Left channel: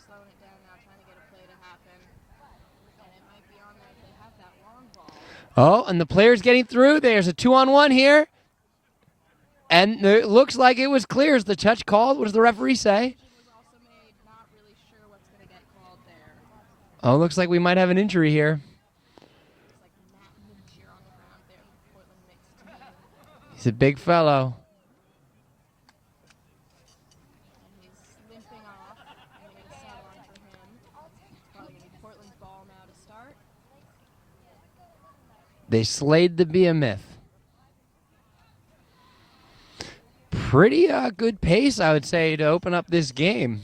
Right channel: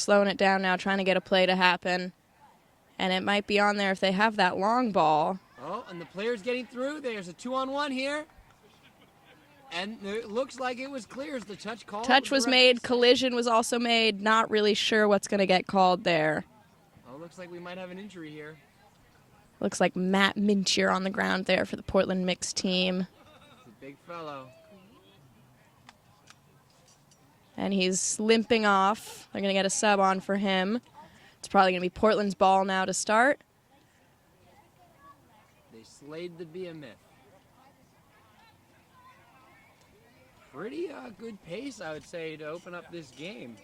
slowing it down now, trying to get a play to happen. And it might be on there if they have that long ball. Oh, and the player's getting through. There's a 2-on-1 here. And it looks like it was clear as the touch call. Touch What does was the referee made, say? collision was also made. Not really sure what's going to get called there. Oh, looks like we might have an injury here. Looks like Matt Mintier on the ground there for the Portland mixed team. He's a big fellow. And he's limping off. They're going to get a sub on for him. It's probably going to be Portland's ball now to start. They slayed the behemoth. Pretty good pace, I would say, to open up this game.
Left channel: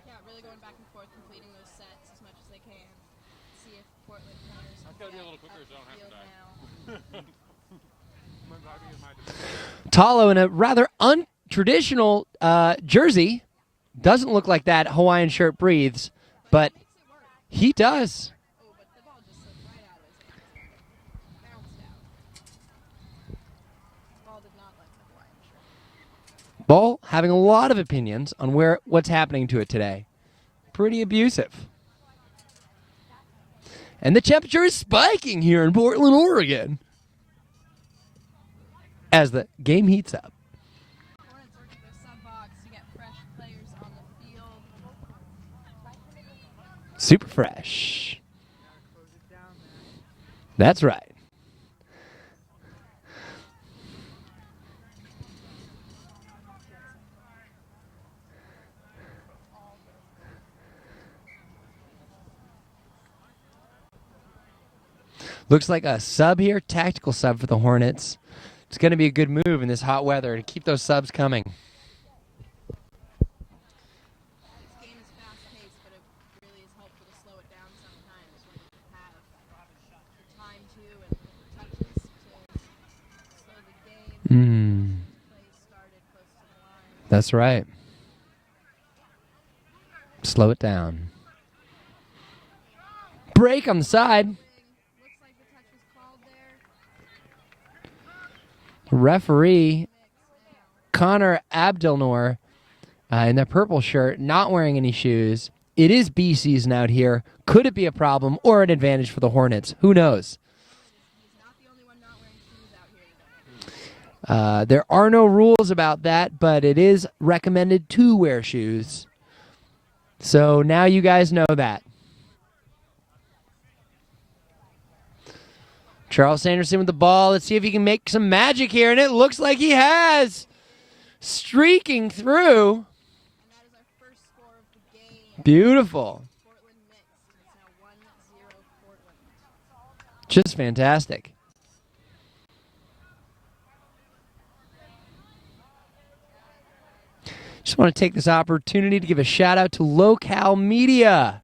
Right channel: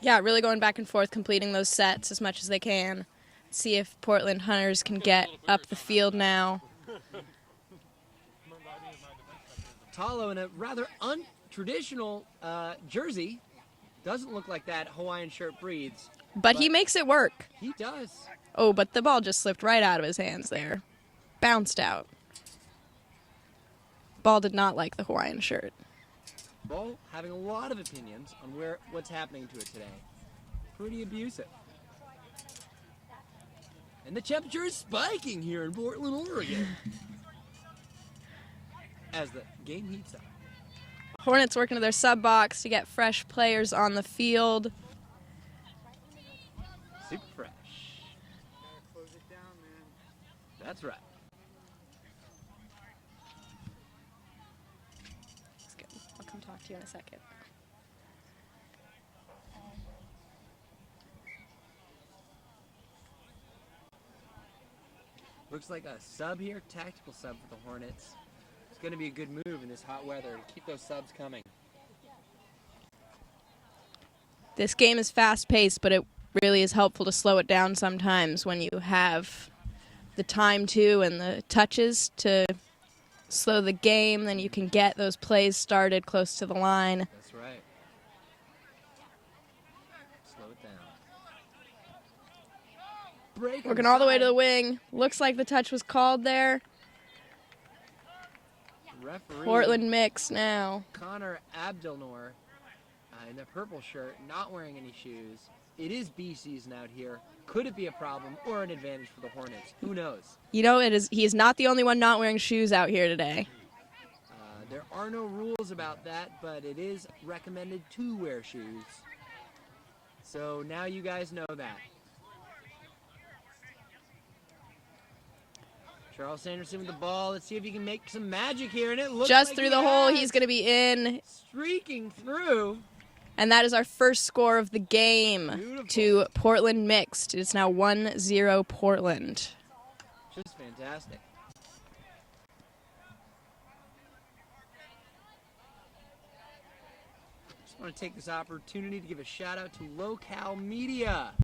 Yeah, really going back and forth, completing those sets as much as they can. See if Portland Hunters can get up the field now. Talo in a rather untraditional jersey. Doesn't look like that Hawaiian shirt breathes. But he makes it work. He does. Oh, but the ball just slipped right out of his hands there. Bounced out. Ball did not like the Hawaiian shirt. Ball having a lot of opinions on what's happening to it today. Pretty abusive. And the temperature is spiking here in Portland, Oregon, as the game heats up. Hornets working to their sub box to get fresh players on the field. Super fresh. That's right. I'll come talk to you in a second. Looks like a sub here, tactical sub for the Hornets. It's going to be a good move in this hot weather to keep those subs coming. This game is fast-paced, but it really is helpful to slow it down sometimes when you have the time to and the touches to slow the game. Then you can get those plays started close to the line. That's right. Slow it down. Break on the All the way side. to the wing. Looks like the touch was called there. Referee Portland mix now. Connor Abdelnour in that purple shirt, not wearing any shoes. It is bee season out here. Could it be a problem or an advantage for the Hornets? Who knows? You know, he is not the only one not wearing shoes out here today. There are no rules about that, but it is recommended to wear shoes. So now you guys know that. Charles Sanderson with the ball. Let's see if he can make some magic here, and it looks Just like through he the hole, has. He's going to be in. Streaking through. And that is our first score of the game. Beautiful. To Portland mixed. It's now 1-0 Portland. Just fantastic. Just want to take this opportunity to give a shout out to Local Media.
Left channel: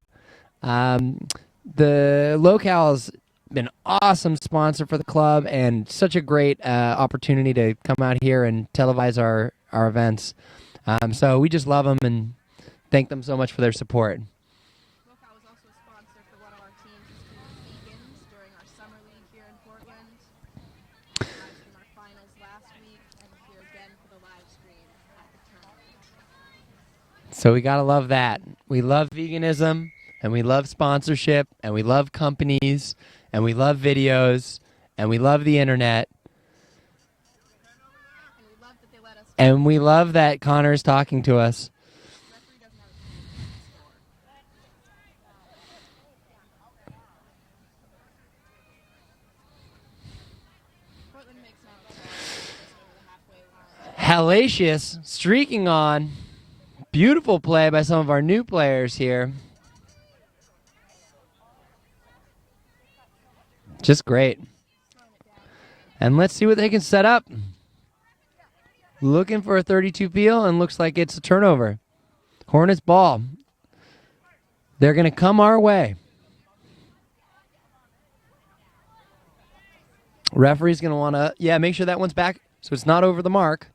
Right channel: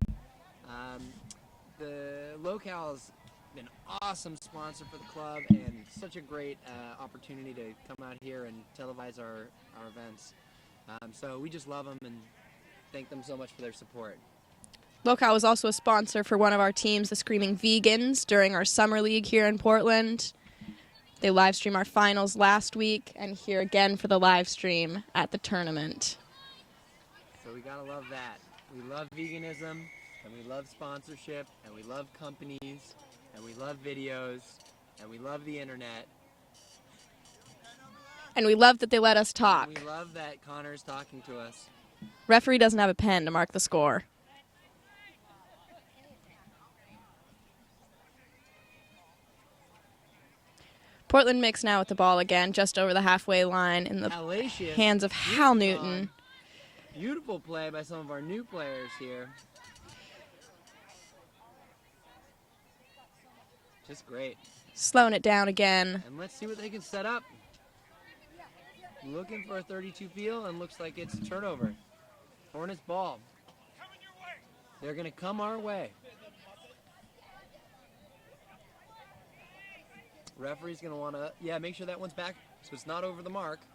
The Local's been an awesome sponsor for the club and such a great opportunity to come out here and televise our events. So we just love them and thank them so much for their support. Local was also a sponsor for one of our teams, the Screaming Vegans, during our summer league here in Portland. They live stream our finals last week and here again for the live stream at the tournament. So we gotta love that. We love veganism and we love sponsorship and we love companies and we love videos and we love the internet. And we love that they let us talk. And we love that Connor's talking to us. Referee doesn't have a pen to mark the score. Portland mix now with the ball again, just over the halfway line. In the Hellacious hands of Hal streaking Newton. on. Beautiful play by some of our new players here. Just great. Slowing it down again. And let's see what they can set up. Looking for a 32 peel and looks like it's a turnover. Hornets ball. They're going to come our way. Referee's going to want to, make sure that one's back so it's not over the mark.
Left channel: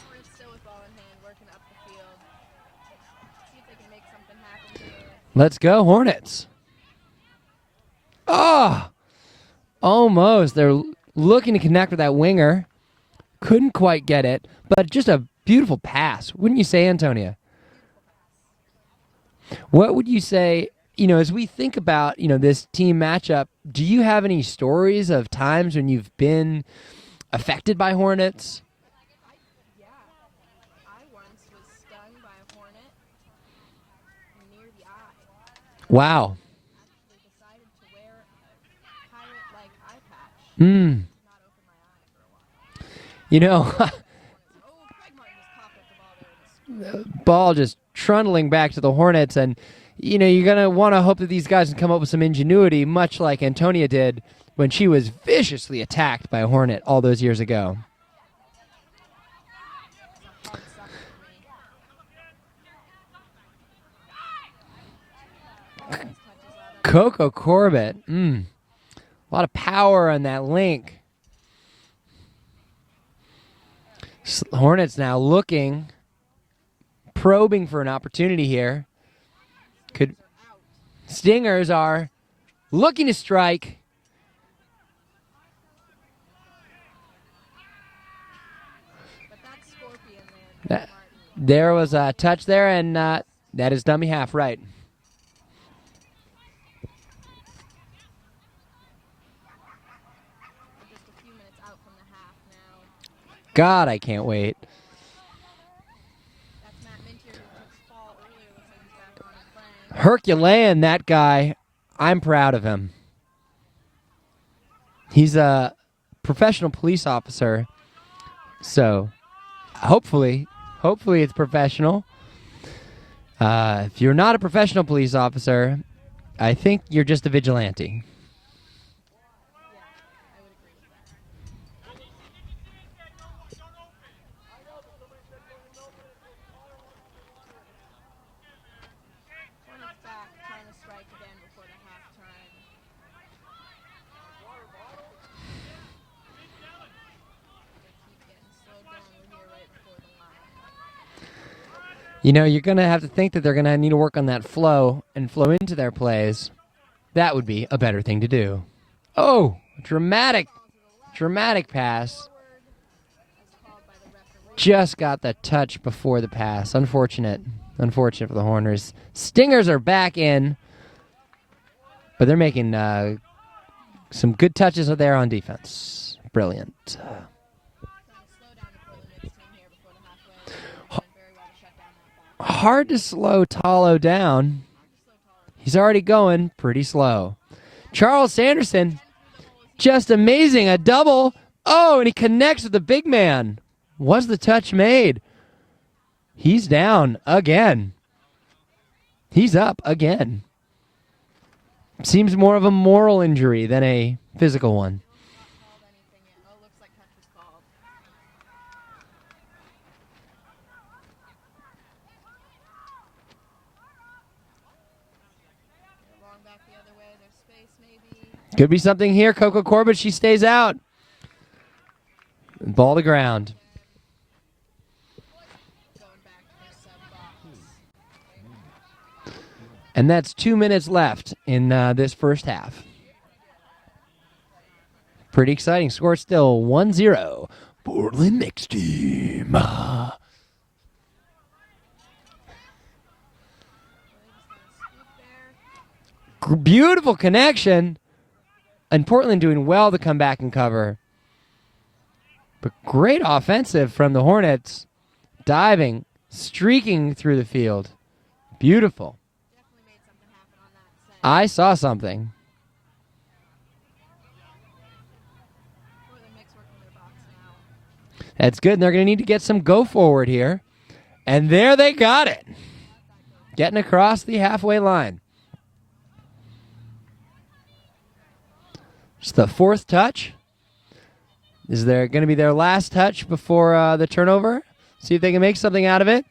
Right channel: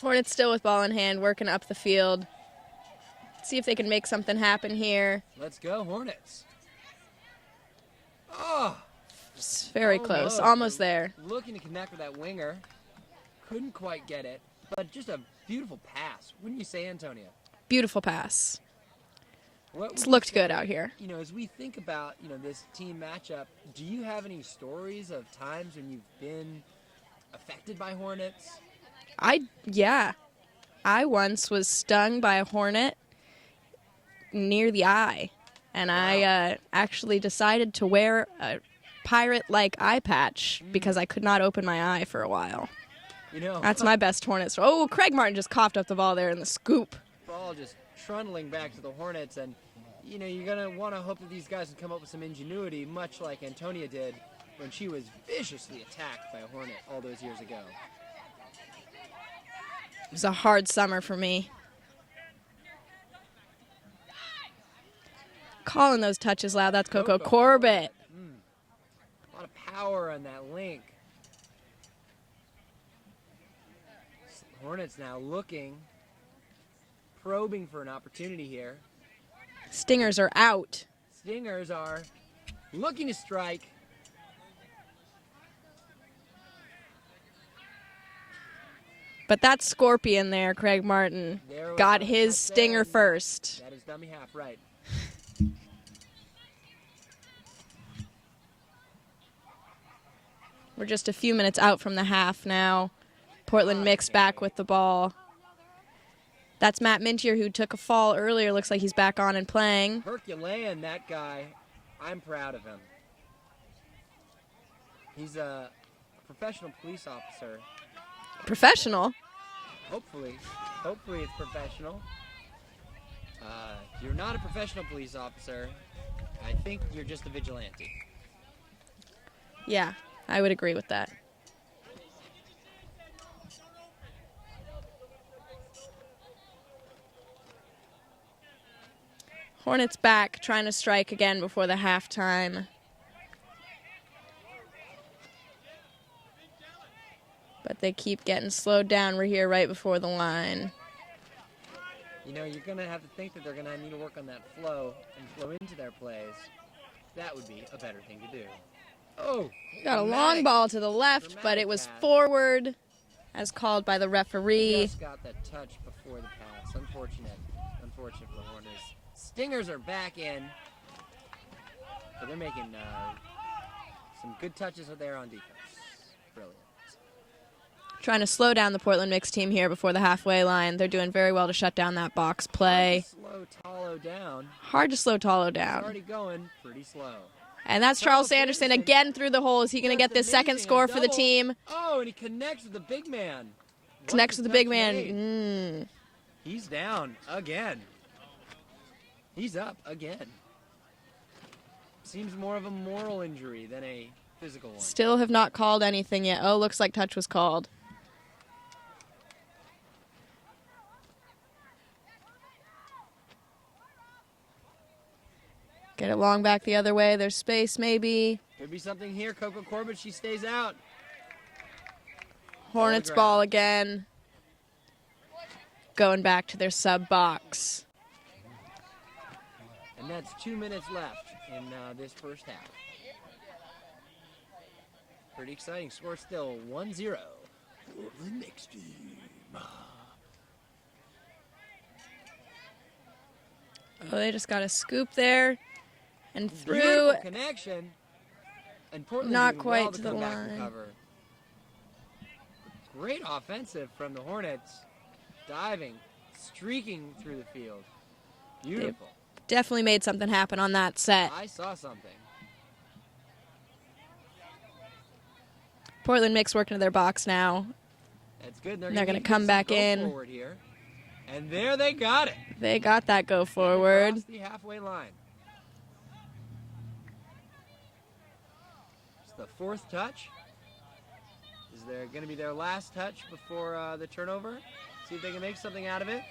Hornets still with ball in hand, working up the field. See if they can make something happen here. Let's go, Hornets. Oh! Very close. Almost They're there. looking to connect with that winger. Couldn't quite get it, but just a beautiful pass. Wouldn't you say, Antonia? Beautiful pass. What would you Looks good out say, here. as we think about, this team matchup, do you have any stories of times when you've been affected by hornets? Yeah. I once was stung by a hornet near the eye. And Wow. I actually decided to wear a pirate-like eye patch Hmm. because I could not open my eye for a while. That's my best hornet story. Oh, Craig Martin just coughed up the ball there in the scoop. Ball just trundling back to the Hornets, and you're gonna want to hope that these guys can come up with some ingenuity, much like Antonia did when she was viciously attacked by a hornet all those years ago. It was a hard summer for me. Calling those touches loud. That's Coco Corbett. A lot of power on that link. Hornets now looking, probing for an opportunity here. Stingers are out. Stingers are looking to strike. But that scorpion there, Craig Martin. There was got a his touch there, stinger and first. that is dummy half, right. We're just a few minutes out from the half now. God, Portland I Mix can't back wait. with the ball. That's Matt Mintier, who took a fall earlier. Looks like he's back on and playing. Herculean, that guy. I'm proud of him. He's a professional police officer. Professional. So hopefully it's professional. If you're not a professional police officer, I think you're just a vigilante. Yeah, I would agree with that. Hornets back, trying to strike again before the halftime. But they keep getting slowed down. We're here right before the line. You're going to have to think that they're going to need to work on that flow and flow into their plays. That would be a better thing to do. Oh, Got dramatic. a long ball to the left, dramatic but it was pass. forward, as called by the referee. Just got the touch before the pass. Unfortunate for the Horners. Stingers are back in, but they're making some good touches there on defense. Brilliant. Trying to slow down the Portland Mix team here before the halfway line. They're doing very well to shut down that box play. Hard to slow Talo down. Hard to slow Talo down. He's already going pretty slow. And that's Charles Charles Sanderson Sanderson, again through the hole. Is he going to Just get this amazing, second score a double. for the team? Oh, and he connects with the big man. Was Connects the with big touch man. made? He's down again. He's up again. Seems more of a moral injury than a physical one. Still have not called anything yet. Oh, looks like touch was called. Get it long back the other way. There's space maybe. Could be something here. Coco Corbett, she stays out. Ball to Hornets ground. ball again. Going back to their sub box. And that's 2 minutes left in this first half. Pretty exciting. Score still 1-0. Portland Mix team. Oh, they just got a scoop there. And Beautiful through. connection. And Portland Not doing well quite to to come the back and line. cover. But great offensive from the Hornets. Diving, streaking through the field. Beautiful. Definitely made something happen on that set. I saw something. Portland Mix working to their box now. That's good. And they're going to They're need to gonna get come some back go in. forward here. And there they got it. They got that go forward. Getting across the halfway line. It's the fourth touch. Is there going to be their last touch before the turnover? See if they can make something out of it.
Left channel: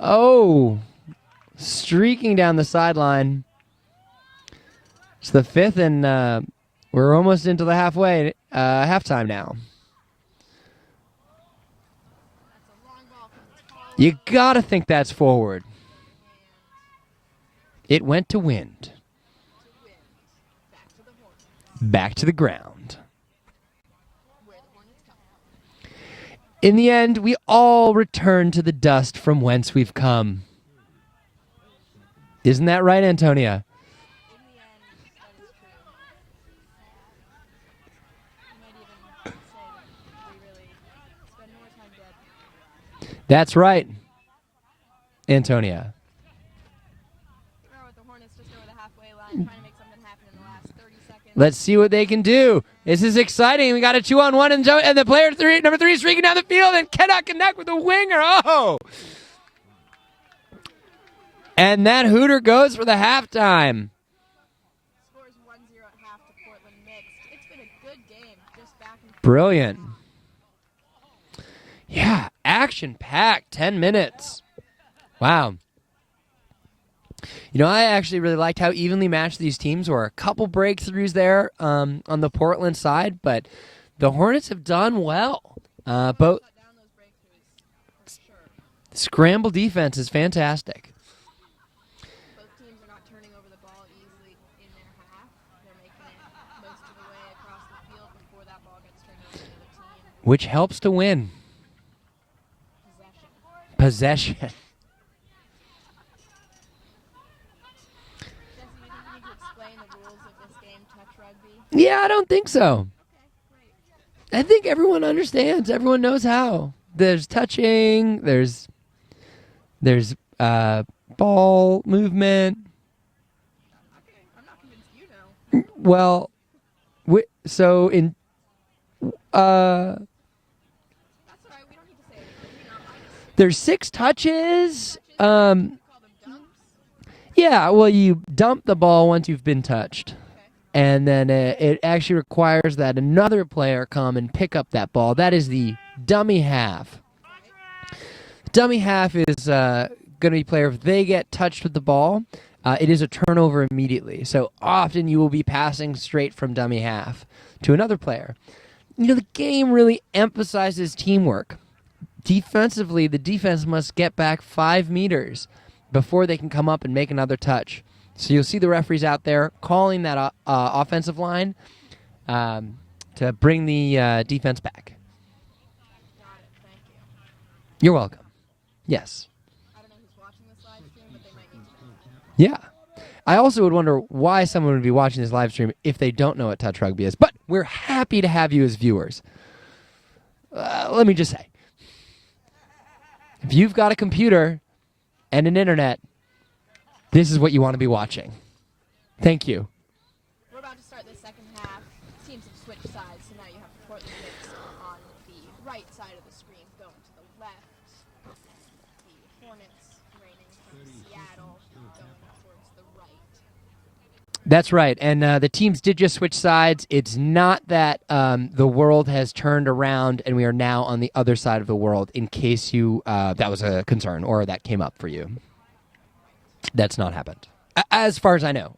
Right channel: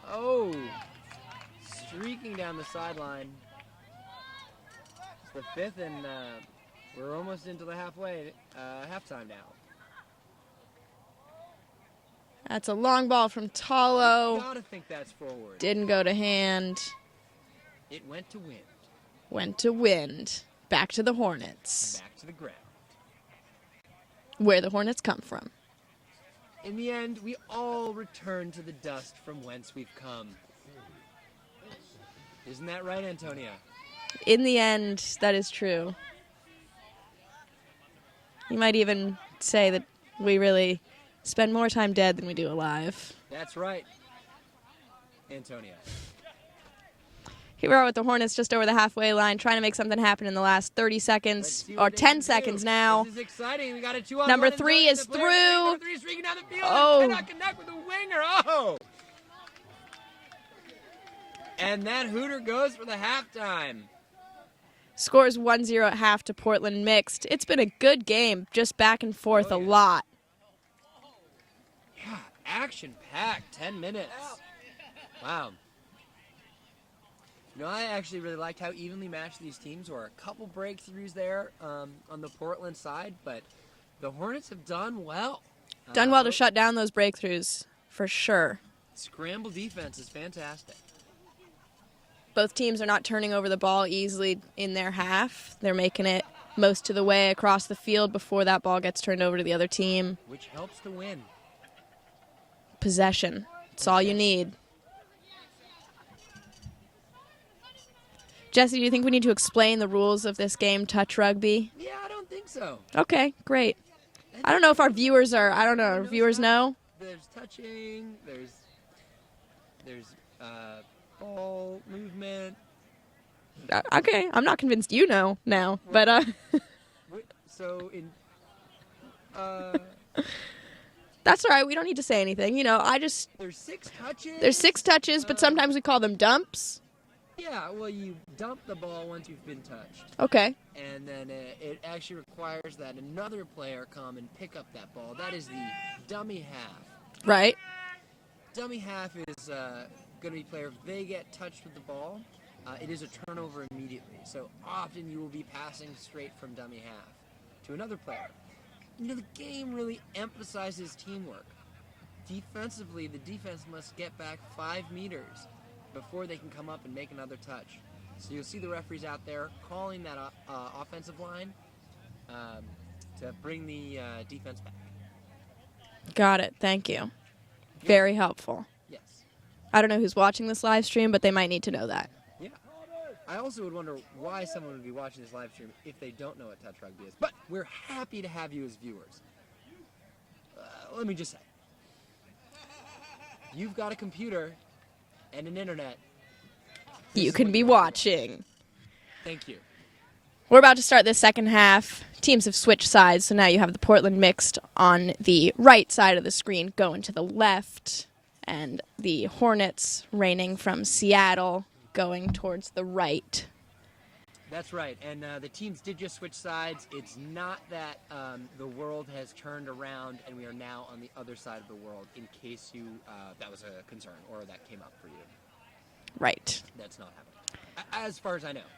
Oh, streaking down the sideline. It's the fifth, and we're almost into the halftime now. That's a long ball from Talo. You got to think that's forward. Didn't go to hand. It went to wind. Went to wind. Back to the Hornets. Back to the ground. Where the Hornets come from. In the end, we all return to the dust from whence we've come. Isn't that right, Antonia? In the end, that is true. You might even say that we really spend more time dead than we do alive. That's right, Antonia. Here we are with the Hornets just over the halfway line, trying to make something happen in the last 30 seconds. Let's see what they can do. Now. This is exciting. We got a 2-on-1, and the player number three is streaking down the field and cannot connect with the winger. Oh! And that Hooter goes for the halftime. Scores 1-0 at half to Portland Mixed. It's been a good game, just back and forth Brilliant. a lot. Yeah, action-packed, 10 minutes. Wow. You know, I actually really liked how evenly matched these teams were. A couple breakthroughs there on the Portland side, but the Hornets have done well. Done well to shut down those breakthroughs, for sure. Scramble defense is fantastic. Both teams are not turning over the ball easily in their half. They're making it most of the way across the field before that ball gets turned over to the other team. Which helps to win. Possession. That's all you need. Jesse, do you think we need to explain the rules of this game, touch rugby? Yeah, I don't think so. Okay, great. I don't know if our viewers are. I don't Everyone know. knows Viewers how. know? There's touching. There's ball movement. Okay, I'm not convinced you know now. Well, but, so in that's all right. We don't need to say anything. You know, there's 6 touches. There's 6 touches, but sometimes we call them dumps. Yeah, well, you dump the ball once you've been touched. Okay. And then it actually requires that another player come and pick up that ball. That is the dummy half. Right. Dummy half is going to be player if they get touched with the ball, it is a turnover immediately. So often you will be passing straight from dummy half to another player. You know, the game really emphasizes teamwork. Defensively, the defense must get back 5 meters before they can come up and make another touch. So you'll see the referees out there calling that offensive line to bring the defense back. Got it. Thank you. You're Very welcome. helpful. Yes. I don't know who's watching this live stream, but they might need to know that. Yeah. I also would wonder why someone would be watching this live stream if they don't know what touch rugby is. But we're happy to have you as viewers. Let me just say, if you've got a computer and an internet, this is what you want to be watching. Thank you. We're about to start the second half. Teams have switched sides, so now you have the Portland Mixed on the right side of the screen going to the left, and the Hornets reigning from Seattle going towards the right. That's right, and the teams did just switch sides. It's not that the world has turned around and we are now on the other side of the world, in case you that was a concern or that came up for you. Right. That's not happened, as far as I know.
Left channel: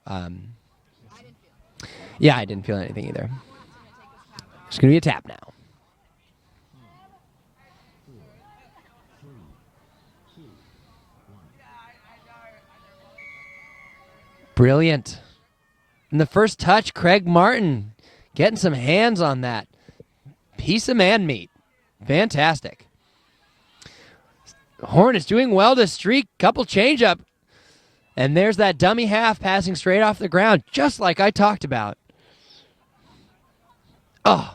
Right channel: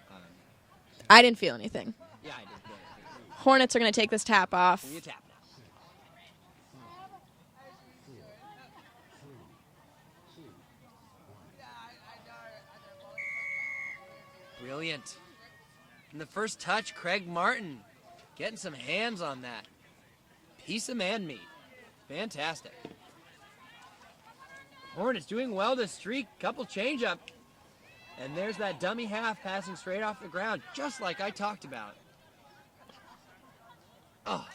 I didn't feel anything. Yeah, I didn't feel anything either. Hornets are going to take this tap off. It's going to be a tap now. Brilliant. And the first touch, Craig Martin getting some hands on that. Piece of man meat. Fantastic. Hornets doing well to streak. Couple change up. And there's that dummy half passing straight off the ground, just like I talked about. Oh.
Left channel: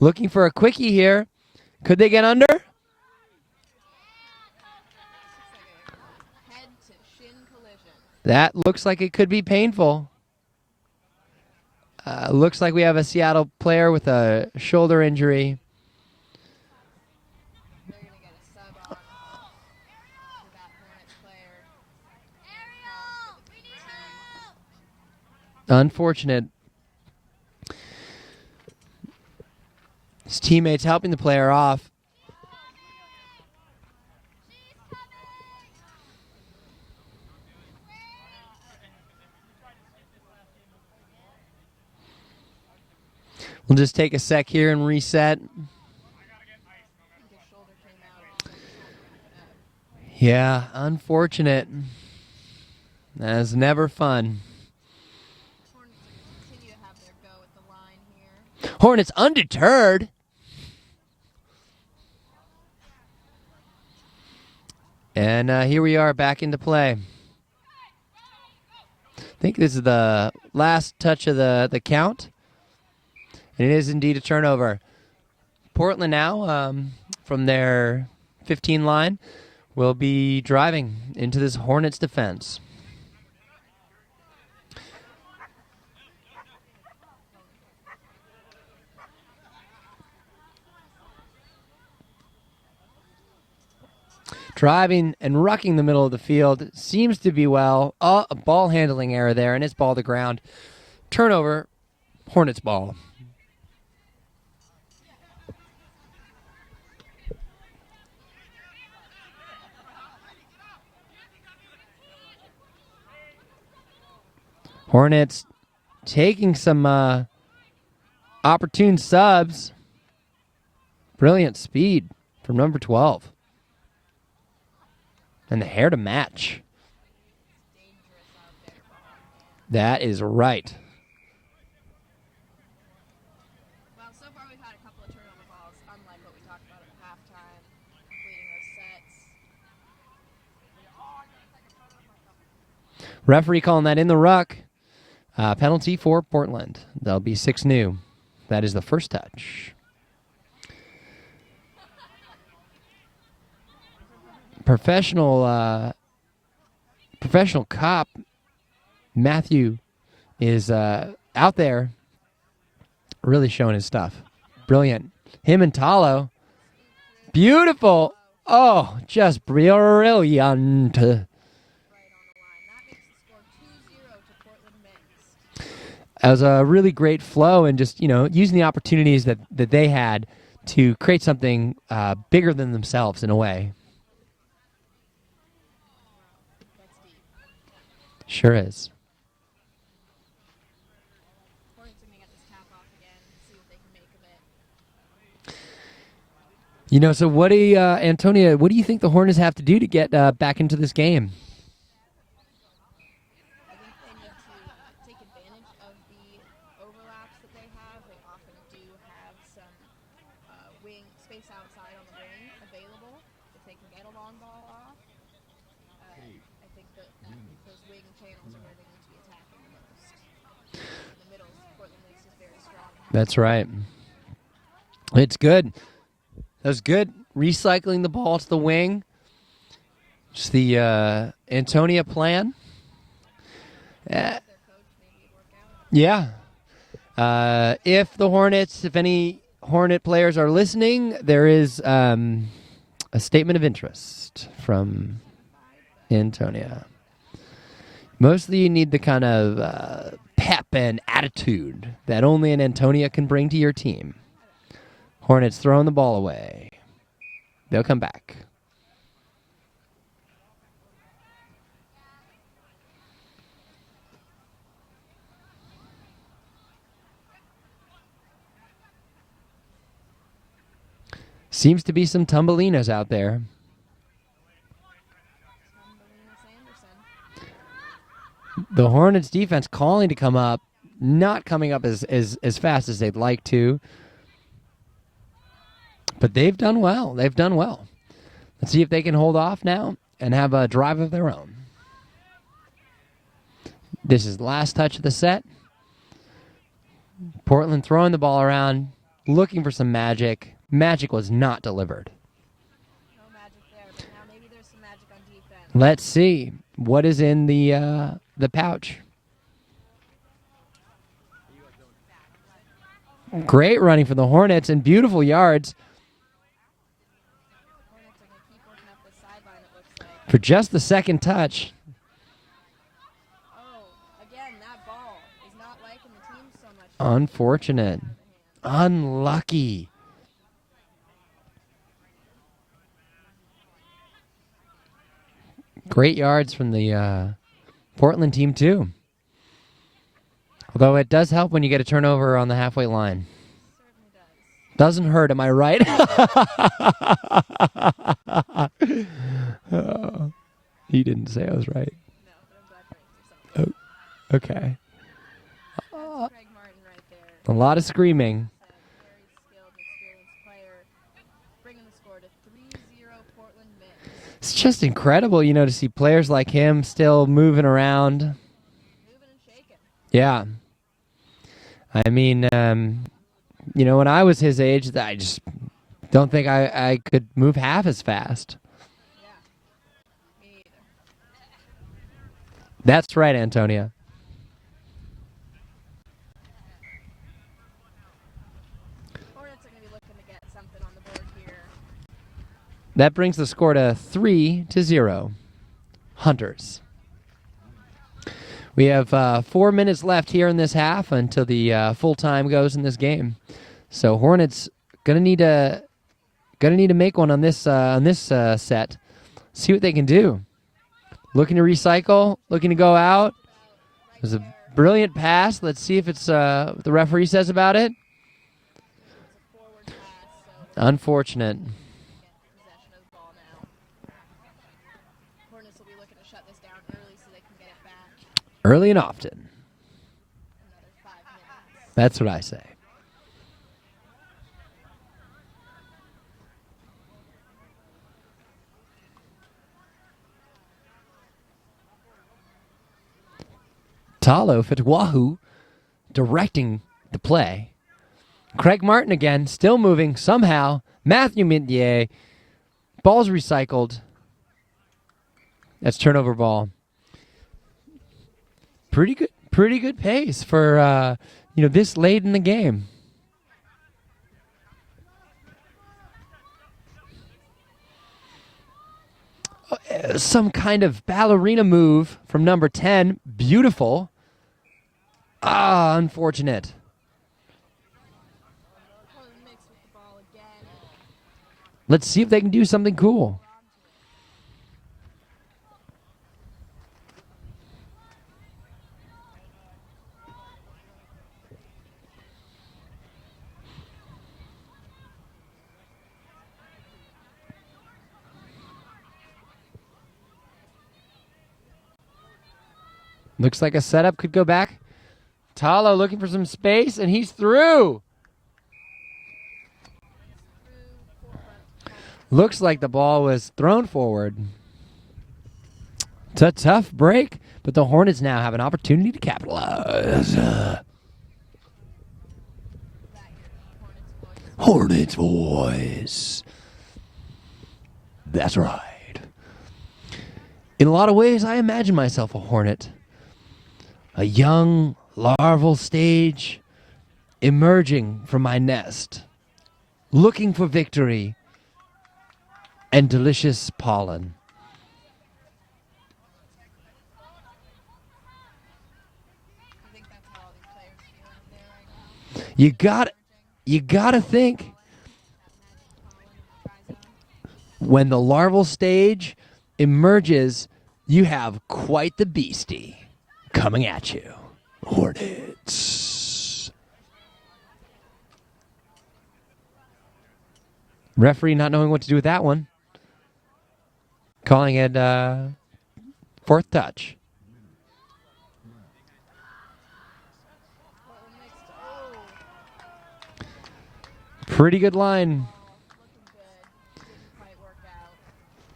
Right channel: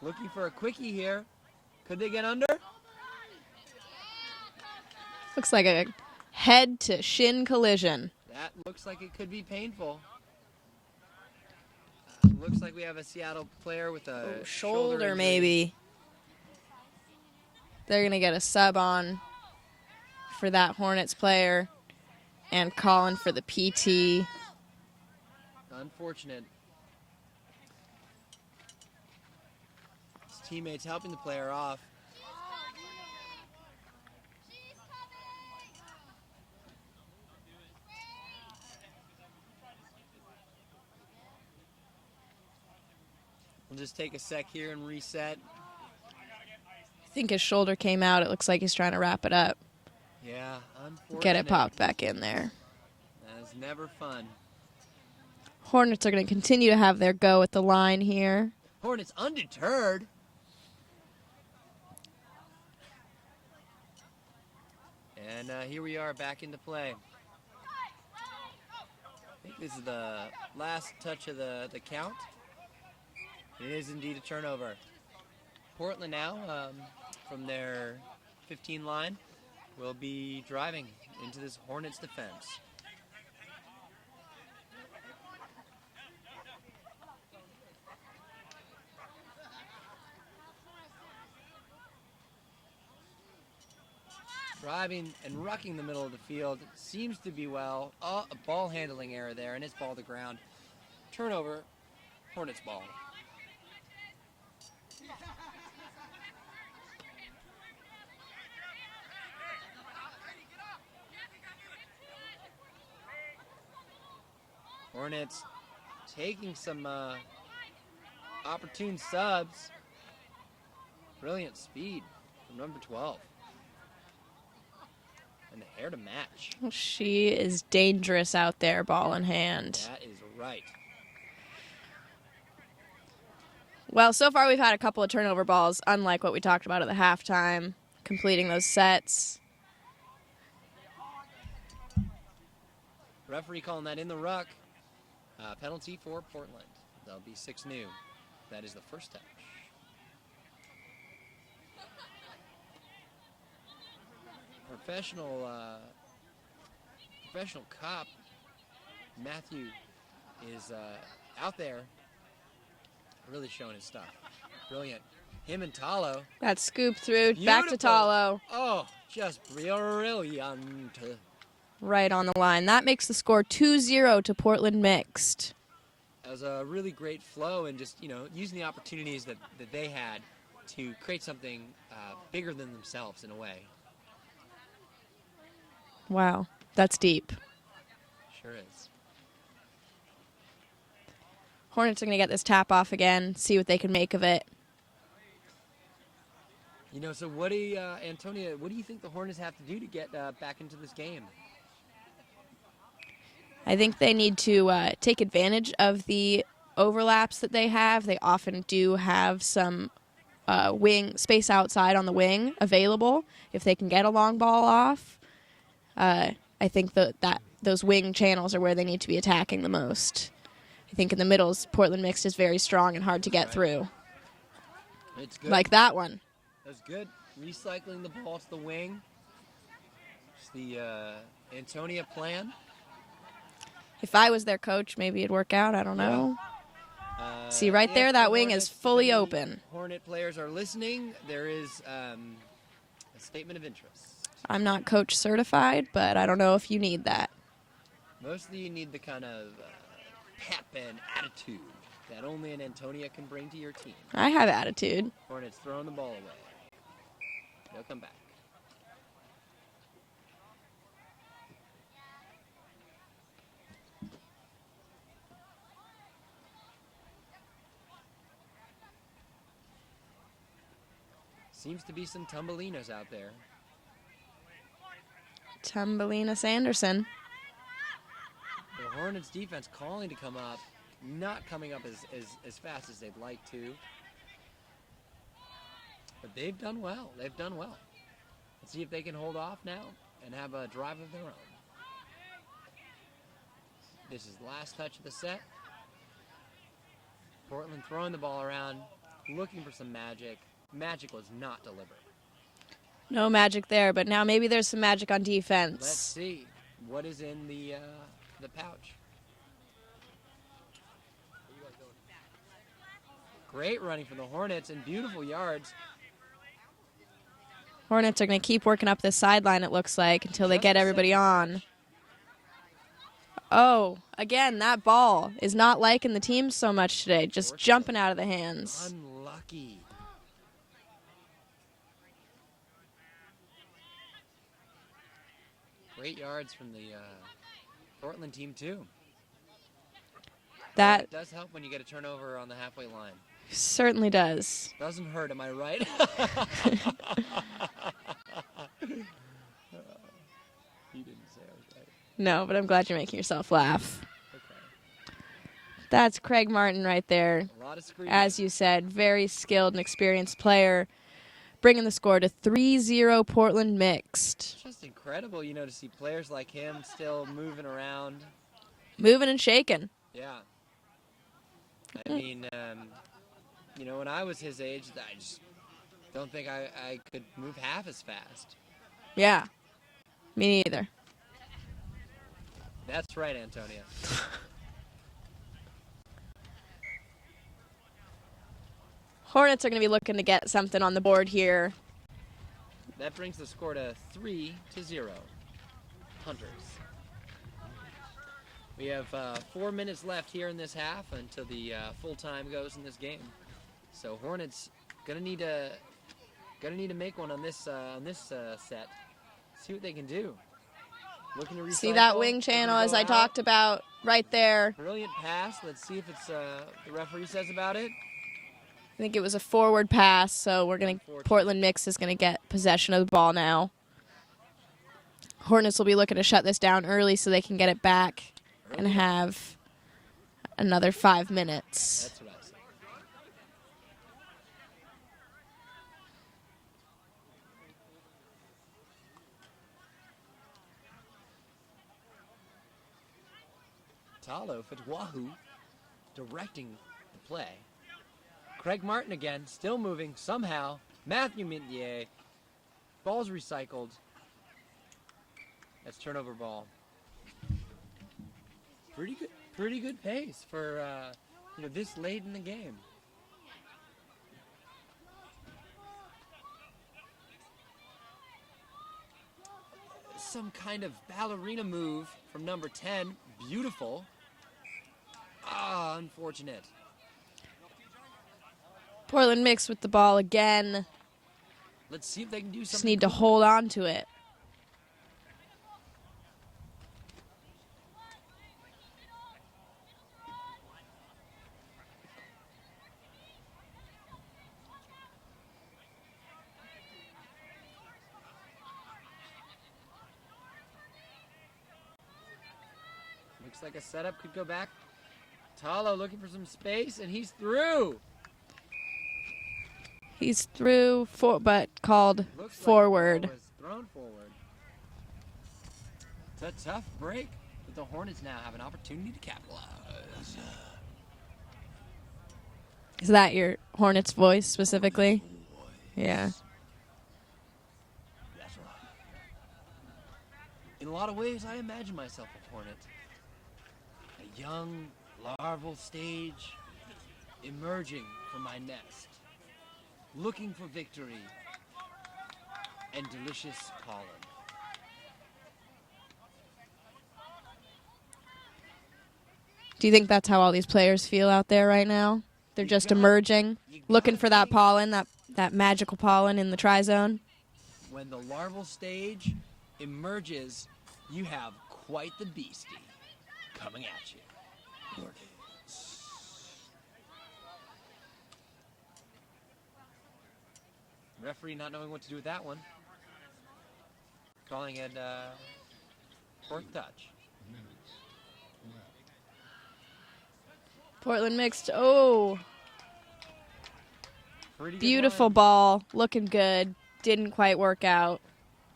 Looking for a quickie here. Could they get under? Looks like a head to shin collision. That looks like it could be painful. Looks like we have a Seattle player with a shoulder injury. Maybe. They're going to get a sub on for that Hornets player and calling for the PT. Unfortunate. His teammates helping the player off. We'll just take a sec here and reset. I think his shoulder came out. It looks like he's trying to wrap it up. Yeah, unfortunate. Get it popped back in there. That's never fun. Hornets are going to continue to have their go at the line here. Hornets undeterred. And here we are back into play. I think this is the last touch of the count. And it is indeed a turnover. Portland now, from their 15 line, will be driving into this Hornets defense. Driving and rucking the middle of the field seems to be well. A ball handling error there, and it's ball to ground. Turnover, Hornets ball. Hornets taking some opportune subs. Brilliant speed from number 12. And the hair to match. She is dangerous out there, ball in hand. That is right. Well, so far we've had a couple of turnover balls, unlike what we talked about at the halftime, completing those sets. Referee calling that in the ruck. Penalty for Portland. That'll be 6 new. That is the first touch. Professional cop Matthew is out there really showing his stuff. Brilliant. Him and Talo. That scoop through. Beautiful. Back to Talo. Oh, just brilliant. Right on the line. That makes the score 2-0 to Portland mixed. That was a really great flow and just, using the opportunities that they had to create something bigger than themselves in a way. Wow, that's deep. Sure is. Hornets are going to get this tap off again, see what they can make of it. So what do you, Antonia, what do you think the Hornets have to do to get back into this game? I think they need to take advantage of the overlaps that they have. They often do have some wing space outside on the wing available if they can get a long ball off. I think that those wing channels are where they need to be attacking the most. I think in the middles, Portland mixed is very strong and hard to get through. It's good. Like that one. That was good. Recycling the ball to the wing. Just the Antonia plan. If I was their coach, maybe it'd work out. I don't know. Yeah. See, right if there, the that wing Hornets, is fully if any open. Hornet players are listening, there is a statement of interest. I'm not coach certified, but I don't know if you need that. Mostly you need the kind of pep and attitude that only an Antonia can bring to your team. I have attitude. Hornets throwing the ball away. They'll come back. Seems to be some Tumbelinas out there. Tumbelina Sanderson. The Hornets defense calling to come up, not coming up as fast as they'd like to. But they've done well. They've done well. Let's see if they can hold off now and have a drive of their own. This is the last touch of the set. Portland throwing the ball around, looking for some magic. Magic was not delivered. No magic there, but now maybe there's some magic on defense. Let's see what is in the pouch. Great running for the Hornets and beautiful yards. Hornets are going to keep working up this sideline, it looks like, For until just they get the everybody second on. touch. Oh, again, that ball is not liking the team so much today. Just jumping out of the hands. Unlucky. Great yards from the Portland team, too. Although it does help when you get a turnover on the halfway line. Certainly does. Doesn't hurt, am I right? You didn't say I was right. No, but I'm glad you're making yourself laugh. Okay. That's Craig Martin right there. A lot of screaming. As you said, very skilled and experienced player, bringing the score to 3-0 Portland Mixed. It's just incredible, to see players like him still moving around. Moving and shaking. Yeah. I mean, when I was his age, I just don't think I could move half as fast. Yeah. Me neither. That's right, Antonia. Hornets are going to be looking to get something on the board here. That brings the score to 3-0. Hunters. We have 4 minutes left here in this half until the full time goes in this game. So Hornets gonna need to make one on this set. See what they can do. Looking to recycle. Looking to go I out. talked about right there. Brilliant pass. Let's see if it's what the referee says about it. I think it was a forward pass, so Unfortunate. Portland Mix is going to get possession of the ball now. Hornets will be looking to shut this down early so they can get it back. Early and often. Have another 5 minutes. That's what I say. Talo Fitwahu directing the play. Craig Martin again, still moving somehow. Matthew Mintier. Ball's recycled. That's turnover ball. Pretty good pace for this late in the game. Some kind of ballerina move from number 10. Beautiful. Unfortunate. Portland Mix with the ball again. Let's see if they can do something Just cool. need to hold on to it. Looks like a setup could go back. Talo looking for some space, and he's through. He's through, but called Looks like forward. the ball was thrown forward. It's a tough break, but the Hornets now have an opportunity to capitalize. Is that your Hornets voice specifically? Hornets voice. Yeah. That's right. In a lot of ways, I imagine myself a Hornet. A young larval stage emerging from my nest, looking for victory and delicious pollen. Do you think that's how all these players feel out there right now? They're just emerging, you gotta looking for think, that pollen, that magical pollen in the tri-zone? When the larval stage emerges, you have quite the beastie coming at you. Hornets. Referee not knowing what to do with that one. Calling it fourth touch. Portland Mixed. Oh. Pretty good line. Beautiful ball. Looking good. Didn't quite work out.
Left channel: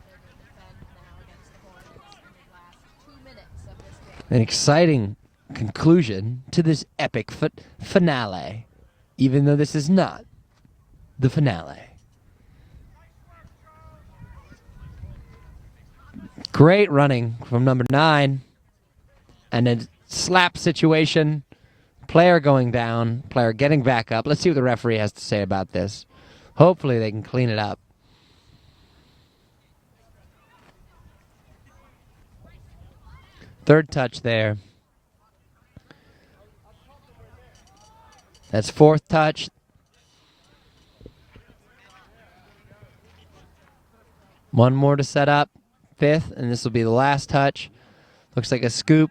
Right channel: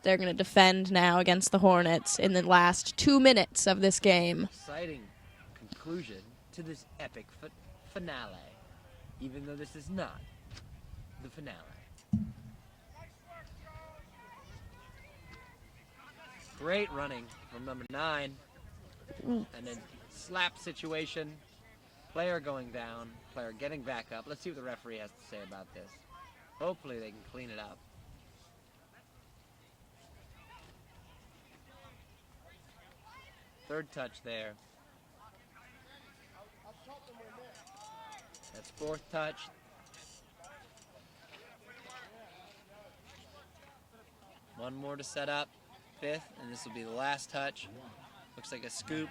They're going to defend now against the Hornets in the last 2 minutes of this game. An exciting conclusion to this epic finale, even though this is not the finale. Great running from number 9. And a slap situation. Player going down, player getting back up. Let's see what the referee has to say about this. Hopefully they can clean it up. Third touch there. That's fourth touch. One more to set up. Fifth, and this will be the last touch. Looks like a scoop.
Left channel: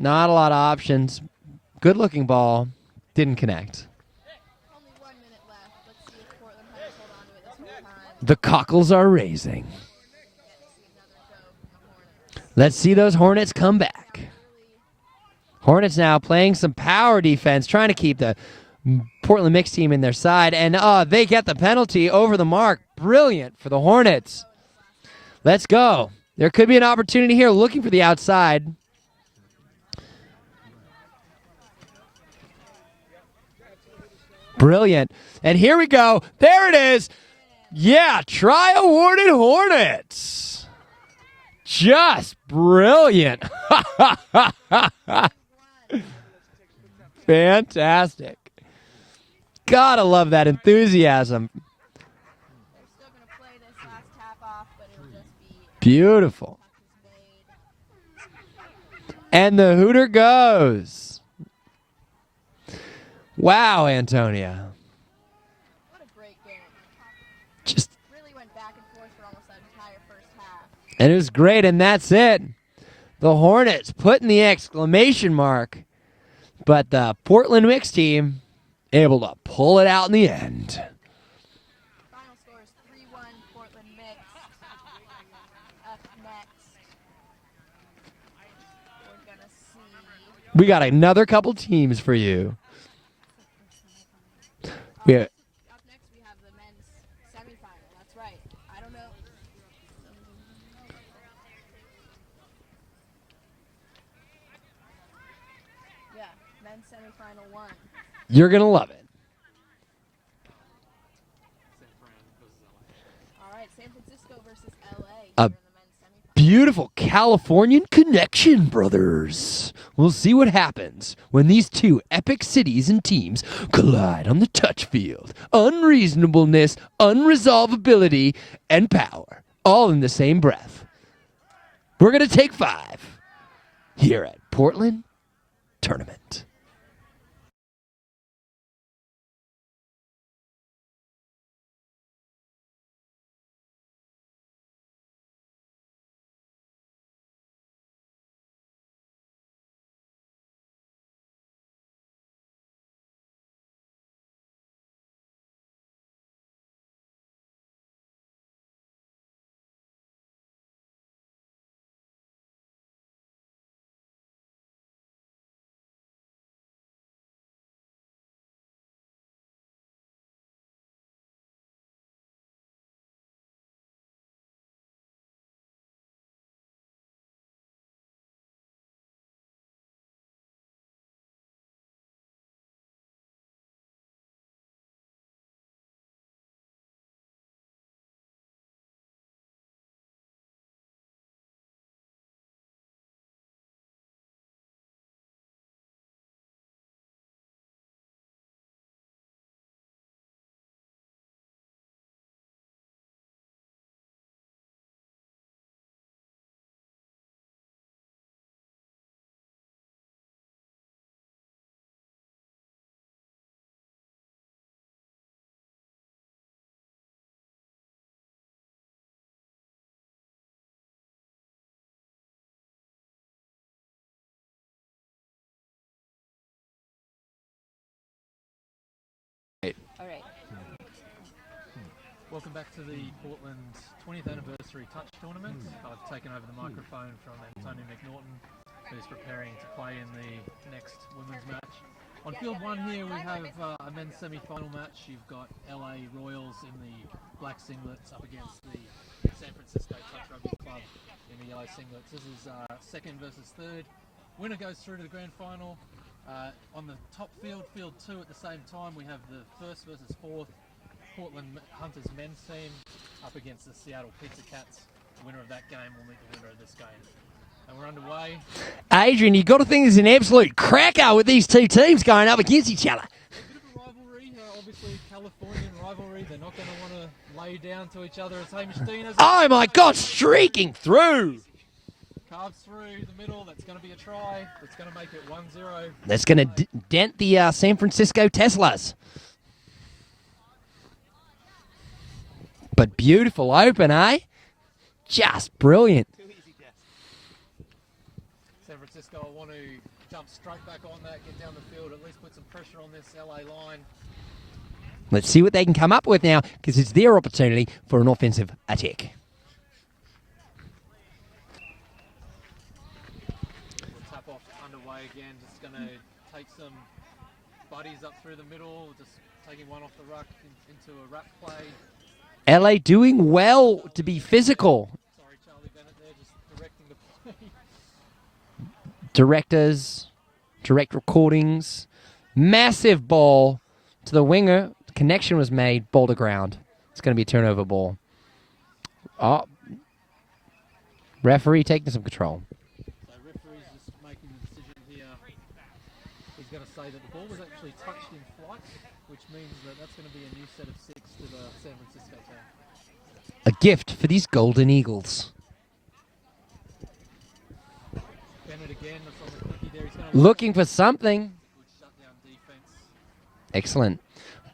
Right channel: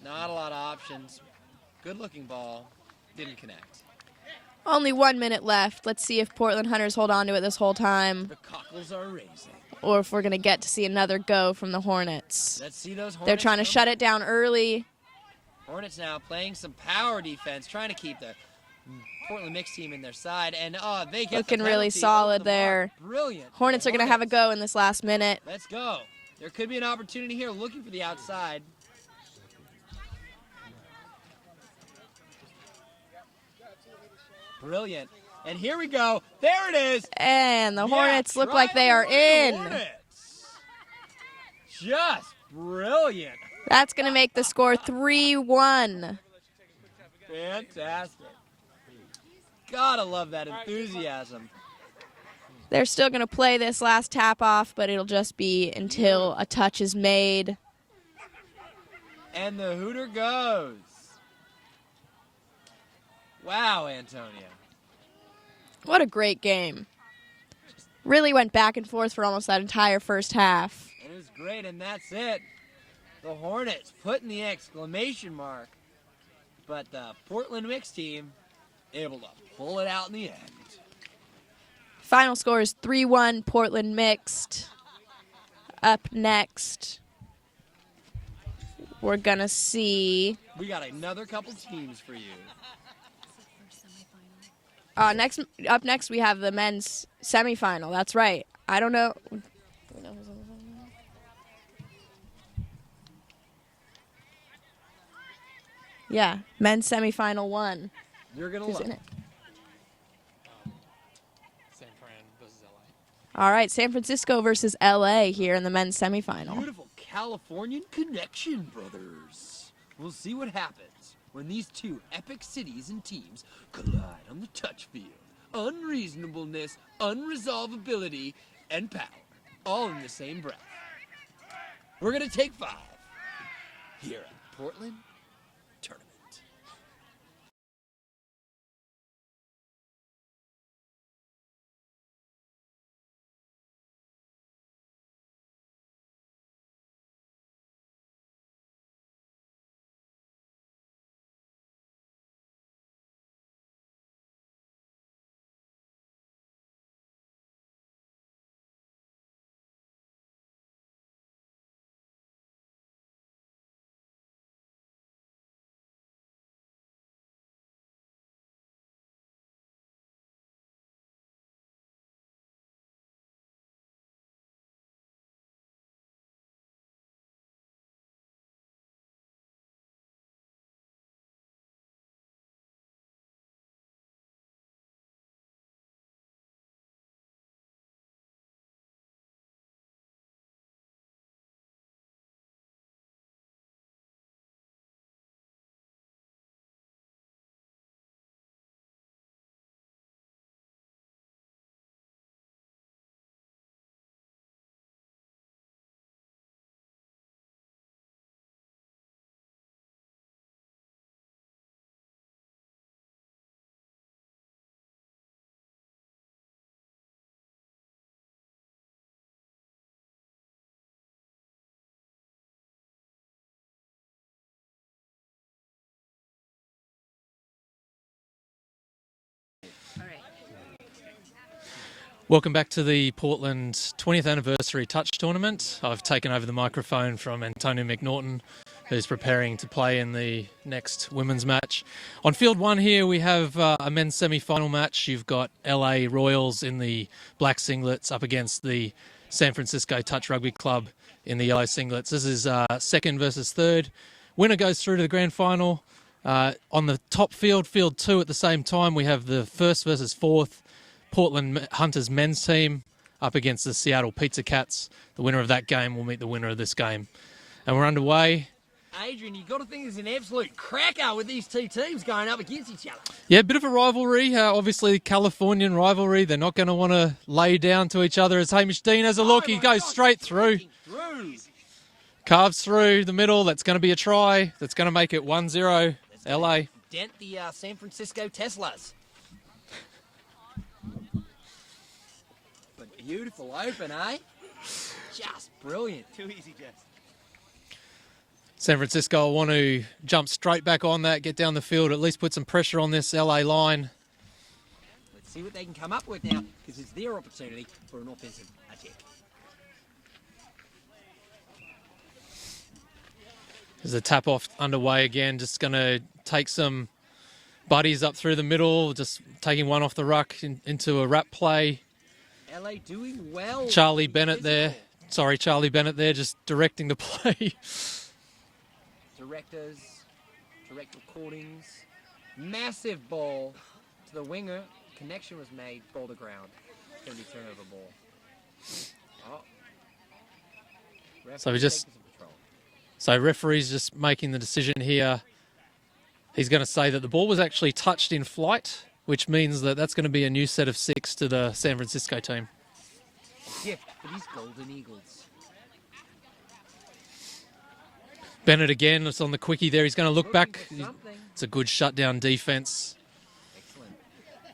Not a lot of options. Good looking ball. Didn't connect. Only 1 minute left. Let's see if Portland Hunters hold on to it this whole time. The cockles are raising. Or if we're going to get to see another go from the Hornets. Let's see those Hornets come back. They're trying to shut it down early. Hornets now playing some power defense, trying to keep the Portland mixed team in their side, and they get the Looking really penalty solid over the there. mark. Brilliant for the Hornets are going to have a Hornets. go in this last minute. Let's go. There could be an opportunity here looking for the outside. Brilliant. And here we go. There it is. And the Yeah, Hornets look like try they are awarded in. Hornets. Just brilliant. That's going to make the score 3-1. Fantastic. Gotta love that enthusiasm. They're still going to play this last tap off, but it'll just be until Beautiful. a touch is made. And the Hooter goes. Wow, Antonia. What a great game. Just Really went back and forth for almost that entire first half. And it was great, and that's it. The Hornets putting the exclamation mark, but the Portland mixed team able to pull it out in the end. Final score is 3-1 Portland mixed. Up next, we're going to see... We got another couple teams for you. Yeah. Up next, we have the men's semifinal. That's right. I don't know. Yeah, men's semifinal 1. You're going to love it. All right, San Francisco versus LA here in the men's semifinal. Beautiful Californian connection, brothers. We'll see what happens when these two epic cities and teams collide on the touch field. Unreasonableness, unresolvability, and power, all in the same breath. We're going to take 5 here at Portland Tournament. Welcome back to the Portland 20th Anniversary Touch Tournament. I've taken over the microphone from Antonio McNaughton, who's preparing to play in the next women's match. On field 1 here, we have a men's semi-final match. You've got LA Royals in the black singlets up against the San Francisco Touch Rugby Club in the yellow singlets. This is second versus third. Winner goes through to the grand final. On the top field, field 2 at the same time, we have the first versus fourth Portland Hunters men's team up against the Seattle Pizza Cats. The winner of that game will meet the winner of this game. And we're underway. Adrian, you've got to think there's an absolute cracker with these two teams going up against each other. Yeah, a bit of a rivalry. Obviously, Californian rivalry. They're not going to want to lay down to each other as Hamish Dean has a look. Oh, my goes God, straight streaking through. Carves through the middle. That's going to be a try. That's going to make it 1-0. That's going LA. to dent the San Francisco Teslas. But beautiful open, eh? Just brilliant. Too easy, Jess. San Francisco will want to jump straight back on that, get down the field, at least put some pressure on this LA line. Let's see what they can come up with now, because it's their opportunity for an offensive attack. There's a tap off underway again. Just going to take some buddies up through the middle, just taking one off the ruck into a wrap play. LA doing well Charlie to be Bennett physical. There. Sorry, Charlie Bennett there, just directing the play. Directors, direct recordings. Massive ball to the winger. Connection was made. Ball to ground. It's going to be a turnover ball. Oh. Referee taking some control. So referee's just making the decision here. He's going to say that the ball was actually touched in flight, which means that that's going to be a new set of 6 to the San Francisco team. A gift for these Golden Eagles. Bennett again, it's on the quickie there. He's going to look looking back. for something. It's a good shutdown defense. Excellent.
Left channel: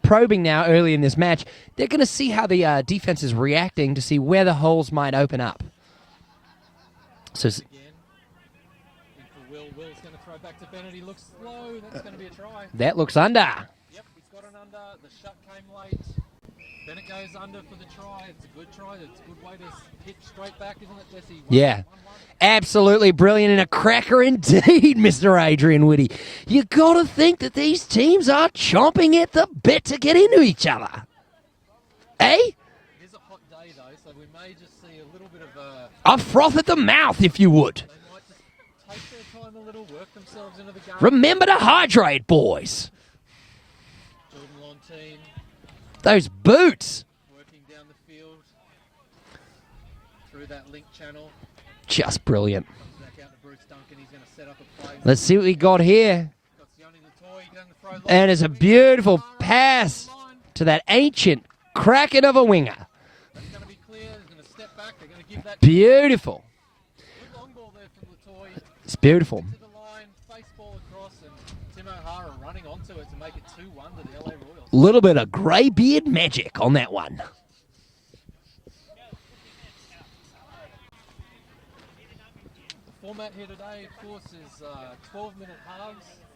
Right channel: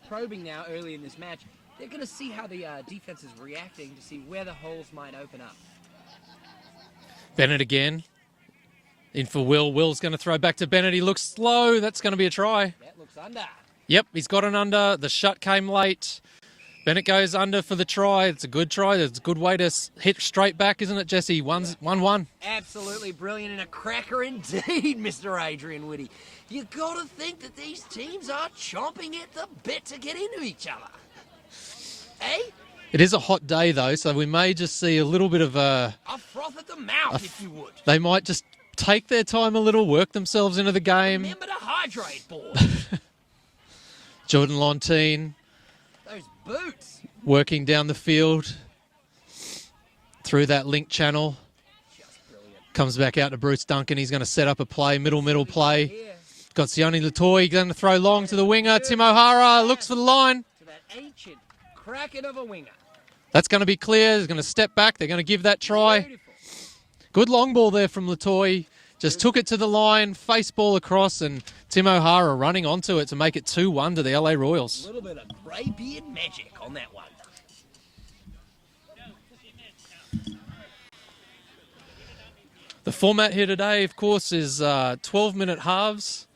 Probing now early in this match. They're going to see how the defense is reacting to see where the holes might open up. Bennett again. In for Will. Will's going to throw back to Bennett. He looks slow. That's going to be a try. That looks under. Yep, he's got an under. The shut came late. Bennett goes under for the try. It's a good try. It's a good way to hit straight back, isn't it, Jesse? 1-1. Absolutely brilliant and a cracker indeed, Mr. Adrian Whitty. You got to think that these teams are chomping at the bit to get into each other. Eh? It is a hot day, though, so we may just see a little bit of a froth at the mouth, if you would. They might just take their time a little, work themselves into the game. Remember to hydrate, boys. Jordan Lontine. Those boots. Working down the field through that link channel. Just brilliant. Comes back out to Bruce Duncan. He's going to set up a play, Let's see what he got here. Got Sione Latoy going to throw long and to the winger. Tim O'Hara looks for the line. To that ancient kraken of a winger. That's going to be clear. He's going to step back. They're going to give that try. Beautiful. Good long ball there from Latoy. Just took it to the line, face ball across, and Tim O'Hara running onto it to make it 2-1 to the LA Royals. A little bit of greybeard magic on that one. The format here today, of course, is 12-minute halves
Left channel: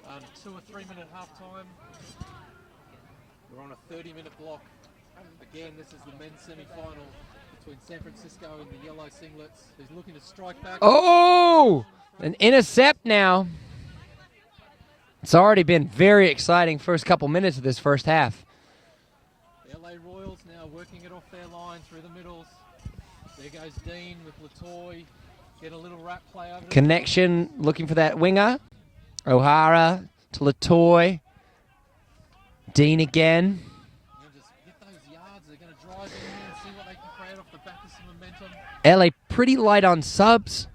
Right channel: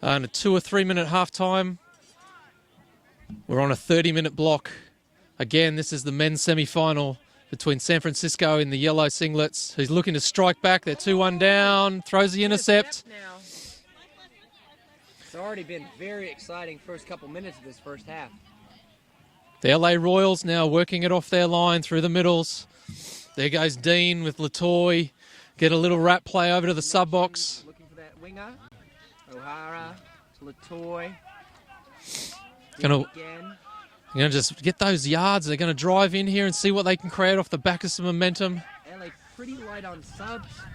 and a 2 or 3 minute half time. We're on a 30-minute block. Again, this is the men's semi-final between San Francisco in the yellow singlets, who's looking to strike back with 2-1 down, throws the intercept. Now. It's already been very exciting first couple minutes of this first half. The LA Royals now working it off their line through the middles. There goes Dean with Latoy. Get a little wrap play over to the sub box. Looking for that winger. O'Hara to Latoy. Dean again. You're going to just get those yards. They're going to drive in here and see what they can create off the back of some momentum. LA pretty light on subs,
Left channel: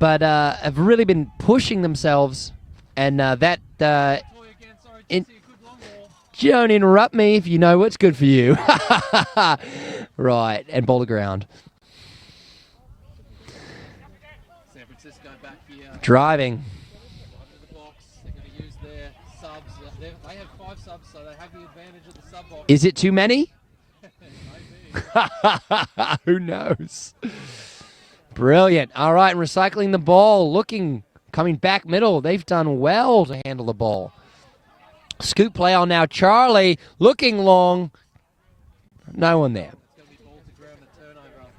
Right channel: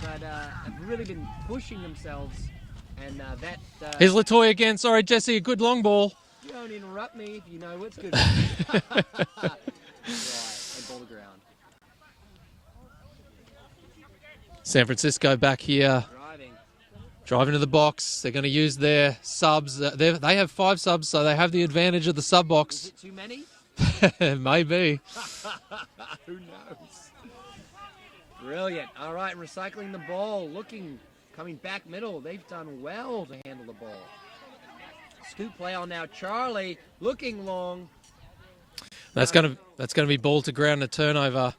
but have really been pushing themselves. And that... Here's Latoy again. Sorry, Jesse, a good long ball. Don't interrupt me if you know what's good for you. Right, and ball to ground. San Francisco back here. Driving to the box. They're going to use their subs. They have 5 subs, so they have the advantage of the sub box. Is it too many? Maybe. Who knows? Brilliant. All right, recycling the ball. Coming back middle. They've done well to handle the ball. Scoop play on now. Charlie looking long. That's no one there. That's going to be ball to ground, a turnover.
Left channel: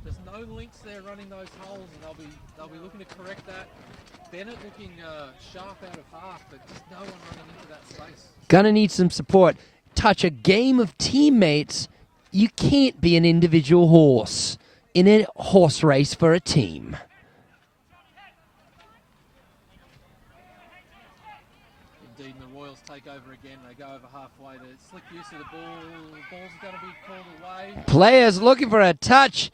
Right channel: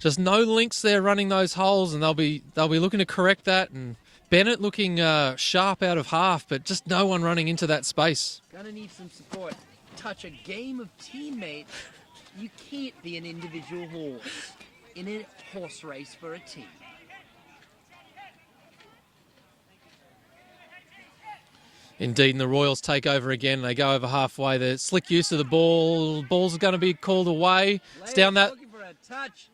Just no links there running those holes, and they'll be looking to correct that. And Bennett looking sharp out of half, but just no one running into that space. Gonna need some support. Touch a game of teammates. You can't be an individual horse in a horse race for a team. Indeed, and the Royals take over again. They go over halfway. The slick use of the ball. Ball's going to be called away. Players looking for a touch.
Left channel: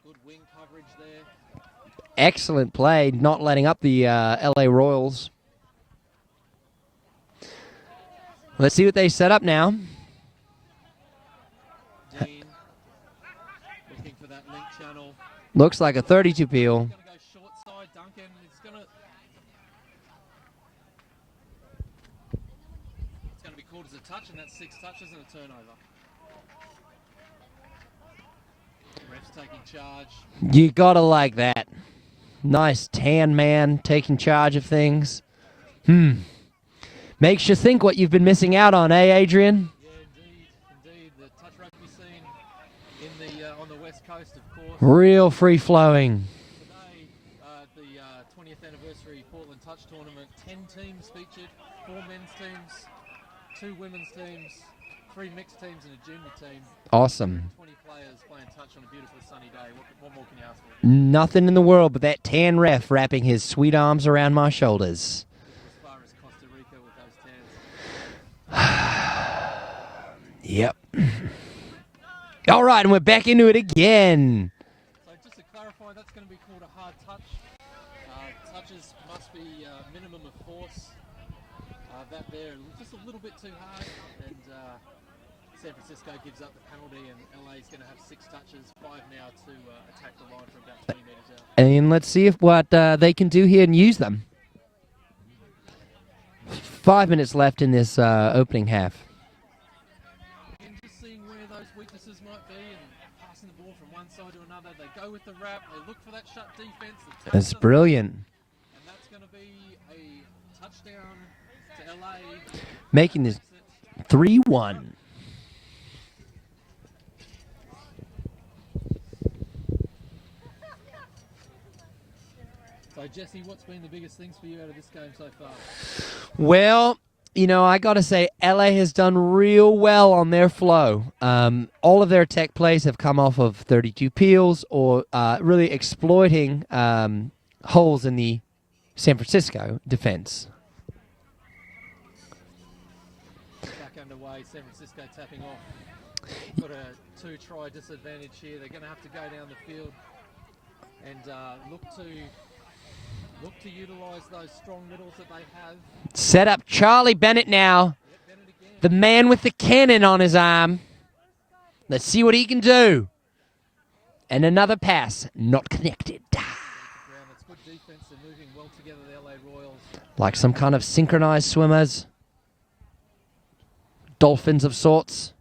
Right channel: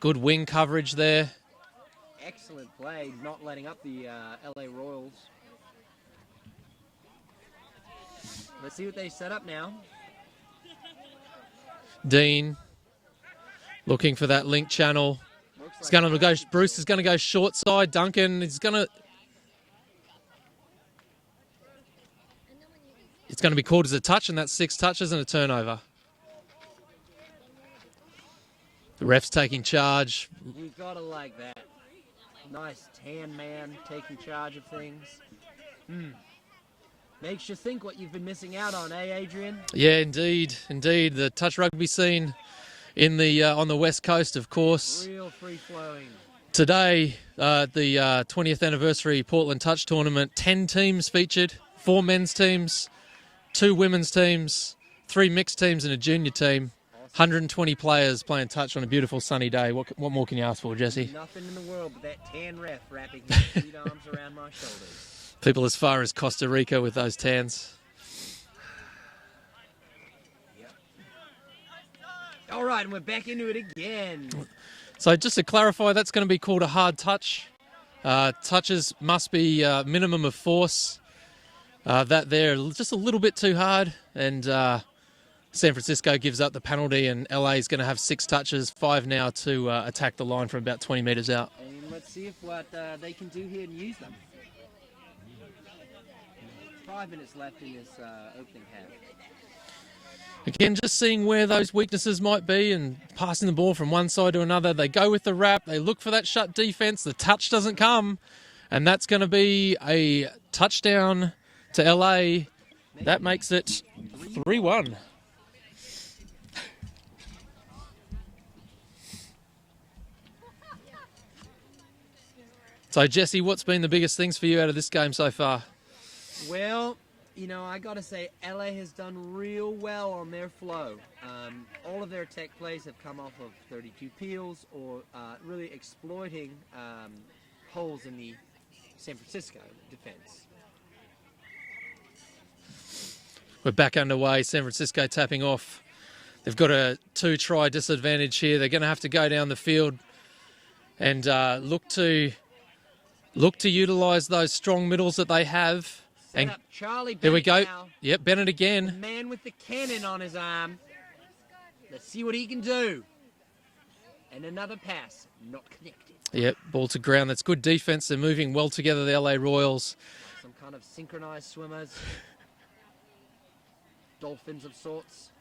Good wing coverage there. Excellent play, not letting up the LA Royals. Let's see what they set up now. Dean looking for that link channel. Looks like a 32 Bruce peel. is going to go short side. Duncan is going to... It's going to be called as a touch, and that's 6 touches and a turnover. The ref's taking charge. You gotta like that. Nice tan man taking charge of things. Makes you think what you've been missing out on, eh, Adrian? Yeah, indeed. The touch rugby scene in the on the West Coast, of course. Real free-flowing. Today, the 20th anniversary Portland Touch Tournament. 10 teams featured, 4 men's teams, 2 women's teams, 3 mixed teams and a junior team. Awesome. 120 players playing touch on a beautiful sunny day. What more can you ask for, Jesse? Nothing in the world but that tan ref wrapping his sweet arms around my shoulders. People as far as Costa Rica with those tans. Yep. All right, and we're back into it again. So just to clarify, that's going to be called a hard touch. Touches must be minimum of force. That there, just a little bit too hard, and San Francisco gives up the penalty, and LA is going to have 6 touches, 5 now to attack the line from about 20 metres out. And let's see if what they can do here and use them. 5 minutes left in this opening half. Again, just seeing where those weaknesses might be and passing the ball from one side to another. They go with the wrap. They look for that shut defense. The touch That's doesn't brilliant. come. And that's going to be a touchdown to LA. That makes it 3-1. 3-1. So, Jesse, what's been the biggest things for you out of this game so far? Well, you know, I got to say, LA has done real well on their flow. All of their attack plays have come off of 32 peels or really exploiting holes in the San Francisco defense. We're back underway. San Francisco tapping off. They've got a 2-try disadvantage here. They're going to have to go down the field and look to utilise those strong middles that they have. Set up Charlie Bennett now. Yep, Bennett again. The man with the cannon on his arm. Let's see what he can do. And another pass, not connected. Yep, ball to ground. That's good defense. They're moving well together, the LA Royals. Like some kind of synchronized swimmers. Dolphins of sorts.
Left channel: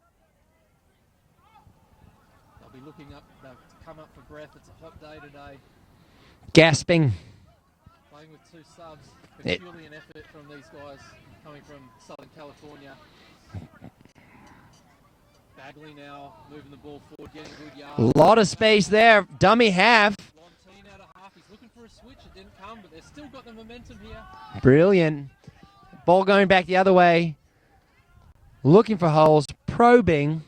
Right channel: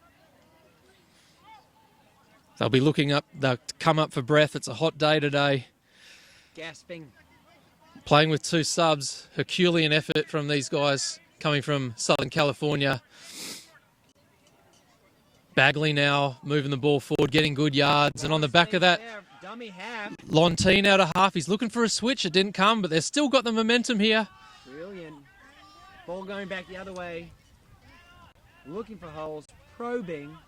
They'll be looking up. They'll come up for breath. It's a hot day today. Gasping. Playing with 2 subs. Herculean effort from these guys coming from Southern California. Bagley now moving the ball forward, getting good yards. A lot of space there. Dummy half. Lontine out of half. He's looking for a switch. It didn't come, but they've still got the momentum here. Brilliant. Ball going back the other way. Looking for holes. Probing.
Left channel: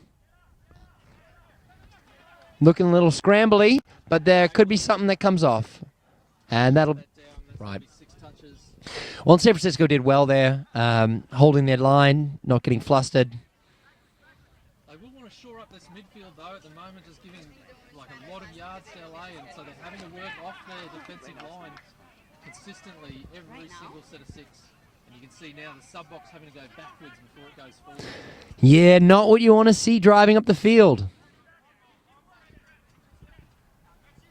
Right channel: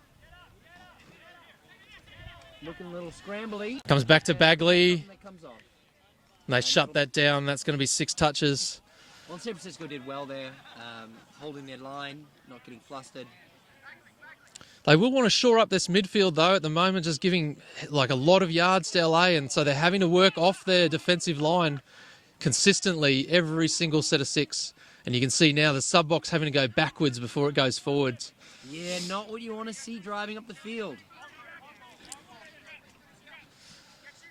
Looking a little scrambly. Comes back but to Bagley. Could be something that comes off. They shut that down. That's going to be 6 touches. Well, San Francisco did well there, holding their line, not getting flustered. They will want to shore up this midfield, though, at the moment, just giving like a lot of yards to LA, and so they're having to work off their defensive line consistently every single set of 6. And you can see now the sub-box having to go backwards before it goes forward. Yeah, not what you want to see driving up the field.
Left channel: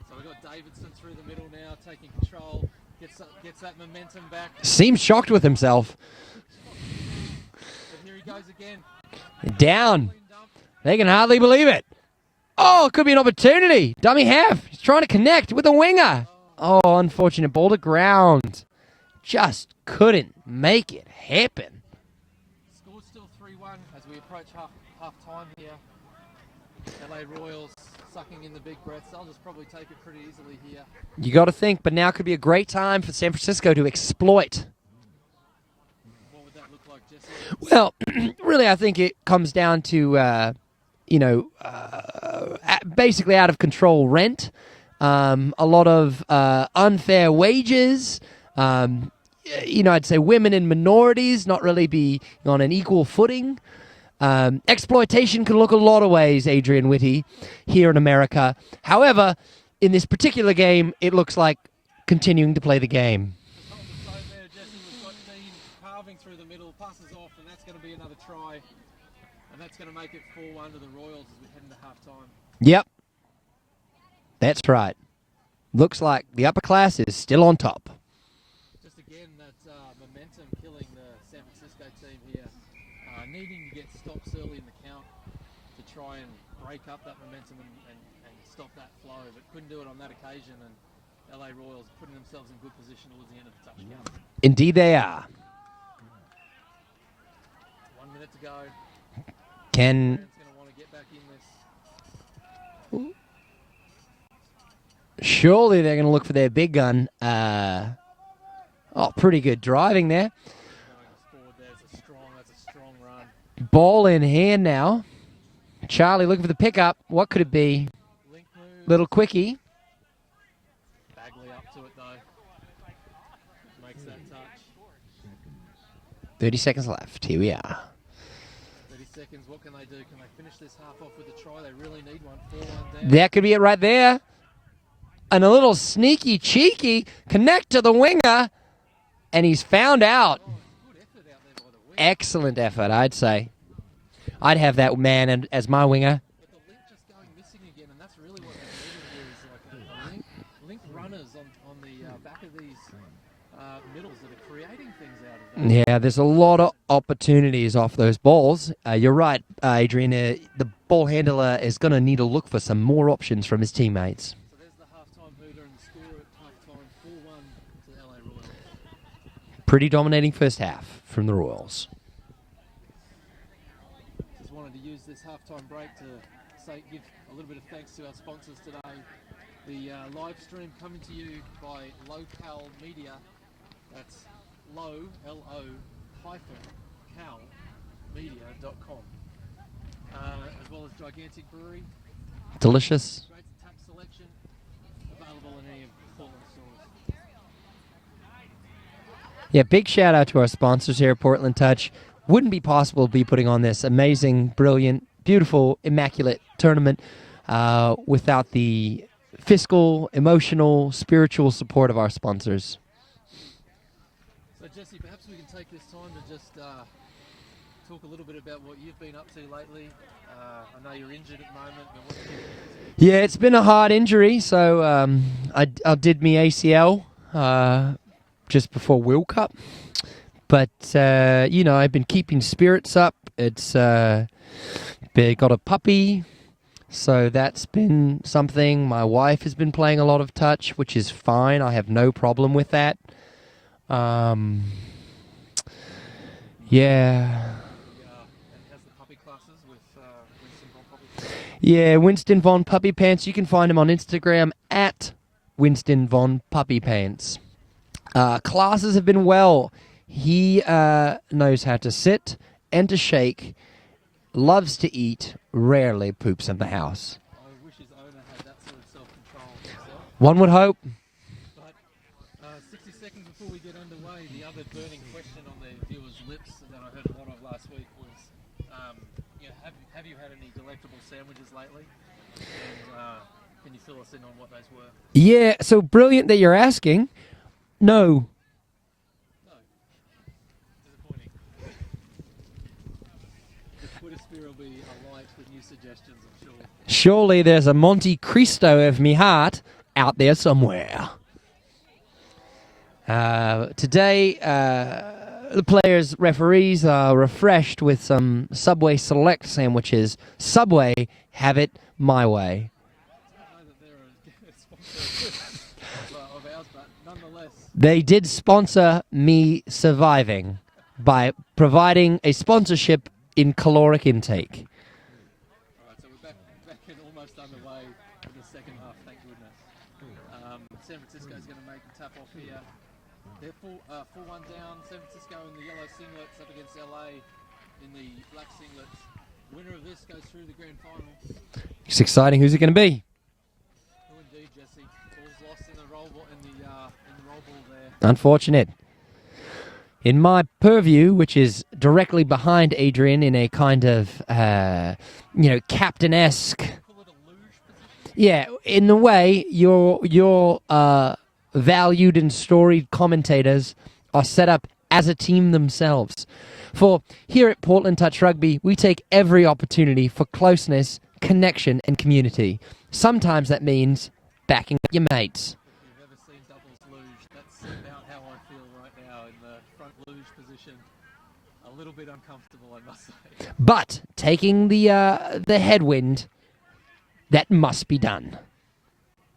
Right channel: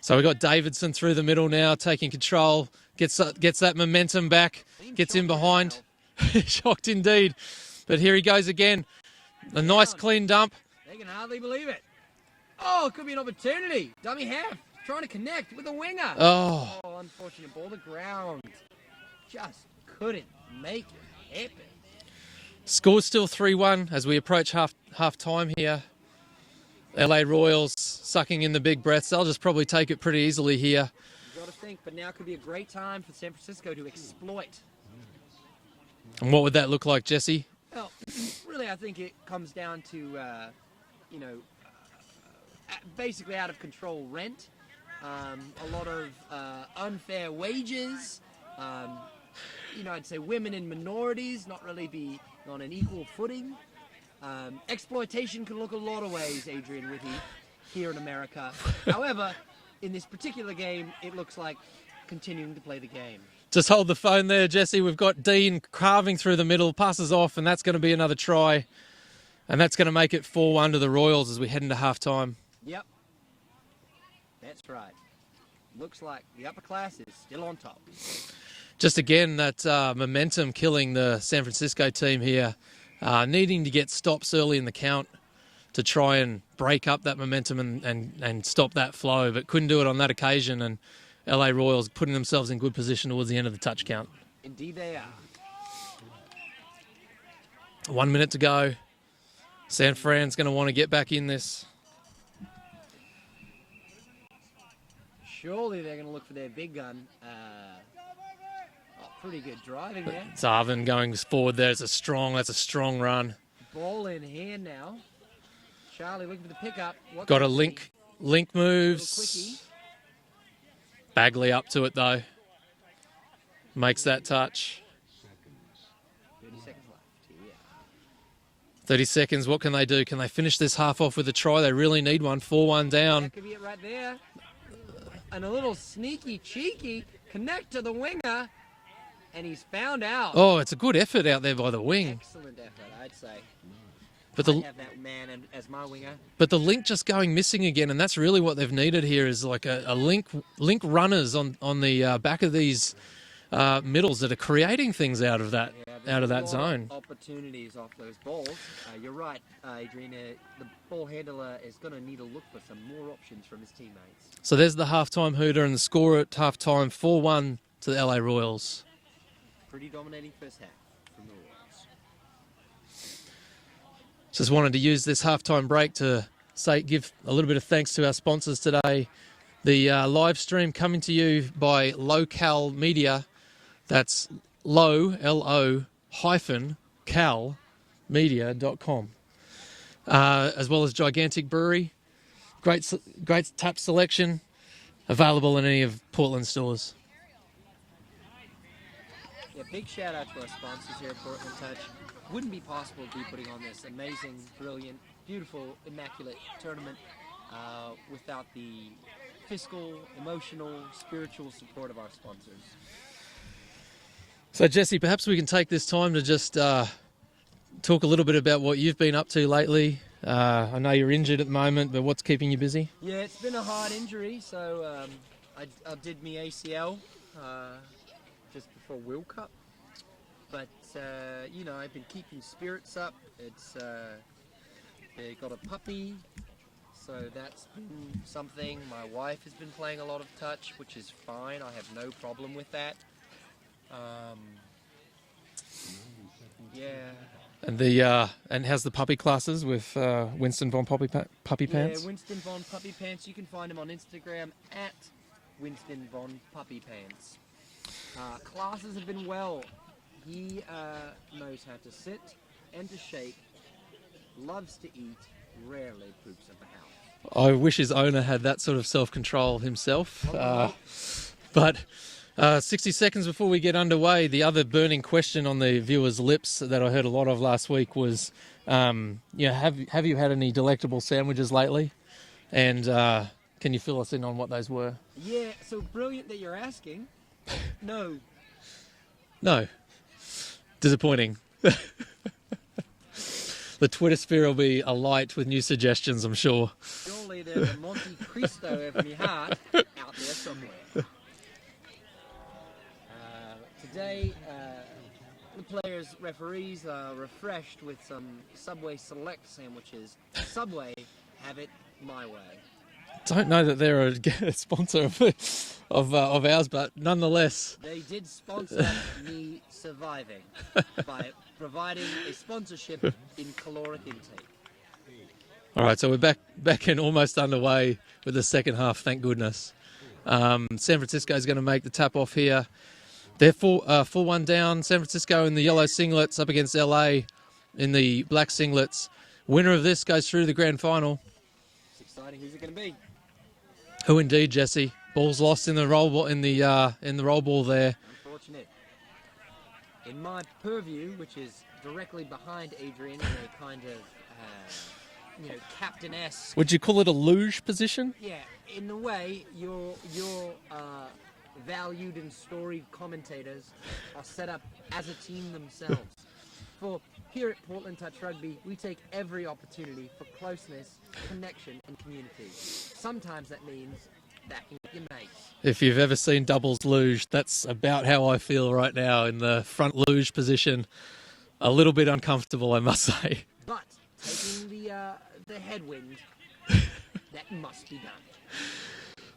So we've got Davidson through the middle now, taking control, gets that momentum back. Seems shocked with himself. Shocked indeed. But here he goes again. A Down. nice clean dump. They can hardly believe it. Oh, it could be an opportunity. Dummy half. He's trying to connect with a winger. Oh, Unfortunate. Ball to ground. Just couldn't make it happen. Score's still 3-1 as we approach half time here. LA Royals sucking in the big breaths. They'll just probably take it pretty easily here. You got to think, but now could be a great time for San Francisco to exploit. And what would that look like, Jesse? Well, really, I think it comes down to, basically out of control rent, a lot of unfair wages. I'd say women and minorities not really be on an equal footing. Exploitation can look a lot of ways, Adrian Whitty, here in America. However, in this particular game, it looks like continuing to play the game. Just hold the phone there, Jesse. We've got Dean carving through the middle, passes off, and that's going to be another try. And that's going to make it 4-1 to the Royals as we head into half-time. Yep. That's right. Looks like the upper class is still on top. Just again, that momentum killing the San Francisco team here. Needing to get stops early in the count to try and break up that momentum and stop that flow, but couldn't do it on that occasion. And LA Royals putting themselves in good position towards the end of the touch count. Indeed they are. 1 minute to go. San Fran's going to want to get back in this. Surely they're going to look for their big gun. Pretty good driving there. Zarvin going forward there. That's a strong run. Ball in hand now. Charlie looking for the pickup. What Got could it be? Link moves. Little quickie. Bagley up to it, though. Makes that touch. 30 seconds left. Here we are. 30 seconds. What can they do? Can they finish this half off with a try? They really need one. 4-1 down. That could be it right there. And a little sneaky, cheeky connect to the winger. And he's found out. Oh, it's a good effort out there by the wing. Excellent effort, I'd say. But I'd have that man as my winger. But the link just going missing again, and that's really what they've needed here is like a link runners on the back of these middles that are creating things out of that. Yeah, there's a lot of opportunities off those balls. You're right, Adrian. The ball handler is going to need to look for some more options from his teammates. So there's the halftime hooter and the score at halftime, 4-1 to the LA Royals. Pretty dominating first half from the Royals. Just wanted to use this halftime break to give a little bit of thanks to our sponsors today. The live stream coming to you by Local Media. That's L-O hyphen cal media.com. As well as Gigantic Brewery. Delicious. Great tap selection. Available in any of Portland stores. Yeah, big shout out to our sponsors here at Portland Touch. Wouldn't be possible to be putting on this amazing, brilliant, beautiful, immaculate tournament without the fiscal, emotional, spiritual support of our sponsors. So, Jesse, perhaps we can take this time to just talk a little bit about what you've been up to lately. I know you're injured at the moment, but what's keeping you busy? Yeah, it's been a hard injury. So I did my ACL just before World Cup. But, I've been keeping spirits up. It's got a puppy, so that's been something. My wife has been playing a lot of touch, which is fine. I have no problem with that. Yeah. And how's the puppy classes with Winston Von Puppy Pants? Yeah, Winston Von Puppy Pants. You can find him on Instagram at Winston Von Puppy Pants. Classes have been well. He knows how to sit and to shake, loves to eat, rarely poops in the house. I wish his owner had that sort of self-control himself. One would hope. But 60 seconds before we get underway, the other burning question on the viewers' lips that I heard a lot of last week was, have you had any delectable sandwiches lately? And can you fill us in on what those were? Yeah, so brilliant that you're asking. No. No. Disappointing. The Twitter sphere will be alight with new suggestions, I'm sure. Surely there's a Monte Cristo of me heart out there somewhere. Today, the players, referees are refreshed with some Subway Select sandwiches. Subway, have it my way. Don't know that they're a sponsor of ours, but nonetheless. They did sponsor me surviving by providing a sponsorship in caloric intake. All right, so we're back in almost underway with the second half, thank goodness. San Francisco is going to make the tap off here. They're 4-1 down. San Francisco in the yellow singlets up against LA in the black singlets. Winner of this goes through the grand final. It's exciting. Who's it going to be? Who indeed, Jesse? Ball's lost in the roll ball in the roll ball there. Unfortunate. In my purview, which is directly behind Adrian in a kind of captain-esque. Would you call it a luge position? Yeah, in the way your valued and storied commentators are set up as a team themselves. For here at Portland Touch Rugby, we take every opportunity for closeness, connection, and community. Sometimes that means backing up your mates. If you've ever seen doubles luge, that's about how I feel right now in the front luge position. A little bit uncomfortable, I must say. But taking the headwind, that must be done.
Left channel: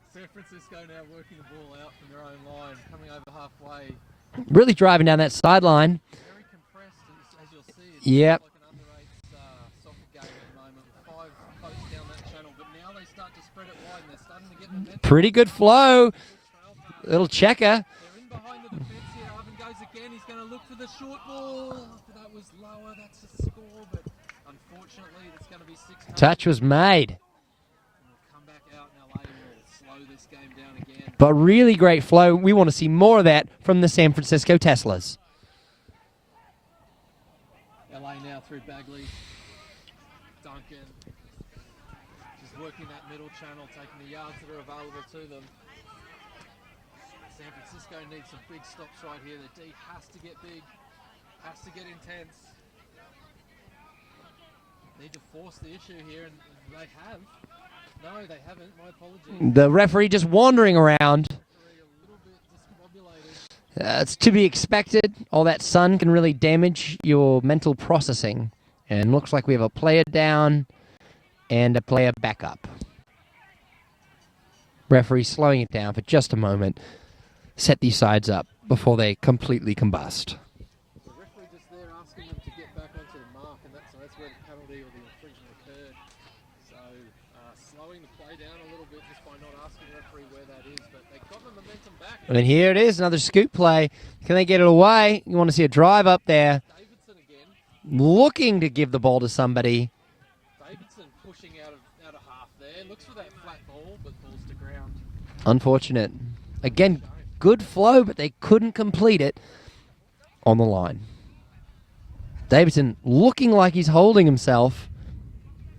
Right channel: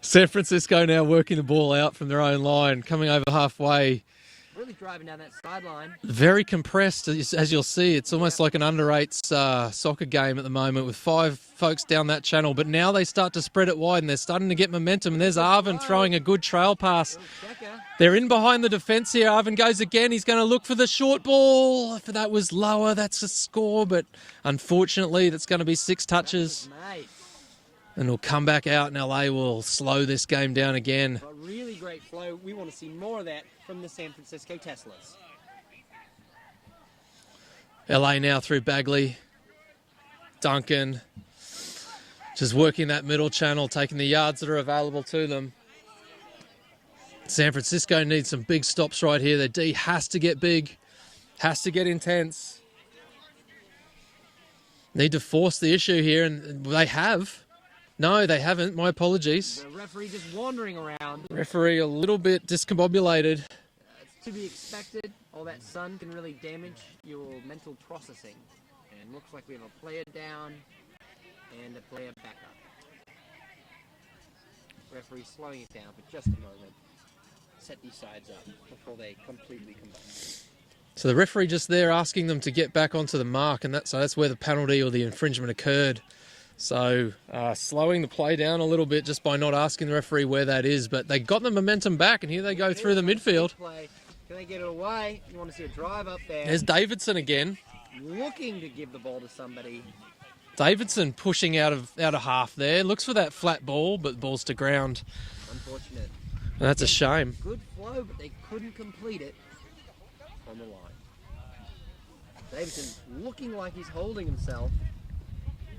San Francisco now working the ball out from their own line, coming over halfway. Really driving down that sideline. Very compressed, as you'll see. It's almost like an under-8s soccer game at the moment with 5 folks down that channel. But now they start to spread it wide, and they're starting to get momentum. Pretty There's good Arvin flow. throwing a good trail pass. Little checker. They're in behind the defence here. Arvin goes again. He's going to look for the short ball. If that was lower, that's a score. But unfortunately, that's going to be 6 touches. Touch was made. And it'll come back out, and LA will slow this game down again. But really great flow. We want to see more of that from the San Francisco Teslas. LA now through Bagley. Duncan just working that middle channel, taking the yards that are available to them. San Francisco needs some big stops right here. Their D has to get big, has to get intense. Need to force the issue here, and they have. No, they haven't. My apologies. The referee just wandering around. Referee a little bit discombobulated. It's to be expected. All that sun can really damage your mental processing. And looks like we have a player down and a player back up. Referee slowing it down for just a moment. Set these sides up before they completely combust. So the referee just there asking them to get back onto the mark, and that's where the penalty or the infringement occurred. So slowing the play down a little bit just by not asking the referee where that is. But they got the momentum back. And here it is, another scoop play. Can they get it away? You want to see a drive up there. There's Davidson again. Looking to give the ball to somebody. Davidson pushing out of half there. Looks for that flat ball, but ball's to ground. Unfortunate. That's again, a shame. Good flow, but they couldn't complete it on the line. Davidson looking like he's holding himself.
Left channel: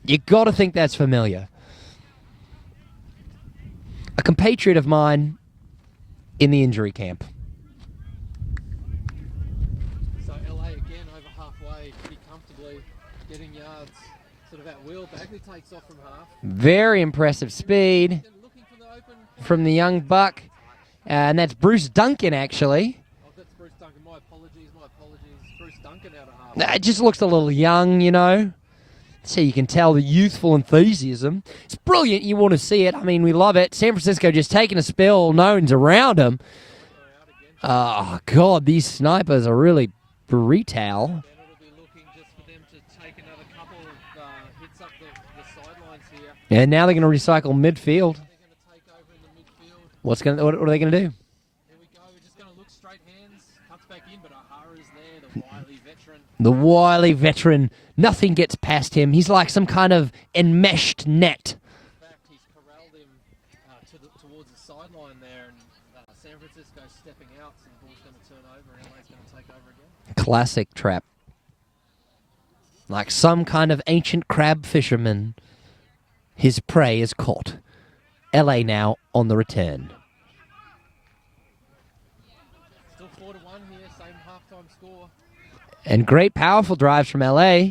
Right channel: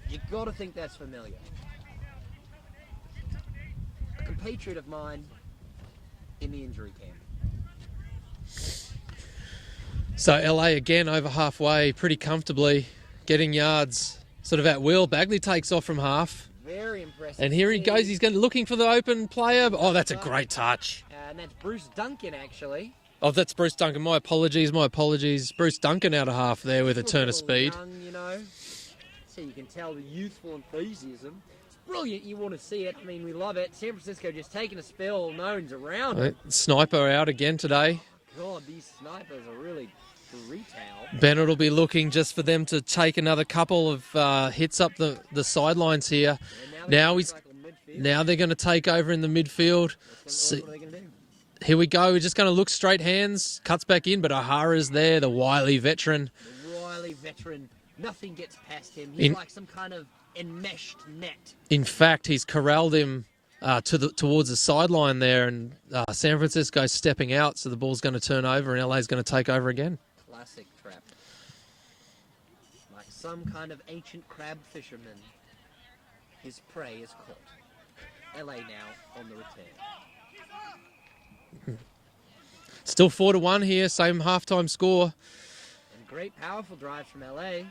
You got to think that's familiar. A compatriot of mine in the injury camp. So LA again over halfway, pretty comfortably, getting yards sort of at will. Bagley takes off from half. Very impressive and here speed. he goes. He's looking for the open player. From the young that's buck. a great touch. And that's Bruce Duncan, actually. Oh, that's Bruce Duncan. My apologies. Bruce Duncan out of half. It just looks a little young, you know. So you can tell the youthful enthusiasm. It's brilliant. You want to see it. I mean, we love it. San Francisco just taking a spill. No one's around them. Sniper out again today. Oh, God. These snipers are really brutal. Bennett will be looking just for them to take another couple of hits up the sidelines here. And now they're going to recycle midfield. Now they're going to take over in the midfield. What are they going to do? Here we go. We're just going to look straight hands. Cuts back in, but Ahara's there, the wily veteran. The wily veteran. Nothing gets past him. He's like some kind of enmeshed net. In fact, he's corralled him towards the sideline there, and San Francisco stepping out, so the ball's going to turn over, and LA's going to take over again. Classic trap. Like some kind of ancient crab fisherman. His prey is caught. LA now on the return. Still 4-1 here, same halftime score. And great, powerful drives from LA.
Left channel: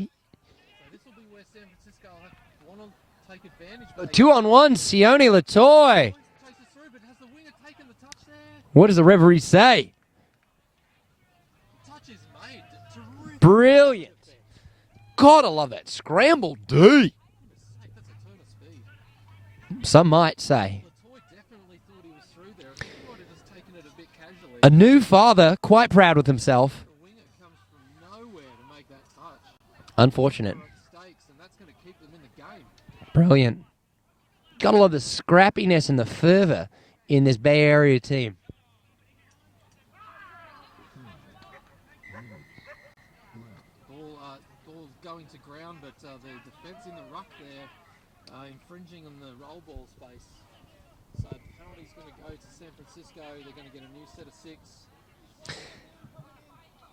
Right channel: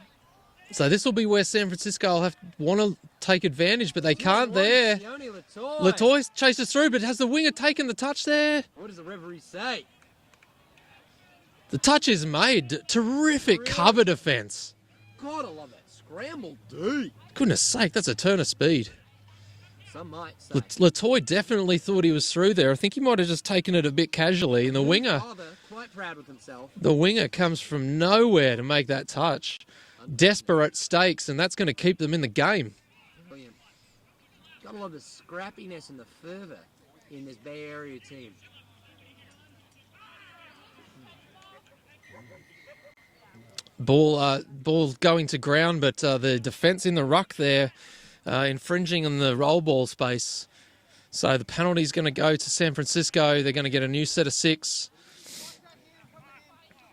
So this will be where San Francisco will want to take advantage, but they 2 can't. on 1, there. Sione Latoy. Latoy chases through, but has the winger taken the touch there? What does the referee say? The touch is made. Terrific Brilliant. cover defence. God, I love that. Scramble D. Goodness sake, that's a turn of speed. Some might say. Latoy definitely thought he was through there. I think he might have just taken it a bit casually. A the new winger, father, quite proud with himself. The winger comes from nowhere to make that touch. Unfortunate. Desperate stakes, and that's going to keep them in the game. Brilliant. Gotta love the scrappiness and the fervour in this Bay Area team. Ball going to ground, but the defence in the ruck there infringing on the roll ball space. So the penalty is going to go to San Francisco. They're going to get a new set of 6.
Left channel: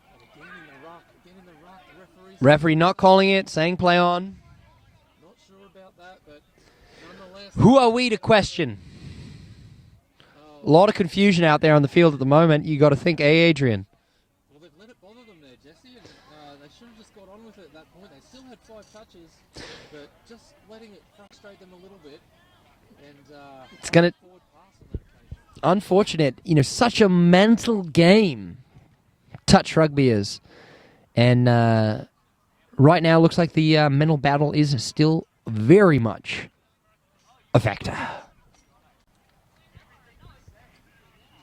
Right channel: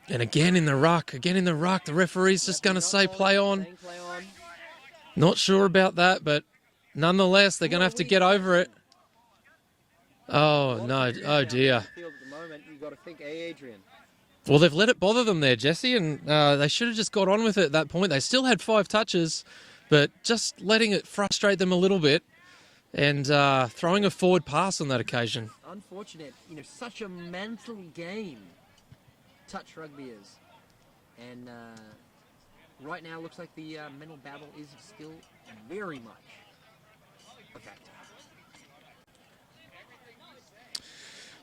And again in the ruck, the referee's just Referee going to not say calling play it, on. saying play on. Not sure about that, but nonetheless, they're Who going to are have we to get to over it. question? Oh, A lot of no. confusion Oh, out there dear. on the field at the moment. You got to think, Adrian. Well, they've let it bother them there, Jesse, and they should have just got on with it at that point. They still had 5 touches, but just letting it frustrate them a little bit and throwing a forward pass on that occasion. Unfortunate. Such a mental game. Touch rugby is. And right now, looks like the mental battle is still very much a factor.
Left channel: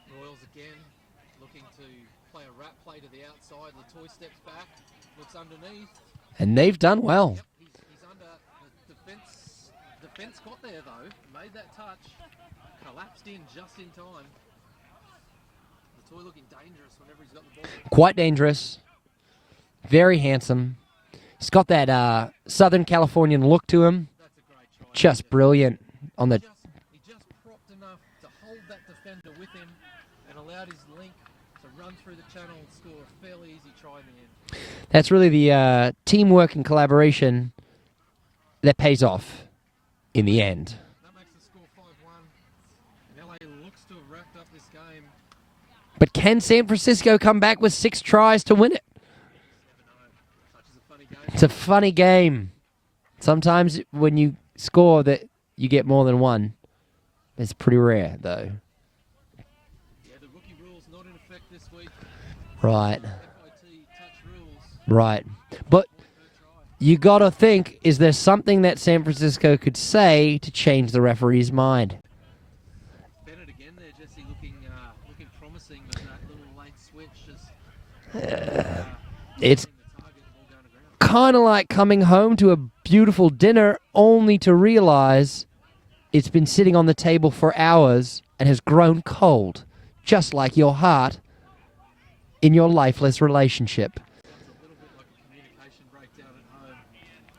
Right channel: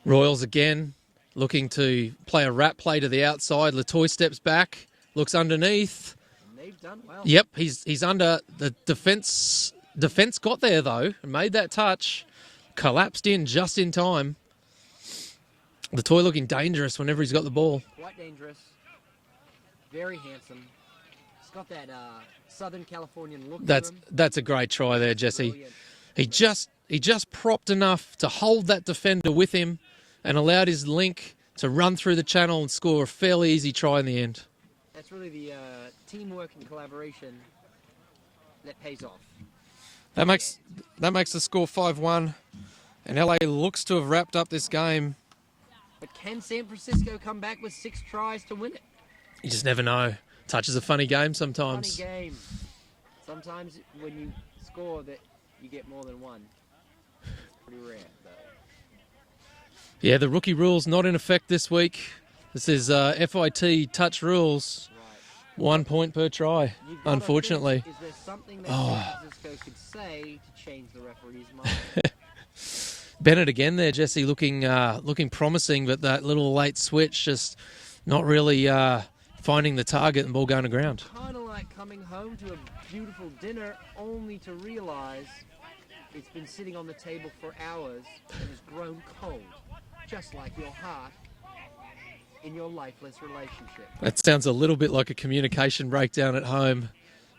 Royals again looking to play a wrap play to the outside. Latoy steps back, looks underneath. And they've done well. Yep, he's under the defense. Defense got there though and made that touch. Collapsed in just in time. Latoy looking dangerous whenever he's got the ball. Quite dangerous. Very handsome. He's got that Southern Californian look to him. That's a great try there, Just Jesse. brilliant. He just propped enough to hold that defender with him and allowed his link to run through the channel and score a fairly easy try in the end. That's really the teamwork and collaboration that pays off in the end. That makes the score 5-1, and LA looks to have wrapped up this game. But can San Francisco come back with 6 tries to win it? You just never know. Touch is a funny game It's sometimes. a funny game. Sometimes when you score that you get more than one. It's pretty rare, though. Yeah, the rookie rule's not in effect this week. This is FIT touch rules. Right. 1 point per try. You got to think, unfortunately. is there something that San Francisco could say to change the referee's mind? Bennett again there, Jesse, looking promising, but that little late switch just not really finding the target and ball going to ground. Kind of like coming home to a beautiful dinner only to realize it's been sitting on the table for hours and has grown cold, just like your heart in your lifeless relationship. That sounds a little bit like a communication breakdown at home.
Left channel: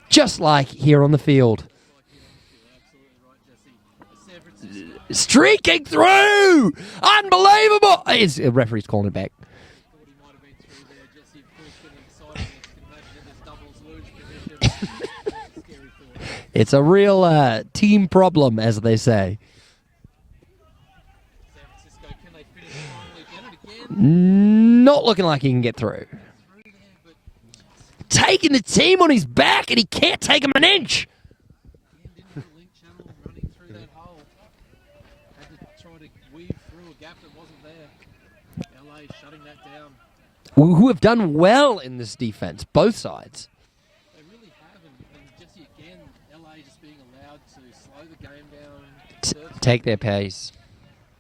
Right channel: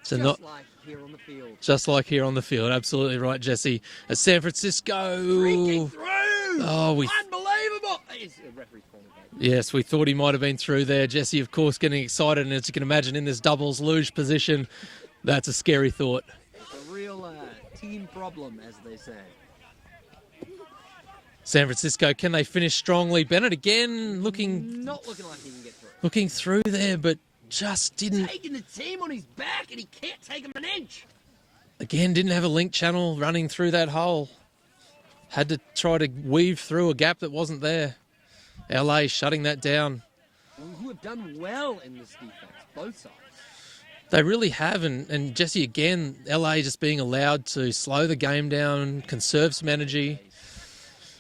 So Just like here on the field. Just like here on the field. Absolutely right, Jesse. As San Francisco. Streaking through! Unbelievable! The referee's calling it back. Yes, we thought he might have been through there. Jesse, of course, getting excited. And as you can imagine, in this doubles luge position, that's a scary thought. It's a real team problem, as they say. San Francisco, can they finish strongly? Bennett again, not looking like he can get through. Looking through there, but just didn't. Taking the team on his back, and he can't take him an inch. Again, didn't have a link channel running through that hole. Had to try to weave through a gap that wasn't there. LA shutting that down. Who have done well in this defense, both sides. They really have, and Jesse, again, LA just being allowed to slow the game down, conserve some energy. Take their pace.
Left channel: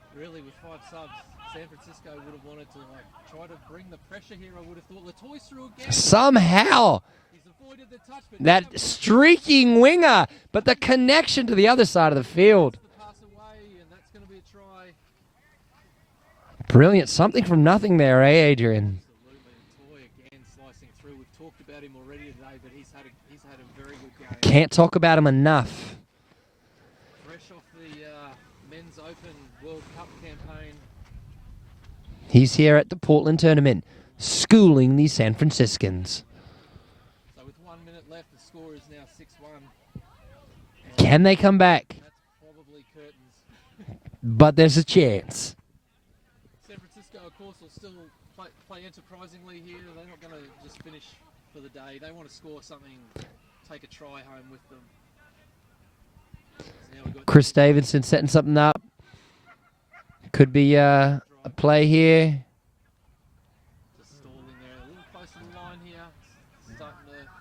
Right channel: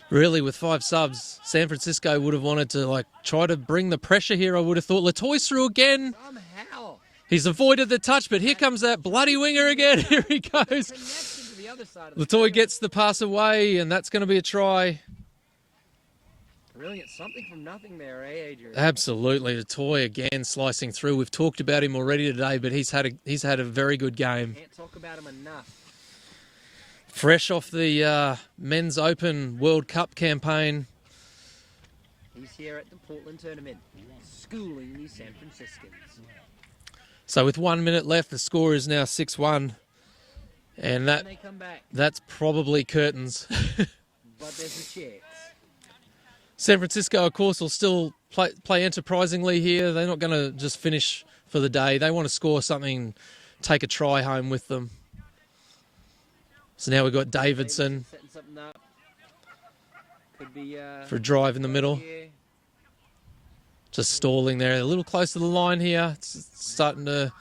Really, with 5 subs, San Francisco would have wanted to try to bring the pressure here. I would have thought Latoy's through again. Somehow. He's avoided the touch, but that here comes that bloody winger again. But the connection to the other side of the Latoy field. gets the pass away, and that's going to be a try. Brilliant. Something from nothing there, eh, Adrian? Absolutely. Latoy again slicing through. We've talked about him already today, but he's had a very good game. Can't talk about him enough. Fresh off the Men's Open World Cup campaign. He's here at the Portland tournament, schooling the San Franciscans. So with 1 minute left, the score is now 6-1. And Can they come back? That's probably curtains. But there's a chance. San Francisco, of course, will still play enterprisingly here. They're not going to just finish for the day. They want to score something, take a try home with them. So now we've got Chris Davidson setting something up. Could be for a drive in play the middle. here. Just stalling there, a little close to the line here. It's starting to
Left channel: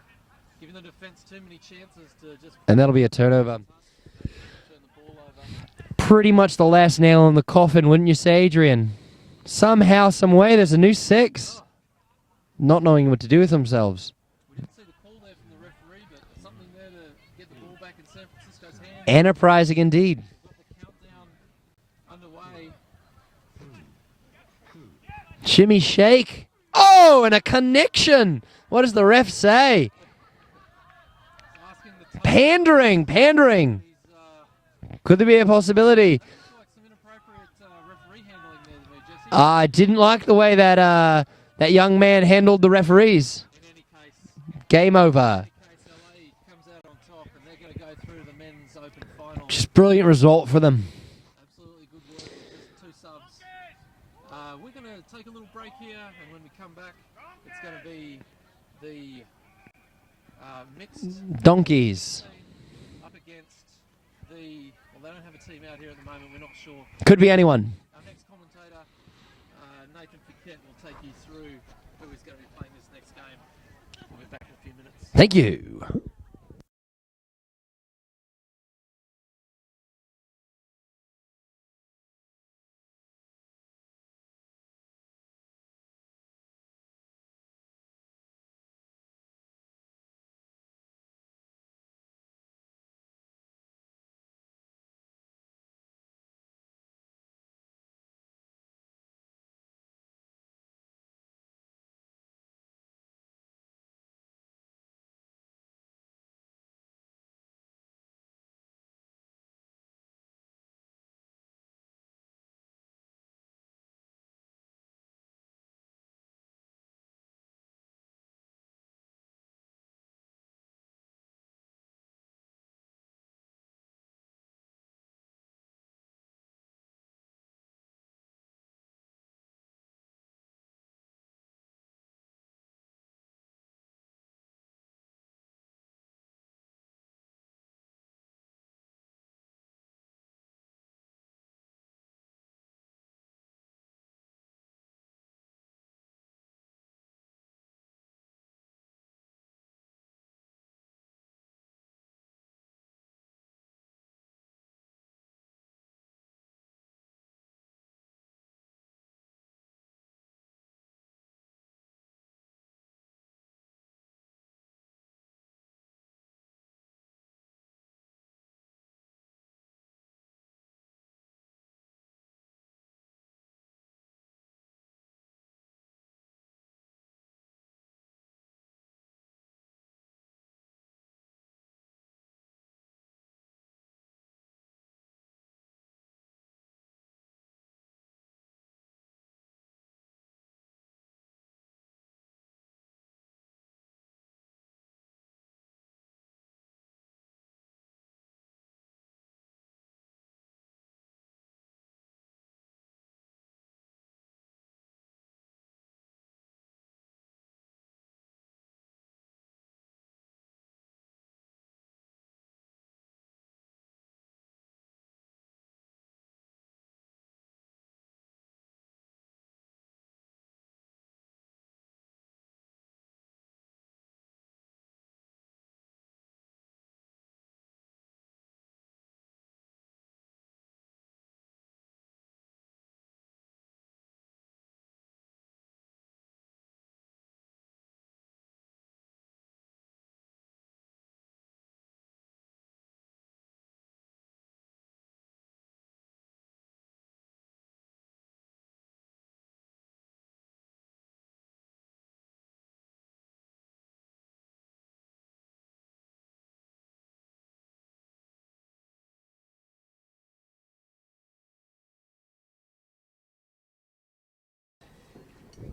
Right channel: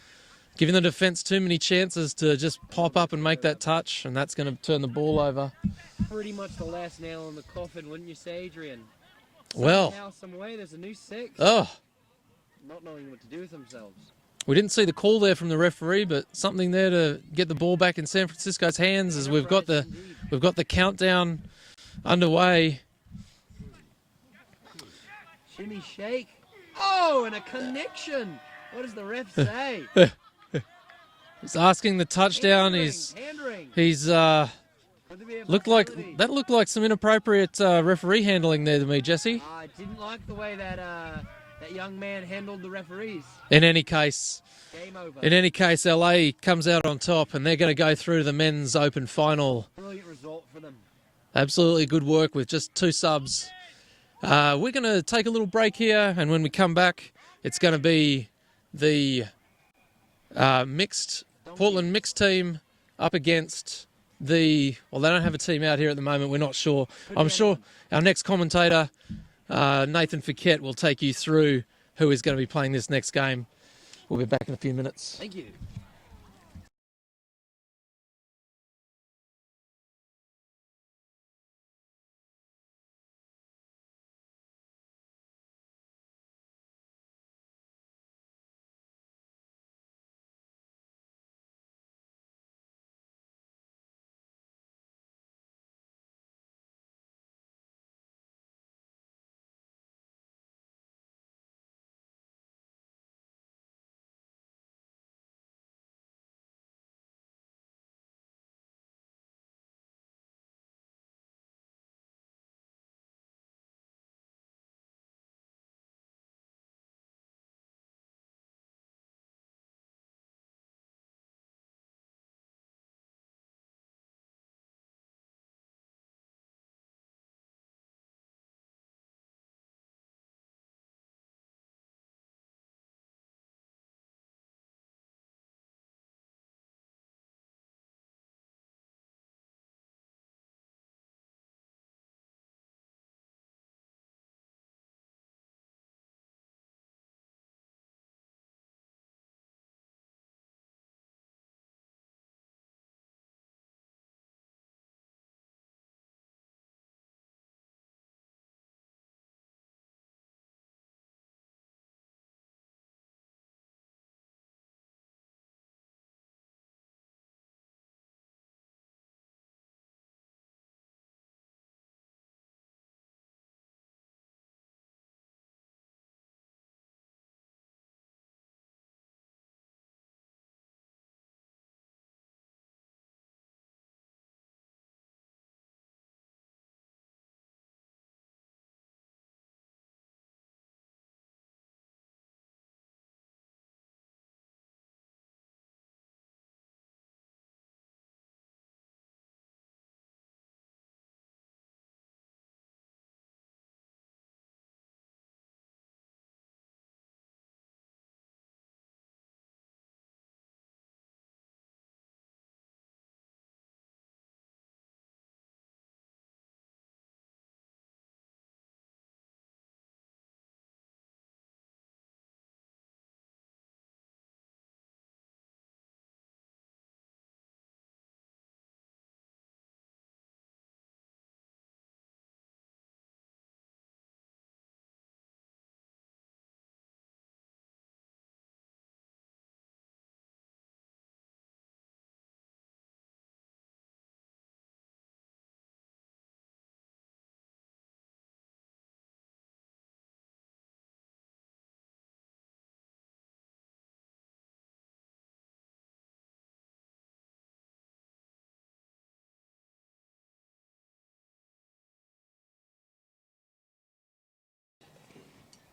giving the defence too many chances to just pop that'll be a up and make turnover. that touch, and that's going to turn the ball over. Pretty much the last nail in the coffin, wouldn't you say, Adrian? Somehow, some way, there's a new 6. Oh, Not knowing what to do with themselves. we didn't see the call there from the referee, but something there to get the ball back in San Francisco's hands. Enterprising indeed. We've got the countdown underway. Shimmy shake. Oh, and a connection. What does the ref say? He's asking the touchdown. Pandering. He's Could there be a possibility? that looked like some inappropriate referee handling there to me, Jesse. I didn't like the way that that young man handled the referees. In any case, Game over. LA comes out on top, and they're going to go through to the Men's Open final. Just brilliant result for them. Absolutely good work with just 2 subs. We're going to take a little break here, and when we come back, it's going to be the Portland mixed team up against they don't have a team out here at the moment. We're not sure. Could be I'm anyone. Sure our next commentator, Nathan Fiquette, will take you through who is going to be playing this next game. We'll be back in a few minutes. Thank you.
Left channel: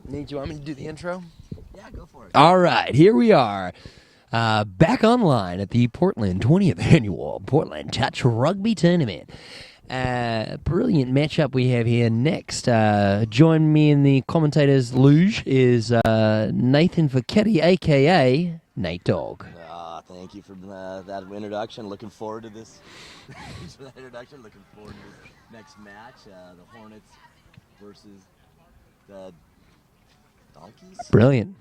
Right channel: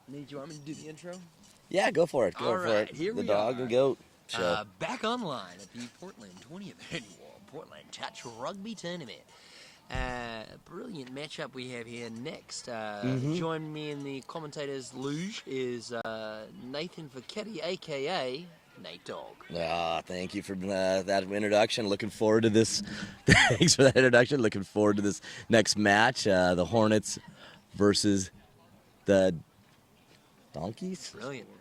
Nate, do you want me to do the intro? Yeah, go for it. All Go for right, it. here we The dog are. and goat show. Back online at the Portland 20th Annual Portland Touch Rugby Tournament. Brilliant matchup we have here next. Join me in the commentators' luge is Nathan Facchetti, a.k.a. Nate Dogg. Thank you for that introduction. Looking forward to this. Thanks for that introduction. Looking forward to this next match. The Hornets versus the Donkeys. Brilliant.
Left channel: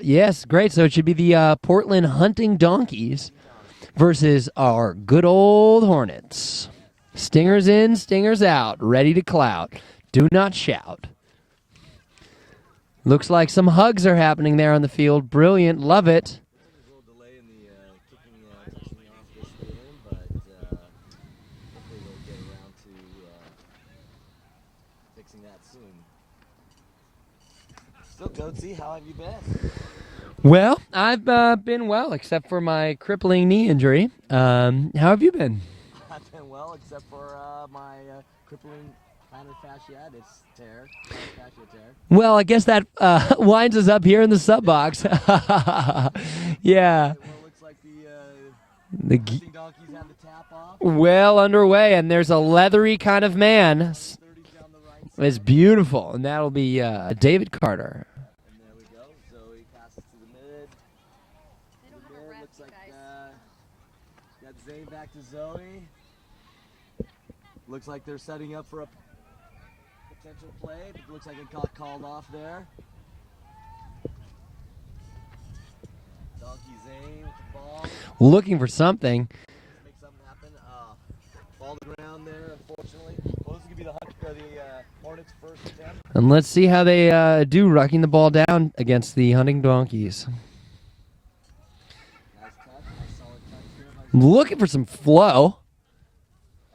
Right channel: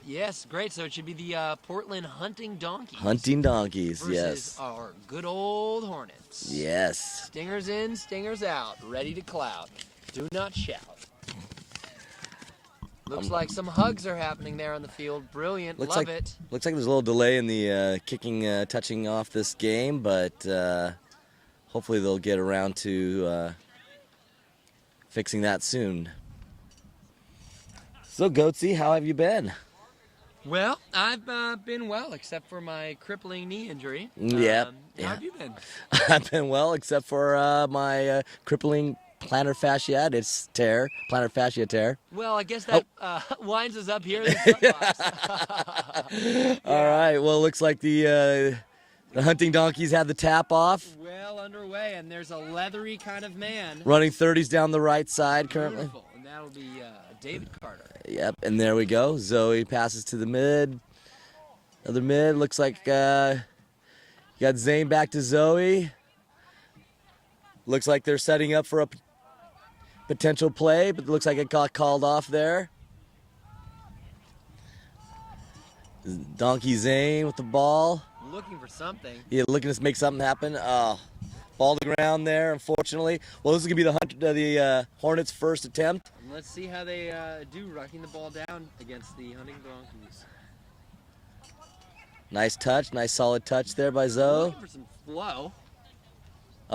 Yes, great. So it should be the Portland Hunting Donkeys. Hunting Donkeys. Versus yes. our good old Hornets. Yes. Stingers in, stingers out, ready to clout. Do not shout. Looks like some hugs are happening there on the field. Brilliant. Love it. Looks like there's a little delay in the touching off this game, but hopefully they'll get around to fixing that soon. So, Goatsy, how have you been? Well, I've been well, except for my crippling knee injury. Yeah. How have you been? I've been well, except for my crippling plantar fasciitis tear. Plantar fascia tear. Well, I guess that winds us up here in the sub box. Yeah. All right. Well, it looks like the Hunting Donkeys had the tap off. Well underway, and there's a leathery kind of man. Running 30s down the right side. It's beautiful, and that'll be David Carter. Yep, and there we go. Zoe passes to the mid. Other mid. Looks like you got Zane back to Zoe. Looks like they're setting up for a potential play, but it looks like it got called off there. Donkey Zane with the ball. Looking for something. Yeah, looking to make something happen. Ball to ground there, unfortunately. Well, this is going to be the Hornets' first attempt. And let's see how they do rucking the ball down against the Hunting Donkeys. Nice touch, nice solid touch there by Zoe. Looking for some flow.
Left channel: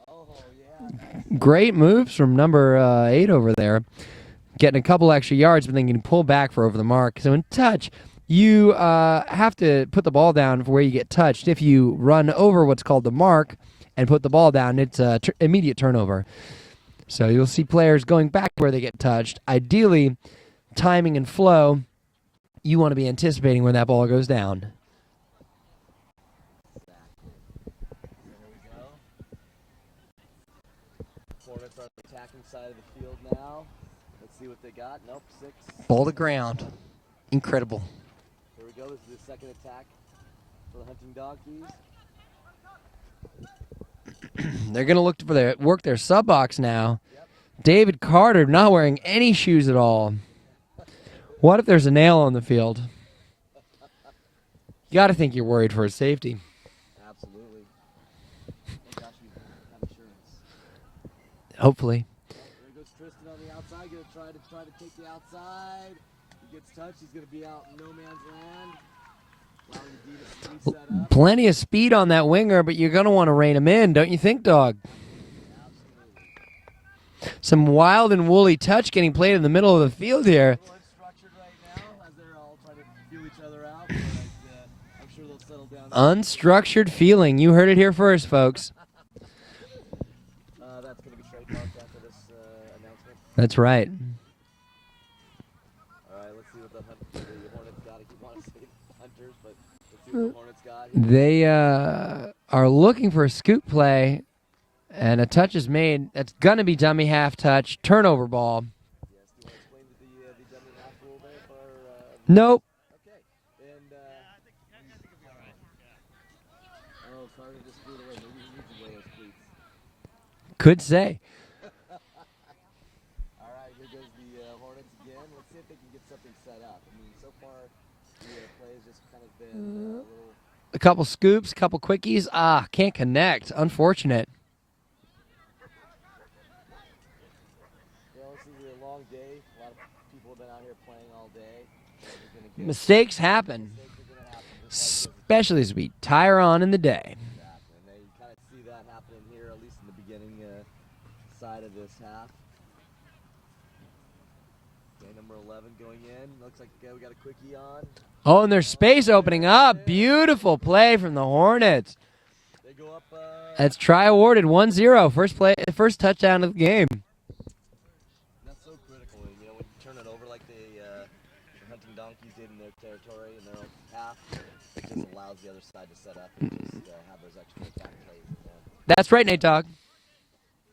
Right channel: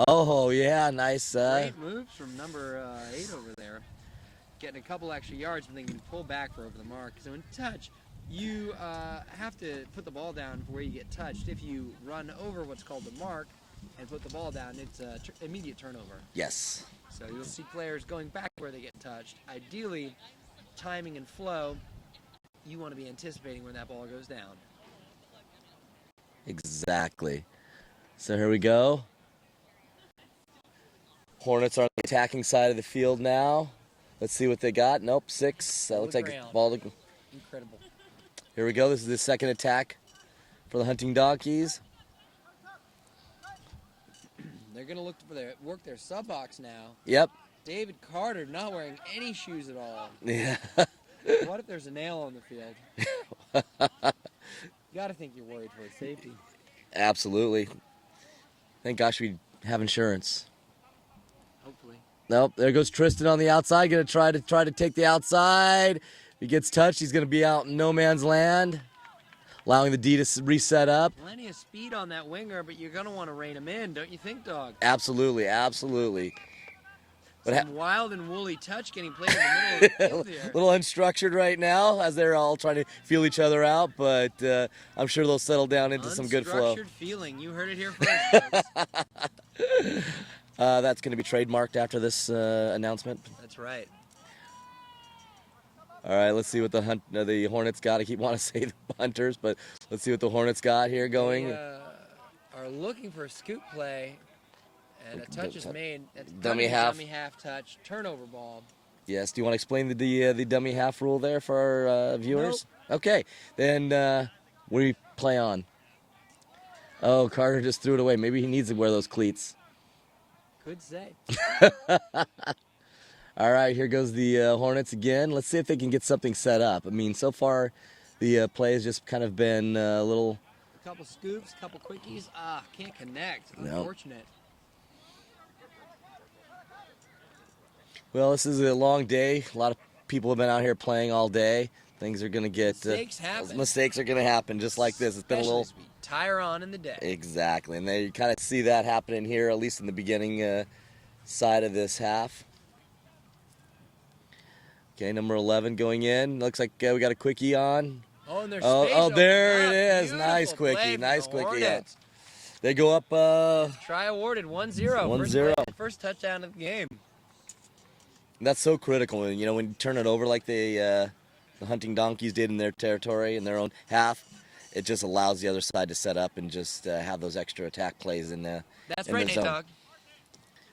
Oh, yeah, nice. Great moves from number 8 over there. Getting a couple extra yards, but then can pull back for over the mark. So in touch, you have to put the ball down for where you get touched. If you run over what's called the mark and put the ball down, it's immediate turnover. Yes. So you'll see players going back where they get touched. Ideally, timing and flow, you want to be anticipating when that ball goes down. Exactly. So here we go. Hornets are on the attacking side of the field now. Let's see what they got. Nope, 6. Ball to ground. Incredible. Here we go. This is the second attack for the Hunting Donkeys. They're going to look for work their sub box now. Yep. David Carter not wearing any shoes at all. Yeah. What if there's a nail on the field? You got to think you're worried for his safety. Absolutely. Thank gosh we have insurance. Hopefully. Nope. There goes Tristan on the outside. Going to try to take the outside. If he gets touched, he's going to be out in no man's land, allowing the D to reset up. Plenty of speed on that winger, but you're going to want to rein him in, don't you think, Dog? Absolutely, absolutely. Some wild and woolly touch getting played in the middle of the field here. A little unstructured right now as they're all trying to feel each other out, but I'm sure they'll settle down into some good flow. Unstructured feeling. You heard it here first, folks. That's going to be trademarked after this announcement. That's right. All right, let's see what the Hornets got. I keep wanting to say the Hunters, but let's see what the Hornets got here. They are looking for a scoop play, and a touch is made. That's going to be dummy half touch, turnover ball. Yes. Do you want to explain the dummy half rule there for our viewers? Nope. Okay. Then what do we play on? Oh, Carter just threw it away. Maybe he needs to wear those cleats. Could say. All right, here goes the Hornets again. Let's see if they can get something set up. I mean, so far the play has just kind of been a little... A couple scoops, a couple quickies. Can't connect. Unfortunate. Well, this is a long day. A lot of people have been out here playing all day. Things are going to get... Mistakes happen. Mistakes are going to happen just like this. Especially as we tire on in the day. Exactly, and you kind of see that happening here, at least in the beginning side of this half. Okay, number 11 going in. Looks like we got a quickie on. Oh, and there's space opening up. Nice Beautiful play from the Hornets. They go up. That's try awarded 1-0. First touchdown of the game. That's so critical. When you turn it over like the hunting donkeys did in their territory, in their own half, it just allows the other side to set up and just have those extra attack plays in the. That's in right, the Nate zone. Dogg.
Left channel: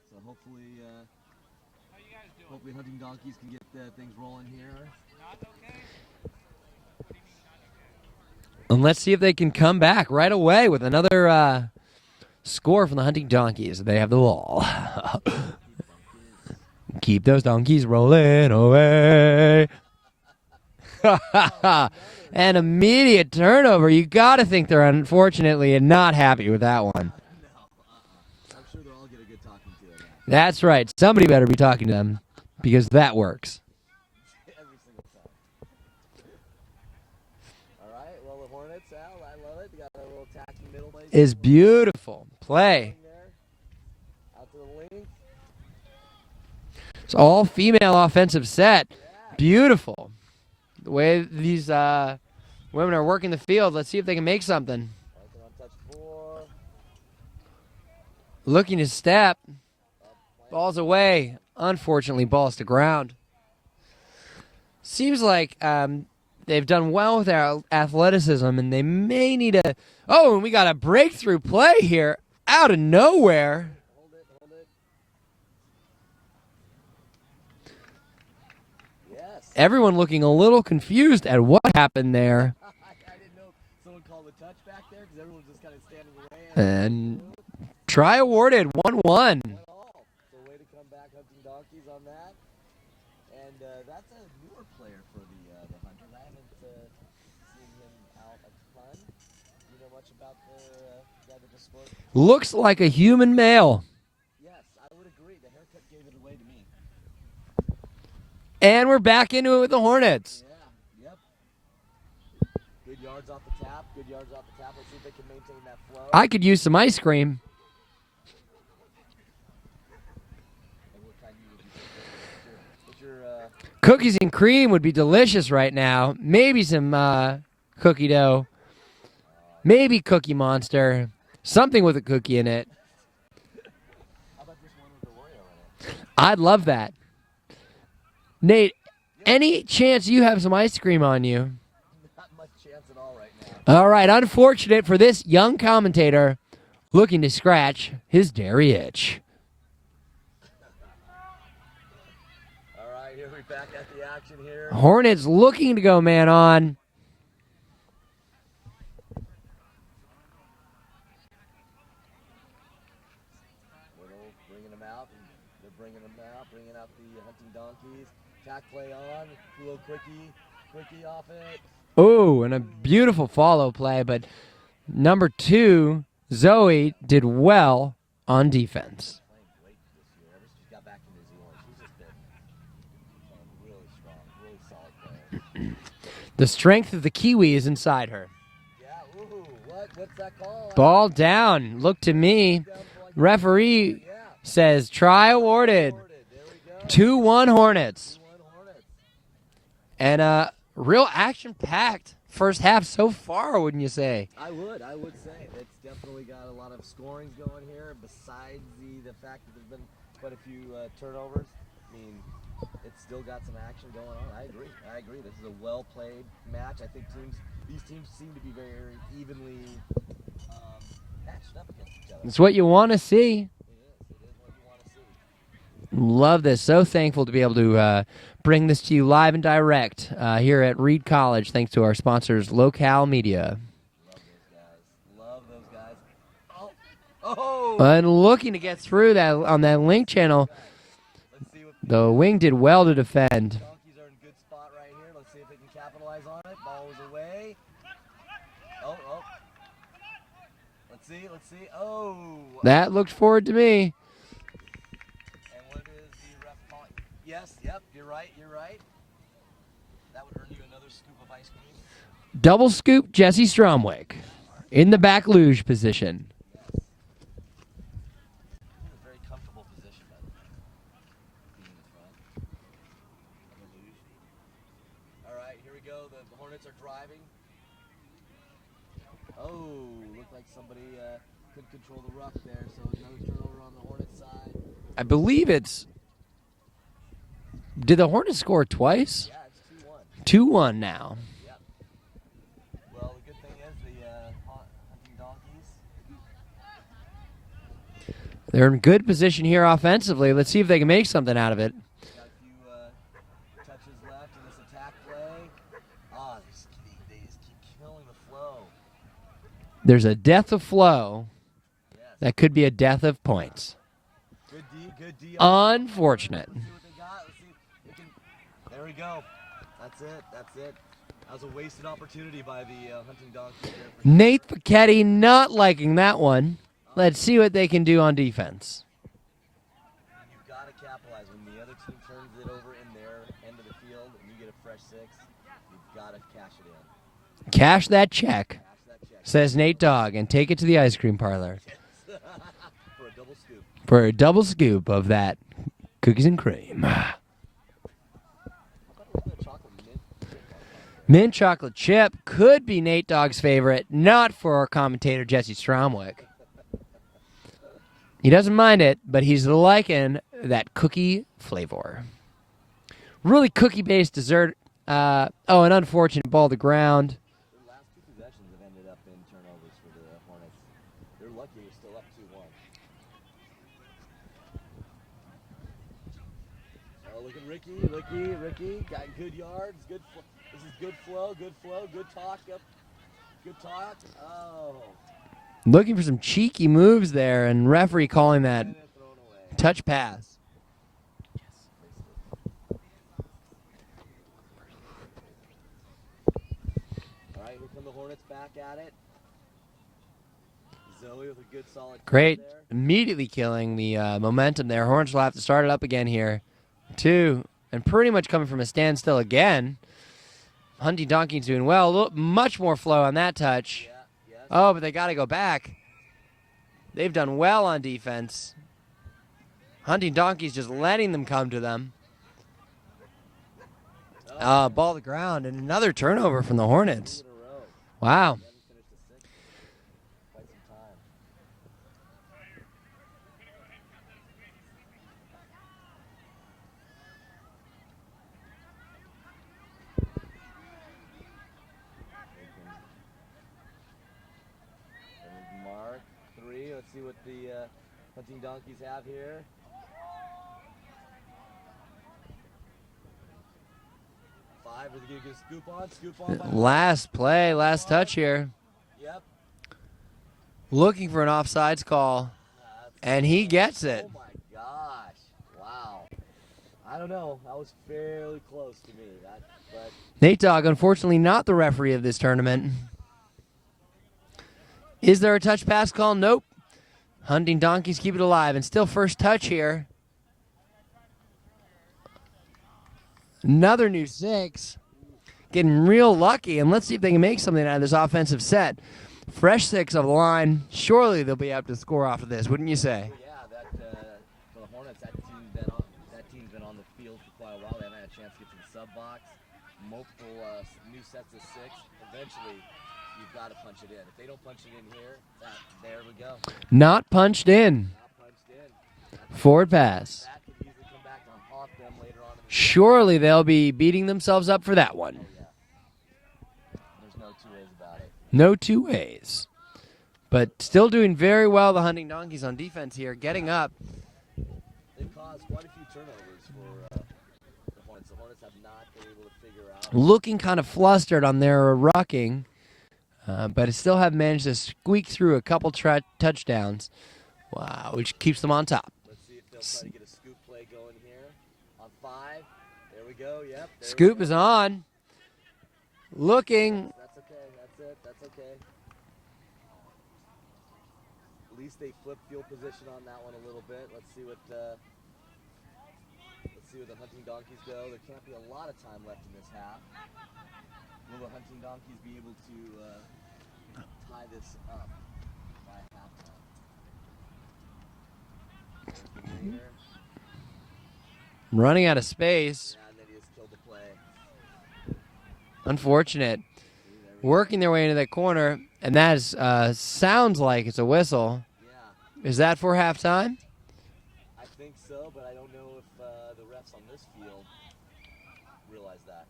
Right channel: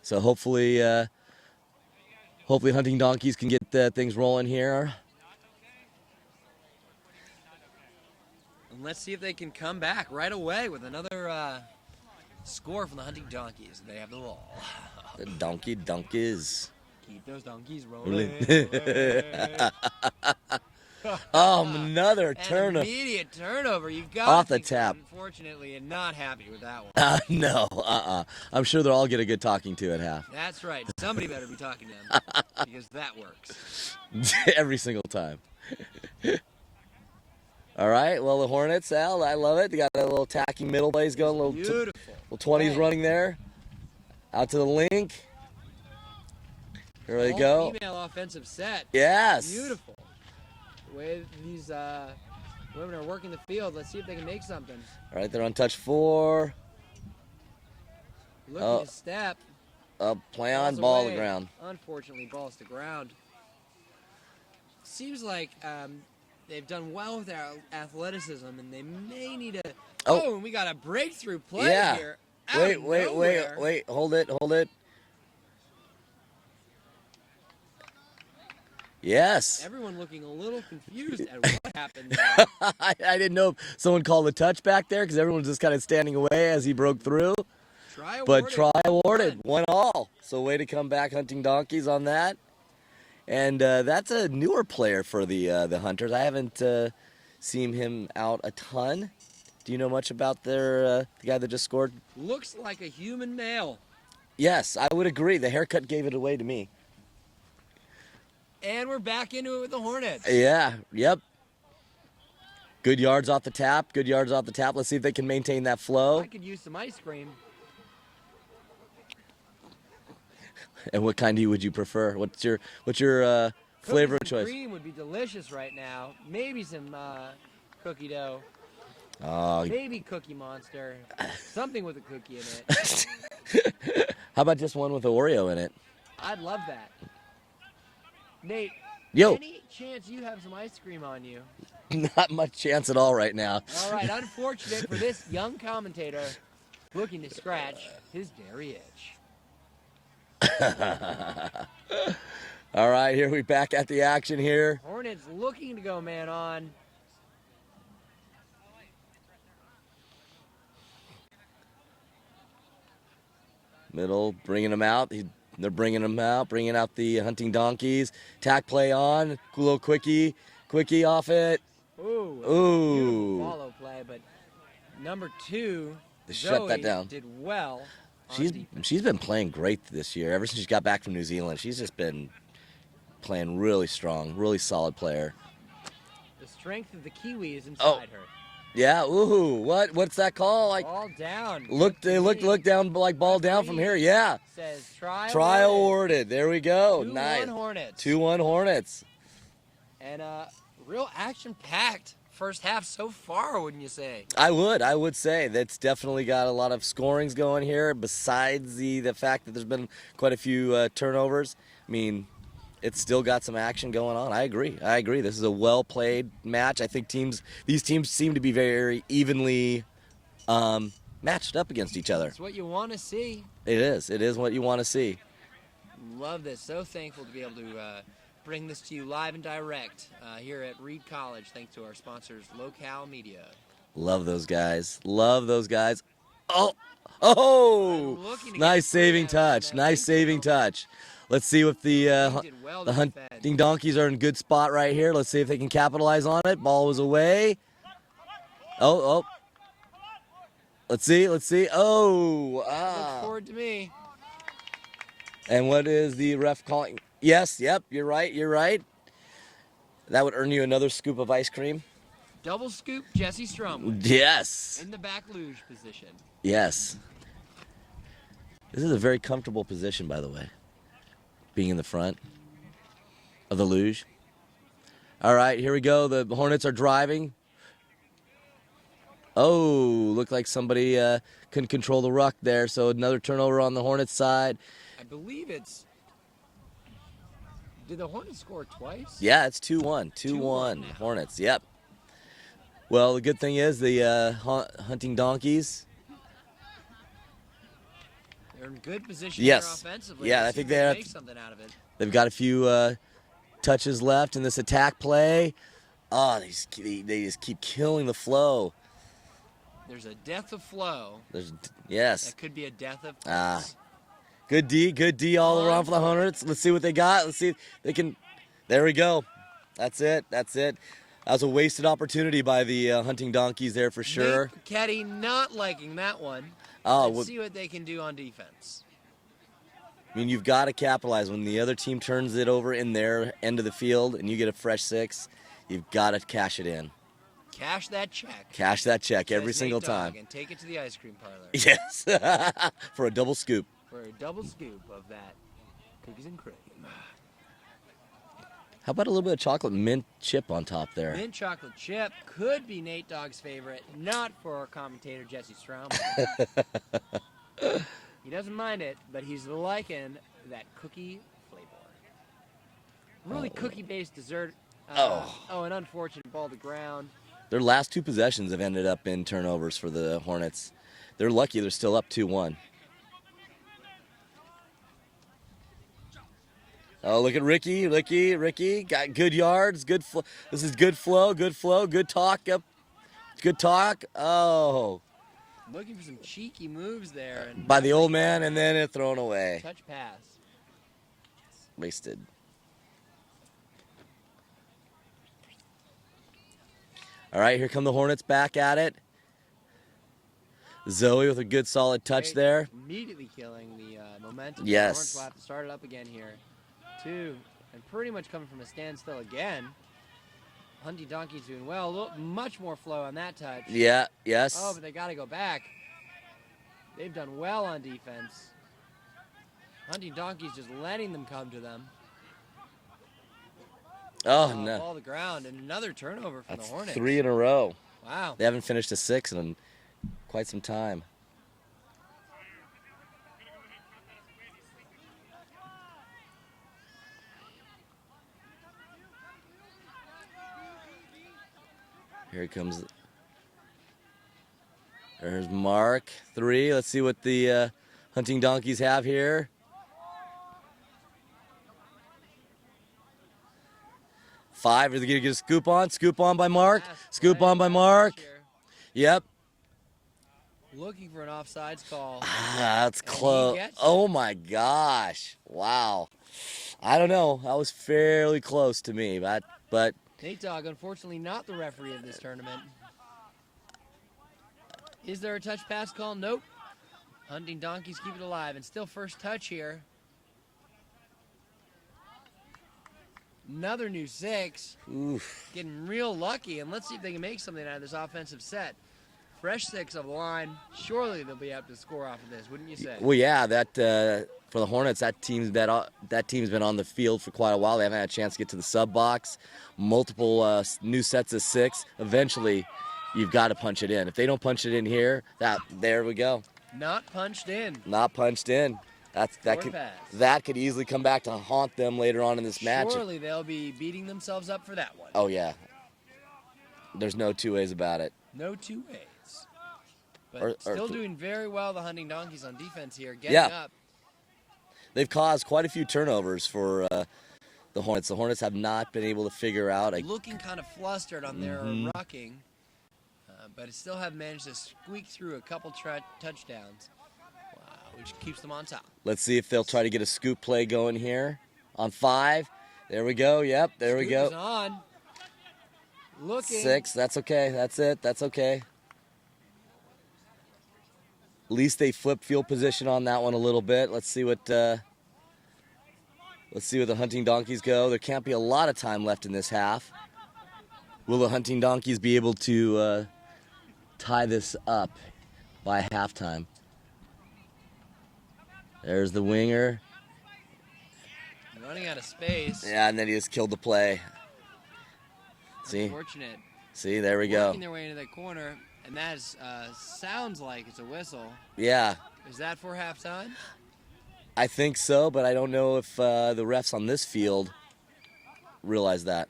So hopefully hunting donkeys can get things rolling here. And let's see if they can come back right away with another score from the hunting donkeys. They have the ball. The donkeys. Keep those donkeys rolling away. Oh, another An turnover. immediate turnover. You got to Off the think they're tap. unfortunately not happy with that one. No. I'm sure they'll all get a good talking to at half. That's right. Somebody better be talking to them because that works. Every single time. All right. Well, the Hornets, Al, I love it. They got a little attacking middle plays. It's going, a little beautiful. Little 20 play. running there. Out to the link. It's all female offensive set. Yes. Beautiful. The way these women are working the field. Let's see if they can make something. All right, they're on touch 4. Looking to step. Play on Balls ball away. ground. Unfortunately, balls to ground. Seems like they've done well with their athleticism, and they may need a. Oh, and we got a breakthrough play Yeah. here out Wait, of nowhere. Wait, hold it. Yes. Everyone looking a little confused at what happened there. I didn't know if someone called a touch back there because everyone was just kind of standing away as he broke And through. Try But awarded, try 1-1. awarded, 1-1. So way to come back, hunting donkeys on that. And that's a newer player for the Hunters. I haven't seen him out a ton. Do you know much about the guy that just scored? Looks like a human male. Yes, I would agree. The haircut gave it away to me. And we're back into it with the Hornets. Yeah, yep. Good yards off the tap. Let's see if they can maintain that flow. I could use some ice cream. And what kind would you prefer? What's your Cookies flavor and choice? cream would be delicious right now. Maybe some cookie dough. Oh, Maybe Cookie Monster. Something with a cookie in it. how about just one with an Oreo in it? I'd love that. Nate, Yo. any chance you have some ice cream on you? Not much chance at all right now. All right, unfortunate for this young commentator looking to scratch his dairy itch. All right, here we back at the action here. Hornets looking to go man on. Middle, bringing them out. They're bringing them out, bringing out the hunting donkeys. Tack play on. Cool little quickie off it. Ooh, and a Ooh. beautiful follow play, but number 2, Shut that Zoe, down. did well on defense. She's been playing great this year. Ever since she got back from New Zealand, she's just been playing really strong, really solid player. The strength of the Kiwi is inside her. Yeah, ooh, what's that call? Ball down. Look to me. Look down like ball down from Referee here. Yeah. says try awarded. There we go. 2-1 Nice. Hornets. 2-1 Hornets. And real action-packed first half so far, wouldn't you say? I would say that's definitely got a lot of scorings going here. Besides the fact that there's been quite a few turnovers, I mean, it's still got some action going on. I agree. This is a well-played match. I think these teams seem to be very evenly matched up against each other. It's what you want to see. It is what you want to see. Love this. So thankful to be able to bring this to you live and direct here at Reed College, thanks to our sponsors, Locale Media. Love those guys. Oh, And looking to get nice through saving that touch. on that nice wing saving channel. touch. Let's see if the wing did well to hunting defend. donkeys are in a good spot right here. Let's see if they can capitalize on it. Ball was away. Oh. Let's see. Oh. That looked forward to me. And what is the ref calling? Yes, yep, you're right. That would earn you another scoop of ice cream. Double scoop Jesse Stromway Yes. in the back luge position. Yes. This is a very comfortable position, by the way, being in the front of the luge. All right, here we go. The Hornets are driving. Oh, looked like somebody couldn't control the ruck there, so another turnover on the Hornets side. I believe it's Did the Hornets score twice? Yeah, it's 2-1. 2-1 now. Hornets, yep. Well, the good thing is the Hunting Donkeys. They're in good position here Yes. offensively. Yeah, Let's I see if think they can they're- make something out of it. They've got a few touches left in this attack play. Oh, they just keep killing the flow. There's a death of flow. Yes. That could be a death of points. Good D all around for the Hornets. Unfortunate. Let's see what they got. Let's see if they can. There we go. That's it. That was a wasted opportunity by the Hunting Donkeys there for sure. Nate Paquetti not liking that one. Oh, Let's well- see what they can do on defense. I mean, you've got to capitalize when the other team turns it over in their end of the field and you get a fresh 6. You've got to cash it in. Cash that check, Cash that check. says every Nate single Dogg, time. and take it to the ice cream parlor Yes. For a double scoop. for a double scoop of that cookies and cream. How about a little bit of chocolate mint chip on top there? Mint chocolate chip could be Nate Dogg's favorite, not for our commentator Jesse Stromwick. He doesn't mind it, but he's liking that cookie flavor. Really cookie-based dessert. An unfortunate ball to ground. Their last 2 possessions have ended up in turnovers for the Hornets. They're lucky they're still up 2-1. Oh, look at Ricky. Ricky got good yards. Good. This is good flow. Good talk. Up. Good talk. Oh. Looking for some cheeky moves there, and By the referee old man, calling and that then it thrown away. touch pass. Wasted. All right, here come the Hornets back at it. Zoe with a good solid touch Great. there. Immediately killing the momentum there. Yes. Hornets will have to start it up again here. 2, and pretty much coming from a standstill again. Hunting Donkeys doing well. Much more flow on that touch. Yeah, yes. Oh, but they got to go back. They've done well on defense. Hunting Donkeys just letting them come to them. Oh, no. Ball to ground, and another turnover from the Hornets. 3 in a row. Wow. They haven't finished a 6 in quite some time. Here he comes. There's Mark, 3. Let's see what the Hunting Donkeys have here. Five. Are they going to get a scoop on? Scoop on by Mark. Last Scoop play, on by last Mark. touch here. Yep. Looking for an offsides call. That's And he close. gets it. Oh my gosh! Wow. I don't know. That was fairly close to me, but Nate Dogg, unfortunately, not the referee of this tournament. Is there a touch pass call? Nope. Hunting Donkeys keep it alive, and still first touch here. Another new 6. oof. Getting real lucky, and let's see if they can make something out of this offensive set. Fresh 6 of the line. Surely they'll be able to score off of this, wouldn't you say? Well, yeah. That for the Hornets, that team's been on the field for quite a while. They haven't had a chance to get to the sub box. Multiple new sets of 6. Eventually, you've got to punch it in. If they don't punch it in here, there we go. Not punched in. Not punched in. Forward pass. That could easily come back to haunt them later on in this match. Surely they'll be beating themselves up for that one. Oh yeah. There's no 2 ways about it. No 2 ways. But Or- still doing very well, the Hunting Donkeys on defense here, getting Yeah. up. They've caused quite a few turnovers for the Hornets. The Hornets have not been able to figure out. Looking kind of flustered on their rucking, but still have managed to squeak through a couple touchdowns. Wow, which keeps them on top. Let's see if they'll try to get a scoop play going here on 5. There we go. Yep, there Scoop we go. is on. Looking. 6. That's okay. That's it. That's okay. At least they flip field position on that one a little bit. Let's see what the Hunting Donkeys go. There can't be a lot of time left in this half. Will the Hunting Donkeys be able to tie this up by halftime? There's the winger. Running out of space. Yeah, and then he just killed the play. Unfortunate. See, there we Working go. their way into that corner, and that is, sounds like it's a whistle. Yeah, Is that for halftime? I think so, but I don't know if the refs on this field realize that.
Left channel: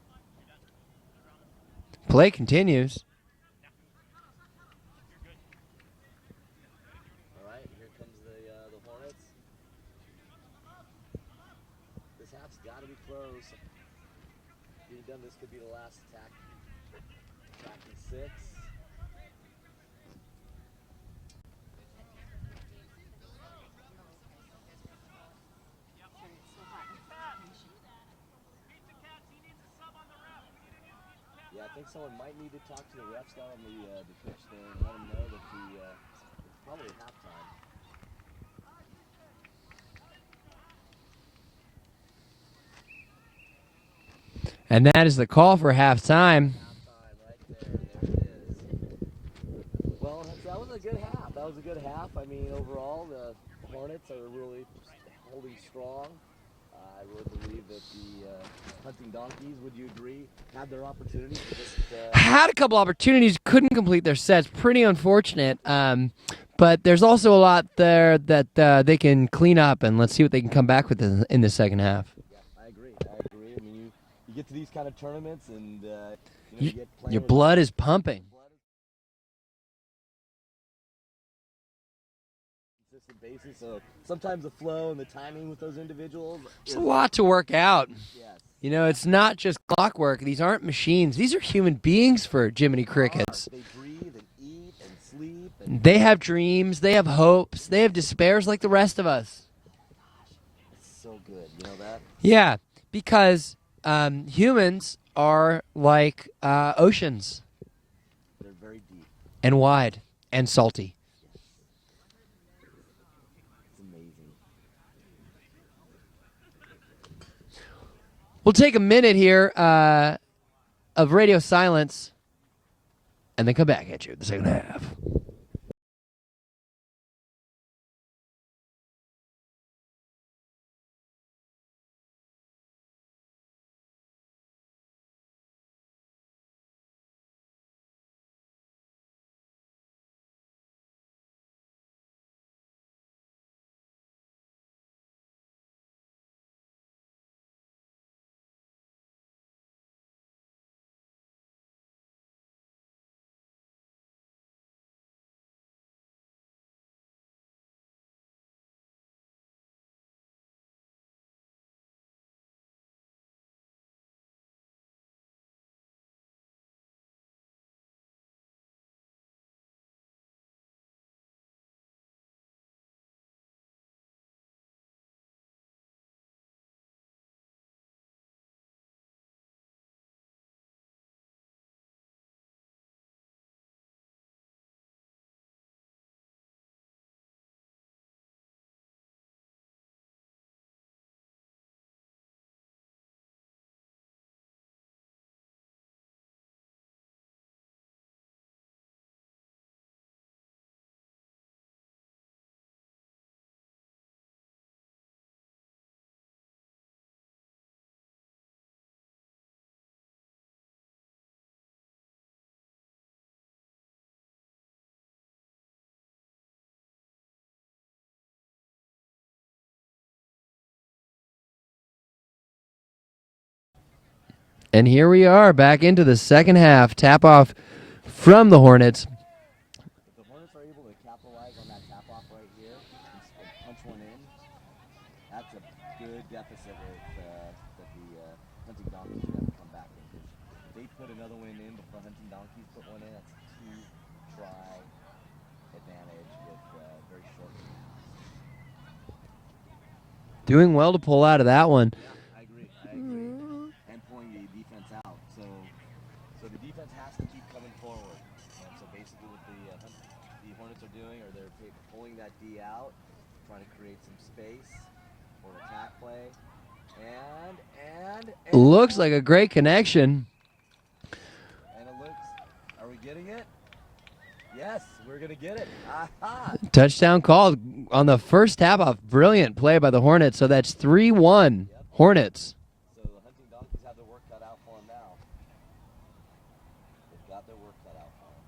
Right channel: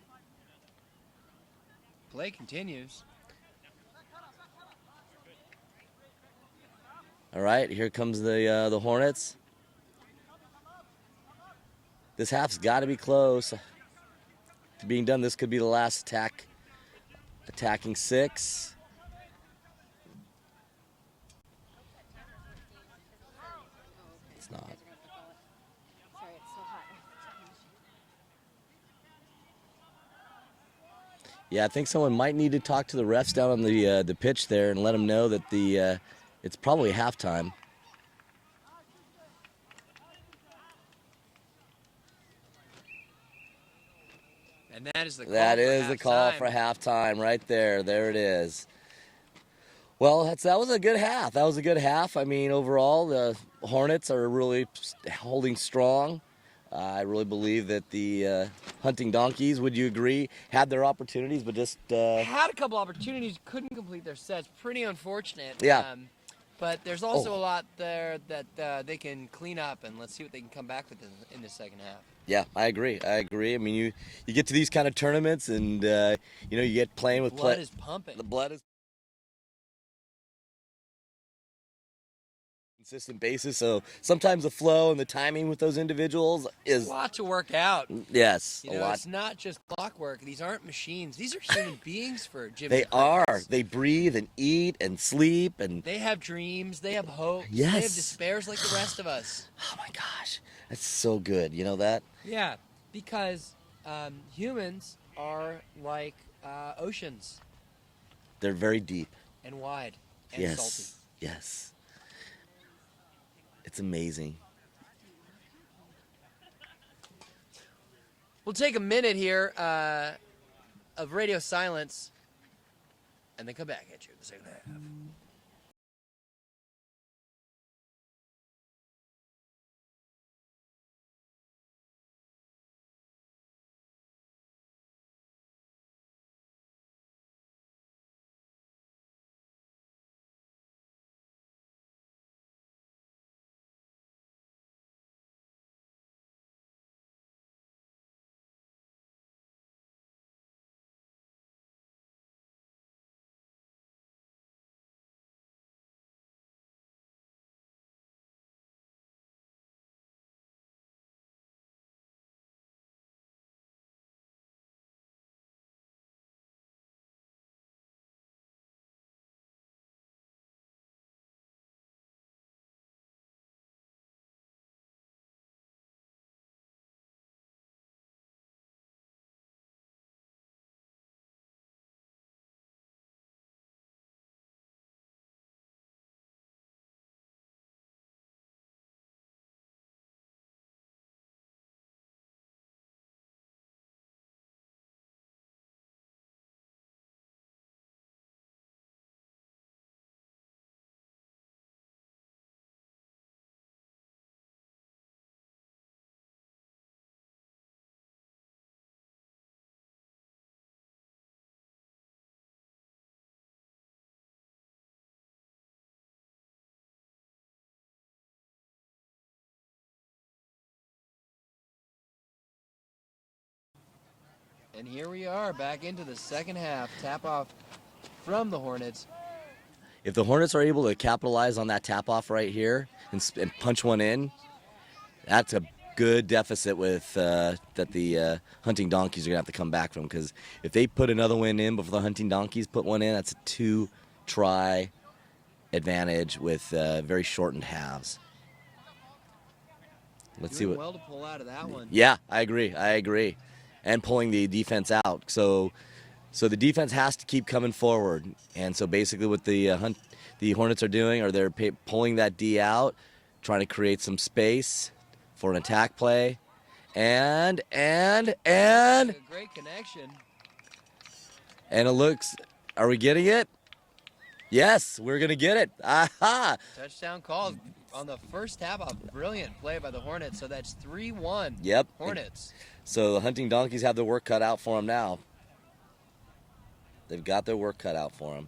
Play continues. All right, here comes the Hornets. This half's got to be close to being done. This could be the last attack. Attacking 6. It's not. Yeah, I think someone might need to talk to the refs down on the pitch there and let them know that it's probably halftime. And that is the call for halftime. For halftime, right there. There it is. Well, that was a good half. That was a good half. I mean, overall, the Hornets are really holding strong. I really believe that the Hunting Donkeys, would you agree, had their opportunities, but just had a couple opportunities, couldn't complete their sets. Pretty unfortunate. Yeah. But there's also a lot there that they can clean up, and let's see what they can come back with in the second half. Yeah, I agree. I mean, you get to these kind of tournaments, and you get playing Your with blood is pumping. The blood is consistent basis. So sometimes the flow and the timing with those individuals is It's a lot to work out. Yes, You know, it's not just clockwork. These aren't machines. These are human beings for Jimmy they Crickets. are. They breathe and eat and sleep, and They have dreams. They have hopes. Yes. They have despairs like the rest of us. oh my gosh, that's so good. You know that? Yeah, because humans are like oceans They're very deep and wide and Yes. salty. Yes. It's amazing. We'll take a minute here of radio silence and then come back at you in the second half. And here we are back into the second half. Tap off from the Hornets. If the Hornets are able to capitalize on that tap off right here and punch one in, that's a good deficit with that the Hunting Donkeys are gonna have to come back from. Because if they put another one in before the Hunting Donkeys put one in, that's a 2-try advantage with very shortened halves. Doing well to pull out of that one. Yeah, I agree. And pulling the defense out. So the defense has to keep coming forward. And so basically what the Hornets are doing, or they're pulling that D out, trying to create some space for an attack play. And Looks like a great connection. And it looks, are we getting it? Yes, we're going to get it. Aha! Touchdown call on the first tap off. Brilliant play by the Hornets. So that's 3-1. Yep. Hornets. So the Hunting Donkeys have their work cut out for them now. They've got their work cut out for them.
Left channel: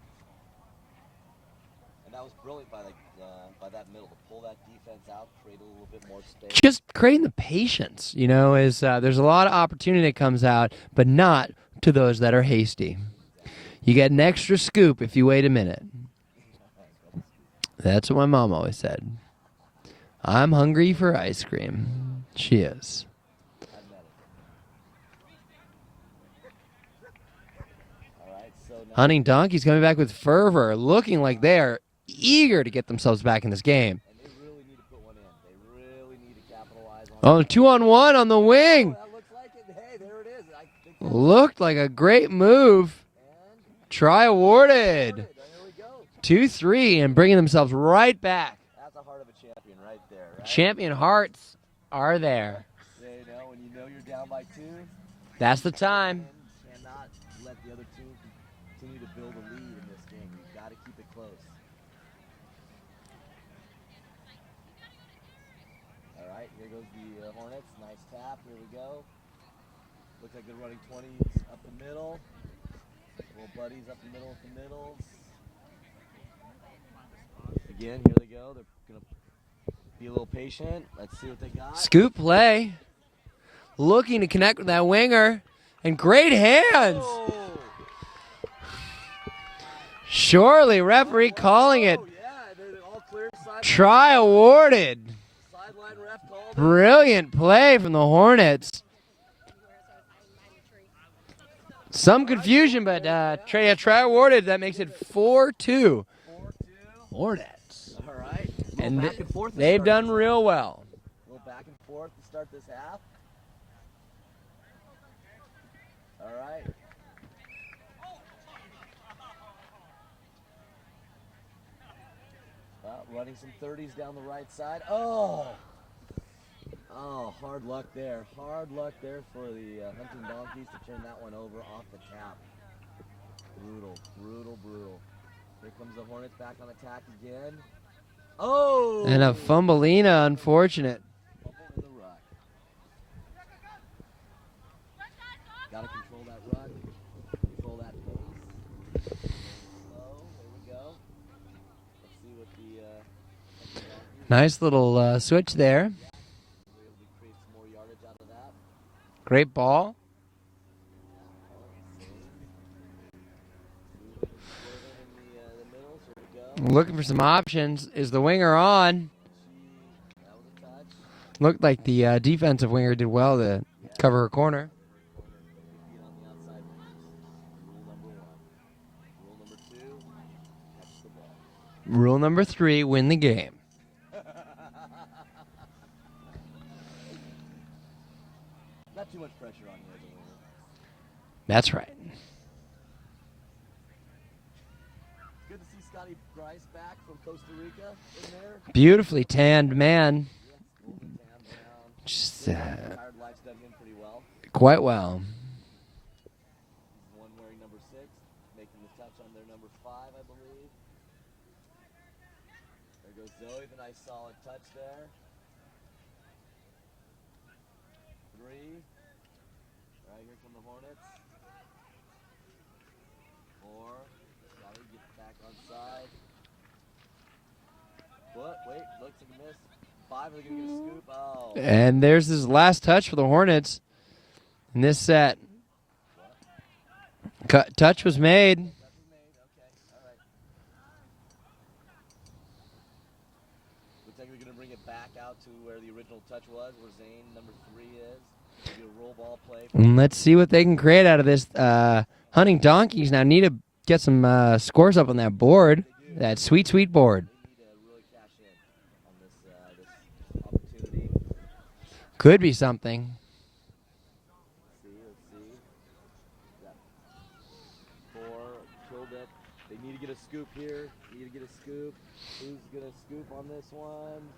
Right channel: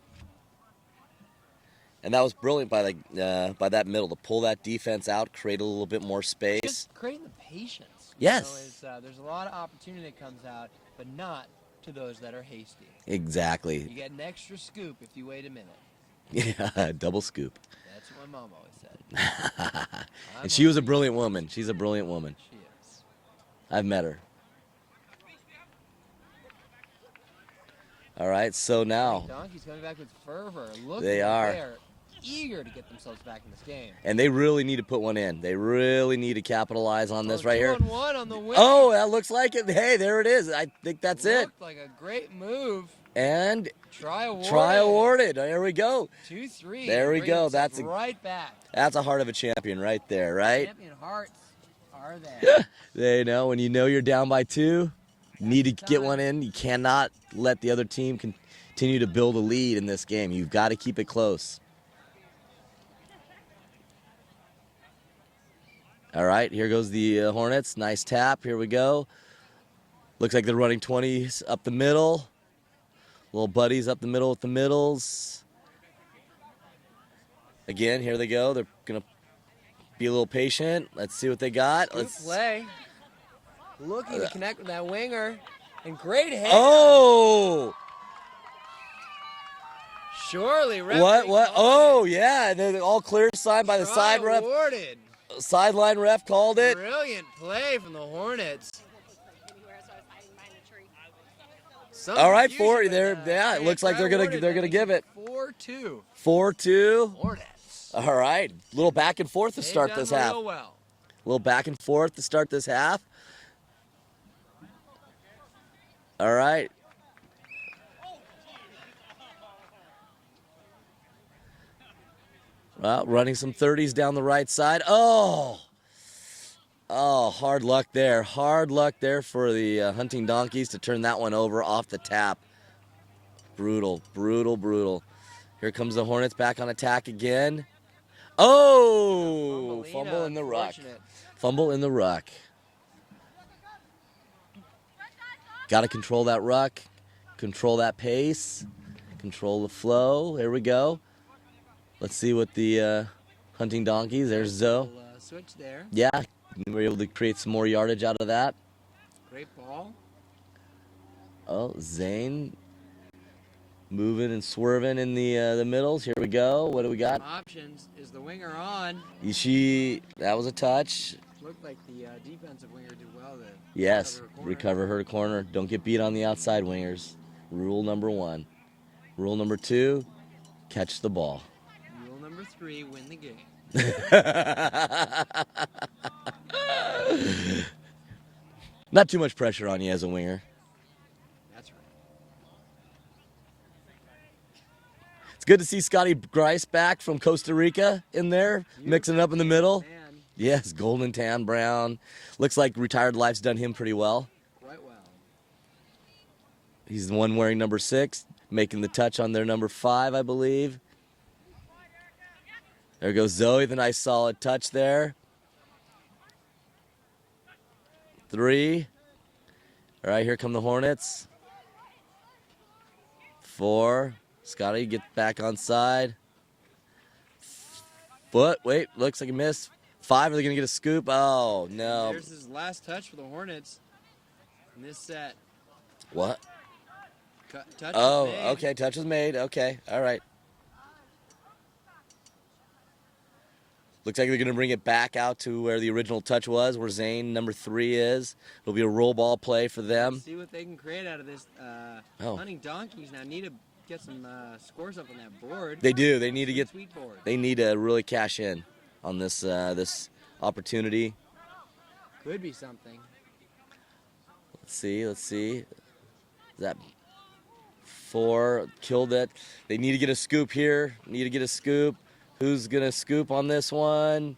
And that was brilliant by that middle to pull that defense out, create a little bit more space. Just creating the patience, you know, is there's a lot of opportunity that comes out, but not to those that are hasty. Exactly. You get an extra scoop if you wait a minute. Yeah, double scoop. That's what my mom always said. I'm She was a hungry brilliant for woman. ice cream. She's a brilliant woman. She is. I've met her. All right, so now Hunting Donkeys coming back with fervor, looking They like are. they're eager to get themselves back in this game. And they really need to put one in. They really need to capitalize on Oh, this right 2-on-1 on the wing. Oh, that looks like it. Hey, there it is. I think that's Looked like a great move. And Try awarded. try awarded. There we go. 2-3 There and we bringing go. themselves That's right back. That's a heart of a champion right there, right? Champion hearts are there. You know, when you know you're down by 2, That's you need the to get time. one in. You cannot let the other team continue to build a lead in this game. You've got to keep it close. All right, here goes the Hornets. Nice tap. Here we go. Looks like they're running 20s up the middle. Little buddies up the middle with the middles. Again, here they go. They're going to be a little patient. Let's see what they got. Scoop play. Looking to connect with that winger. And great hand. Oh! Surely, referee calling Oh, it. yeah. They're all clear side by Try the side awarded. ref. Sideline ref called it. Brilliant play from the Hornets. Some All right, confusion, 40 but there. Yeah, try, it looks like try they're gonna- awarded. they're That gonna makes give it it. 4-2. 4-2. Hornets. All right. A little And back and forth to They've start done this real half. well. A little back and forth to start this half. All right. Well, running some 30s down the right side. Oh, hard luck there. Hard luck there for the Hunting Donkeys to turn that one over off the tap. Brutal, brutal, brutal. Here comes the Hornets back on attack again. Oh! And a Fumble in fumbleina, the unfortunate. ruck. Fumble in the ruck. Got to control that ruck, control that pace, control the flow. Here we go. Let's see what the Hunting Donkeys. Nice little switch there. Yeah, we were able to create some more yardage out of that. Great ball. Oh, Zane moving and swerving in the middles. Here we go. What do Looking we for got? some options. Is the winger on? That was a touch. Looked like the defensive winger did well to Yes. cover her corner. Cover her corner. Don't get beat on the outside wingers. Rule number 1. Rule number 2, catch the ball. Rule number 3, win the game. Not too much pressure on you as a winger. That's right. It's good to see Scotty Grice back from Costa Rica in there. Mixing Beautifully it up in the middle. tanned man. Yes, golden tan brown. Looks like retired life's done him pretty well. Quite well. He's the one wearing number 6, making the touch on their number 5, I believe. There goes Zoe, the nice solid touch there. 3. All right, here come the Hornets. 4. Scotty, get back on side. Foot, wait, looks like a miss. 5, are they going to get a scoop? Oh, And no. there's his last touch for the Hornets in this set. What? Touch was made. Okay, touch was made. Okay, all right. Looks like they're going to bring it back out to where the original touch was, where Zane, number 3, is. It'll be a roll ball play for them. Let's see what they can create out of this. Hunting Donkeys now need to get some scores up on that board. They do. They That need to sweet, get- sweet board. They need to really cash in on this this opportunity. Could be something. Let's see. Is that 4 killed it? They need to get a scoop here. Need to get a scoop. Who's going to scoop on this one?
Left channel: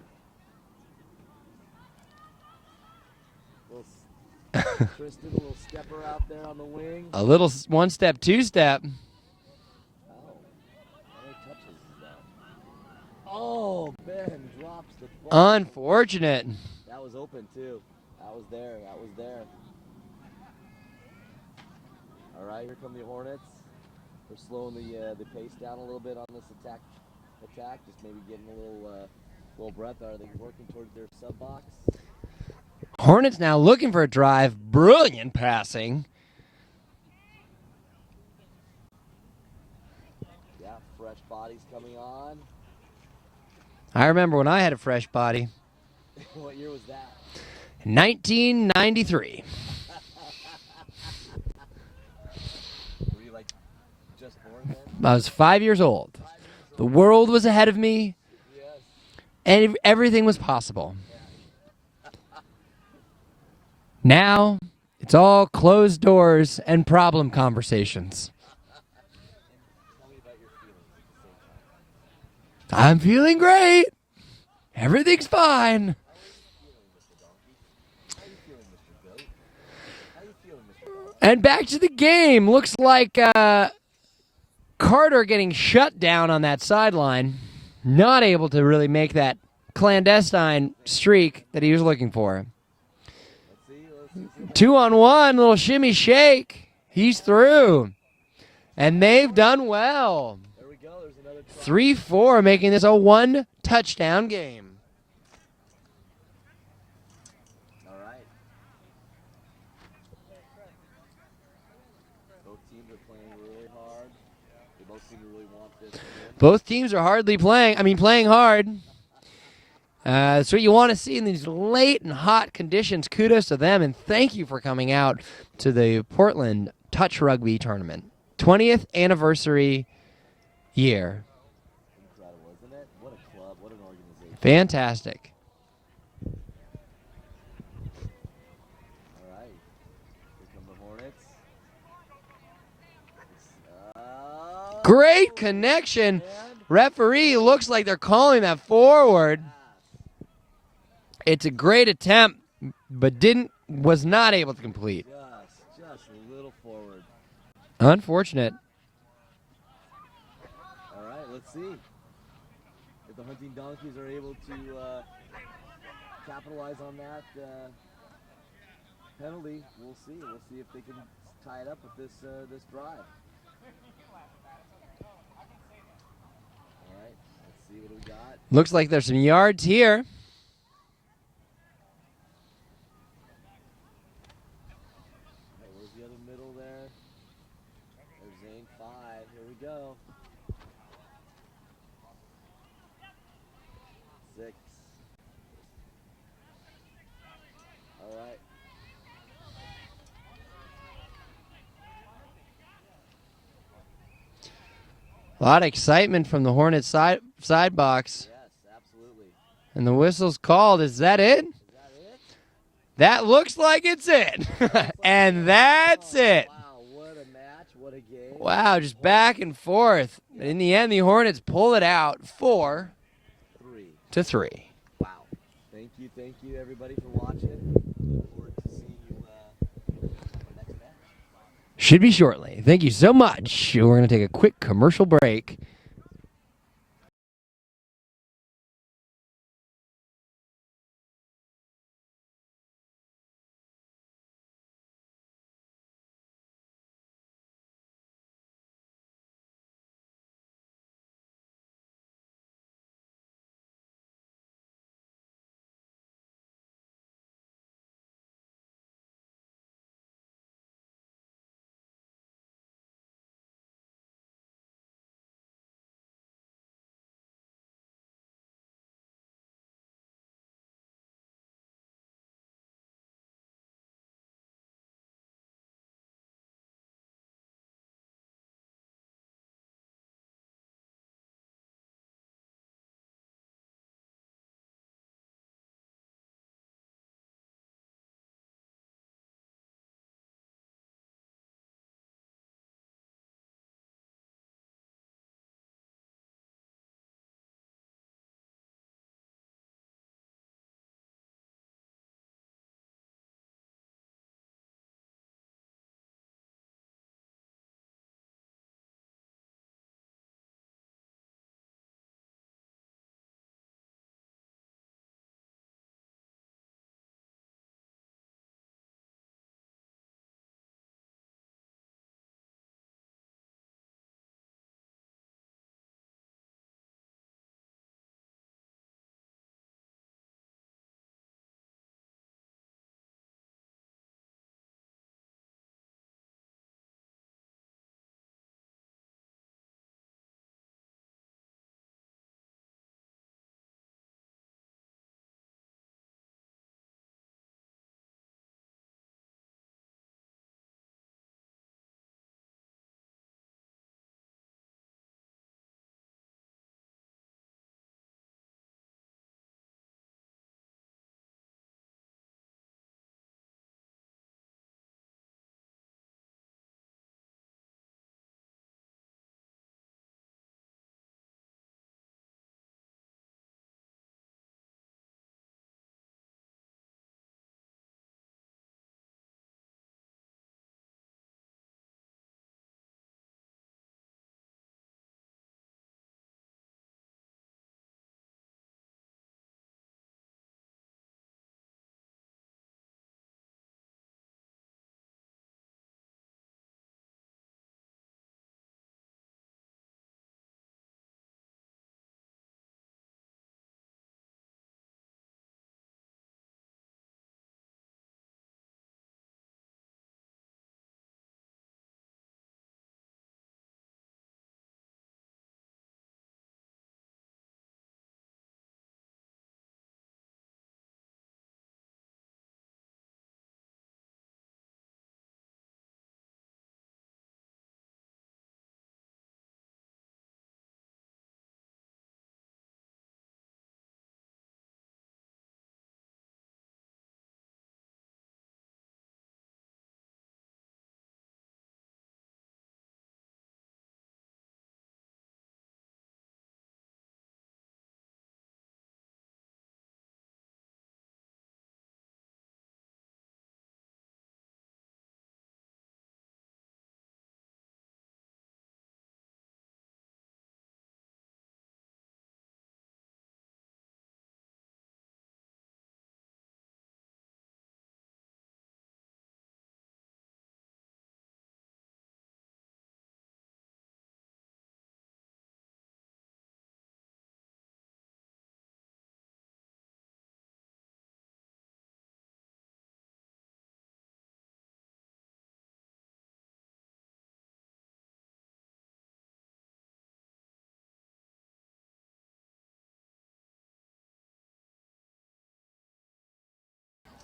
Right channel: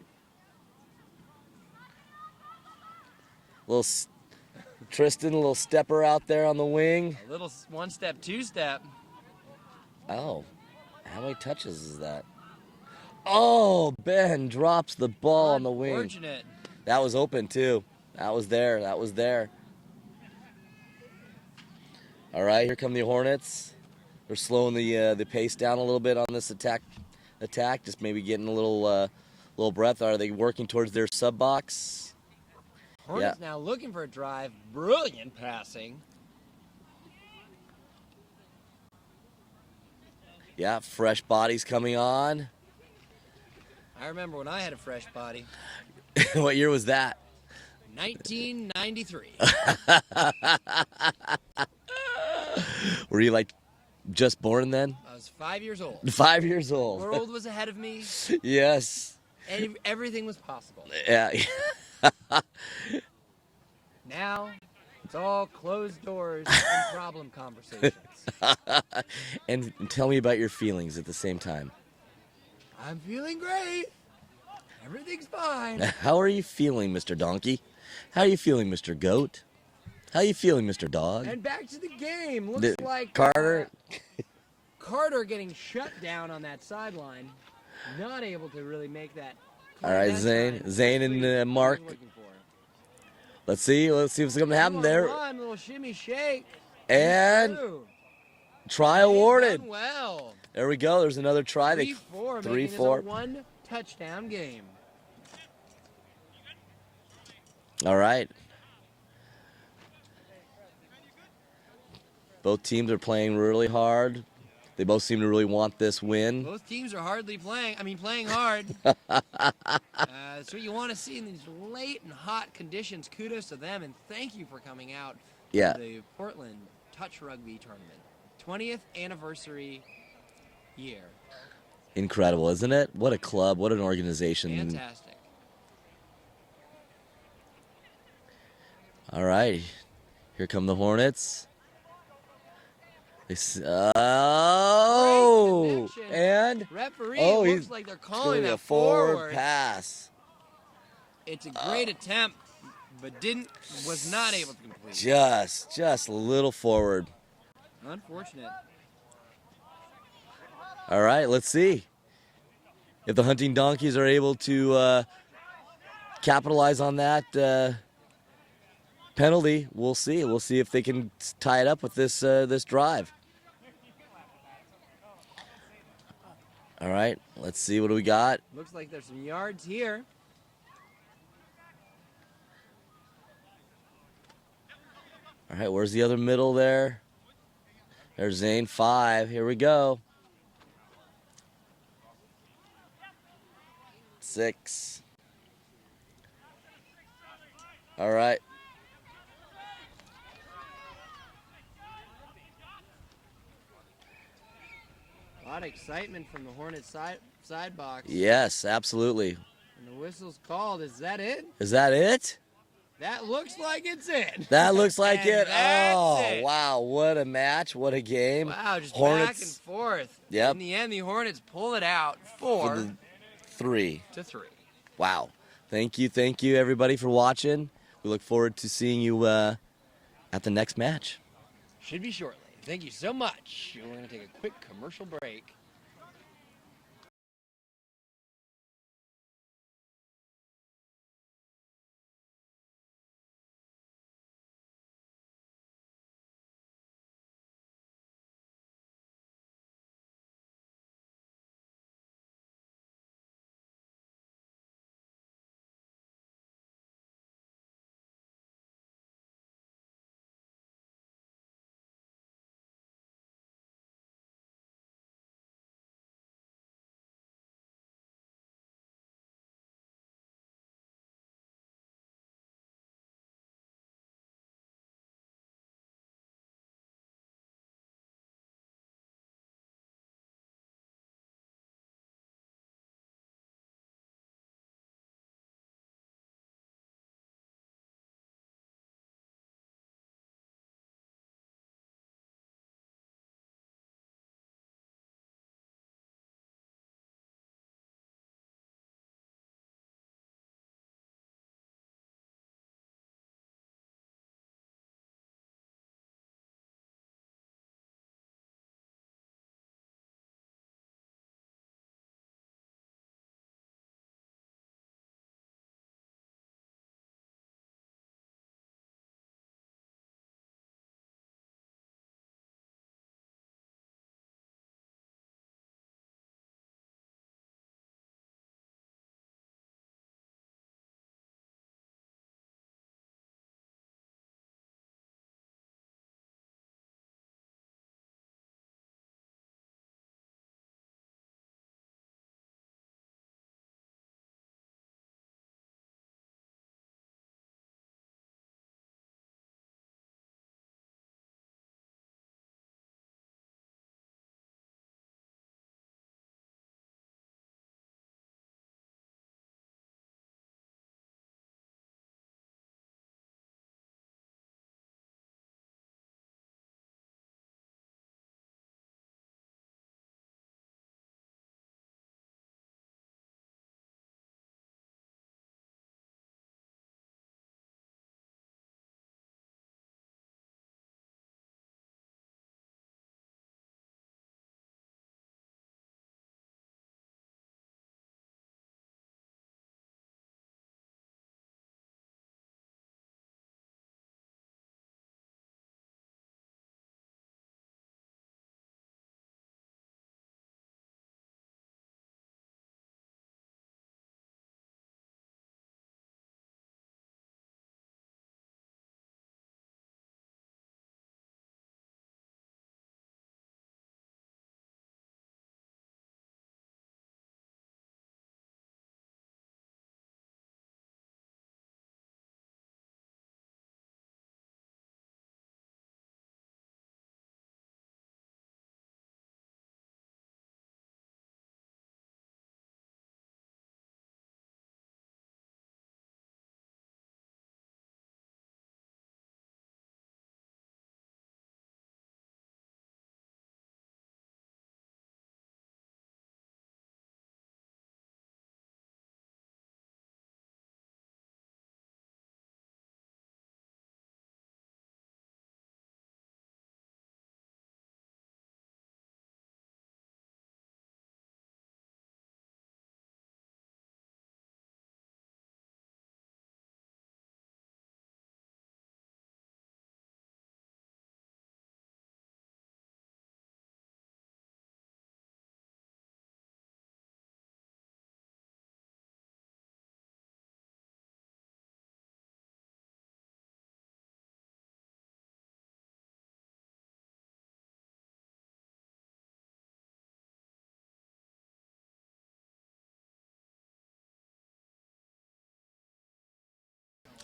Tristan, a little stepper out there on the wing. A little one step, two step. Oh, how many touches is that? Oh, Ben drops the ball on the wing. Unfortunate. That was open too. That was there. All right, here come the Hornets. They're slowing the pace down a little bit on this attack attack, just maybe getting a little breath. Are they working towards their sub box? Hornets now looking for a drive. Brilliant passing. Yeah, fresh bodies coming on. I remember when I had a fresh body. What year was that? 1993. Were you like just born then? I was 5 years old. 5 years The old. world was ahead of me, Yes. and everything was possible. Yeah. Now, it's all closed doors and problem conversations. And tell me about your feelings at the same time. I'm feeling great. Everything's fine. How are you feeling, Mr. Donkey? How are you feeling, Mr. Goat? How are you feeling, Mr. Dog? And back to the game. Looks like Carter. Carter getting shut down on that sideline. Not able to really make that clandestine Zane streak and, that he was Mark. looking for. Let's see what's going to happen. 2 on there. 1, little shimmy shake. He's And through. Try And they've awarded. done well. There we go. There's another try. 3-4, making this a 3-4. 1-touchdown game. All right. Both teams are playing really hard. They both seem to really want this win. Both teams are playing hard. That's what you want to see in these late and hot conditions. Kudos to them, and thank you for coming out Yeah. to the Portland Touch Rugby Tournament. 20th anniversary year. Incredible, isn't it? What a club. What an organization. Fantastic. All right. Here come the Hornets. Great connection. And Referee Oh, looks he- like they're calling a that forward. pass. It's a great attempt, but was not able to complete. Just a little forward. Unfortunate. All right, let's see if the Hunting Donkeys are able to capitalize on that penalty. We'll see. We'll see if they can tie it up with this drive. All right, let's see. What do we got? Looks like there's some yards here. All right, where's the other middle there? There's Zane 5. Here we go. 6. All right. A lot of excitement from the Hornets side box. Yes, absolutely. And the whistle's called. Is that it? Is that it? That looks like it's it. That looks like and it. And that's Oh, it. Wow, what a match. What a game. Wow, just Hornets, back and forth. Yep. In the end, the Hornets pull it out 4-3. Wow. Thank you, everybody, for watching. We look forward to seeing you at the next match. Should be shortly. Thank you so much. We're going to take a quick commercial break.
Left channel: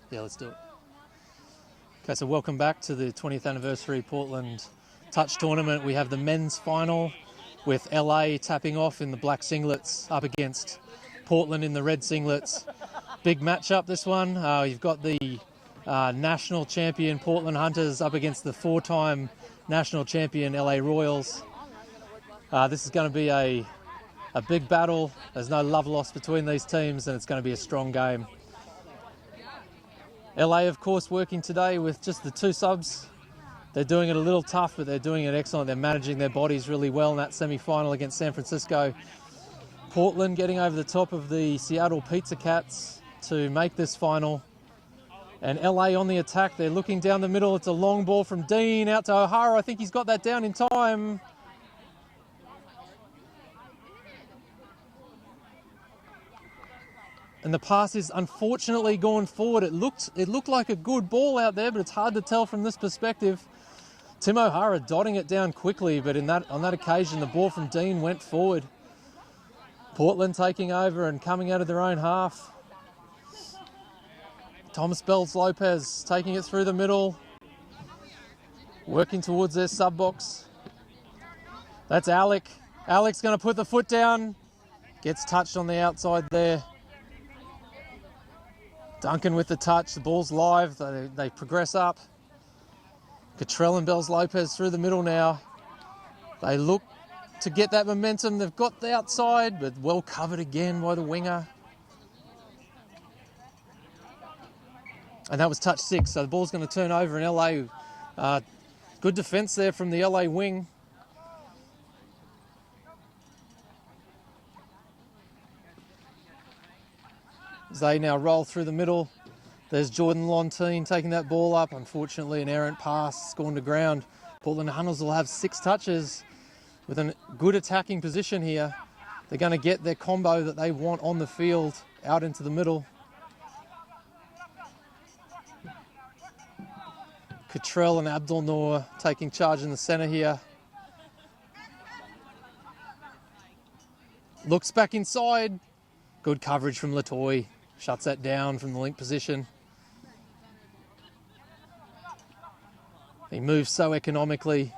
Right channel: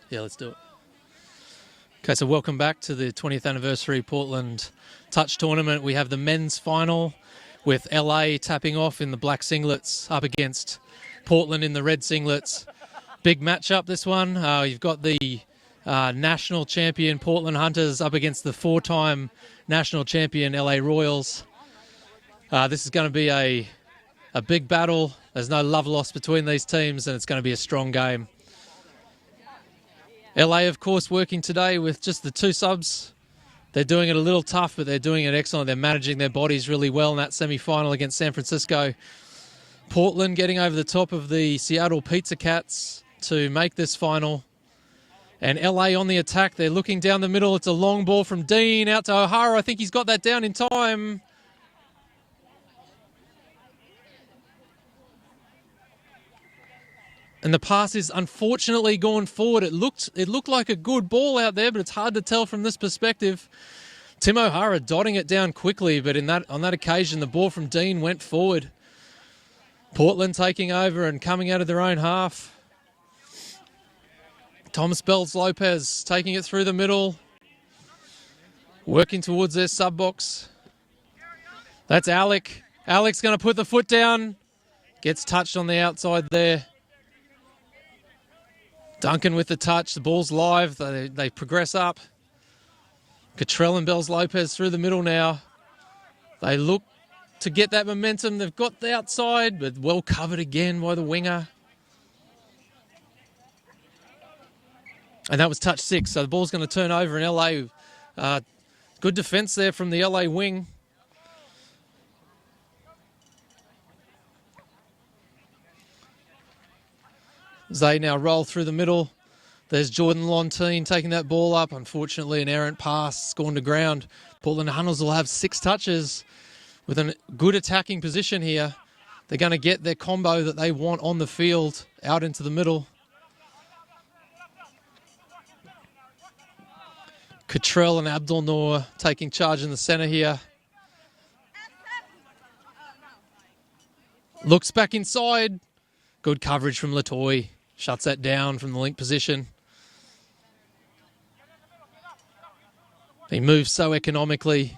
Yeah, let's do it. Okay, so welcome back to the 20th anniversary Portland Touch Tournament. We have the men's final with LA tapping off in the black singlets up against Portland in the red singlets. Big matchup, this one. You've got the national champion Portland Hunters up against the 4-time national champion LA Royals. This is going to be a big battle. There's no love lost between these teams, and it's going to be a strong game. LA, of course, working today with just the 2 subs. They're doing it a little tough, but they're doing it excellent. They're managing their bodies really well in that semi-final against San Francisco. Portland getting over the top of the Seattle Pizza Cats to make this final. And LA on the attack. They're looking down the middle. It's a long ball from Dean out to O'Hara. I think he's got that down in time. And the pass is unfortunately gone forward. It looked like a good ball out there, but it's hard to tell from this perspective. Tim O'Hara dotting it down quickly, but on that occasion, the ball from Dean went forward. Portland taking over and coming out of their own half. Thomas Bells Lopez taking it through the middle, working towards their sub box. That's Alec. Alec's going to put the foot down. Gets touched on the outside there. Duncan with the touch. The ball's live. They progress up. Cottrell and Bells Lopez through the middle now. They look to get that momentum. They've got the outside, but well covered again by the winger. And that was touch 6. So the ball's going to turn over in LA. Good defence there from the LA wing. As they now roll through the middle. There's Jordan Lontine taking that ball up. Unfortunately, an errant pass gone to ground. Portland Hunters will have 6 touches with a good attacking position here. They're going to get their combo that they want on the field out into the middle. Cottrell and Abdul Noor taking charge in the centre here. Looks back inside. Good coverage from Latoy. Shuts that down from the link position. He moves so economically.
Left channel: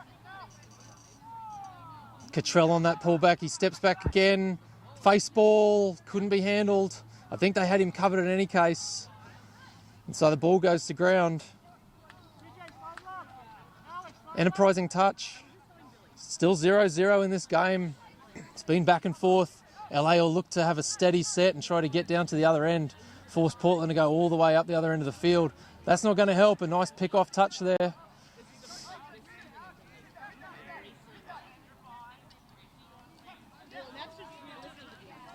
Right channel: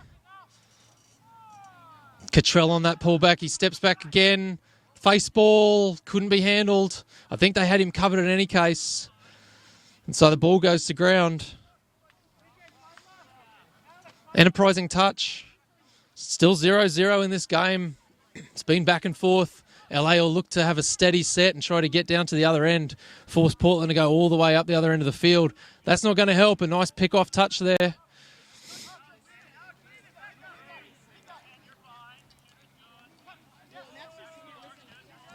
Cottrell on that pullback. He steps back again. Face ball. Couldn't be handled. I think they had him covered in any case. And so the ball goes to ground. Enterprising touch. Still 0-0 in this game. It's been back and forth. LA will look to have a steady set and try to get down to the other end. Force Portland to go all the way up the other end of the field. That's not going to help. A nice pick-off touch there.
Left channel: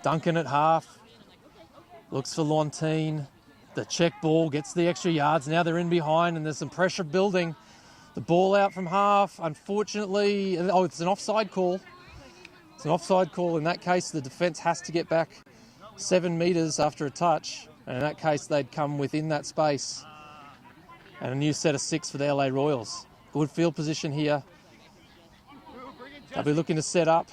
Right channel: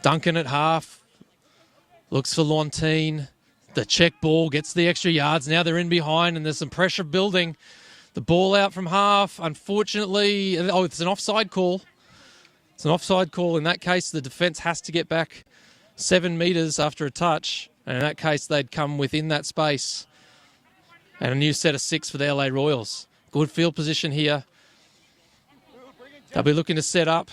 Duncan at half. Looks for Lontine. The check ball gets the extra yards. Now they're in behind and there's some pressure building. The ball out from half. Unfortunately, it's an offside call. It's an offside call. In that case, the defence has to get back 7 metres after a touch. And in that case, they'd come within that space. And a new set of 6 for the LA Royals. Good field position here. They'll be looking to set up.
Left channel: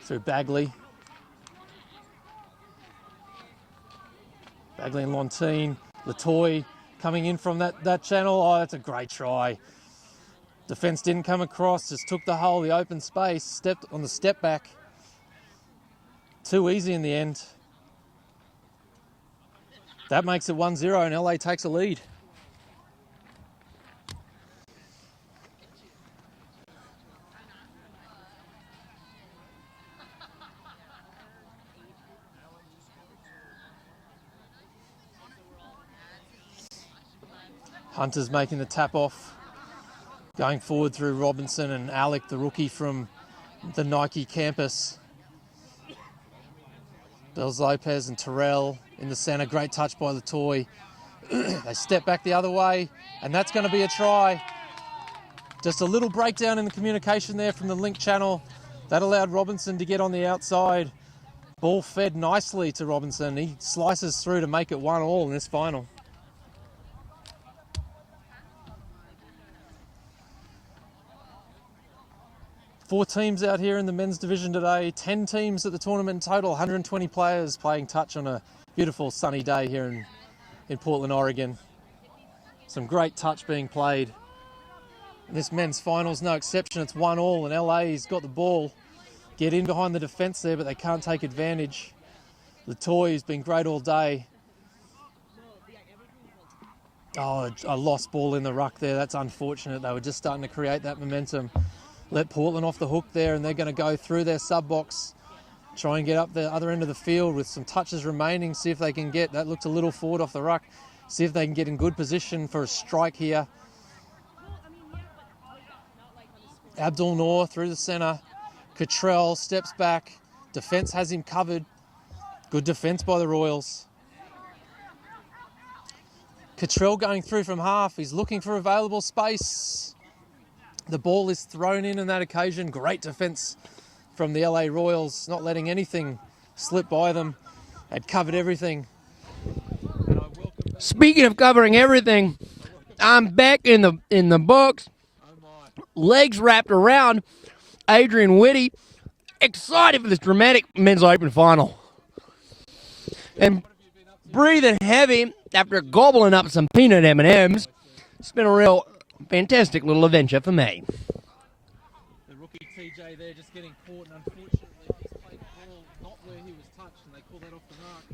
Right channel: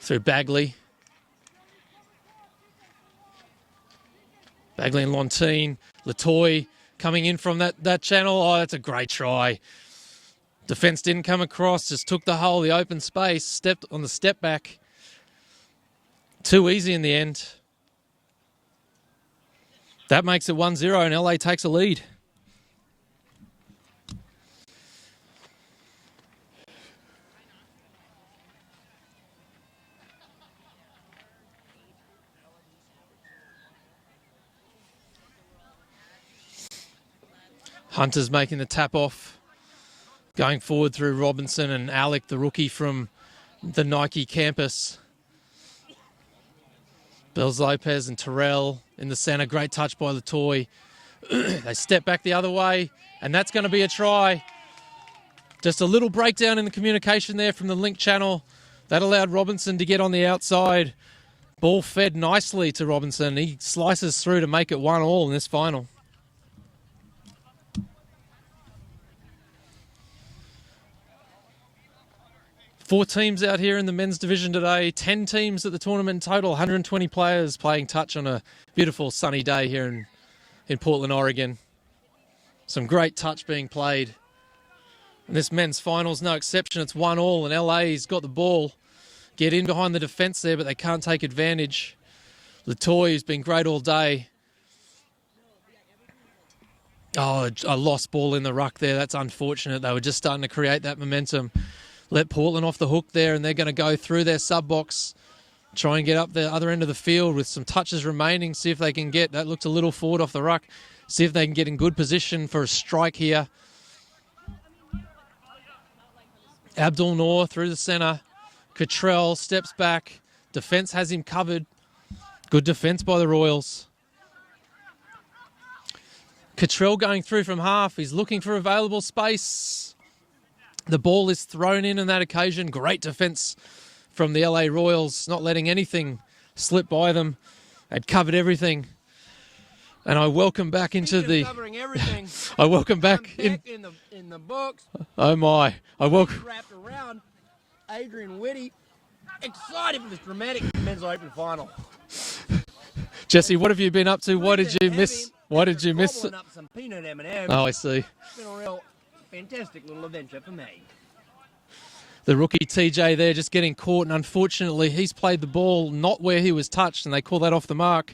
Through Bagley. Bagley and Lontine. Latoy coming in from that channel. Oh, that's a great try. Defence didn't come across, just took the hole, the open space, stepped on the step back. Too easy in the end. That makes it 1-0 and LA takes a lead. Hunter's making the tap off. Going forward through Robinson and Alec, the rookie from the Nike campus. Bells Lopez and Terrell in the centre. Great touch by Latoy. They step back the other way, and that's going to be a try. Just a little breakdown in the communication there from the link channel. That allowed Robinson to get on the outside. Ball fed nicely to Robinson. He slices through to make it 1-1 in this final. 4 teams out here in the men's division today, 10 teams at the tournament in total, 120 players playing touch on a beautiful sunny day here in Portland, Oregon. Some great touch being played. And this men's final's no exception. It's 1-1 and LA's got the ball. Get in behind the defence there, but they can't take advantage. Latoy has been great all day. Oh, a lost ball in the ruck there. That's unfortunate. They were just starting to create that momentum. Let Portland off the hook there, and they're going to go through their sub-box, try and get up the other end of the field with some touches remaining, see if they can get, that looked a little forward off the ruck, see if they can get in good position for a strike here. Abdul Noor through the centre. Cottrell steps back. Defence has him covered. Good defence by the Royals. Cottrell going through from half. He's looking for available space. The ball is thrown in on that occasion. Great defence from the LA Royals, not letting anything slip by them. They'd covered everything. And I welcome back Speaking of covering everything, I welcome back. I'm back in the box. Oh my. Legs wrapped around Adrian Whitty. Excited for this dramatic men's open final. Jesse, And what have you been up to? Breathing heavy after gobbling up some peanut M&Ms. Oh, I see. It's been a real fantastic little adventure for me. The rookie TJ there just getting caught, and unfortunately he's played the ball not where he was touched, and they call that off the mark.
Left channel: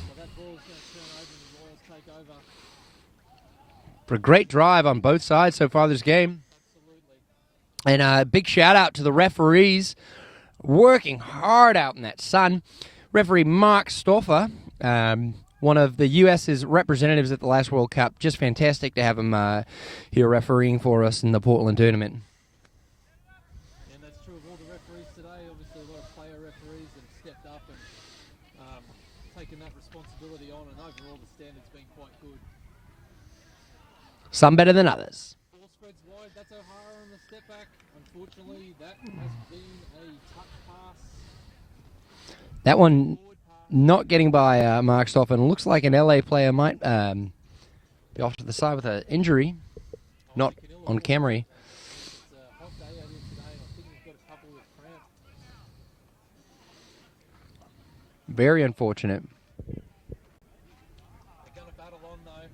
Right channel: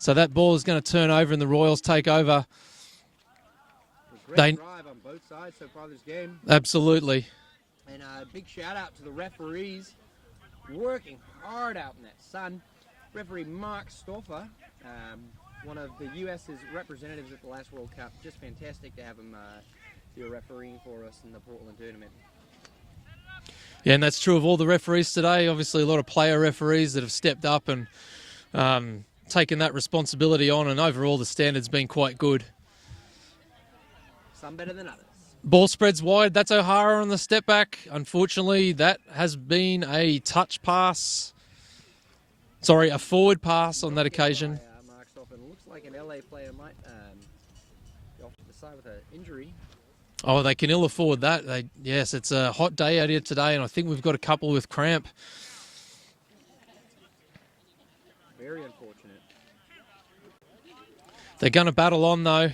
So that ball is going to turn over and the Royals take over. For a great drive on both sides so far this game. Absolutely. And a big shout out to the referees working hard out in that sun. Referee Mark Stoffer, one of the U.S.'s representatives at the last World Cup. Just fantastic to have him here refereeing for us in the Portland tournament. Yeah, and that's true of all the referees today. Obviously, a lot of player referees that have stepped up and taken that responsibility on, and overall the standard's been quite good. Some better than others. Ball spreads wide. That's O'Hara on the step back. Unfortunately, that has been a touch pass. Sorry, a forward pass on not that getting occasion. by Mark Stoffer. And looks like an LA player might be off to the side with an injury. Oh, Not they can ill on afford camera. that. Yes, it's a hot day out here today, and I think we've got a couple with cramp. Very unfortunate. They're going to battle on, though.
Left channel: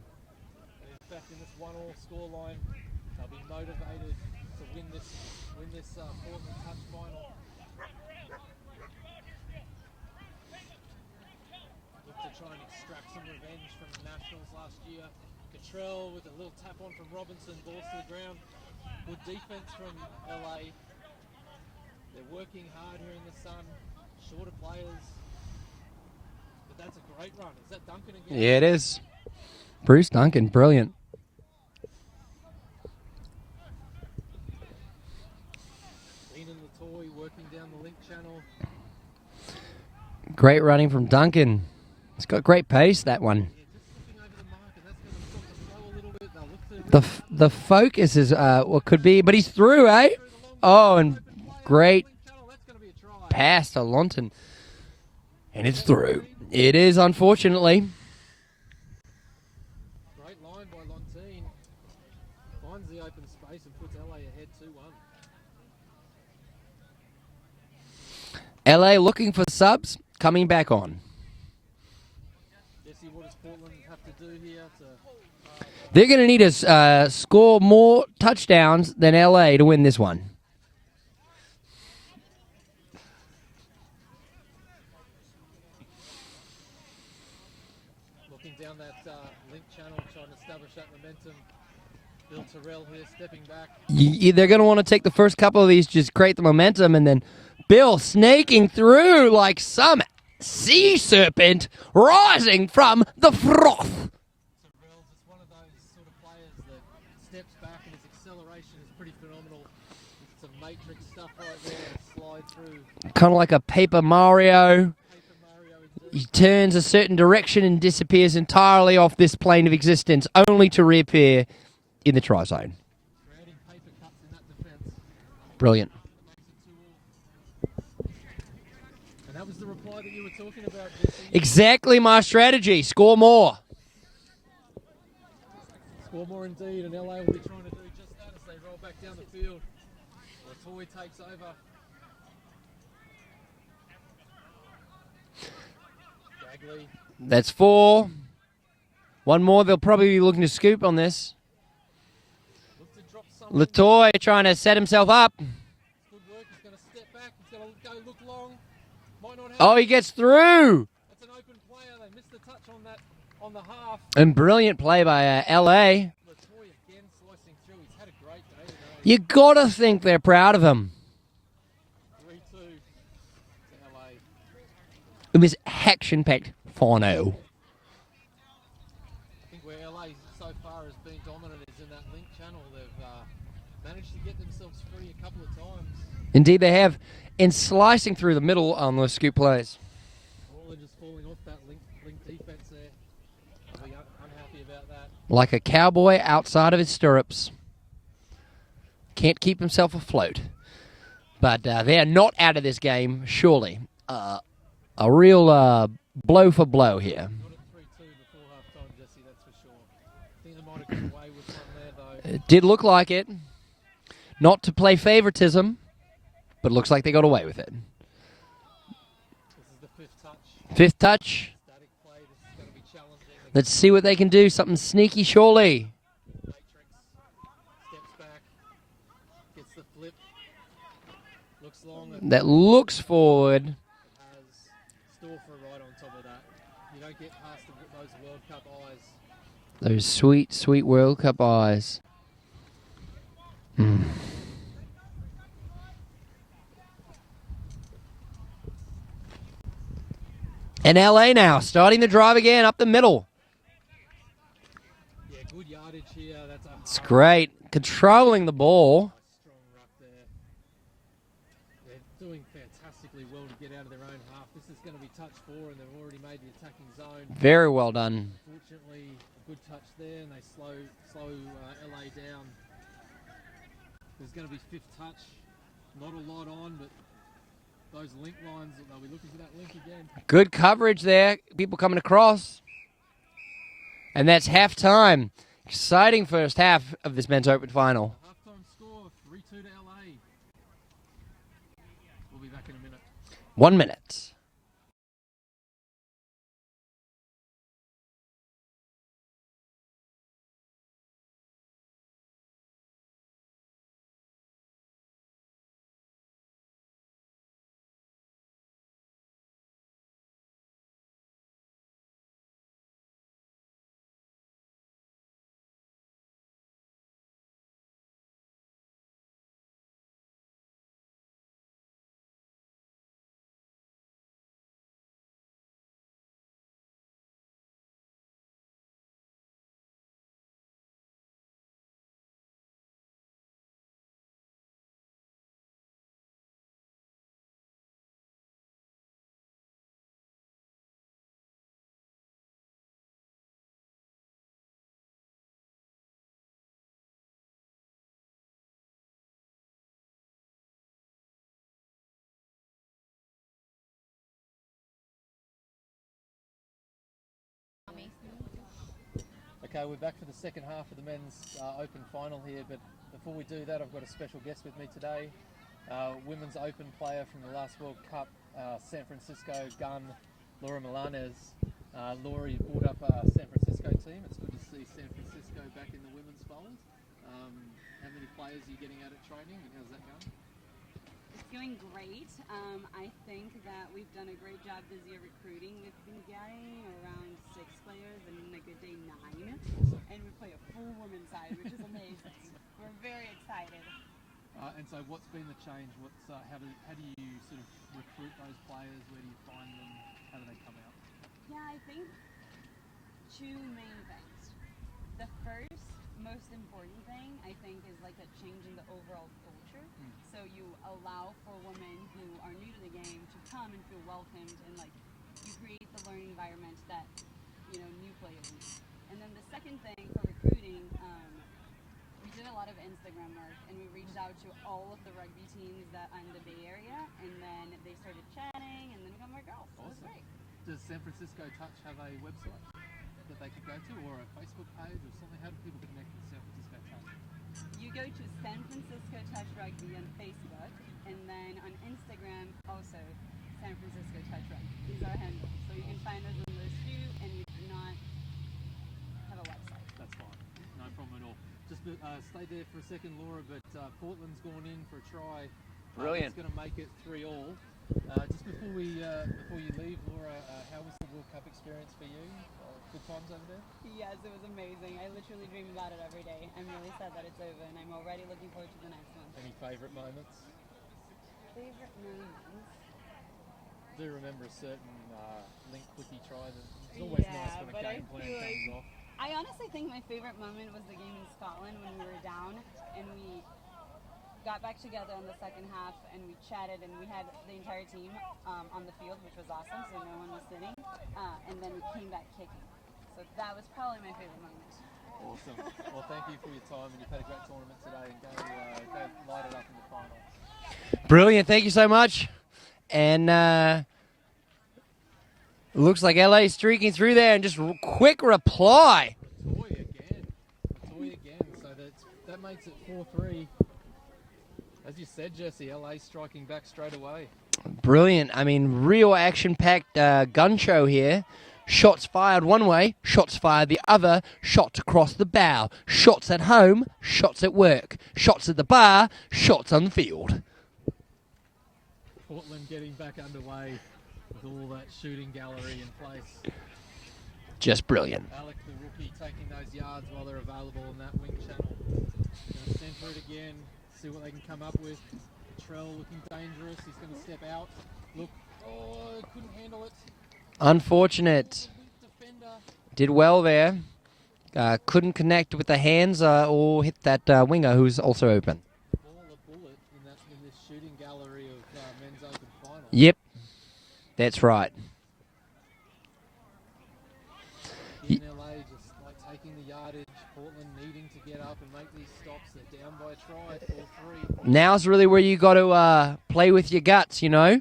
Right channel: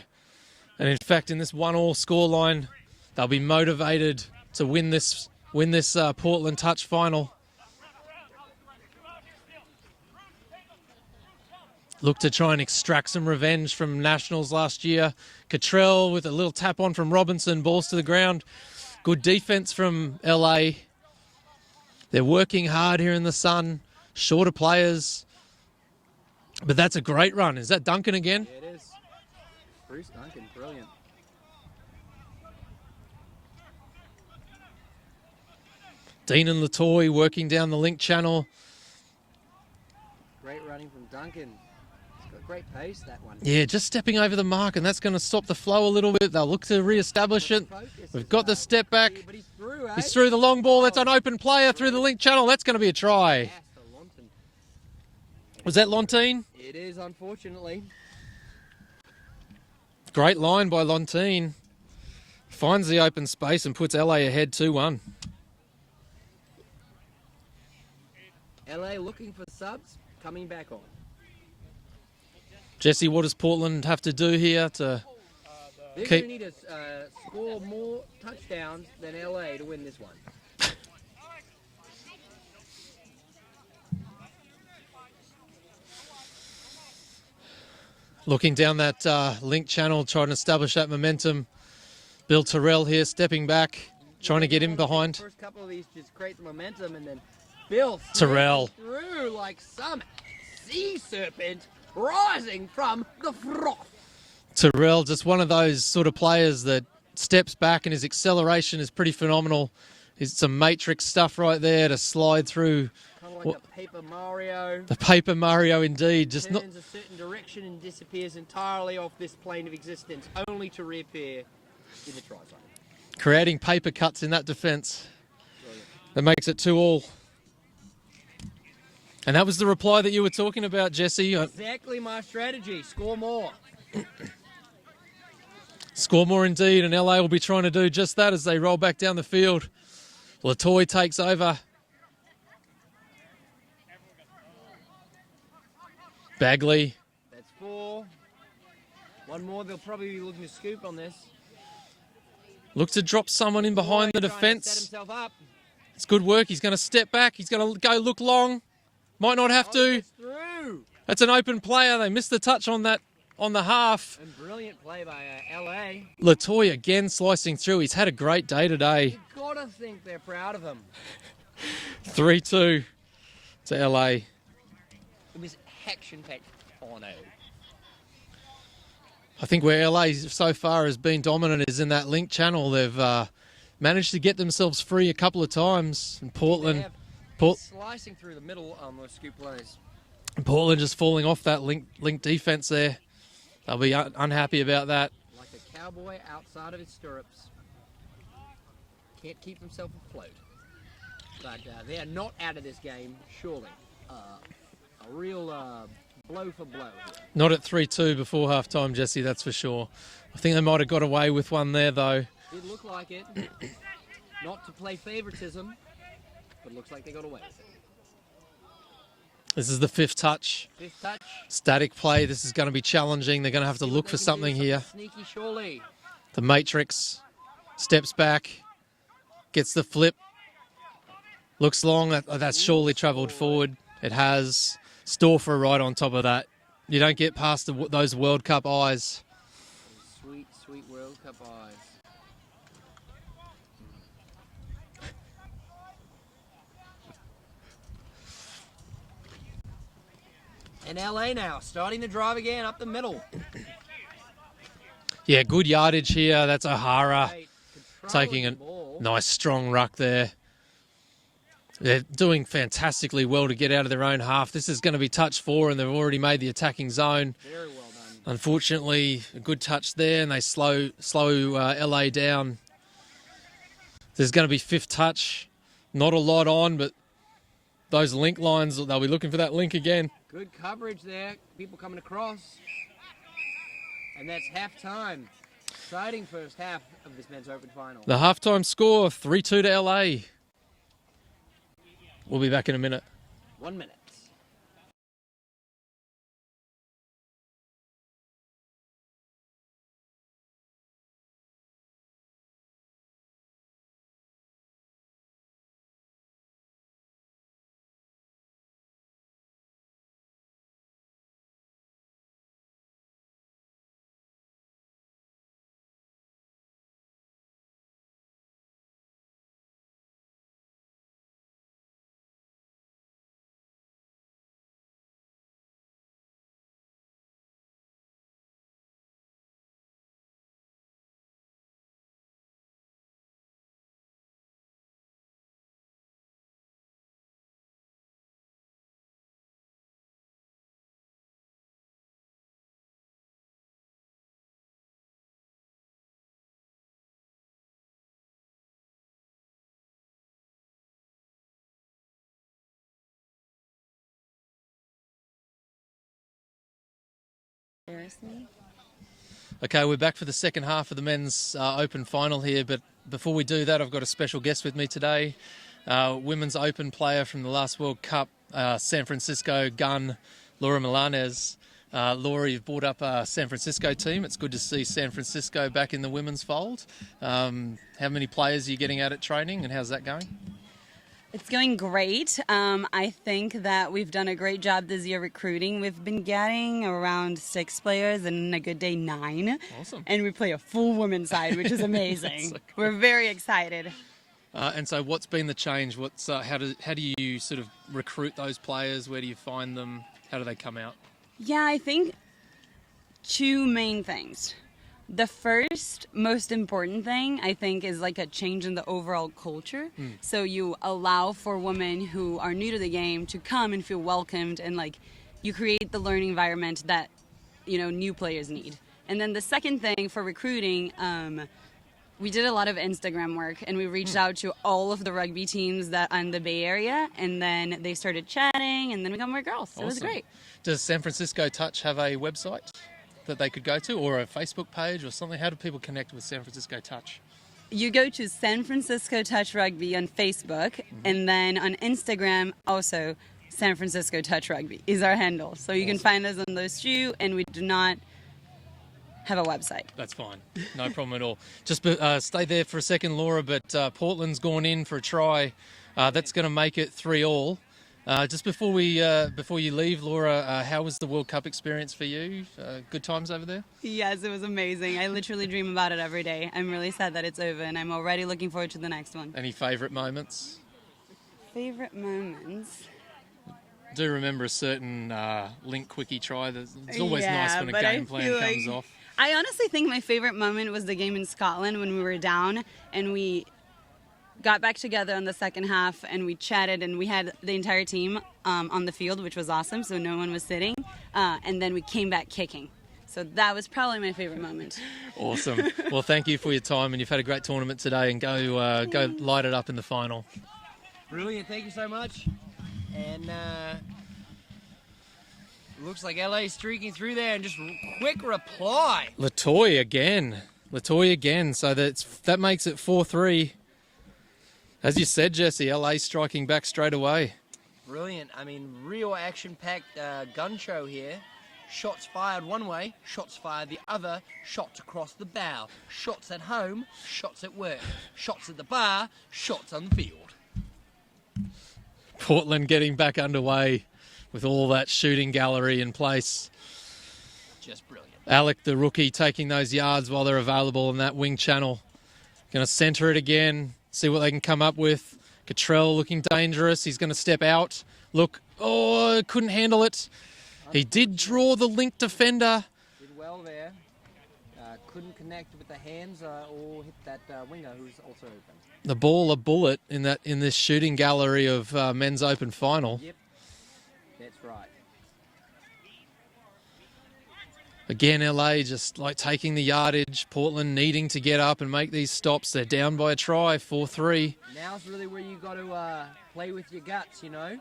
And in fact, in this 1-1 scoreline, they'll be motivated to win this Portland touch final. Look to try and extract some revenge from Nationals last year. Cottrell with a little tap on from Robinson, balls to the ground. Good defense from LA. They're working hard here in the sun. Shorter players. But that's a great run. Is that Duncan again? Yeah, it is. Bruce Duncan, brilliant. Dean and Latoy working down the link channel. Great running from Duncan. He's got great pace, that one. Yeah, just stepping over the mark, and that's going to stop the flow a little bit. They'll look to re-establish the it. focus is Got the what step could back. be, but he's through, eh? He's through the long ball. Oh, That's an and open player through great the link channel. That's going to be a try. Pass to Lonton. And Is it's that through. Lontine? It is, unfortunately. Great line by Lontine. Finds the open space and puts LA ahead 2-1. LA looking for subs, coming back on. Jesse, what does Portland have to do here to... They're going to need to score more touchdowns than LA to win this one. Looking down that link channel, trying to establish that momentum. Bill Terrell here stepping back. They're going to want to take the first couple of these, just create the momentum, and then Bill snaking through like some sea serpent rising from the froth. Terrell, just one of those sort of players that steps back and his acceleration is pretty phenomenal. It's some matrix stuff right there to slide through. Kind of like a Paper Mario. The Paper Mario indeed. Turns a certain direction and disappears entirely off this plane of existence, only to reappear in the try zone. Creating paper cuts in that defence. Brilliant. That makes it 2-2. And that was the reply that you were talking about, Jesse. Exactly my strategy. Score more. Score more indeed, and LA will be trying to do just that as they roll back down the field. Latoy takes over. Bagley. That's 4. One more. They'll probably be looking to scoop on this. Look to drop someone in Latoy behind the trying to defence. set himself up. It's good work. He's going to step back. He's going to go look long. Might not have Oh, to. he gets through. That's an open player. They missed the touch on that on the half. And brilliant play by LA. Latoy again slicing through. He's had a great day today. You got to think they're proud of him. 3-2 to LA. It was action-packed final. I think where LA so far has been dominant is in that link channel. They've managed to get themselves free a couple of times. Indeed, they have. And slicing through the middle on those scoop plays. Portland just falling off that link defense there. They'll be unhappy about that. Like a cowboy outside of his stirrups. Can't keep himself afloat. But they are not out of this game, surely. A real blow for blow here. Not at 3-2 before halftime, Jesse, that's for sure. I think they might have got away with one there, though. It did look like it. Not to play favoritism, but it looks like they got away with it. This is the 5th touch. 5th touch. Static play. This is going to be challenging. They're going to Let's have see to what look they for can do. something Something here. sneaky, surely. The Matrix steps back, gets the flip, looks long. That has surely looks travelled forward. forward. It has. Storfer right on top of that. You don't get past those World Cup eyes. Those sweet, sweet World Cup eyes. Mm. And LA now, starting the drive again up the middle. Yeah, good yardage here. That's O'Hara. Great. Controlling Taking the a ball. Nice strong ruck there. They're doing fantastically well to get out of their own half. This is going to be touch 4, and they've already made the attacking zone. Very well done. Unfortunately, a good touch there, and they slow LA down. There's going to be 5th touch. Not a lot on, but those link lines, they'll be looking for that link again. Good coverage there. People coming across. And that's halftime. Exciting first half of this men's open final. The halftime score, 3-2 to LA. We'll be back in a minute. 1 minute. Okay, we're back for the second half of the men's open final here, but before we do that, I've got a special guest with me today. Women's open player from the last World Cup, San Francisco gun, Laura Milanez. Laura, you've brought up a San Francisco team. It's good to see San Francisco back in the women's fold. How many players are you getting out at training, and how's that going? It's going great. I think that we've done a great job this year recruiting. We've been getting around 6 players, and on a good day 9. Awesome. And we play a full women's side, which is amazing. So cool. We're very excited. And so what's been the change? How do you sort of recruit those players? Where do you find them? How do they come out? Yeah, I think 2 main things. The first most important thing, I think, is like a change in the overall culture. So you allow for women who are new to the game to come and feel welcomed, and like you create the learning environment that, you know, new players need. And then the second thing for recruiting, we did a lot of Instagram work, and we reached out to all of the rugby teams that are in the Bay Area, and then they started chatting, and then we got more girls. So It was Awesome. great. Does San Francisco Touch have a website that they could go to, or a Facebook page or something? How do people connect with San Francisco Touch? You go to San Francisco Touch Rugby on Facebook, and then on Instagram also San Francisco Touch Rugby is our handle. So you can find us on those two, and we do not have a website. That's fine. No problem at all. Just stay there for a second, Laura, but Portland's gone in for a try. That's going to make it 3-3. Just before you leave, Laura, how was the World Cup experience for you? Good times over there? Yes, it was amazing. I literally dream about it every day. I'm really sad that it's over, and I'm already looking forward to the next one. Any favourite moments? Favorite moments? Do remember a certain link quickie try. It's always nice when a game plan comes off. I honestly think my favorite moment was the game in Scotland when we were down and we got back together on the second half and we chatted and we had the entire team on the field, which was awesome, so no one was sitting, and then we came back kicking. So that was probably my favorite moment. Awesome. Well, thank you for your time, and you've had a great tournament today, and go light it up in the final. Brilliant. Thank you so much. And looks like LA streaking through there, and just quick reply. Latoy again. So that makes it 4-3. As you said, Jesse, LA striking back straight away. Brilliant. I mean, real action-packed gun show here. Shots fired one way, shots fired the other, shots across the bow, shots at home, shots at work, shots at the bar, shots on the field. Portland getting back underway with all that shooting gallery in place. Just brilliant. Alec, the rookie, taking those yards while they're available in that wing channel. Going to centre it again, see what they can come up with. Cottrell looking dangerous. He's going to step out. Look, couldn't handle it. Unfortunate. He did draw the link defender. Did well there. Couldn't connect with the hands or hit that winger who's also open. The ball a bullet in this shooting gallery of men's open final. Yep, that's right. Again, LA just like taking the yardage. Portland needing to get up and make these stops. They're down by a try, 4-3. Now's really where you got to play with your guts, you know.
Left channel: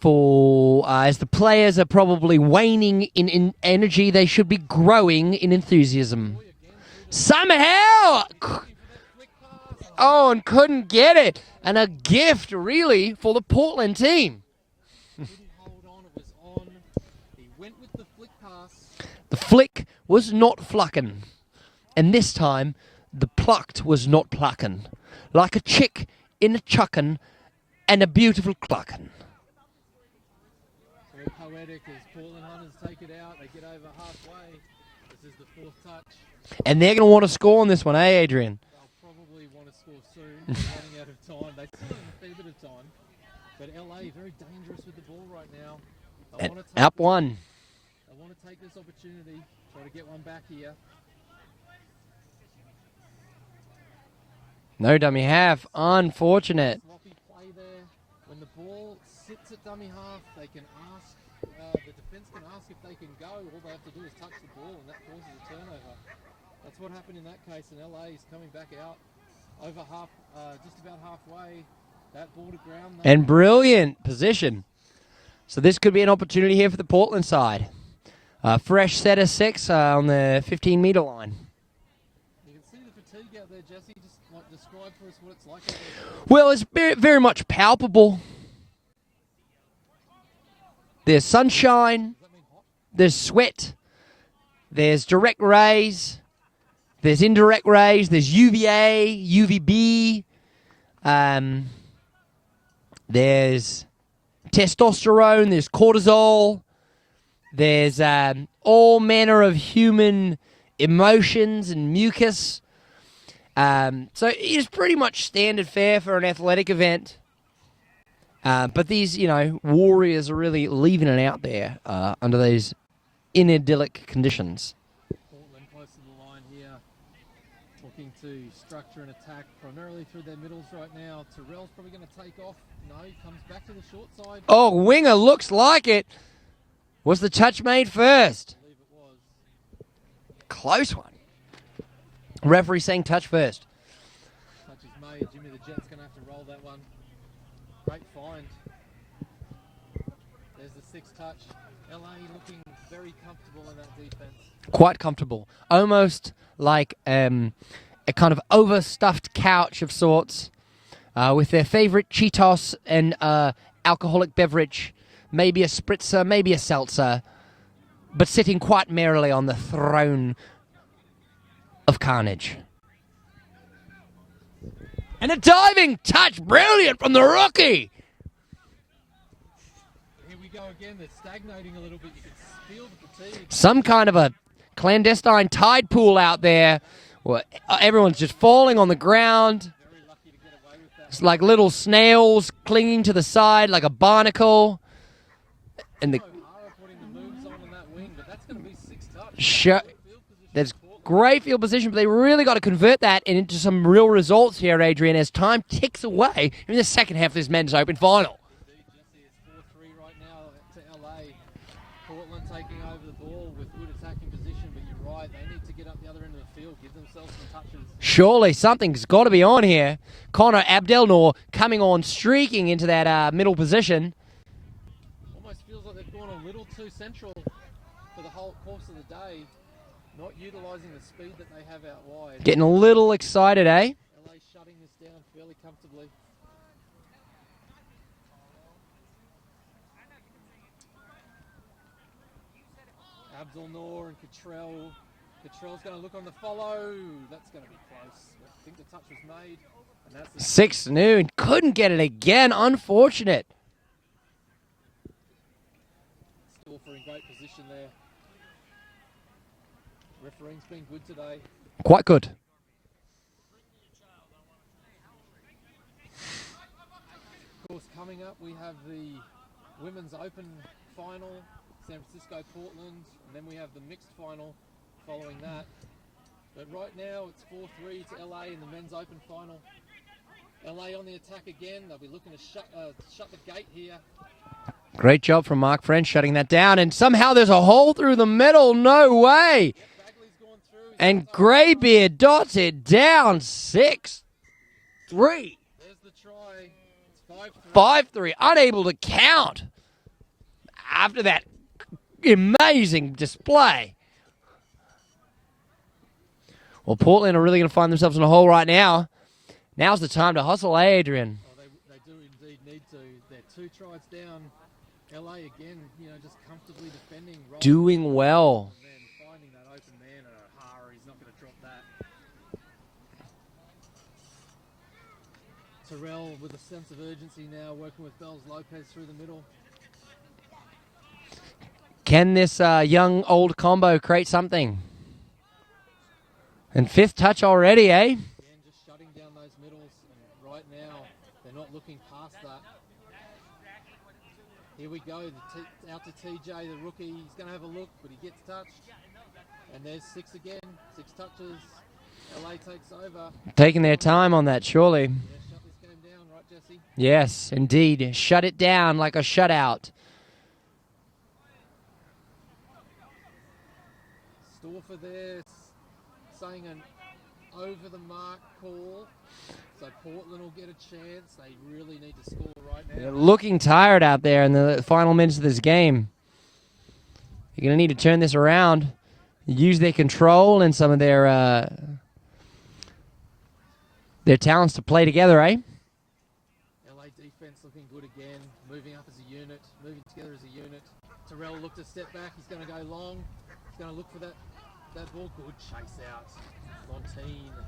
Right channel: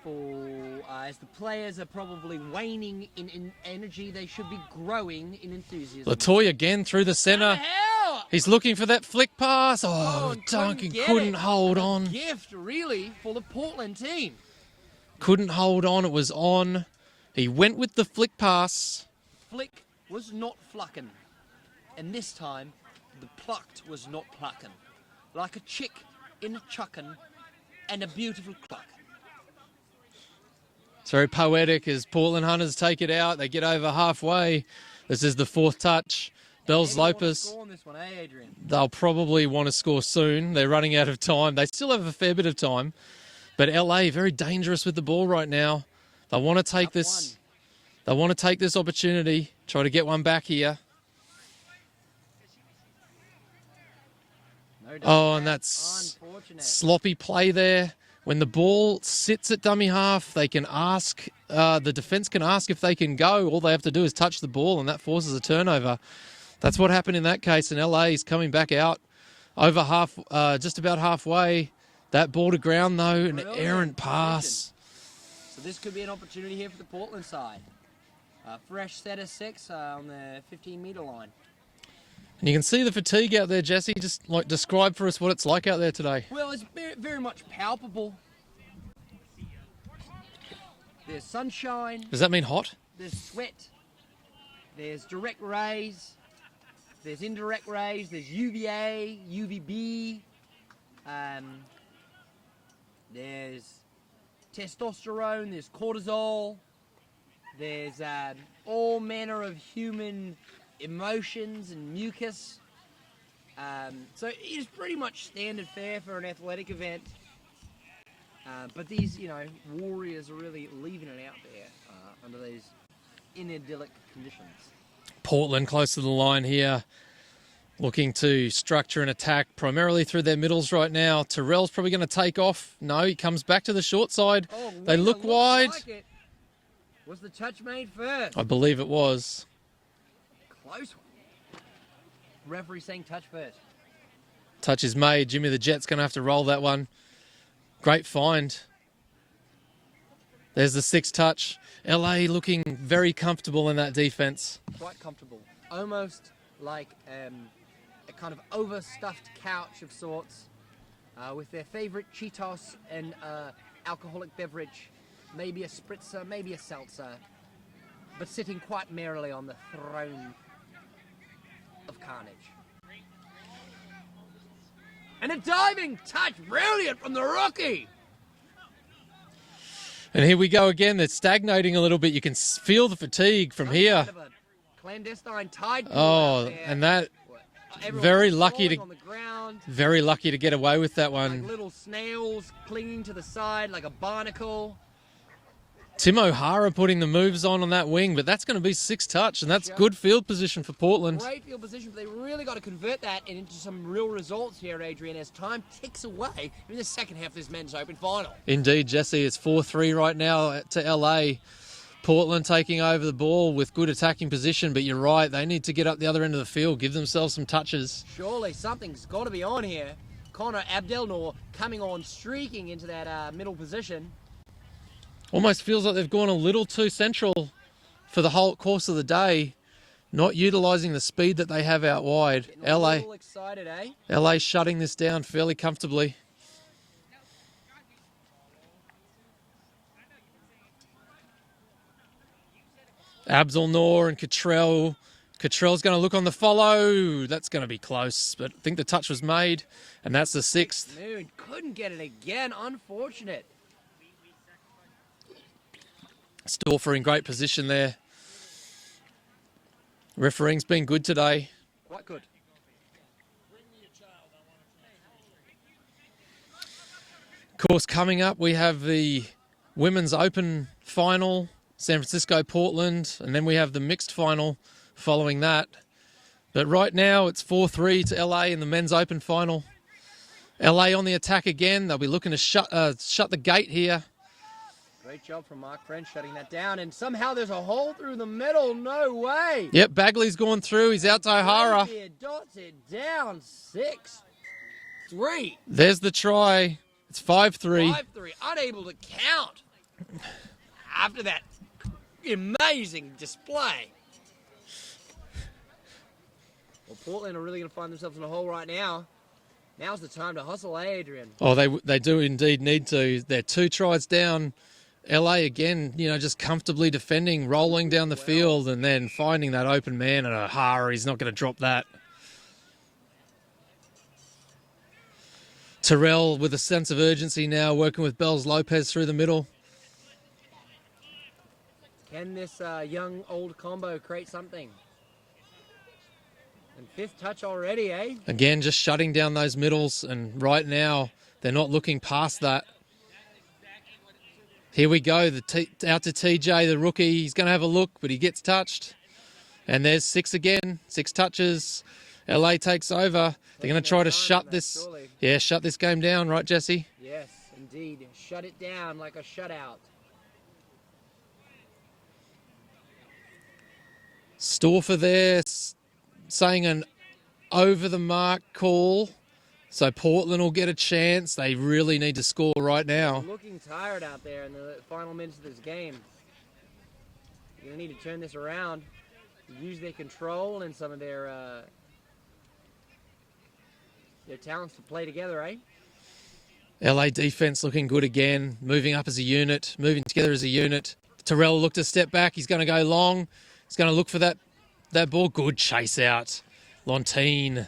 For as the players are probably waning in energy, they should be growing in enthusiasm. Latoy again through the centre. Somehow! He's looking for that flick pass. And couldn't get it. And on. a gift, really, for the Portland team. Couldn't hold on. It was on. He went with the flick pass. The flick was not fluckin'. And this time, the plucked was not pluckin'. Like a chick in a chuckin' and a beautiful cluckin'. It's very poetic as Portland Hunters take it out. They get over halfway. This is the fourth touch. And they're going to want to score on this one, eh, Adrian? They'll probably want to score soon. They're running out of time. They still have a fair bit of time. But LA, very dangerous with the ball right now. They want to take this. One. They want to take this opportunity, try to get one back here. No dummy half. That's Unfortunate. Sloppy play there. When the ball sits at dummy half, they can ask, the defence can ask if they can go. All they have to do is touch the ball, and that forces a turnover. That's what happened in that case, and LA is coming back out over just about halfway. That ball to ground, though. And brilliant position. So this could be an opportunity here for the Portland side. Fresh set of 6 on the 15-metre line. And you can see the fatigue out there, Jesse. Just like describe for us what it's like out there today. Well, it's very, very much palpable. There's sunshine. Does that mean hot? There's sweat. There's direct rays. There's indirect rays. There's UVA, UVB. There's testosterone. There's cortisol. There's all manner of human emotions and mucus. So it is pretty much standard fare for an athletic event. But these, warriors are really leaving it out there under these inidyllic conditions. Portland close to the line here, looking to structure an attack primarily through their middles right now. Terrell's probably going to take off. No, he comes back to the short side. Oh, winger looks wide. like it. Was the touch made first? I believe it was. Close one. Referee saying touch first. Touch is made. Jimmy the Jet's going to have to roll that one. Great find. There's the 6th touch. LA looking very comfortable in that defense. Quite comfortable. Almost like a kind of overstuffed couch of sorts with their favorite Cheetos and alcoholic beverage, maybe a spritzer, maybe a seltzer, but sitting quite merrily on the throne of carnage. And a diving touch, brilliant from the rookie. And here we go again. They're stagnating a little bit. You can feel the fatigue. Some kind of a clandestine tide pool out there. And that, well, everyone's very just lucky falling to- on the ground. very lucky to get away with that It's one. like little snails clinging to the side like a barnacle. Tim and O'Hara putting the moves on that wing, but that's going to be 6 touch, and that's Sure. good field position There's for Portland. great field position, but they really got to convert that into some real results here, Adrian, as time ticks away in the second half of this men's open final. Indeed, Jesse. It's 4-3 right now to LA. Portland taking over the ball with good attacking position, but you're right, they need to get up the other end of the field, give themselves some touches. Surely something's got to be on here. Connor Abdelnour coming on, streaking into that middle position. Almost feels like they've gone a little too central for the whole course of the day, not utilising the speed that they have out wide. Getting a little excited, eh? LA shutting this down fairly comfortably. Abdelnour and Cottrell. Cottrell's going to look on the follow. That's going to be close, but I think the touch was made, and that's the 6 noon. Couldn't get it again. Unfortunate. Stauffer in great position there. Refereeing's been good today. Quite good. Of course, coming up, we have the Women's Open final, San Francisco, Portland, and then we have the mixed final following that. But right now, it's 4-3 to LA in the Men's Open final. LA on the attack again. They'll be looking to shut the gate here. Great job from Mark French shutting that down, and somehow there's a hole through the middle. No way. Yep, Bagley's gone through. He's And out to O'Hara. Greybeard dots it down. 6-3. There's the try. It's 5-3. 5-3. Unable to count after that amazing display. Well, Portland are really going to find themselves in a hole right now. Now's the time to hustle, Adrian. Oh, they do indeed need to. They're 2 tries down. LA again, just comfortably defending, rolling Doing down the well. field, and then finding that open man, and O'Hara, he's not going to drop that. Terrell with a sense of urgency now, working with Bells Lopez through the middle. Can this young-old combo create something? And 5th touch already, eh? Again, just shutting down those middles, and right now, they're not looking past that. Here we go, out to TJ, the rookie. He's going to have a look, but he gets touched. And there's 6 again, 6 touches. LA takes over. Taking They're their gonna try to time shut on that, this- surely. Yeah, shut this game down, right, Jesse? Yes, indeed. Shut it down like a shutout. Stauffer there saying an over-the-mark call. So Portland will get a chance. They really need to score right now. Looking tired out there in the final minutes of this game. You're going to need to turn this around. Use their control and some of their talents to play together, eh? LA defense looking good again. Moving up as a unit. Moving together as a unit. Terrell looked to step back. He's going to go long. He's going to look for that ball. Good chase out. Lontine.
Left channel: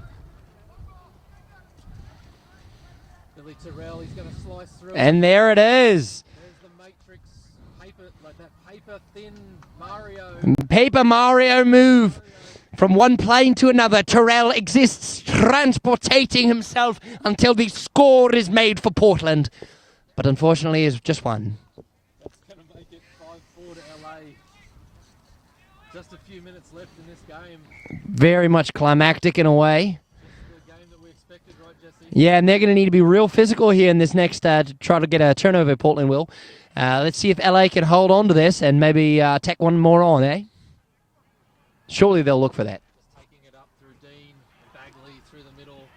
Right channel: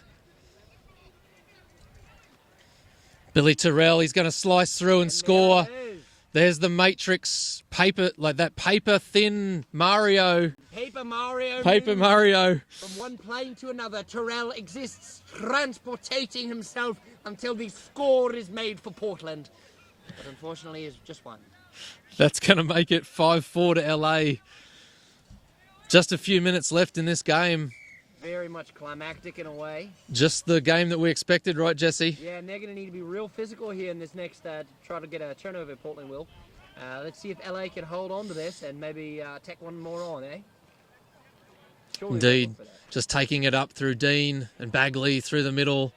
Billy Terrell, he's going to slice through and score. there it is. There's the Matrix paper, like that paper-thin Mario. Paper Mario Paper move. Mario. From one plane to another, Terrell exists, transportating himself until the score is made for Portland. But unfortunately, it's just one. That's going to make it 5-4 to LA. Just a few minutes left in this game. Very much climactic in a way. Just the game that we expected, right, Jesse? Yeah, and they're going to need to be real physical here in this next to try to get a turnover, Portland will. Let's see if LA can hold on to this and maybe tack one more on, eh? Surely they'll Indeed. look for that. Just taking it up through Dean and Bagley through the middle.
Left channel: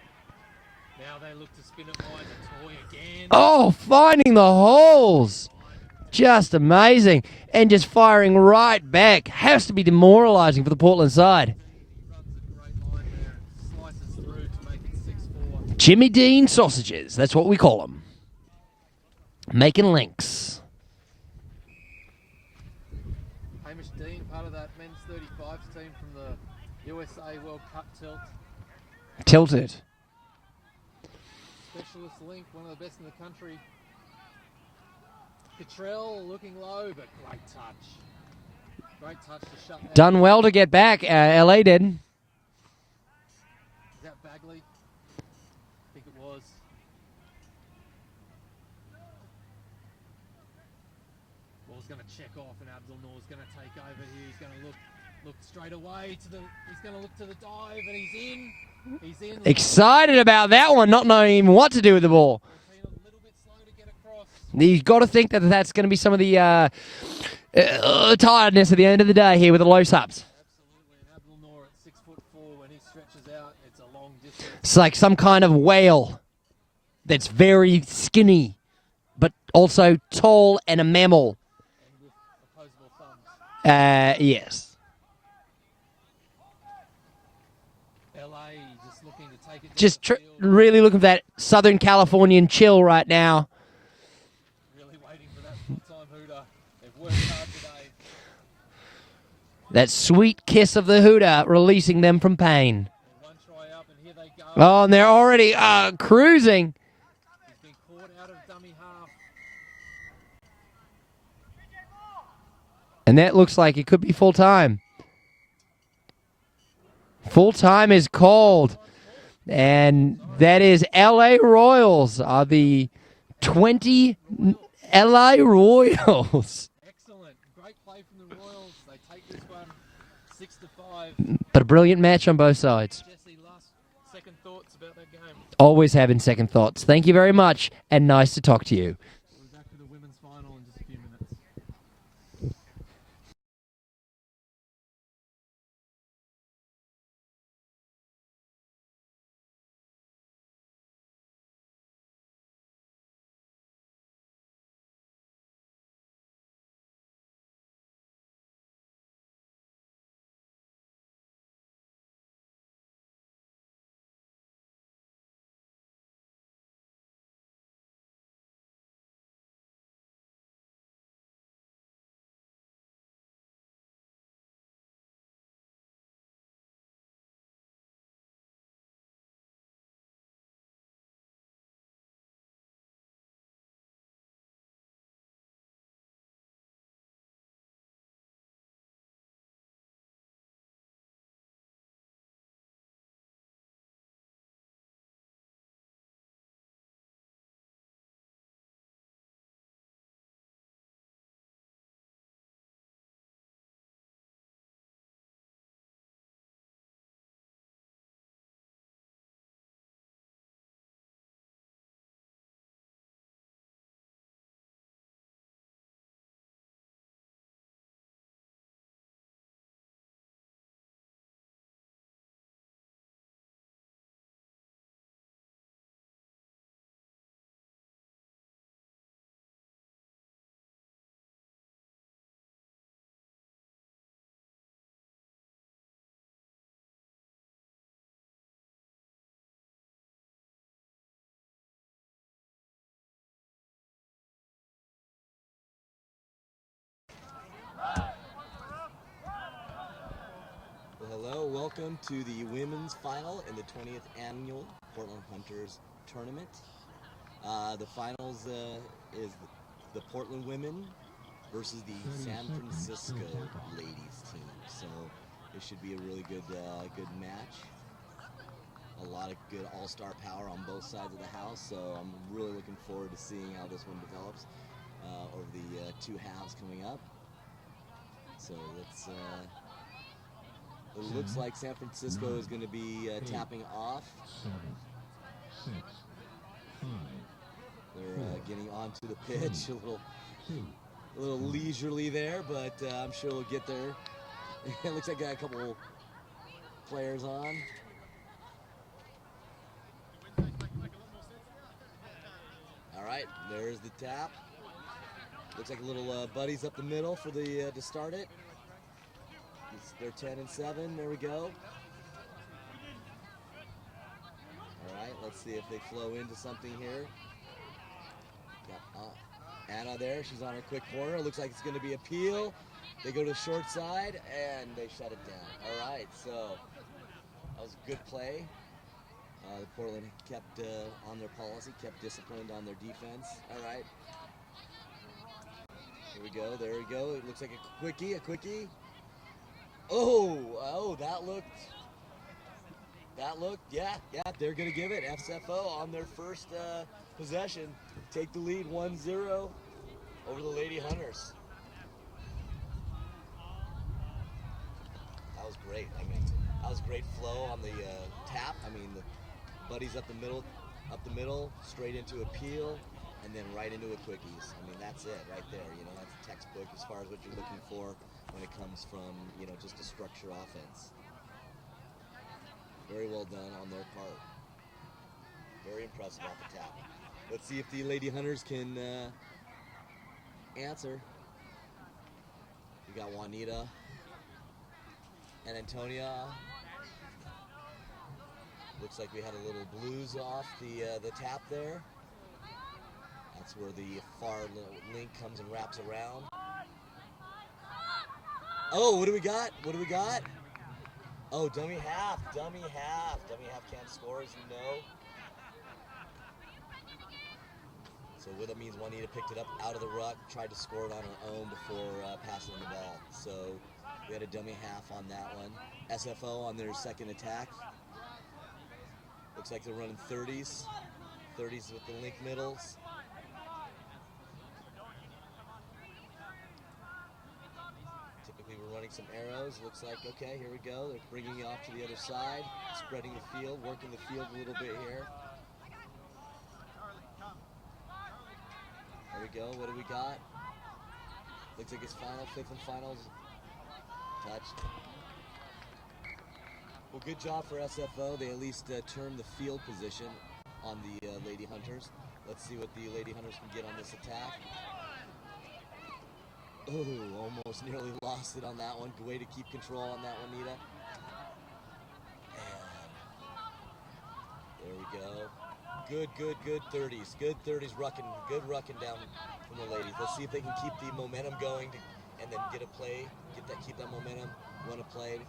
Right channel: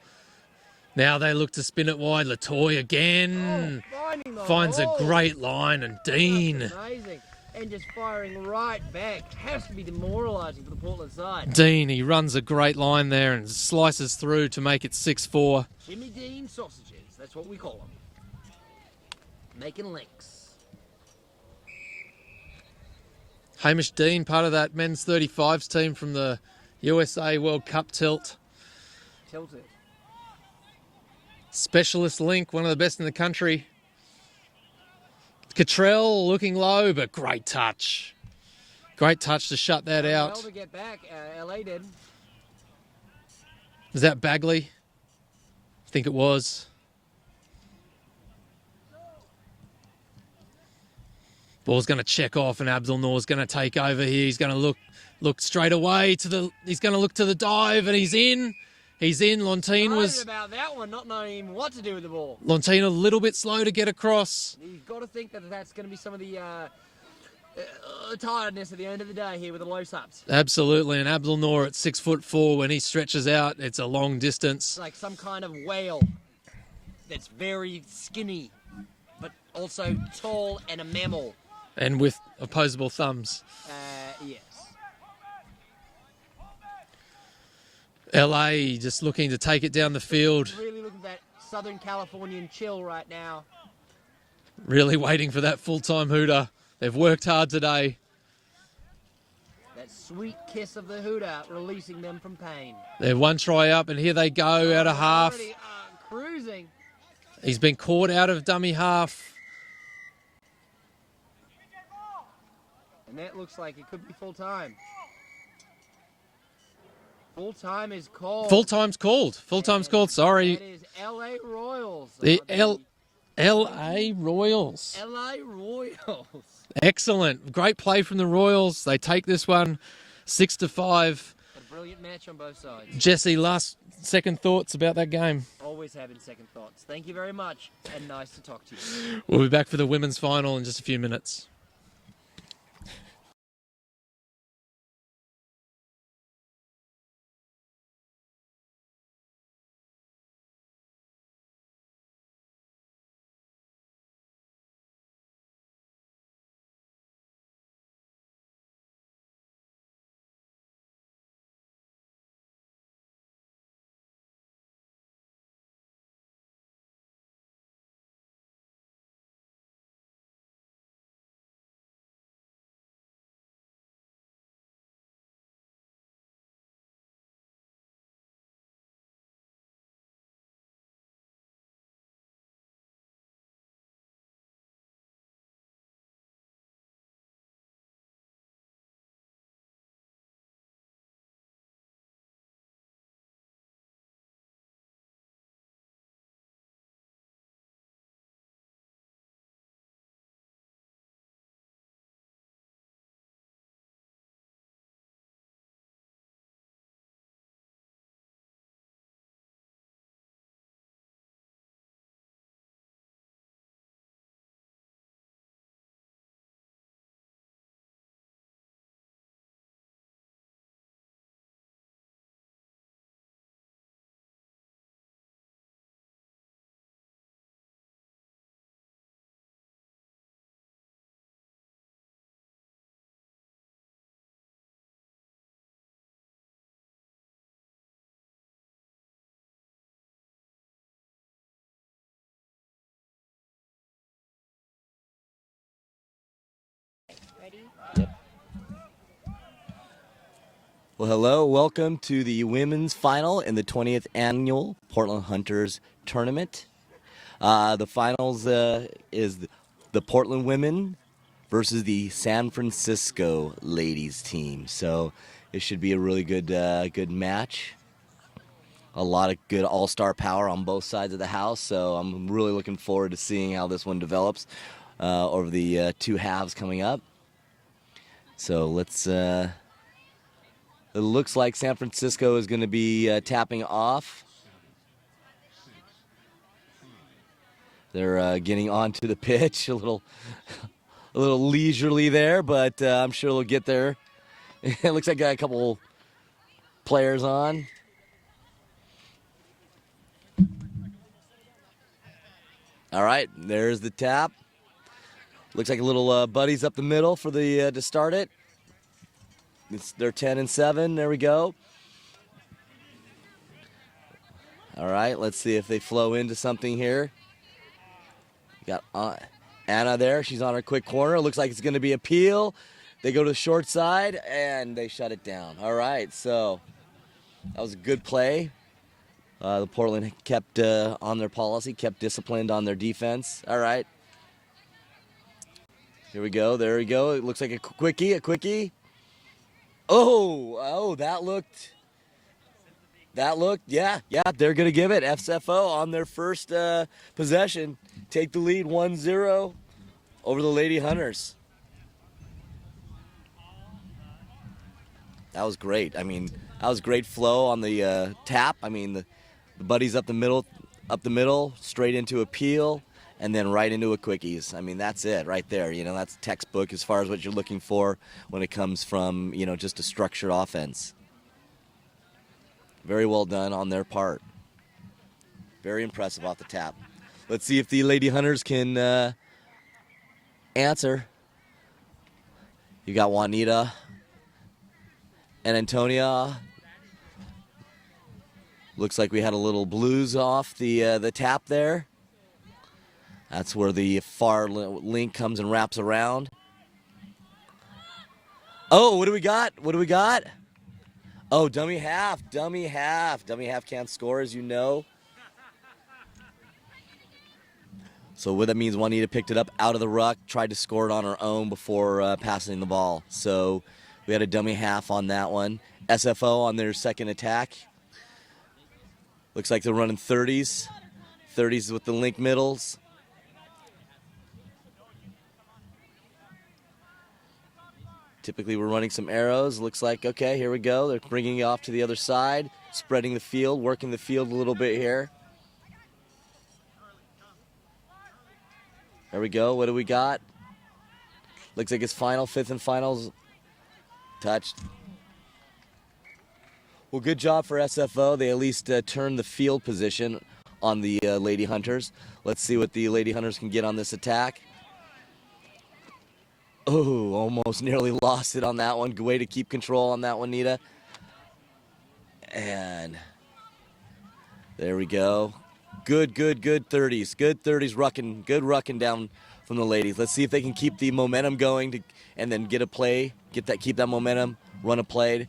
Now they look to spin it wide. Latoy again. Oh, finding the Finds holes. a great line, and Dean. Just amazing. and just firing right back. Has to be demoralising for the Portland side. Dean, he runs a great line there and slices through to make it 6-4. Jimmy Dean sausages, that's what we call them. Making links. Hamish Dean, part of that men's 35s team from the USA World Cup tilt. Tilted. Specialist link, one of the best in the country. Cottrell looking low, but great touch. Great touch to shut that out. Done well to get back. LA did. Is that Bagley? I think it was. Ball's going to check off, and Abdul Noor's going to take over here. He's going to look straight away to the. He's going to look to the dive, and he's in. He's in. Excited about that one, not knowing even what to do with the ball. Lontina a little bit slow to get across. You've got to think that that's going to be some of the tiredness at the end of the day here with the low subs. Absolutely, and Abdul Noor at 6'4", when he stretches out, it's a long distance. It's like some kind of whale that's very skinny, but also tall and a mammal. And with opposable thumbs. Yes. LA just looking to take it down the field. Really looking for that Southern Californian chill right now. Really waiting for that full-time hooter. They've worked hard today. That sweet kiss of the hooter releasing them from pain. They're one try up, and here they go. Oh, and they're already cruising. He's been caught out of dummy half. And that looks like it could be full-time. Full-time is called. Full-time's called. Full-time's called, sorry. That is LA Royals. Are the 20 Royals. LA Royals. Excellent. Great play from the Royals. They take this one 6-5. But a brilliant match on both sides. Jesse, second thoughts about that game? Always having second thoughts. Thank you very much, and nice to talk to you. We'll be back for the women's final in just a few minutes. Well, hello. Welcome to the women's final in the 20th annual Portland Hunters tournament. The finals is the Portland women versus the San Francisco ladies team. So it should be a really good match. A lot of good all-star power on both sides of the house. So I'm really looking forward to seeing how this one develops over the two halves coming up. So let's. It looks like San Francisco is going to be tapping off. They're getting onto the pitch a little leisurely there, but I'm sure they'll get there. It looks like got a couple players on. All right, there's the tap. Looks like a little buddies up the middle for the to start it. They're 10 and 7. There we go. All right, let's see if they flow into something here. Got Anna there. She's on her quick corner. Looks like it's going to be a peel. They go to the short side, and they shut it down. All right, so that was a good play. The Portland kept on their policy, kept disciplined on their defense. All right. Here we go. There we go. It looks like a quickie. Oh, that looked, yeah, they're going to give it. FSFO on their first possession. Take the lead 1-0 over the Lady Hunters. That was great. I mean, that was great flow on the tap. I mean, the buddies up the middle, straight into a peel, and then right into a quickies. I mean, that's it right there. You know, that's textbook as far as what you're looking for when it comes from, you know, just a structured offense. Very well done on their part. Very impressive off the tap. Let's see if the Lady Hunters can answer. You got Juanita and Antonia. Looks like we had a little blues off the tap there. That's where the far link comes and wraps around. Oh, what do we got? Oh, dummy half. Dummy half can't score, as you know. So what that means, Juanita picked it up out of the ruck, tried to score it on her own before passing the ball. So we had a dummy half on that one. SFO on their second attack. Looks like they're running 30s. 30s with the link middles. Typically we're running some arrows. Looks like, okay, here we go. They're bringing it off to the other side, spreading the field, working the field a little bit here. There we go. What do we got? Looks like it's final, fifth and finals. Touched. Well, good job for SFO. They at least turned the field position on the Lady Hunters. Let's see what the Lady Hunters can get on this attack. Oh, almost nearly lost it on that one. Good way to keep control on that one, Nita. And there we go. Good 30s. Good 30s rucking. Good rucking down from the ladies. Let's see if they can keep the momentum going and then get a play. Keep that momentum. Run a play.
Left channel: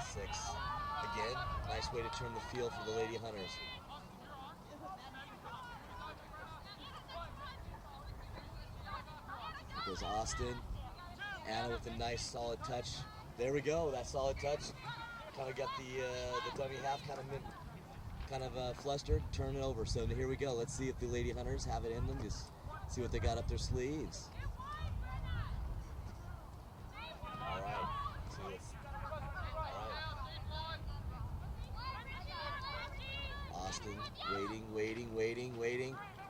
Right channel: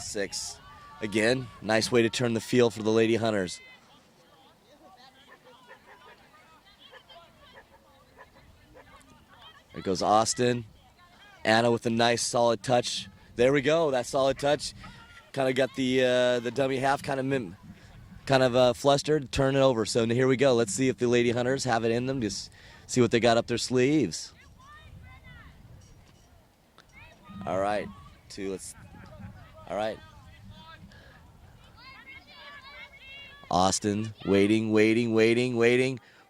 6. Again, nice way to turn the field for the Lady Hunters. There goes Austin. Anna with a nice solid touch. There we go. That solid touch kind of got the dummy half kind of flustered. Turn it over. So here we go. Let's see if the Lady Hunters have it in them. Just see what they got up their sleeves. All right. All right. Austin waiting.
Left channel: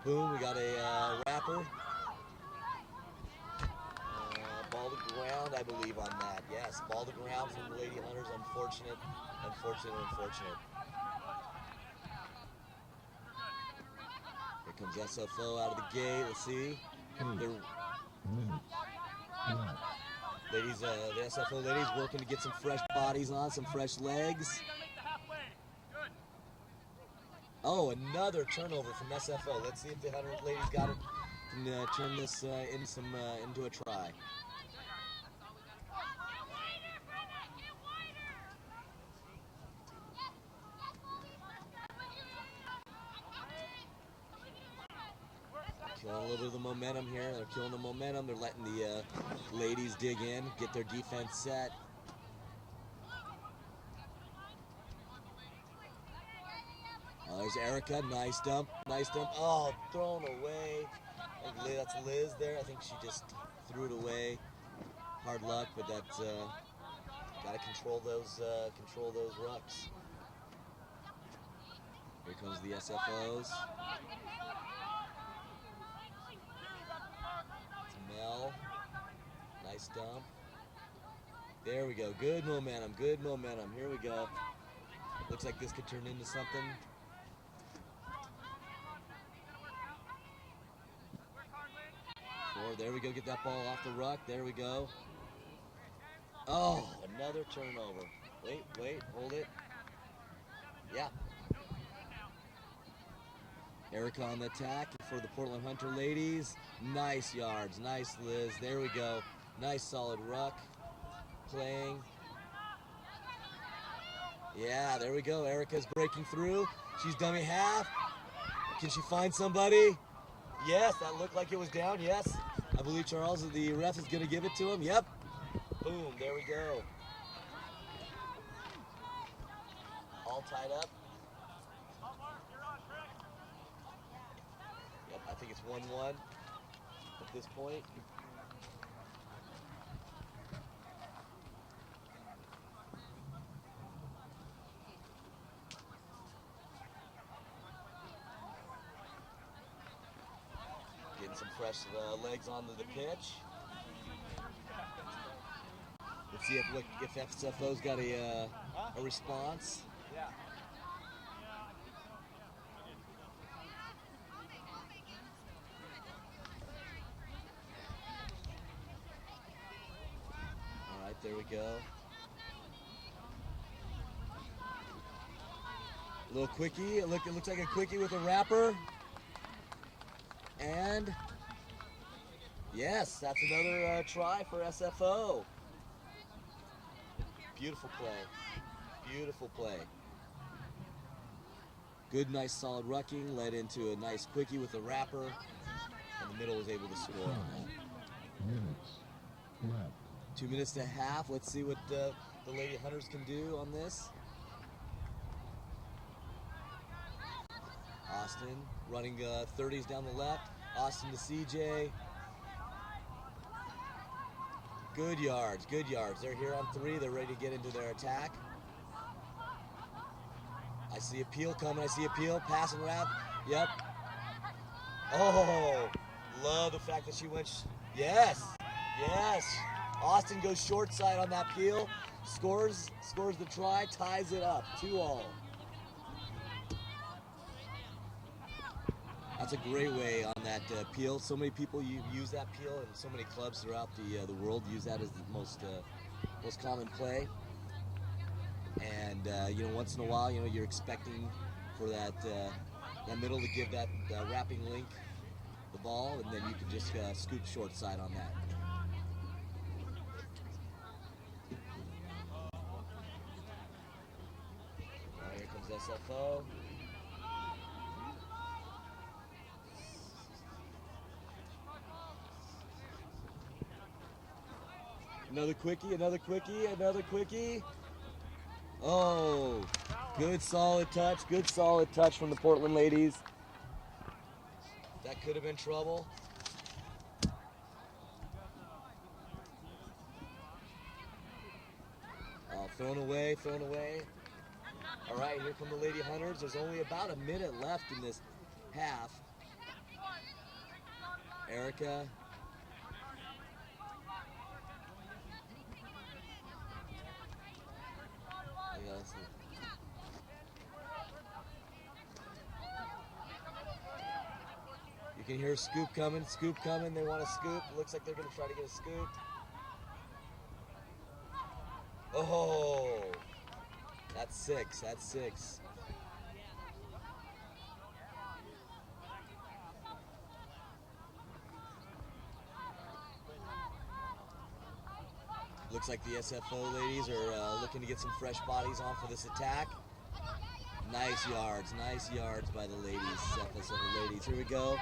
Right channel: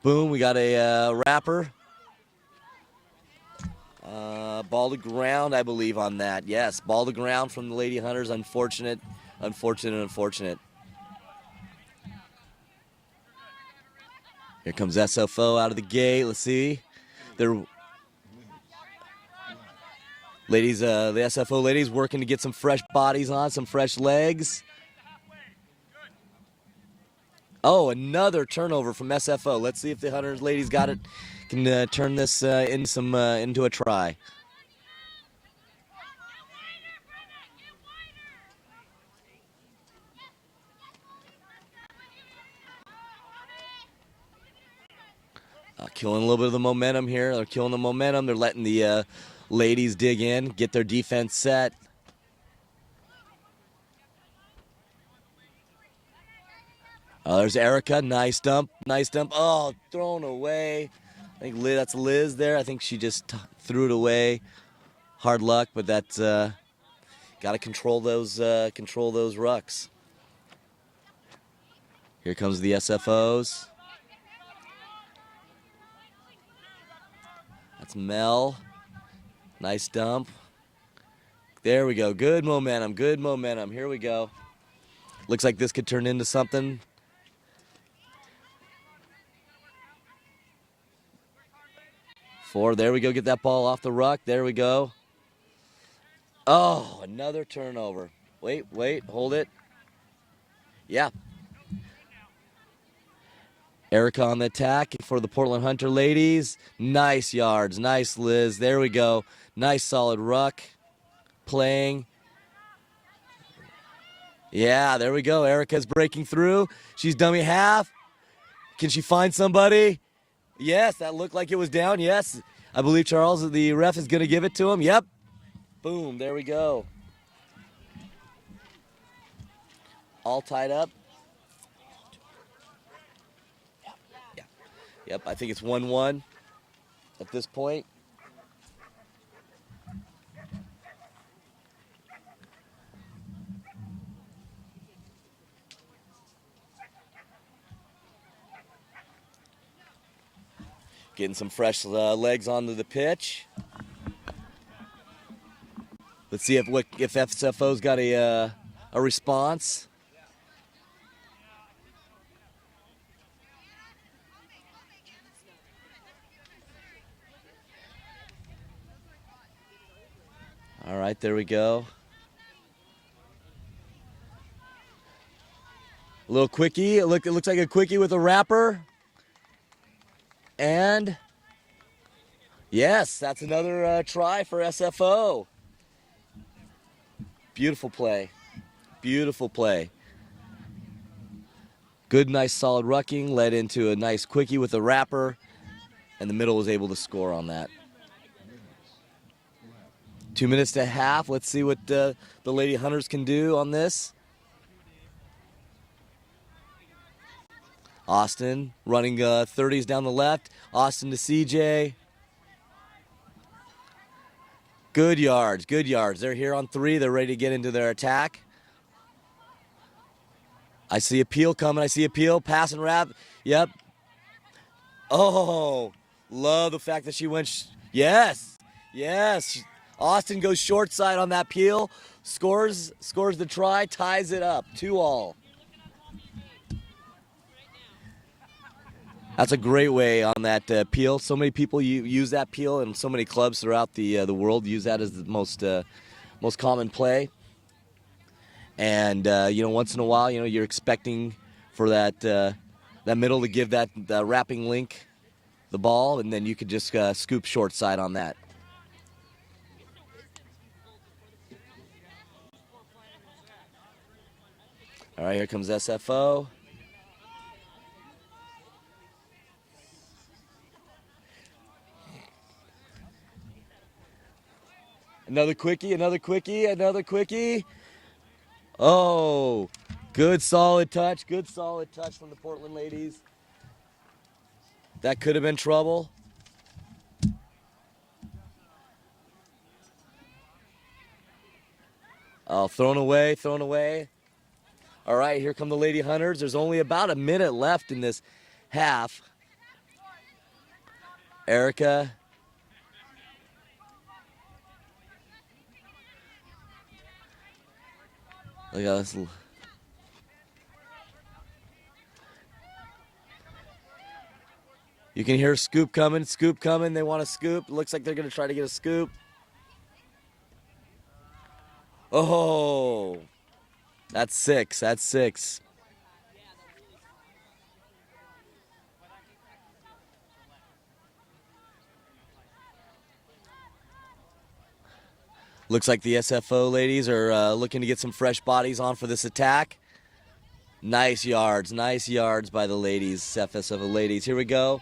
Boom. We got a wrapper. Ball to ground, I believe, on that. Yes, ball to ground from the Lady Hunters. Unfortunate. Here comes SFO out of the gate. Let's see. They're ladies, the SFO ladies working to get some fresh bodies on, some fresh legs. Oh, another turnover from SFO. Let's see if the Hunters ladies got it. Can turn this into a try. Killing a little bit of the momentum here. They're killing the momentum. They're letting the ladies dig in, get their defense set. Oh, there's Erica. Nice dump. Oh, thrown away. I think that's Liz there. I think she just threw it away. Hard luck, but that's got to control those rucks. Here comes the SFOs. That's Mel. Nice dump. There we go. Good momentum. Here we go. Looks like this could turn into something. 4. There we go. Get that ball off the ruck. There we go. Oh, another turnover. Wait, hold it. Yeah. Erica on the attack for the Portland Hunter ladies. Nice yards. Nice, Liz. There we go. Nice solid ruck. Playing. Yeah, there we go. Erica's breaking through. She's dummy half. Can she find somebody? Yes, that looked like it was down. Yes. I believe Charles, the ref, is going to give it to him. Yep. Boom. There we go. All tied up. Yep, I think it's 1-1 at this point. Getting some fresh legs onto the pitch. Let's see if FSFO's got a response. All right, there we go. A little quickie. It looks like a quickie with a wrapper. And yes, that's another try for SFO. Beautiful play. Beautiful play. Good, nice, solid rucking led into a nice quickie with a wrapper, and the middle was able to score on that. 2 minutes to half. Let's see what the Lady Hunters can do on this. Austin running 30s down the left. Austin to CJ. Good yards, good yards. They're here on 3. They're ready to get into their attack. I see a peel coming. I see a peel. Pass and wrap. Yep. Oh, love the fact that she went. Yes, yes. Austin goes short side on that peel. Scores the try. Ties it up. 2-2. That's a great way on that peel. So many people use that peel, and so many clubs throughout the world use that as the most common play. And once in a while, you're expecting for that middle to give that wrapping link the ball, and then you could just scoop short side on that. All right, here comes SFO. Another quickie, another quickie, another quickie. Oh, good solid touch from the Portland ladies. That could have been trouble. Oh, thrown away. All right, here come the Lady Hunters. There's only about a minute left in this half. Erica. Look at this. You can hear scoop coming. They want to scoop. Looks like they're going to try to get a scoop. Oh, that's 6. Looks like the SFO ladies are looking to get some fresh bodies on for this attack. Nice yards by the ladies, FSFO ladies. Here we go.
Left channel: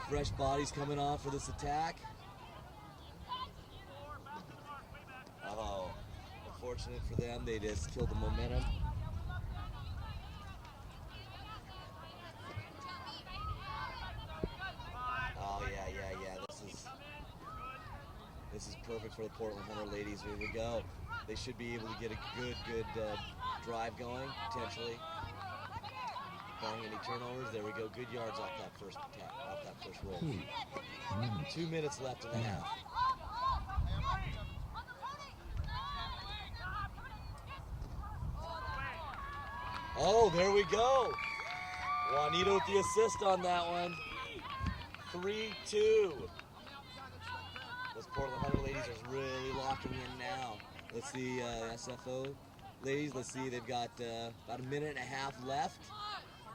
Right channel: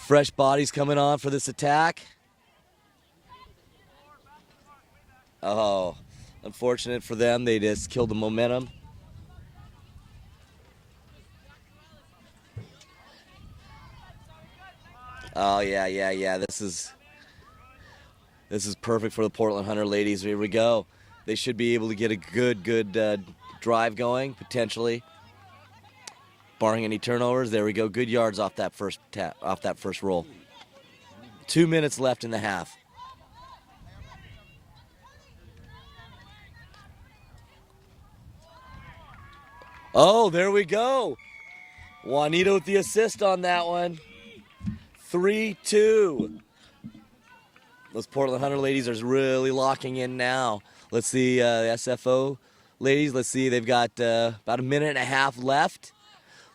Fresh bodies coming on for this attack. Oh, unfortunate for them. They just killed the momentum. Oh, yeah. This is perfect for the Portland Hunter ladies. Here we go. They should be able to get a good drive going, potentially. Barring any turnovers. There we go. Good yards off that first roll. 2 minutes left in the half. Oh, there we go. Juanita with the assist on that one. 3-2. Those Portland Hunter ladies are really locking in now. Let's see the SFO ladies. Let's see, they've got about a minute and a half left.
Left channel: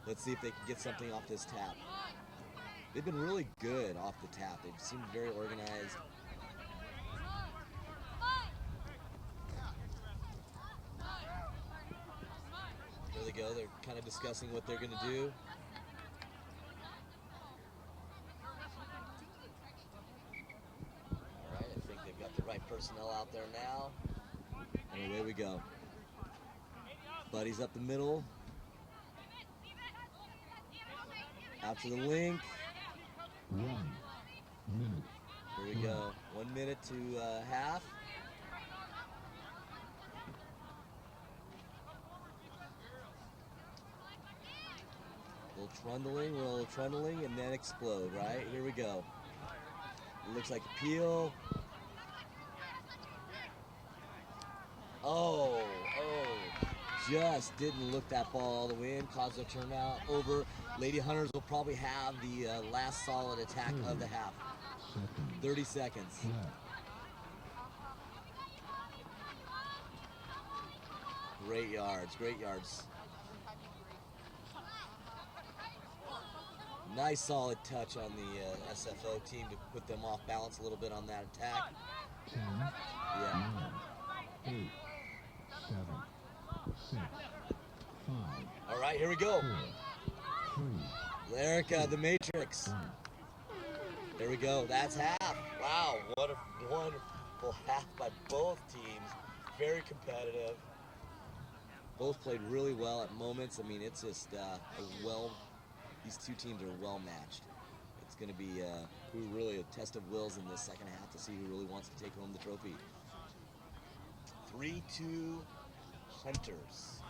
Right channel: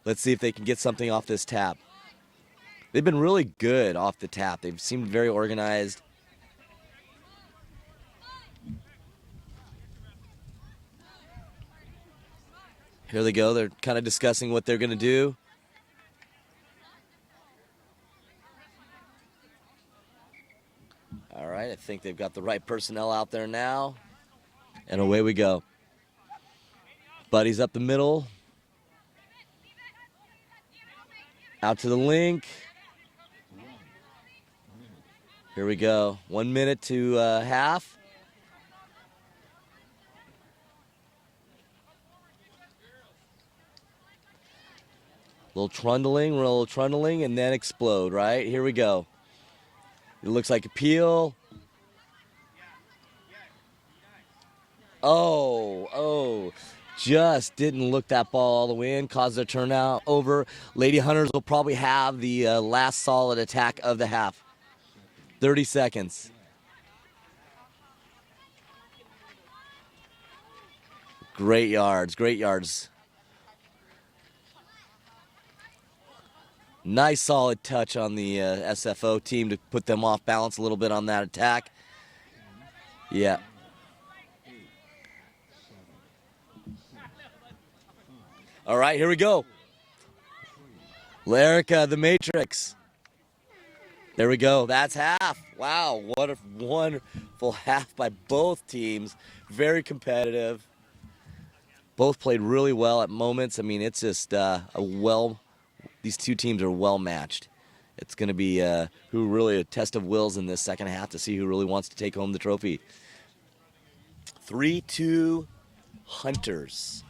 Let's see if they can get something off this tap. They've been really good off the tap. They've seemed very organized. Here they go. They're kind of discussing what they're going to do. All right, I think they've got the right personnel out there now. And away we go. Buddy's up the middle. Out to the link. Here we go. 1 minute to half. Little trundling, and then explode, right? Here we go. It looks like a peel. Oh, just didn't look that ball all the way in, caused a turnout over. Lady Hunters will probably have the last solid attack of the half. 30 seconds. Great yards, great yards. Nice solid touch on the SFO team to put them off balance a little bit on that attack. Yeah. All right, here we go. Larica, the Matrix. There we go. That's half. Wow, what a wonderful half by both teams. Very competitive. Both played really well at moments. I mean, it's just these two teams are well matched. It's going to be really a test of wills in this second half to see who really wants to take home the trophy. 3-2 Hunters.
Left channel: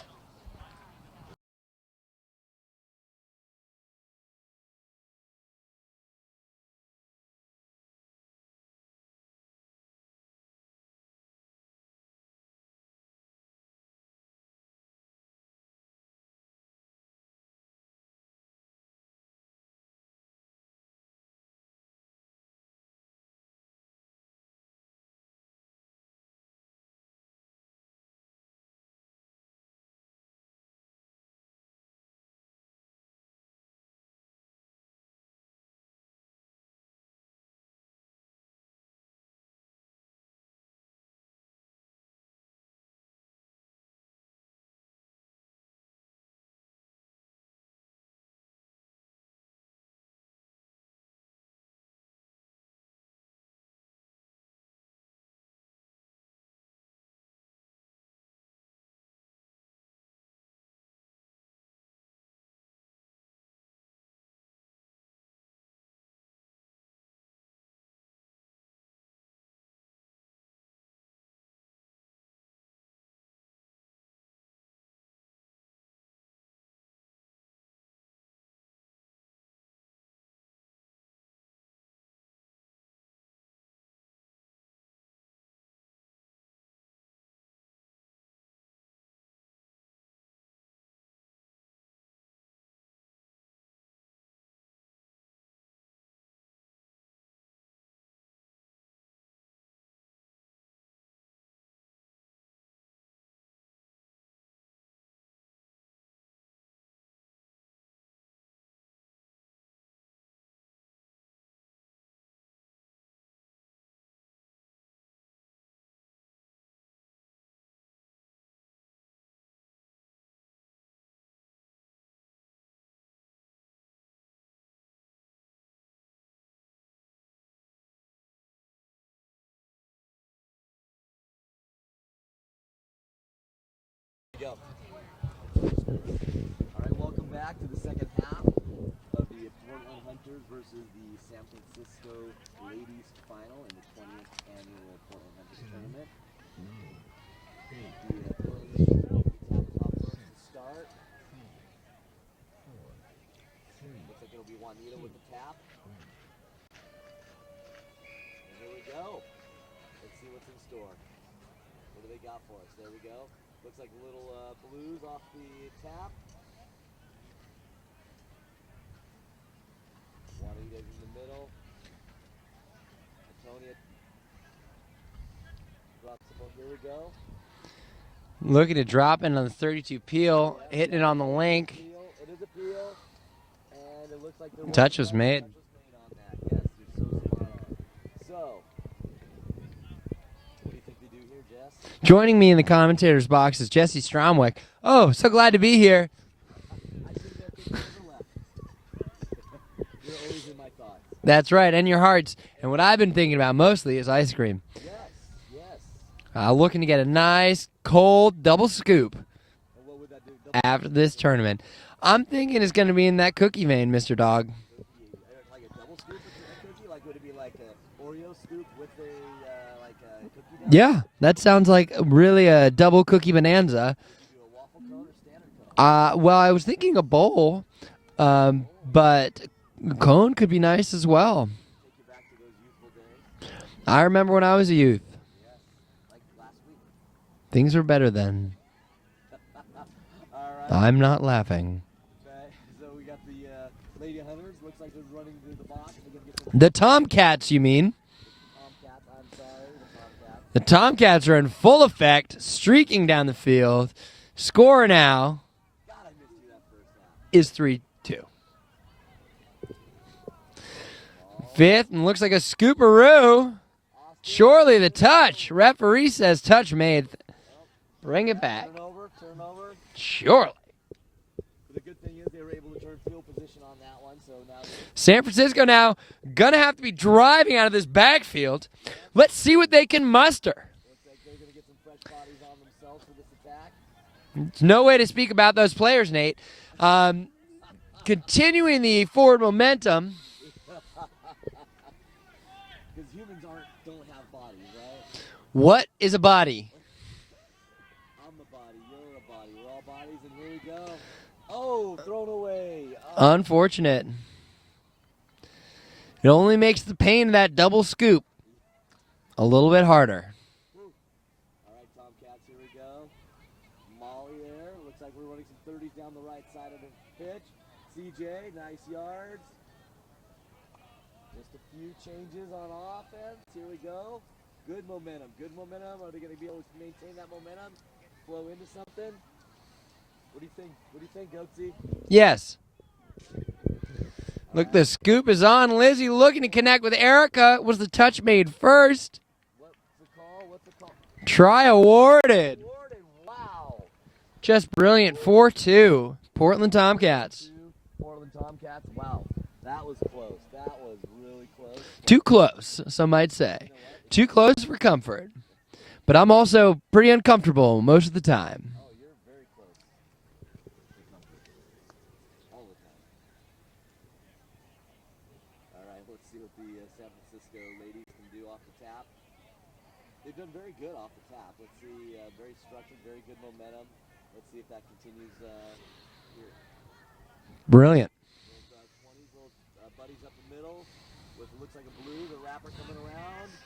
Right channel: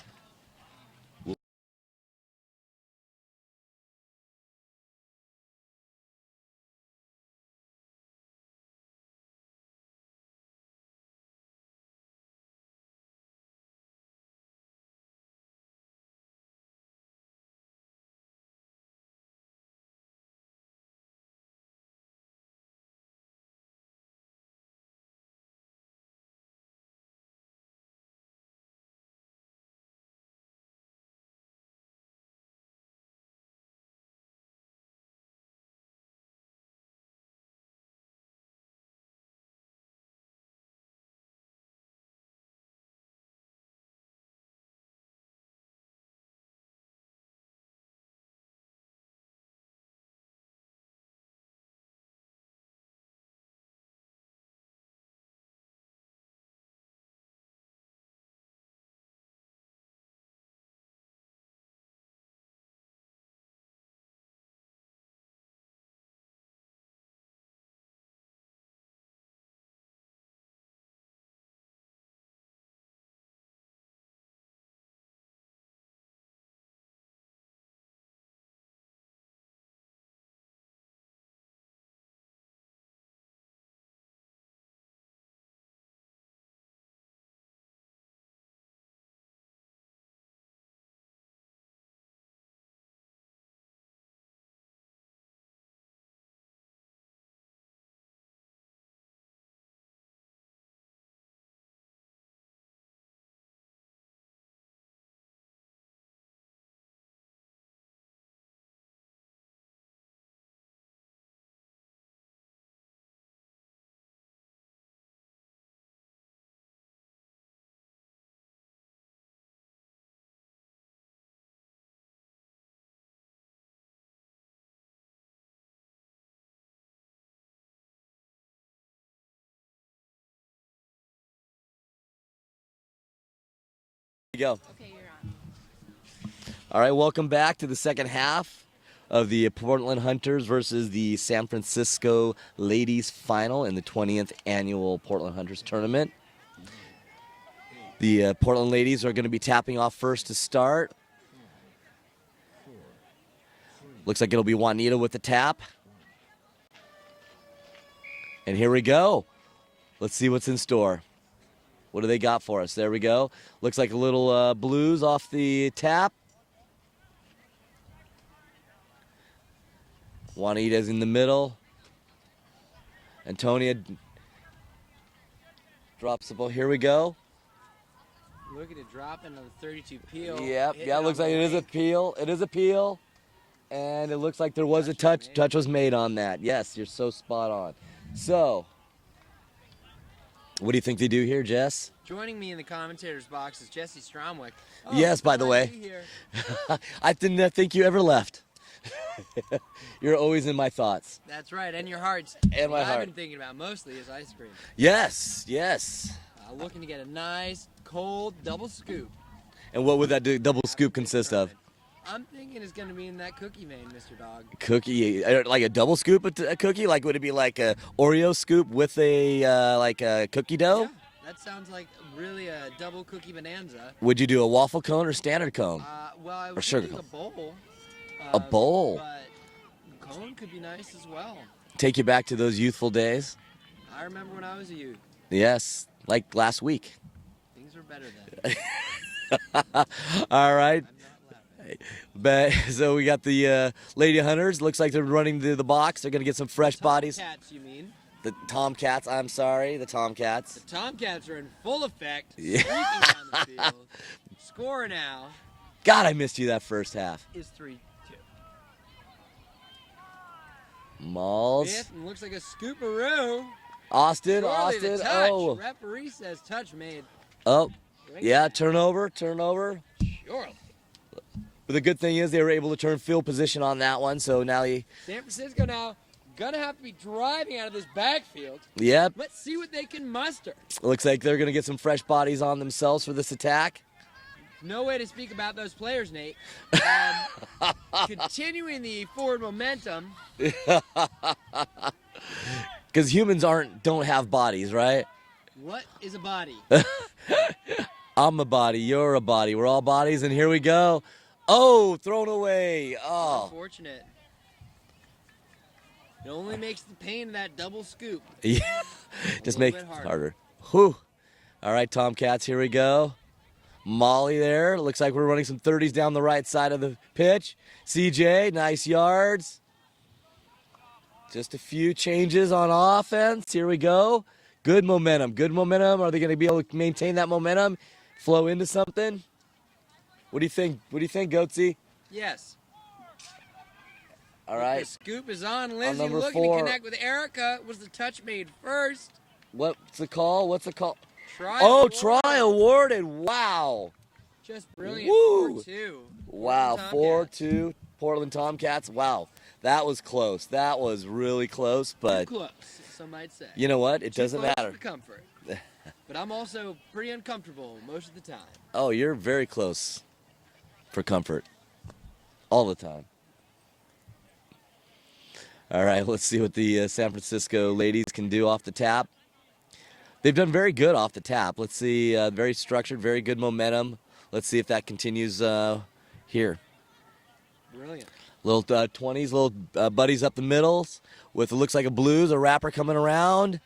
Go. All right, welcome back to the second half of the Portland Hunters versus the San Francisco Ladies Final in the 20th annual Portland Hunters tournament. The Portland Ladies are going to be tapping off first to start. Looks like it'll be Juanita with the tap. And here we go. Let's see what's in store. What do they got for us? There we go. Looks like a little blues off the tap. Juanita's in the middle. Antonia drops the ball. Here we go. Looking to drop in on the 32 peel. Yep, Hitting yeah, it on looks the like wink. It is a peel. And it looks like there was Touch a was touch. made. Touch was made on that. Yes, you're so spot on. So, what do you think they do here, Jess? Joining me in the commentator's box is Jesse Stromwick. Oh, Yes, so by the glad to way. be here. I didn't think you ever left. You're always in my thoughts. That's right, and your hearts. And what my I've been heart. thinking about mostly is ice cream. Yes, yes. Looking to get a nice, cold double scoop And what would that do? Double after scoop this consist tournament. I'm thinking it's going to be in that cookie vein, Mr. Dog. of? Cookie, like a double scoop a cookie? Like would it be like a Oreo scoop with a like a cookie dough? Yeah, that sounds like really a double cookie bonanza. Would you do a waffle cone or standard cone? Well, I was Sure. thinking a bowl. A bowl. But cone could be nice as well. Take you back to those youthful days? I remember when I was a youth. Yes, like last week. Things were better then. All right. I'm not laughing. But so we got the Lady Hunters. Looks like they're running to the box. They're gonna get some The fresh bodies. Tomcats, you mean? The Tomcats. I'm sorry, the Tomcats. The Tomcats are in full effect, streaking down the field. Score now God, I missed you that first half. is 3-2. Malls. Fifth, and looks like a scooperoo. Austin. Surely the Austin. touch. Oh. Referee says touch made. Oh. Bring it Yeah, back. turnover. Surely. But the good thing is they were able to turn field position on that one. So now San Francisco now gonna have to be driving out of this backfield. yep. Let's see what they can muster. Looks like they're gonna get some fresh bodies on themselves for this attack. There's no way to speak about those players, Nate. Continuing the forward momentum. Because humans don't have bodies, right? What is a body? I'm a body. You're a body. We're all bodies, and here we go. Oh, thrown away. Oh. Unfortunate. It only makes the pain of that double scoop Yeah. a Just little make bit it harder. Whew. All right, Tomcats, here we go. Molly there. Looks like we're running some 30s down the right side of the pitch. CJ, nice yards. Just a few changes on offense. Here we go. Good momentum. Good momentum. Are they going to be able to maintain that momentum? Flow into something? What do you think? What do you think, Goatsy? Yes. All Look, right. the scoop is on. Lizzie number looking 4. to connect with Erica. Was the touch made first? What's the call? What's the call? Try Oh, awarded. try awarded. Wow. Just brilliant. Woo. 4-2. Portland Wow, Tomcats. 4-2, Portland Tomcats. Wow. That was close. That was really close. But Too close, some might say. You know what? It Too doesn't close matter. for comfort. But I'm also pretty uncomfortable most of the time. Oh, you're very close for comfort. All the time. All right, let's see what the San Francisco ladies can do off the tap. They've done very good off the tap. Let's see. Very structured, very good momentum. Let's see if that continues here. Brilliant. Little 20s, little buddies up the middles with it looks like a blues, a wrapper coming around.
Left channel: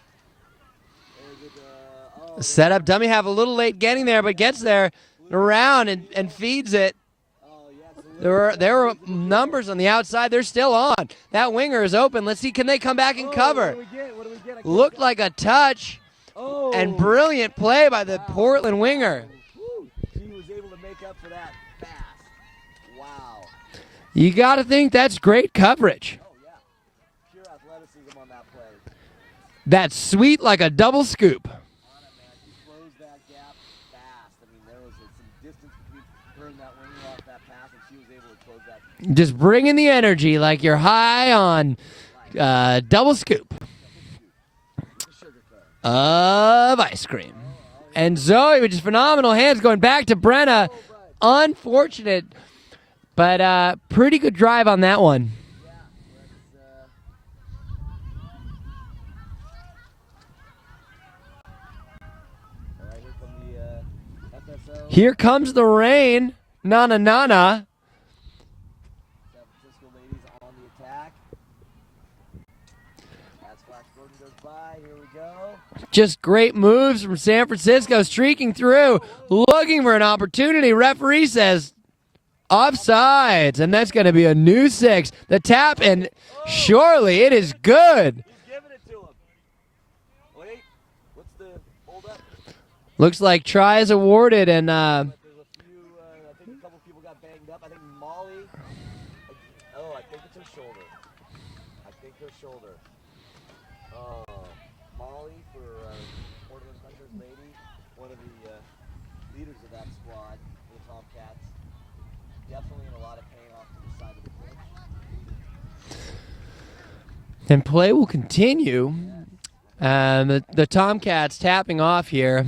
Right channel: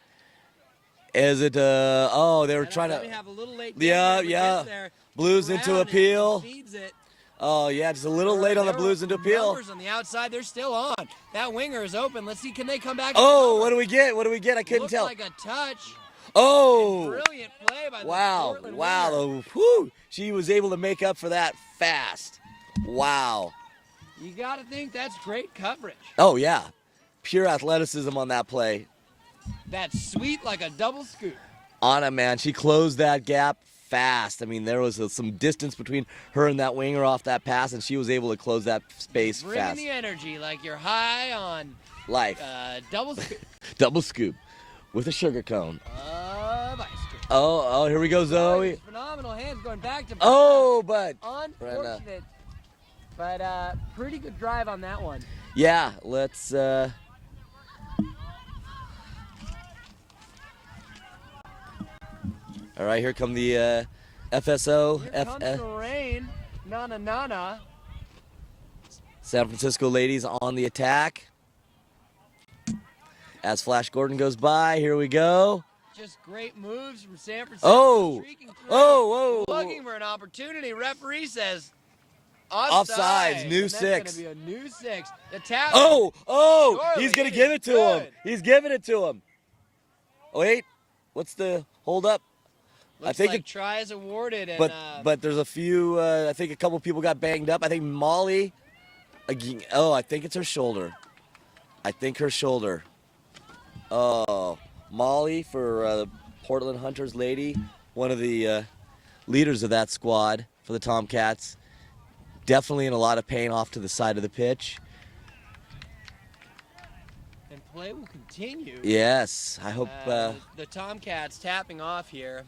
Is it? Oh, they were Set up trying dummy to- half a little late getting Yeah, there, but yeah. gets there Blues into around a and peel. feeds it. Oh yeah, just a little There, late on there the are blues into peel. numbers on the outside. They're still on. That winger is open. Let's see. Can they come back and Oh, cover? what do we get? What do we get? I can't Looked tell. like a touch oh, and brilliant play by the wow, Portland winger. wow. Whew. She was able to make up for that fast. Wow. You got to think that's great coverage. Oh yeah, pure athleticism on that play. That's sweet like a double scoop. Anna, man, she closed that gap fast. I mean, there was some distance between her and that winger off that pass, and she was able to close that space. Just bringing fast. the energy like you're high on Life. double scoop Double scoop with a sugar cone. of ice cream. Oh, here we And go, Zoe with just phenomenal hands going back to Brenna. Oh, but Unfortunate, but pretty good drive on that one. yeah, let's. All right, here come the FSO. Here comes the rain. Na. San Francisco ladies on the attack. As Flash Gordon goes by, here we go. Just great moves from San Francisco, Oh. streaking through, Whoa, whoa. looking for an opportunity. Referee says Offsides, New and that's 6. going to be a new 6. The tap, and surely he's it gonna is give it to good. him. He's giving it to him. Wait, what's the hold up? Looks like try is awarded, and but there's a few. I think a couple people got banged up. I think Molly. I think it's her shoulder. I think her shoulder. Oh, Molly for Portland Hunters lady, one of the leaders of that squad for the Tomcats. Definitely in a lot of pain off to the side of the pitch. and play will continue. Yes, I hope. The Tomcats tapping off here.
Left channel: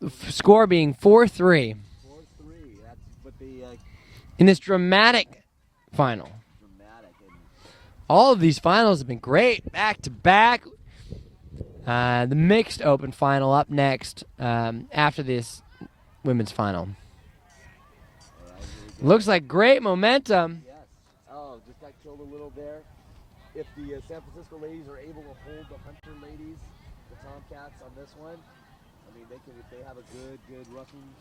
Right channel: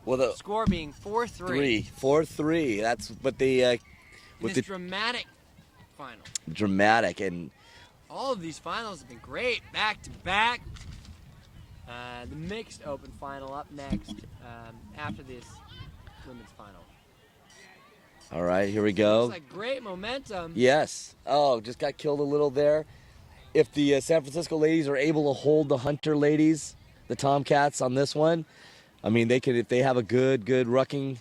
Well, the Score being 4-3 4-3. That's what the in this dramatic final. dramatic and All of these finals have been great, back to back. The mixed open final up next after this women's final. all right, here we go. Looks like great momentum. Yes. Oh, just got killed a little there. If the San Francisco ladies are able to hold the Hunter ladies, the Tomcats on this one, I mean, they could if they have a good rucking.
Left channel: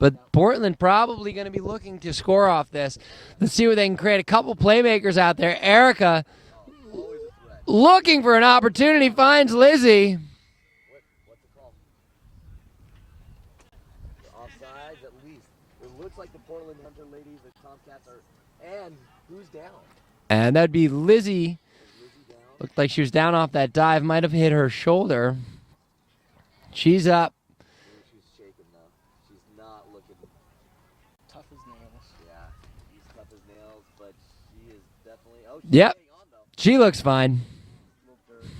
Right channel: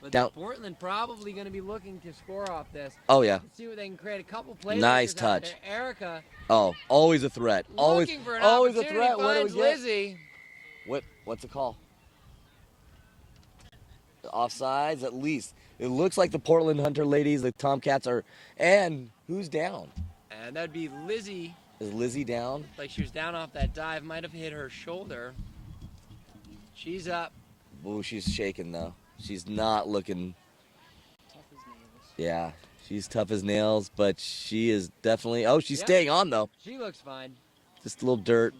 But down. Portland probably going to be looking to score off this. Oh yeah. Let's see where they can create a couple playmakers Nice out touch. there. Erica Oh, always a threat. looking for an always a opportunity, threat. What finds was that? Lizzie. What's the call? Offsides at least. It looks like the Portland Hunter ladies, the Tomcats are. And who's down? And that'd be Lizzie. Is Lizzie down? Looked like she was down off that dive. Might have hit her shoulder. She's up. Ooh, she's shaking though. She's not looking. Tough as nails. Yeah, she's tough as nails, but she is definitely. Oh, she's Yep. staying on though. She looks fine. Just a little dirt.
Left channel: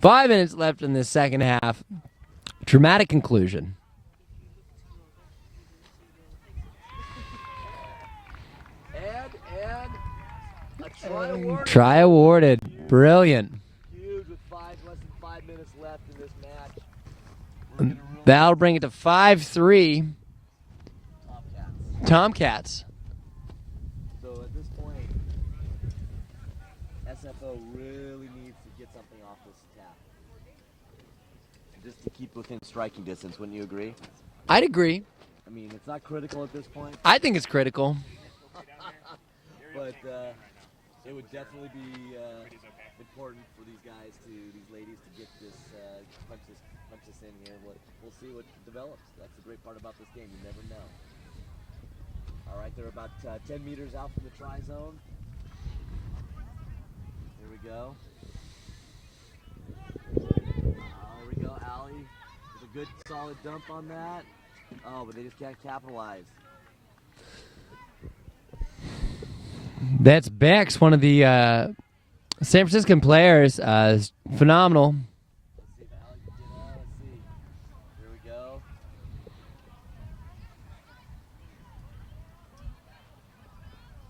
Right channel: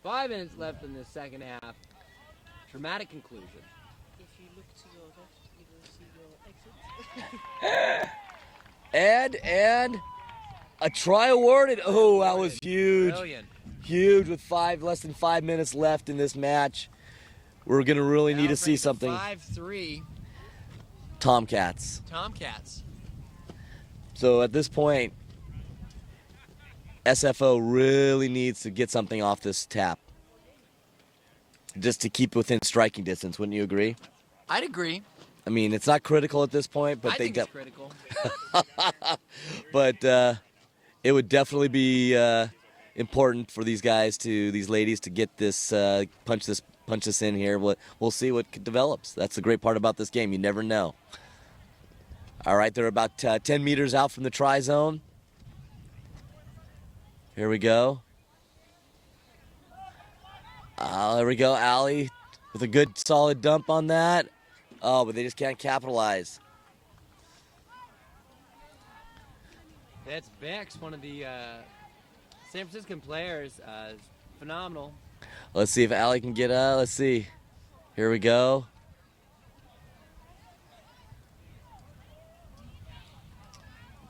5 minutes left in this second half. Dramatic conclusion. And a try awarded. Try Oh, that was awarded. huge. Brilliant. Huge with less than 5 minutes left in this match. We're gonna really That'll need to bring see it to something. 5-3. Tomcats. Tomcats. So at this point, SFO really needs to get something off this tap. Just to keep within striking distance, wouldn't you agree? I'd agree. I mean, it's not critical at this point. But I think it's critical. But it would definitely be important for these ladies to get this, punch this in here. We'll see what develops. That's the great part about this game. You never know. All right, they're about 10 meters out from the try zone. Here we go. There we go, Allie, with a good solid dump on that. Oh, but they just can't capitalize. That's Bex, one of the San Franciscan players. Is phenomenal. Let's see if Allie can get, let's see. Here we go.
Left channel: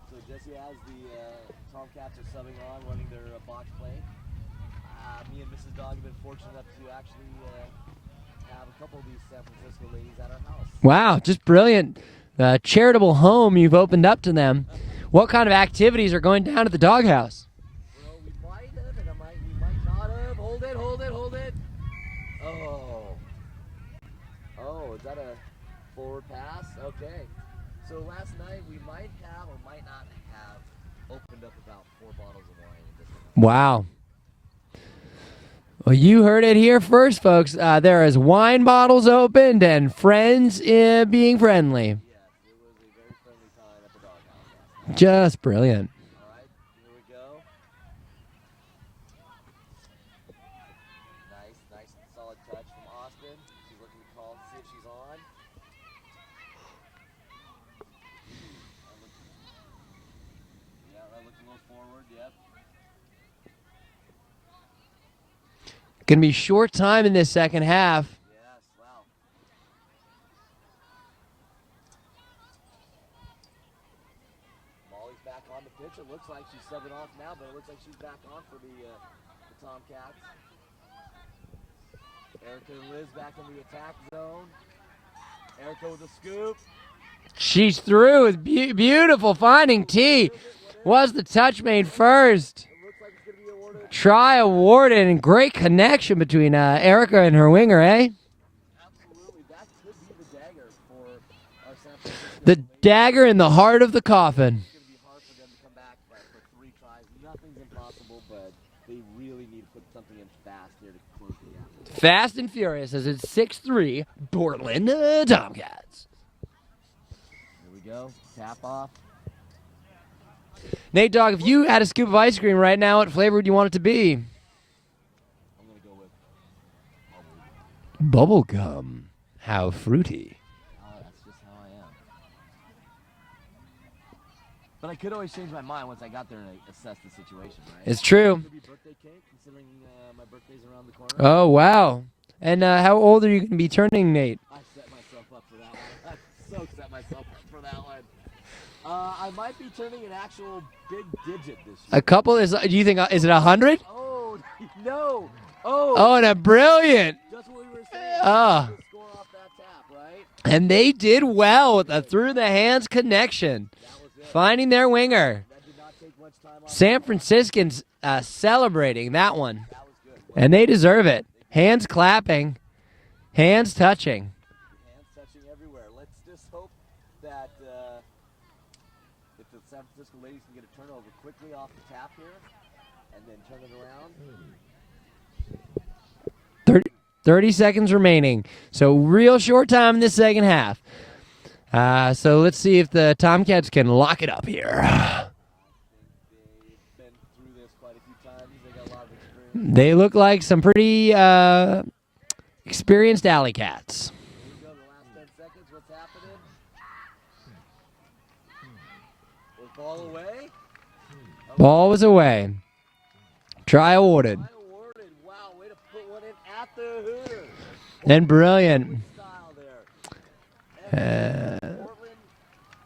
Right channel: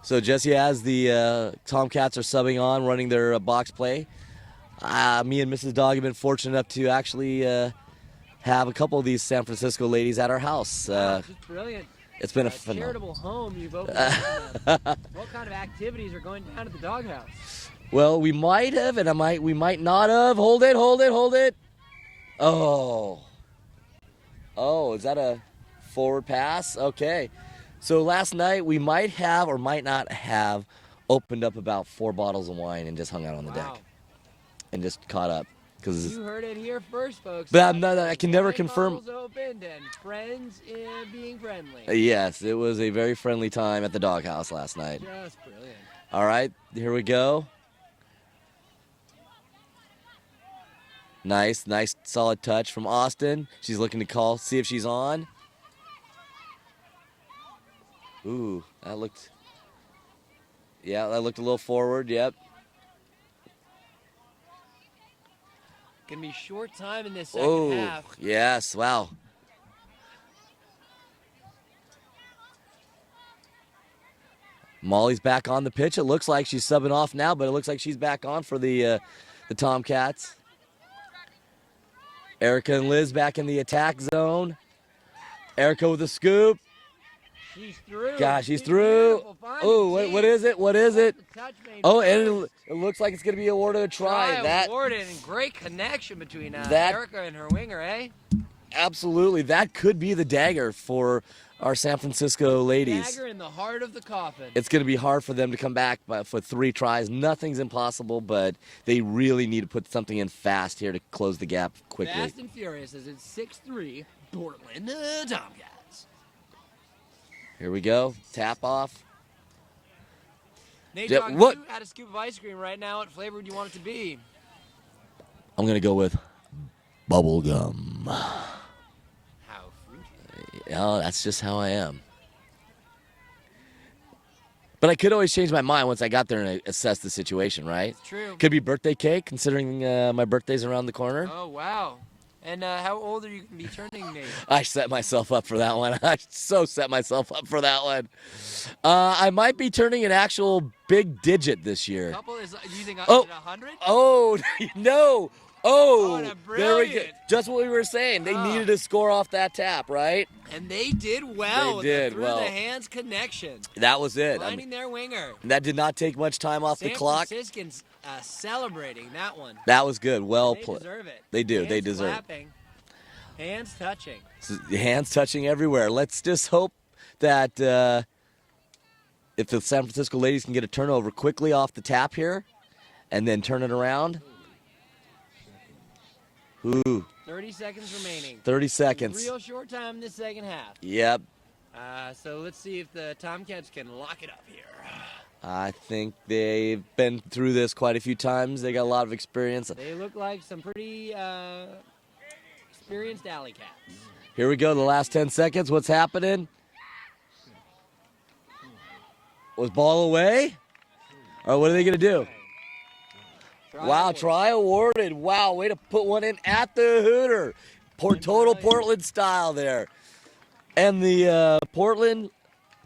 So Jesse, as the Tomcats are subbing on, running their box play, me and Mrs. Dog have been fortunate enough to actually have a couple of these San Francisco ladies at our house. Wow, just brilliant. It's been a fun- charitable home you've opened up to them. What kind of activities are going down at the doghouse? Well, we might have, and we might not have. Hold it. Oh, is that a forward pass? Okay. So last night we might have or might not have opened up about 4 bottles of wine and just hung out. Wow. And just caught up. Well, you heard it here first, folks. But, There I is can never wine confirm- bottles opened and friends being friendly. Yes, it was a very friendly time at the doghouse last night. Just brilliant. All right, here we go. Nice, solid touch from Austin. She's looking to see if she's on. Ooh, that looked a little forward, yep. Gonna be short time in this second Oh, half. Yes, wow. Molly's back on the pitch. It looks like she's subbing off now, but it looks like she's back on for the Tomcats. Erica and Liz back in the attack zone. Erica with a scoop. She's through. Gosh, she's through. Beautiful finding Ooh, T. What is it? Was the touch made Oh, first? and it looks like it's going to be awarded a Try try. awarded, and great connection between Erica and her winger, eh? Absolutely. That could be the dagger for our San Francisco The ladies. dagger in the heart of the coffin. It's going to be hard for them to come back for 3 tries. Nothing's impossible, but they really need to put something in fast here to close the gap quickly. Fast and furious as it's 6-3 Portland Tomcats. Here we go. Tap off. Nate Dogg, if you had a scoop of ice cream right now, what flavor would you want it to be? I'm going to go with bubble gum. Bubblegum. How fruity. Oh, that's just how I am. But I could always change my mind once I got there and assess the situation, right? It's true. Could be birthday cake, considering my birthday's around the corner. Oh, wow. And how old are you going to be turning, Nate? I set myself up for that one. I so set myself up for that one. I might be turning an actual big digit this year. A couple is, do you think, is it 100? Oh, no. Oh, Oh, and a brilliant. Just what we were saying. They needed to score off that tap, right? And they did well with They the did through well. the hands connection. That was it. Finding their winger. That did not take much time off San the clock. Franciscans celebrating that one. That was good. Well, And they deserve it. They do. Hands They deserve clapping. Hands touching. hands touching everywhere. Let's just hope that if the San Francisco ladies can get a turnover quickly off the tap here and then turn it around. 30 seconds remaining. 30 So seconds. real short time in this second half. Yep. So let's see if the Tomcats can lock it up here. I think they've been through this quite a few times. They got a lot of experience. They look like some pretty experienced alley cats. Here we go, the last 10 seconds. What's happening? Was ball away? Or what are they Ball gonna was do? away. Try Wow, awarded. Try awarded. Wow, way to put one in at the Hooter. And brilliant. Portland style there. And the Portland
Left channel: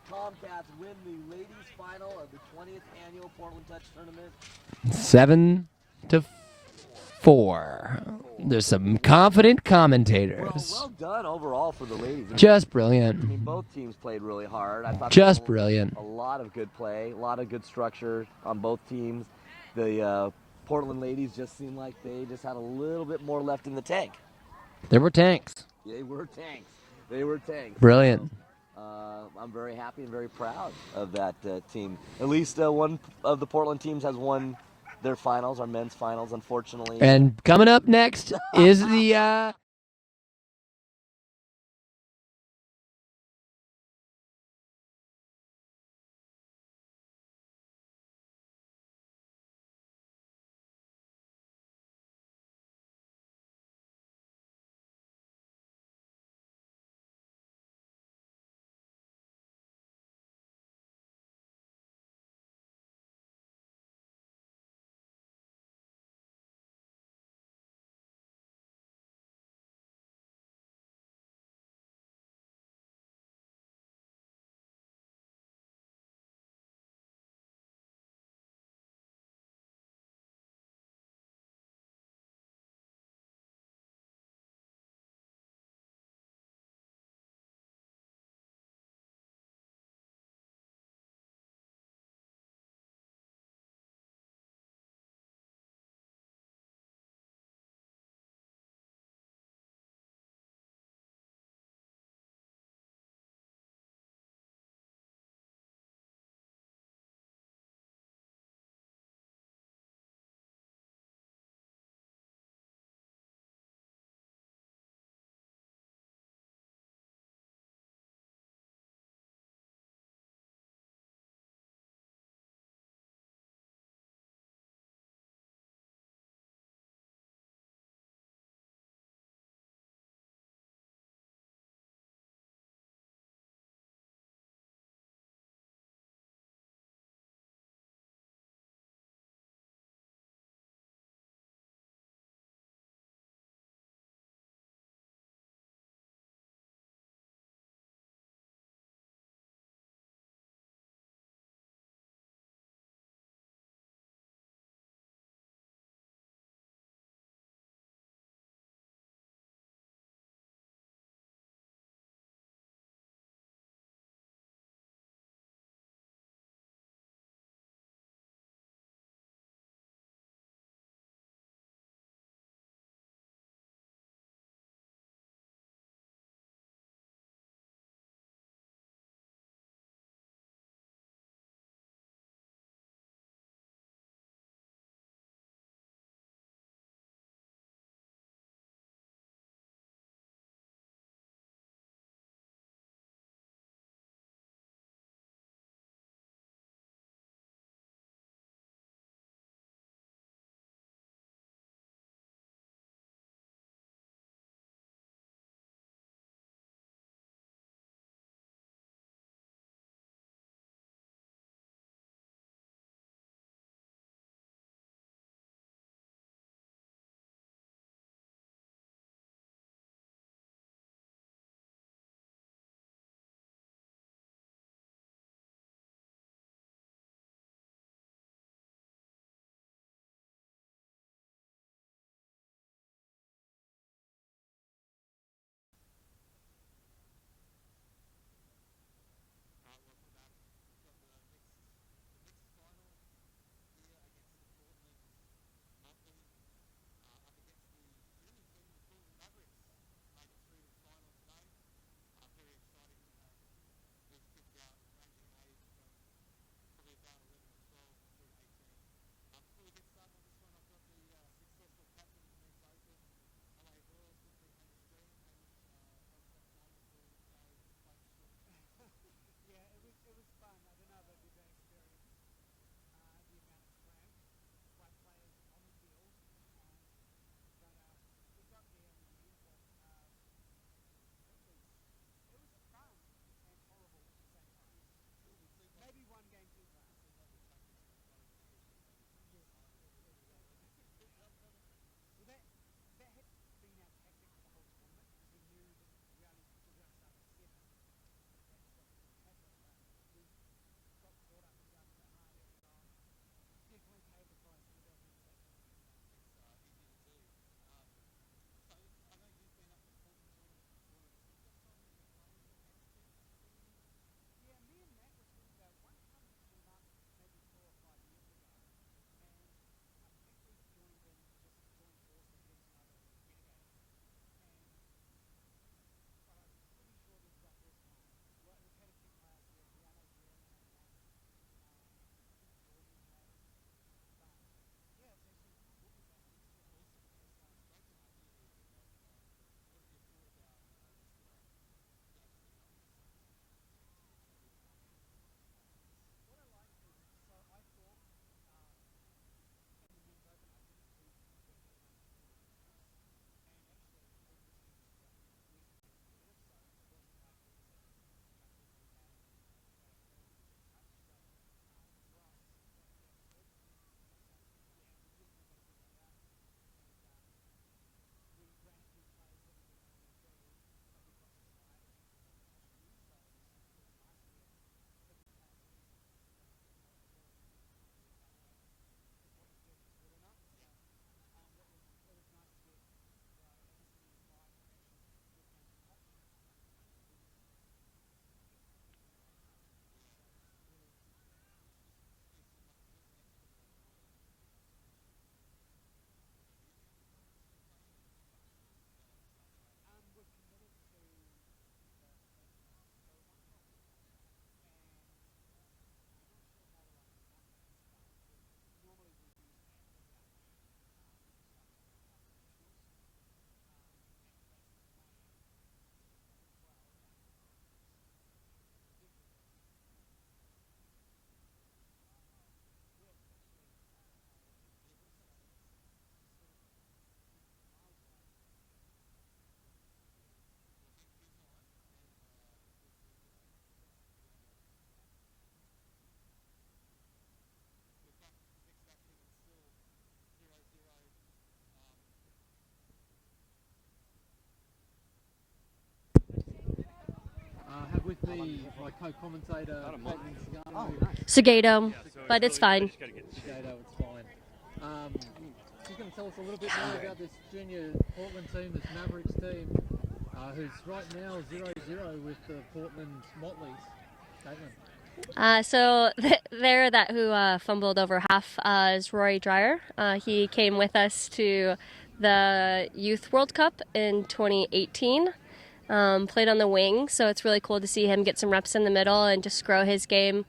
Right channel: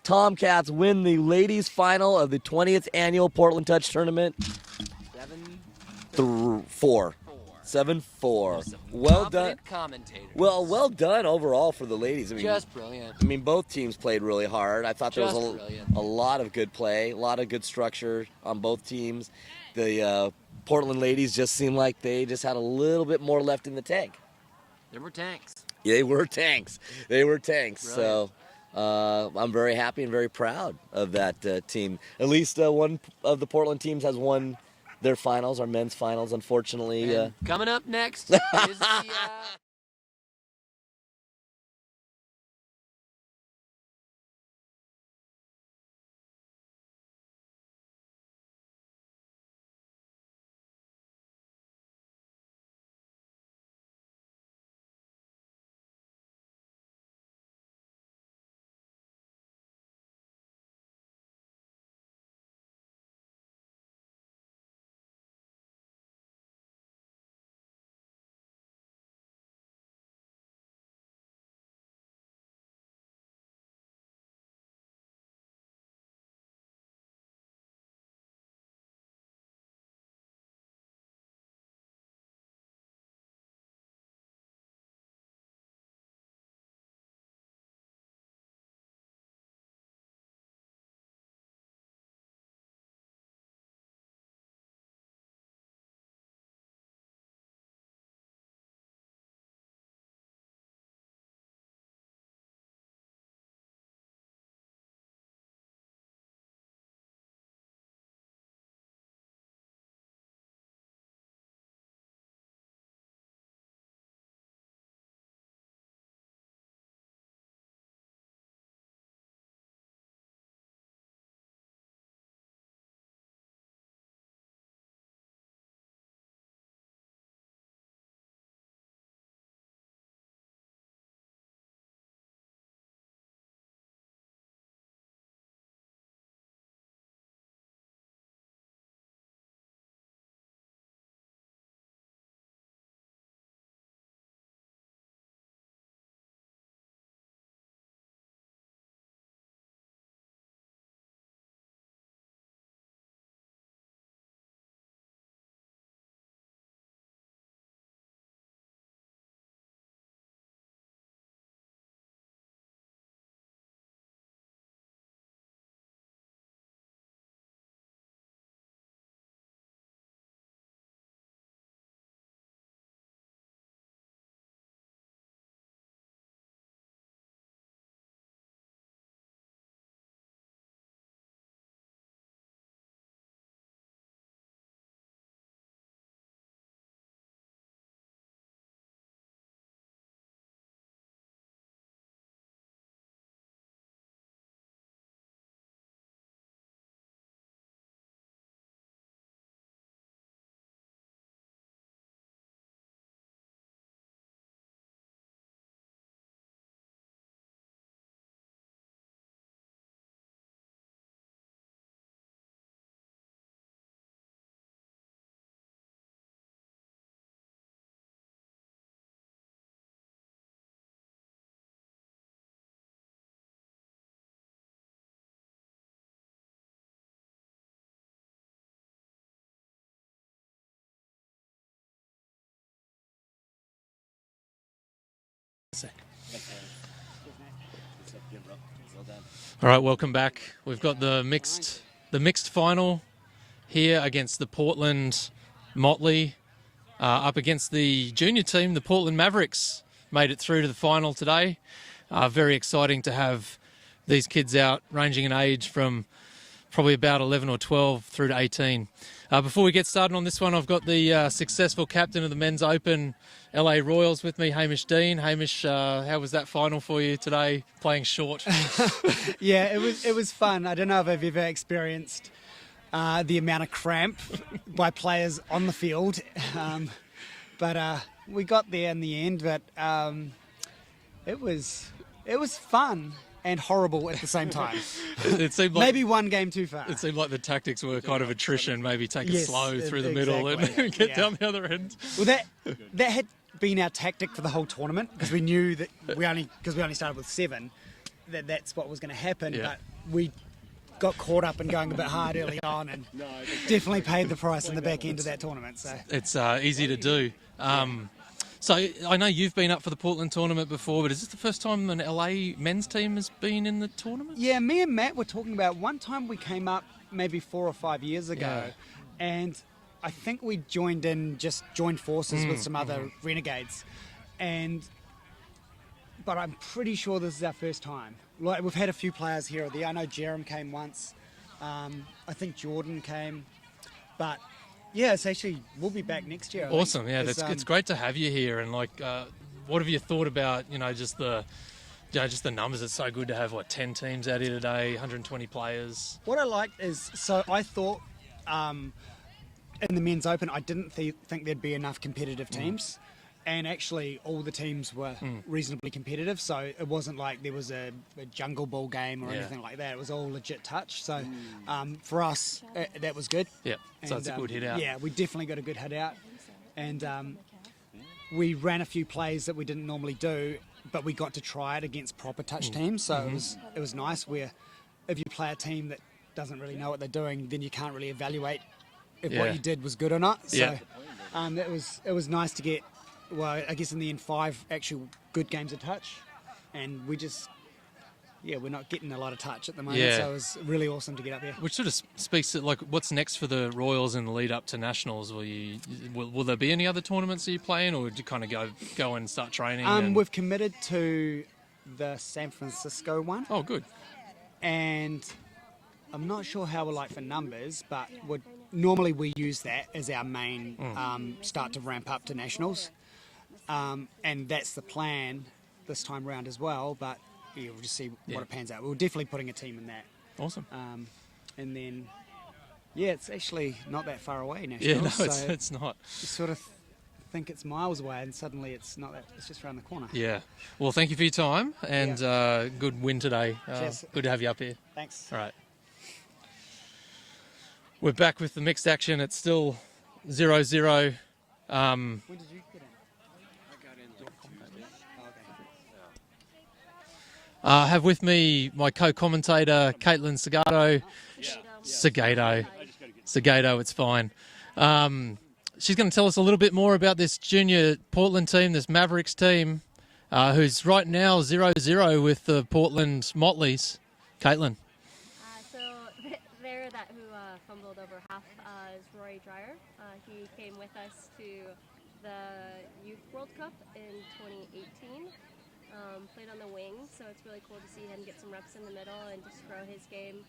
Tomcats win the ladies' final of the 20th annual Portland Touch Tournament. 7-4. 7-4. There's some Well confident commentators. done. Well done overall for the ladies. I mean, Just brilliant. I mean, both teams played really hard. I thought Just there was brilliant. a lot of good play, a lot of good structure on both teams. The Portland ladies just seemed like they just had a little bit more left in the tank. There were tanks. They were tanks. They were tanks. Brilliant. So, I'm very happy and very proud of that team. At least one of the Portland teams has won their finals, our men's finals, unfortunately. And coming up next is the All right, welcome back. We've got the mixed final here against the Portland Motley, up against the junior team, the Portland Mavericks. Made it through to the final today. Very exciting to have these kids out, ranging in age from probably about 11 or 12 through to 18. Before we get started on this one, I've got the successful captain of the Men's Open LA Royals with me, Hamish Dean. Hamish, how was that final for you today, playing short? Yeah, it was fun. I don't know if I've ever experienced the amount of cramp by players on the field, but we got there in the end. But it was fun and horrible at the same time. It seemed like maybe one game too far. It seemed like the tactics were kind of attrition, maybe take it Yes, slow through the exactly. middle and get Yeah. down the other end. Well, that had been our tactic for the whole tournament, because we knew that we only started with 7, that's what was going to happen. Yeah. But we got caught up in going a bit hard early on, and definitely paid the price in the back end of that tournament. So It's easy to do. So I know you've been up for the Portland tournament before, but is this the first time an LA men's team has been in the tournament? yeah, me and Matt were talking about one time we came up maybe 4 or 5 years ago, and I think we joined forces with some other renegades, but I'm pretty sure this is our first time. Like, we've had a few players here or there. I know Jerem came once. I think Jordan came, but yeah, it's actually, we'll be back next year. I think. Awesome, yeah, it's great to have you here. And like, what have you thought about just the numbers? It's so good to have 10 teams out here today, 120 players. What I liked is, so I thought in the Men's Open, I didn't think there'd be enough competitive teams. And actually, all the teams were reasonably competitive, so it wasn't like there was a jungle ball game or anything like that. It was all legit touch. So for us, that was good. Yeah, so it's a good hit out. Yeah, we definitely got a good hit out. And we ran a few plays that we didn't normally do, but we got to try it against proper touch teams. So it was nice, where if you play a team that doesn't really know what they're doing, then you can't really evaluate if what you did was good or not. So it was nice to get, well, I guess in the end, 5 actual good games of touch, and we're not getting a lot of touch at the moment, so it was really awesome to get up here. Which sort of speaks to like what's next for the Royals in the lead up to Nationals. Will there be any other tournaments that you play in, or do you kind of go and start training? We've committed to the San Francisco one. Oh, good. And I'm not sure how we're like for numbers, but normally we use that as our main start to ramp up to Nationals. And that's the plan this time round as well, but we'll just see what it pans out. We're definitely putting a team in that. Awesome. And then, it's actually not that far away, Nationals. Yeah, no, so it's not. you sort of think it's miles away, and suddenly it's not that, it's just around the corner. Yeah. Well, thank you for your time, and good win today. Cheers. Good to have you up here. Thanks. All right. We're back with the mixed action. It's still 0-0. When did you get in? I have with me my co-commentator, Caitlin Segato. Segato. But it's fine. Segato, it's fine. She's going to tell us a little bit more about this junior Portland team, this Mavericks team, who's right now 0-0 with the Portland Motleys. Caitlin. So there, that who fumbled over half is Rory Dreyer. He came with us to the Youth World Cup in 2018. Played on the wing, so it's really cool to see him get some reps in the middle and just grow his game.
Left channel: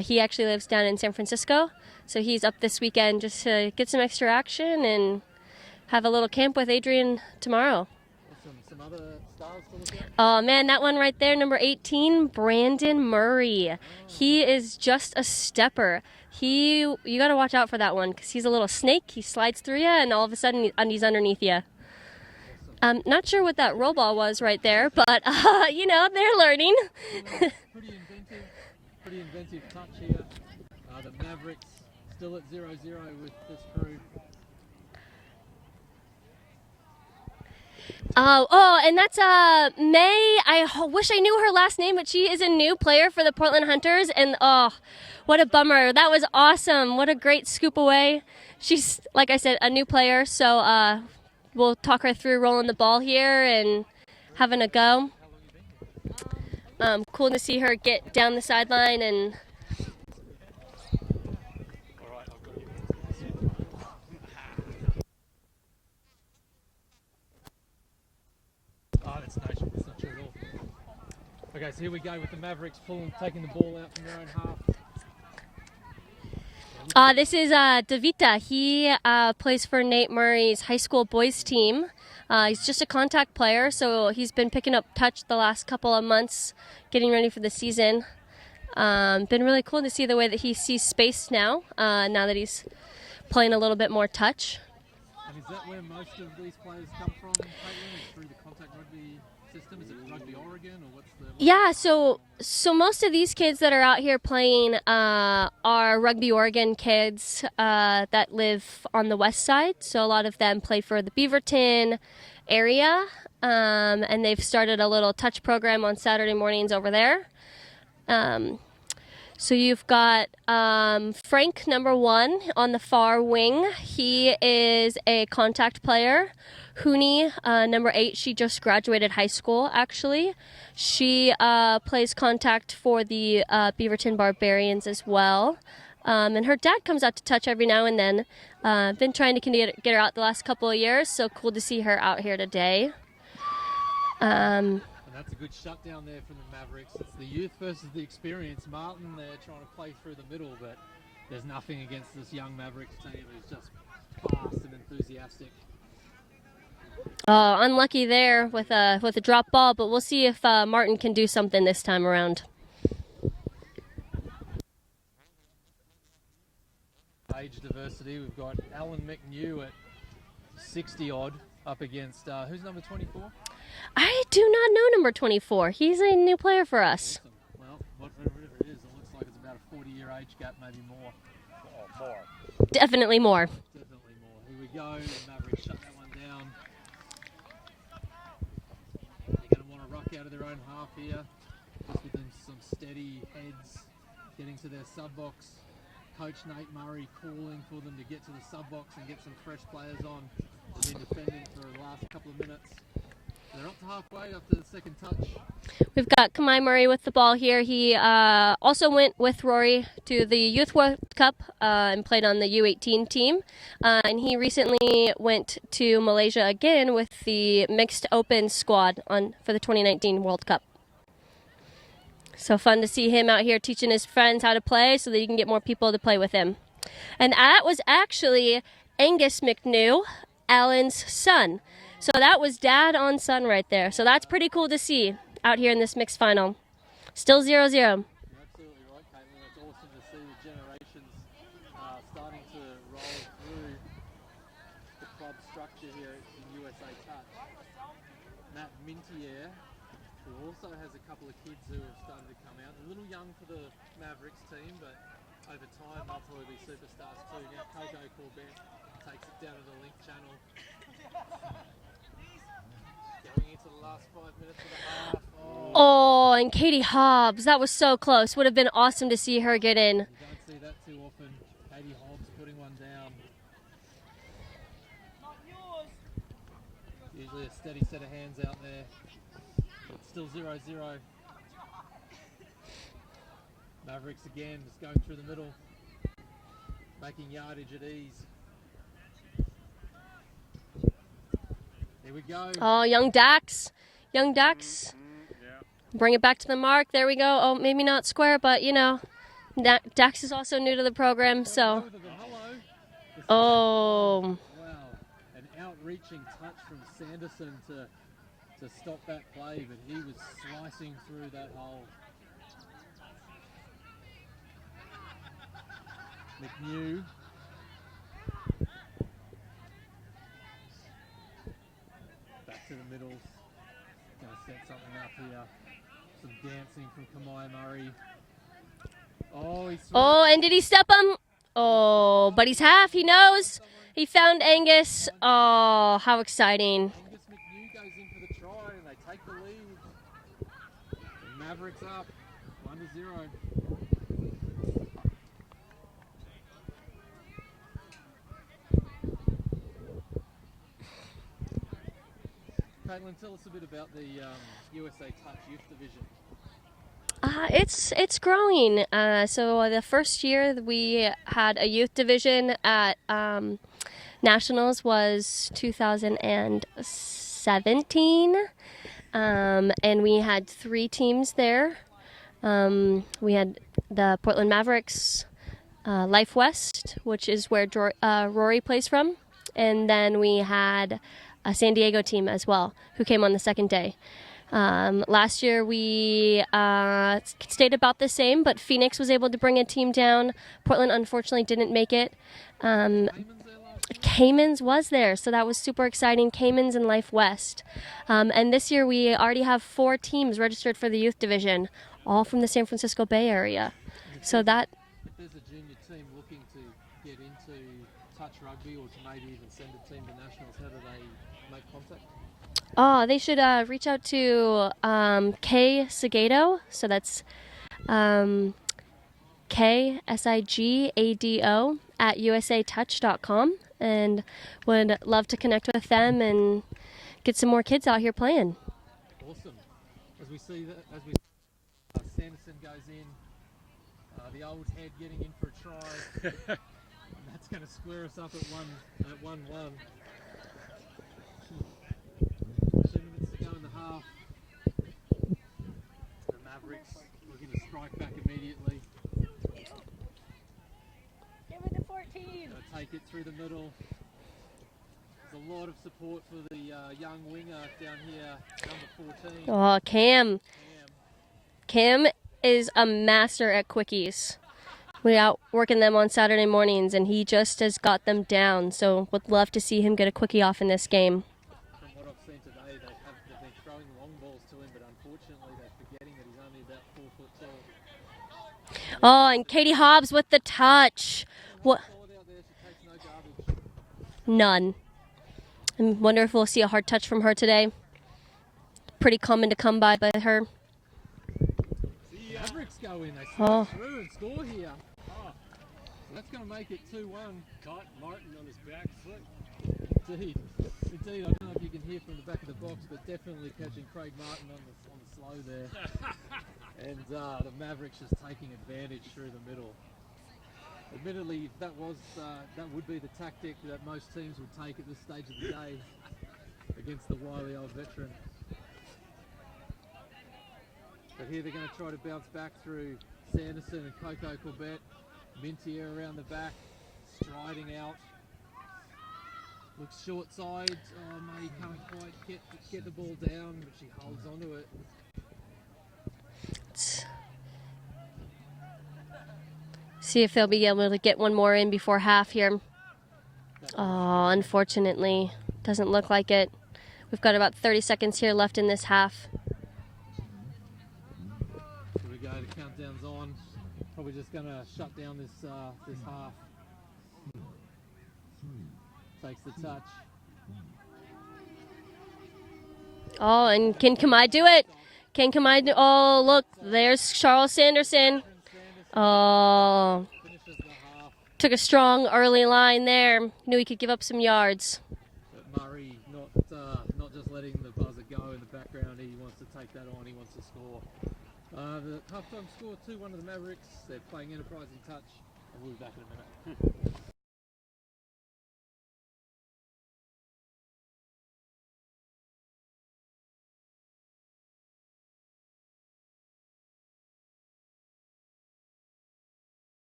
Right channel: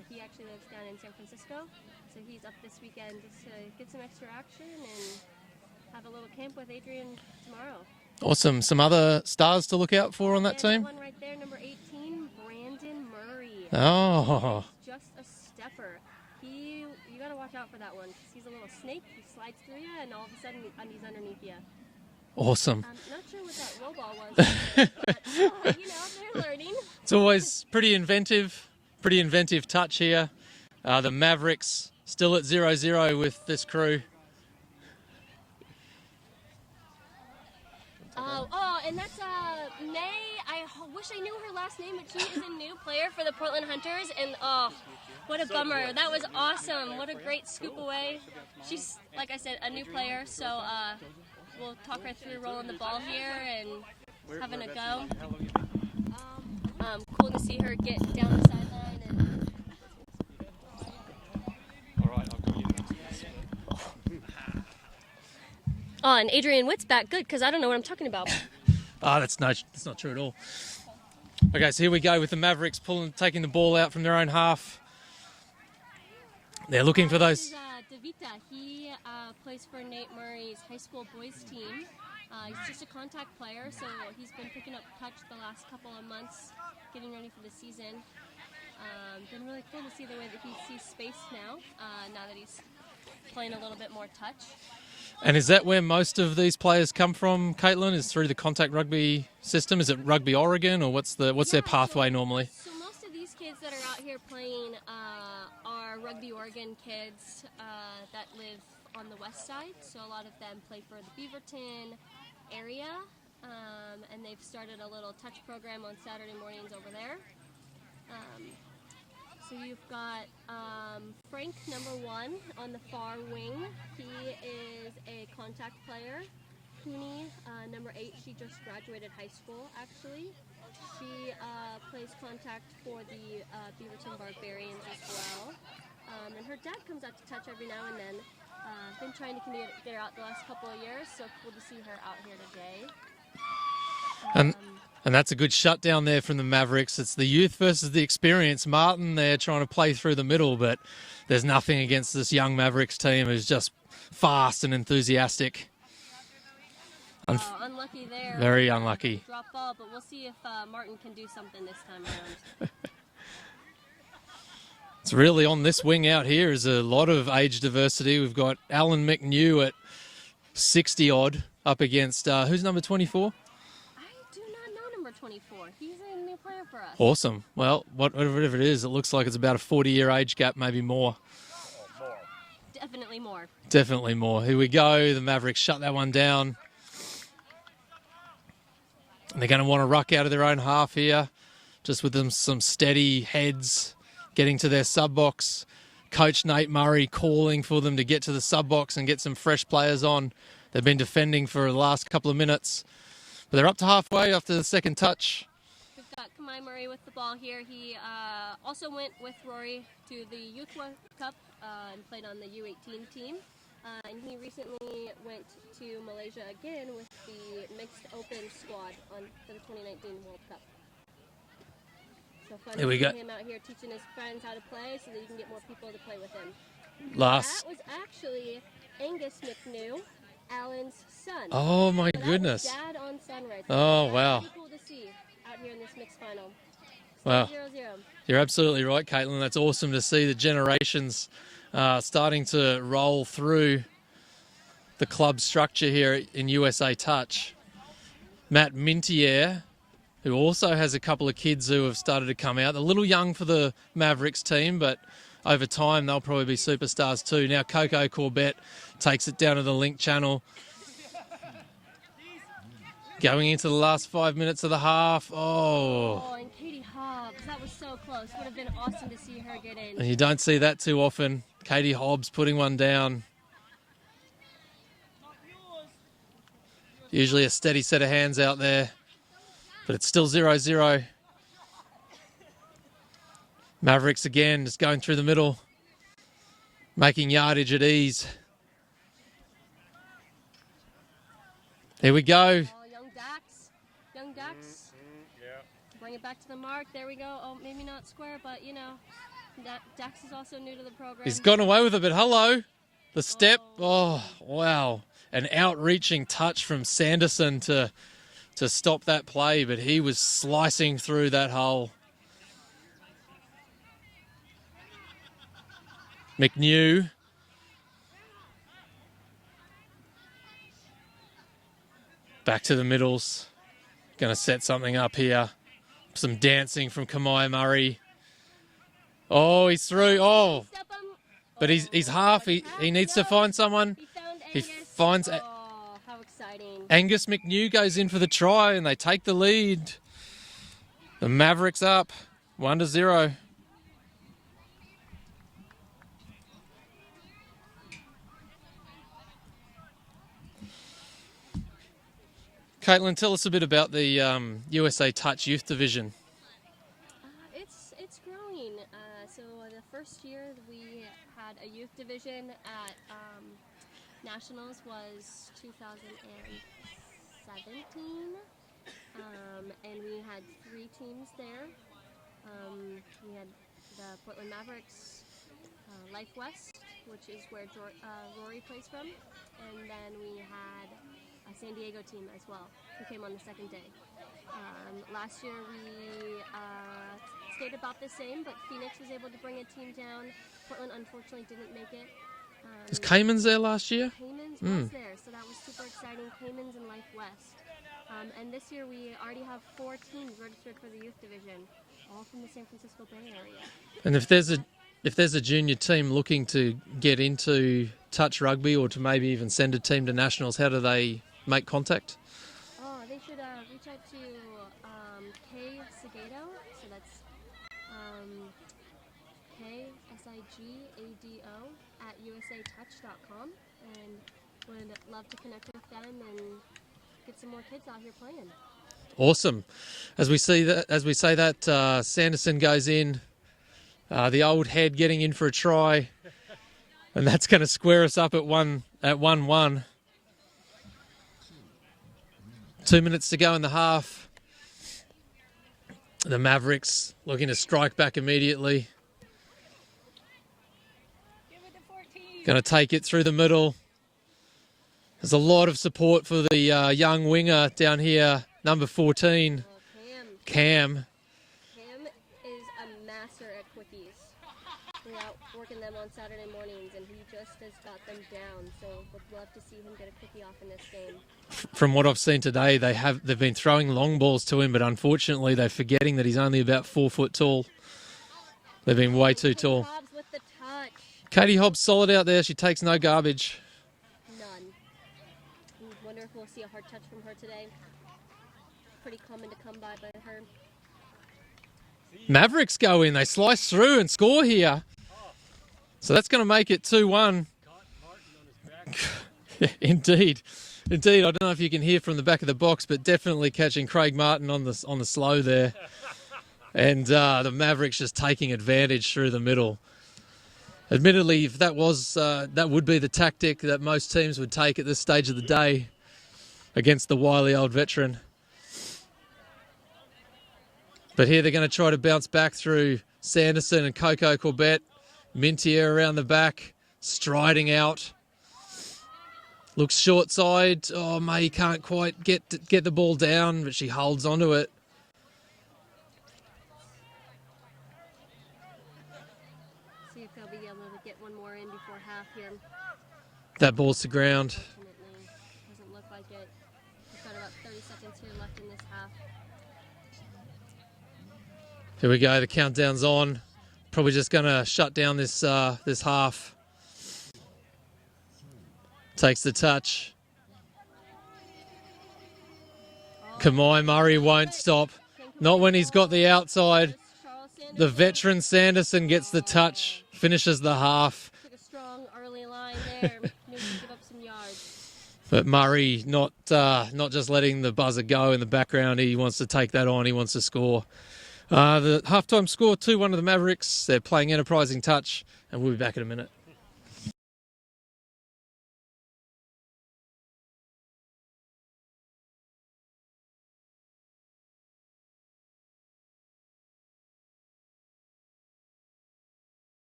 He actually lives down in San Francisco, so he's up this weekend just to get some extra action and have a little camp with Adrian tomorrow. Awesome. Some other stars to look out for on that man, team? that one right there, number 18, Brandon Murray. Oh. He is just a stepper. You got to watch out for that one because he's a little snake. He slides through you, and all of a sudden he's underneath you. Awesome. Not sure what that roll ball was right there, but they're learning. It's always pretty inventive touch here. The Mavericks still at 0-0 with this crew. And that's May. I wish I knew her last name, but she is a new player for the Portland Hunters, and what a bummer. That was awesome. What a great scoop away. She's, like I said, a new player, so we'll talk her through rolling the ball here and having a go. Cool to see her get down the sideline and and Adrian Witt's back. Good, because I don't know what I'm talking about. That's not true at all. Okay, so here we go with the Mavericks taking the ball out from their own half. They're looking for those. This is Davita. He plays for Nate Murray's high school boys team. He's just a contact player, so he's been picking up touch the last couple of months, getting ready for the season. Been really cool to see the way that he sees space now, now that he's playing a little bit more touch. And is that where most of these players come from, Caitlin? Is through the contact rugby system? Is it Rugby Oregon, or what's their pathway normally? So most of these kids that are out here playing are Rugby Oregon kids that live on the west side. So a lot of them play for the Beaverton area, and they've started a little touch program on Saturday mornings over there. So you've got Frank, number 1, on the far wing. He is a contact player. Hooney, number 8, she just graduated high school, actually. She plays contact for the Beaverton Barbarians as well. And her dad comes out to touch every now and then. Been trying to get her out the last couple of years, so cool to see her out here today. And that's a good shutdown there from the Mavericks. It's the youth versus the experience. Martin there trying to play through the middle, but there's nothing against this young Mavericks team who's just fast and enthusiastic. Unlucky there Unlucky. with the drop ball, but we'll see if Martin can do something this time around. It's really on this wing out here is a lot of age diversity. We've got Alan McNew at 60-odd up against, who's number 24? I do not know number 24. He's a new player for us. Awesome. Well, whatever it is, it looks like it's about a 40-year age gap, maybe more. Definitely more. Definitely more. Here we go. The Mavericks shut that one down. And they're going to want to ruck out of their own half here, just with them some steady heads getting to their sub-box. Coach Nate Murray calling for them to get to the sub-box and get some fresh players on. They've been defending for the last couple of minutes. But they're up to halfway after the second touch. We've got Kamai Murray with the ball here. He also went with Rory to the Youth World Cup and played on the U18 team. And he recently went to Malaysia again with the mixed open squad for the 2019 World Cup. So fun to see him out here teaching his friends how to play so that he can get more people to play with him. And that was actually Angus McNew, Alan's son. Oh, my So that goodness. was dad on son right there. Oh, So that's wow. pretty cool to see out here in this mixed final. Still Wow. 0-0. You're absolutely right, Caitlin. That's awesome to see the generations starting to roll through the club structure here in USA Touch. Matt Mintier, who also has a couple of kids who have started to come out. A little young for the Mavericks team, but over time they'll probably be superstars too. Now Coco Corbett takes it down to the link channel. Going into the last 5 minutes of the half. Oh, and Katie Hobbs. That was so close. Would have been awesome to see her get in. And you don't see that too often. Katie Hobbs putting one down. Usually a steady set of hands out there, but it's still 0-0. Mavericks again, just going through the middle, making yardage at ease. Here we go. Oh, young Dax. Young Dax. Bring it back to the mark. There we go. Oh, maybe not square, but, you know, Dax is also new to the program. He's gotten away with it, but hello. The step. Oh. Oh, wow. An outreaching touch from Sanderson to stop that play, but he was slicing through that hole. McNew. Back to the middles. Going to set something up here. Some dancing from Kamai Murray. Oh, he's through. Oh, and did he step him? But he's half. But he's half. He needs knows. to find someone. He found Angus. finds Oh, how exciting. Angus McNew goes in for the try and they take the lead. The Mavericks up 1-0. Caitlin, tell us a bit about the USA Touch Youth Division. It's growing. So the first year we had a youth division at Nationals was 2017, and we had 3 teams there. We had the Portland Mavericks, Life West, which is where Rory plays from, and then we had a San Diego team as well, who came on the second day. Last year we stayed about the same, but Phoenix was able to bring a team down. Portland unfortunately didn't make it. Was Cayman's there last year? Cayman's was there, so that was super exciting. Cayman's and Life West. And this year we already have 4 teams registered for the youth division, all from the San Francisco Bay Area. And if there's a junior team looking to get into touch rugby or to maybe even send a team to nationals, how do they make contact? Oh, they should reach out to Kay Sigado. So that's KSIGADO at usatouch.com, and would love to connect with them and get some more kids out here playing. Awesome. As we say that, Sanderson goes in. The old head getting in for a try, and that's going to square us up at 1-1. 2 minutes to go in the half. The Mavericks looking to strike back immediately. Going to take it through the middle. There's a lot of support for the young winger down here, number 14. Oh, Cam. Cam Is a master at quickies. We out working them on Saturday mornings, and he just has got them down. So would love to see him get a quickie off in this game. From what I've seen today, they've been throwing long balls to him, but unfortunately they're forgetting that he's only about 4 foot tall. They've been way too Katie tall. Hobbs with the touch. Katie Hobbs solid out there. She takes no garbage. None. I wonder if we'll see a hard touch from her today. Pretty common to come by her. Mavericks go in. They slice through and score here. So that's going to make it 2-1. Yeah, indeed. I don't know if you can hear from the back of the box, but definitely catching Craig Martin on the slow there. And the Mavericks just taking advantage through the middle. Admittedly, if that would be the tactic that most teams would take at this stage of the day against the wily old veteran. But here they're going to try to bounce back through Sanderson and Coco Corbett. Mintier around the back, striding out. Looks short side. Oh, May can't quite get the ball down, but she holds onto it. See if they'll be able to get one more in before half here. That ball's to ground. Unfortunately, doesn't look like it. We've got about 30 seconds here left in this half. Here we go. The countdown's on. Probably just going to shut down this half. Takes the touch. Oh, Kamai and can Murray Kamai won't do it? stop. Can Kamai Not when he's got the look, outside. There's Charles Sanderson. The veteran Sanderson gets the touch, finishes the half. Took a strong early line there. Knew he could give up some yards. But Murray not just letting the buzzer go in the background. He wants to take that on. He wants to score. The halftime score, 2-1 to the Mavericks. They're playing enterprising touch, and we'll be back in a minute.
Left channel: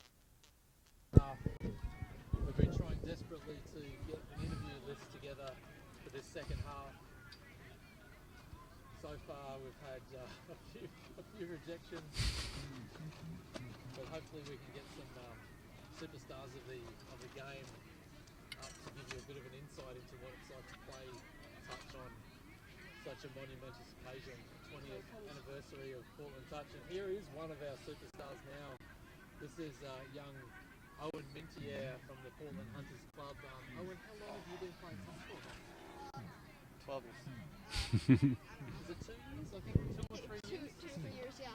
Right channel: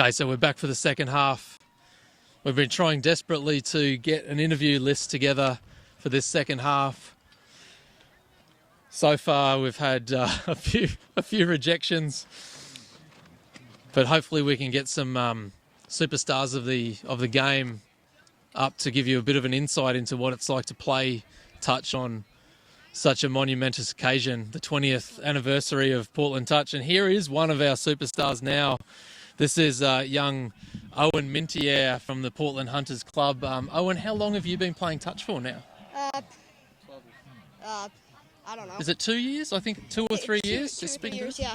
Okay, so we're back for the second half. We've been trying desperately to get an interview list together for this second half. So far, we've had a few rejections, but hopefully we can get some superstars of the game up to give you a bit of an insight into what it's like to play touch on such a monumentous occasion, the 20th anniversary of Portland Touch. And here is one of our superstars now. This is young Owen Mintier from the Portland Hunters Club. Owen, how long have you been playing touch for now? I don't know. Is it 2 years? I think 2 or 3 years. Two or 3 years, yeah.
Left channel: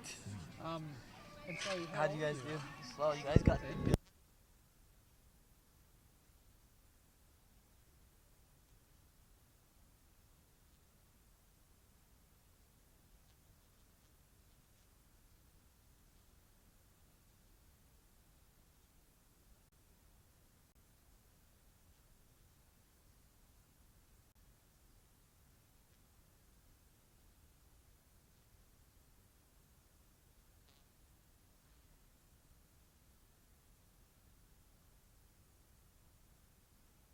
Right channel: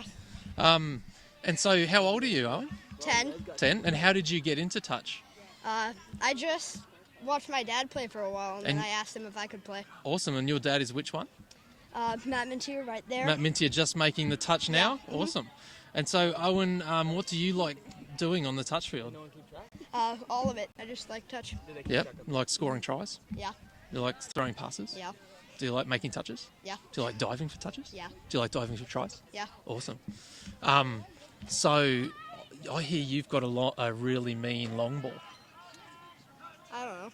And so how old are you, Owen? 10. 10. And how did you get into touch? I just watched my dad play for a while, and then I asked him if I could play. Awesome. And your dad is which one? Matt Mintier right there. Matt Mintier, just making the touch now? Yeah. Awesome. And so, Owen, what do you like doing on the touch field? All of it. I just like touch. Yep. Like scoring tries? Yeah. You like throwing passes? Yeah. Do you like making touches? Yeah. Do you like diving for touches? Yeah. Do you like diving for tries? Yeah. Awesome. So I hear you've got a really mean long ball. I don't know.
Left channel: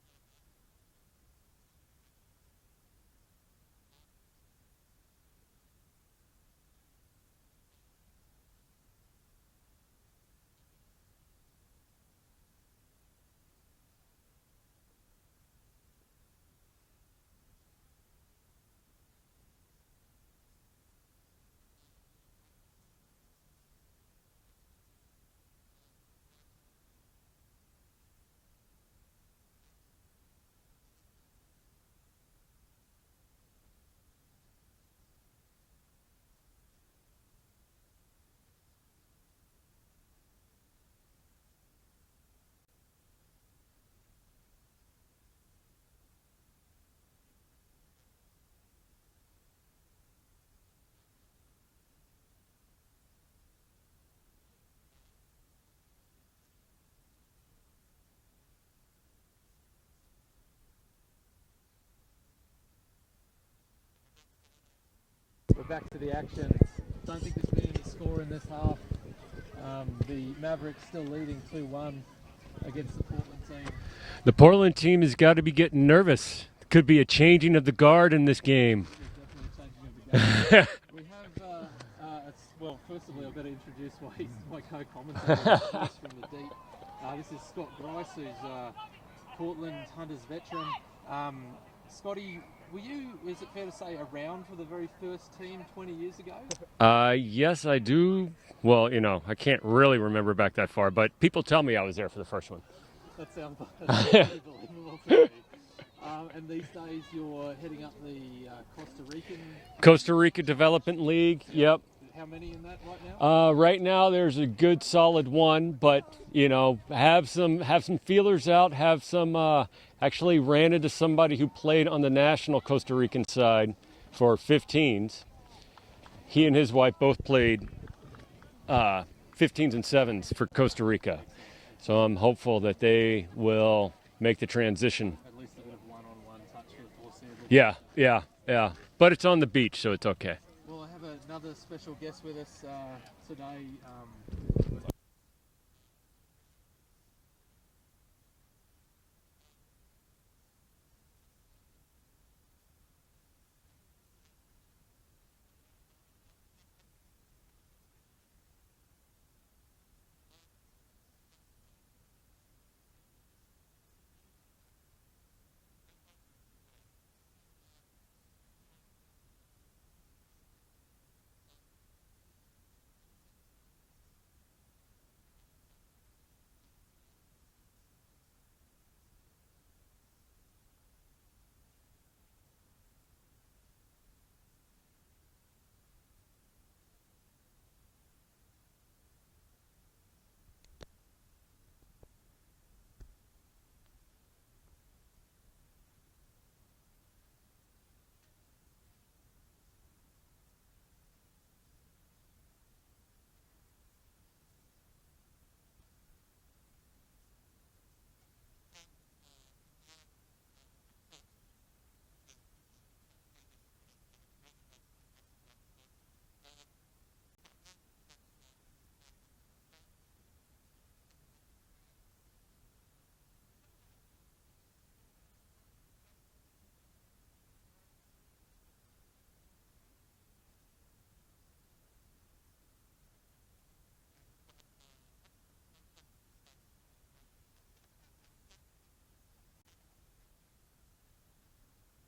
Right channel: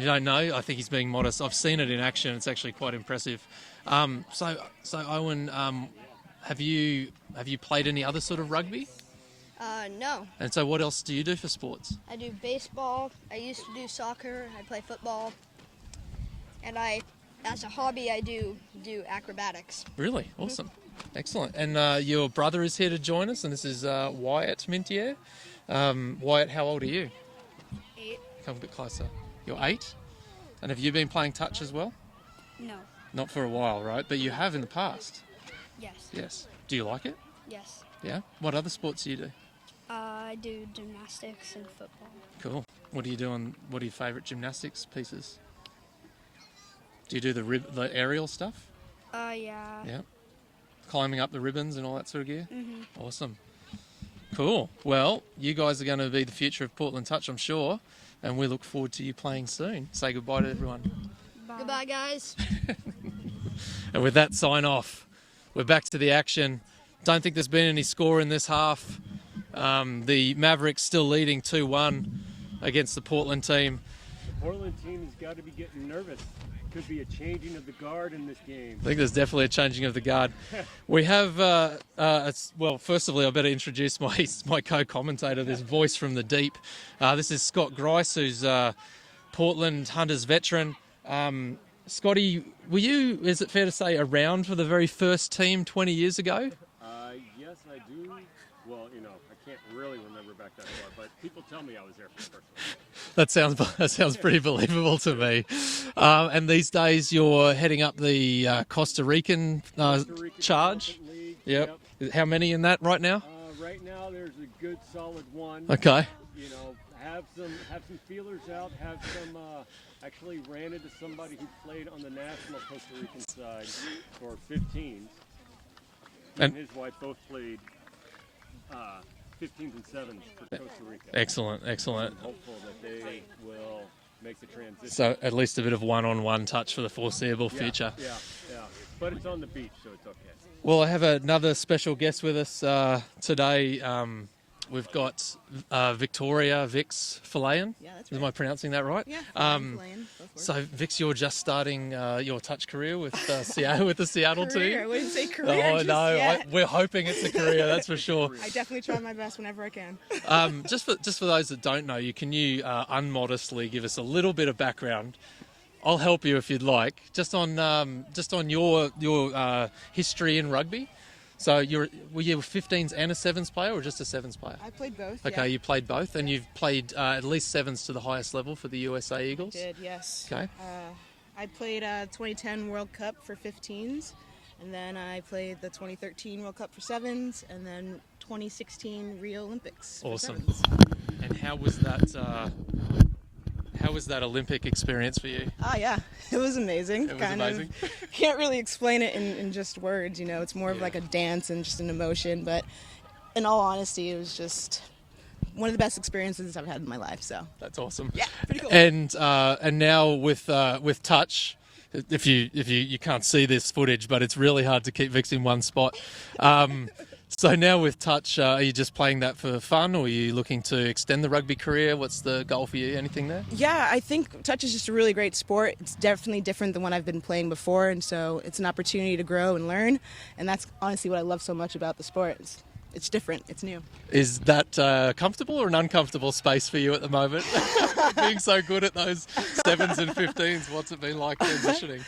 You don't know? I think he's being modest. I've seen it in action. It's actually quite impressive. So Owen, have you played any other sort of rugby? No. And so what else do you do for sports? I do baseball. I used to do soccer. I play football. And as a hobby, I do acrobatics. Really? Awesome. Excellent. And your brother is here to join us, and this is Wyatt Mintier. Wyatt, how old are you? 8. Come a bit closer. You're 8? And have you been playing touch as well? No. Not for a while, right? But you have in the past? Yes. Yes. Do you like it? Yes. Yeah? What other sports do you do? I do gymnastics and football. Cool. What are your favourite gymnastics pieces? Do you do the aerial stuff? Yeah. Yeah. Climbing up the ribbons and all that sort of gear? Mm-hmm. Awesome. Cool. Well, you guys are going to be the future of Portland Touch, I'm sure, and we look forward to you playing soon. Say goodbye to everyone. Bye. Goodbye, guys. And with that sign off, we're back to the action. Don't think there's been any score in this half. The Mavericks still leading 2-1 against the Portland team. The Portland team has got to be getting nervous. Could be a changing of the guard in this game. I think there's definitely a changing of the guard. We have, well, first of all, I better introduce my co-commentator, this voice from the deep. This is Scott Grice, who's Portland Hunters veteran. Scotty, were you, is it fair to say, around for the very first team 20 years ago? Yes, I do. Well, I can't really remember back that far, but people tell me I was there for the first one. That sounds pretty believable to me. And these days you're heading up the Costa Rica Development League. Yep. How many in that right now? Right now there's a good solid one. Okay. But, have some feelers out. Have some. Actually ran into somebody who played on the national Costa Rican side for 15s. He and his wife both played 15s and 7s for Costa Rica. Excellent. So I'm hopeful that they will make the transition. So at least a bit of one-on-one touch for the foreseeable future. Yeah. But it's on the beach, so it's okay. Well, I have another special guest with us today. We've got Victoria Vix Falayan. Yeah, that's right. Am I pronouncing that right? Yeah, Falayan. So, Vix, you're just starting your touch career with Seattle, with the Seattle career. team. I wouldn't say career. Oh just no, yet. we're hoping it's a career. That's for sure. I definitely try my best whenever I can. Just for those that don't know you, can you unmodestly give us a little bit of background? I'll help you if you'd like. Just on your history in rugby. So were you a 15s and a 7s player, or just a 7s player? I played both. Okay, yeah. you played both, and you've played at least 7s to the highest level for the USA Eagles? I did, yes. Okay. I played 2010 World Cup for 15s, and then I played the 2013 World Cup for 7s, and then 2016 Rio Olympics for Awesome. 7s. And how was that Olympic experience for you? Yeah, it was amazing. It was amazing? Can't really explain it in just words, it's more of like a dance and just an emotion, but in all honesty, it was just one of the best experiences I've had in my life, so. That's awesome. Yeah, pretty cool. And now with touch, if you can't see this footage, but it's really hard to keep Vix in one spot. So now with touch, are you just playing that for fun, or are you looking to extend the rugby career? What's the goal for you? Anything there? Yeah, I think touch is just a really great sport. It's definitely different than what I've been playing before, and so it's an opportunity to grow and learn, and that's honestly what I love so much about the sport. It's different. It's new. Is that comfortable or an uncomfortable space for you at the moment? Being so good at those 7s and 15s, what's it been like transitioning?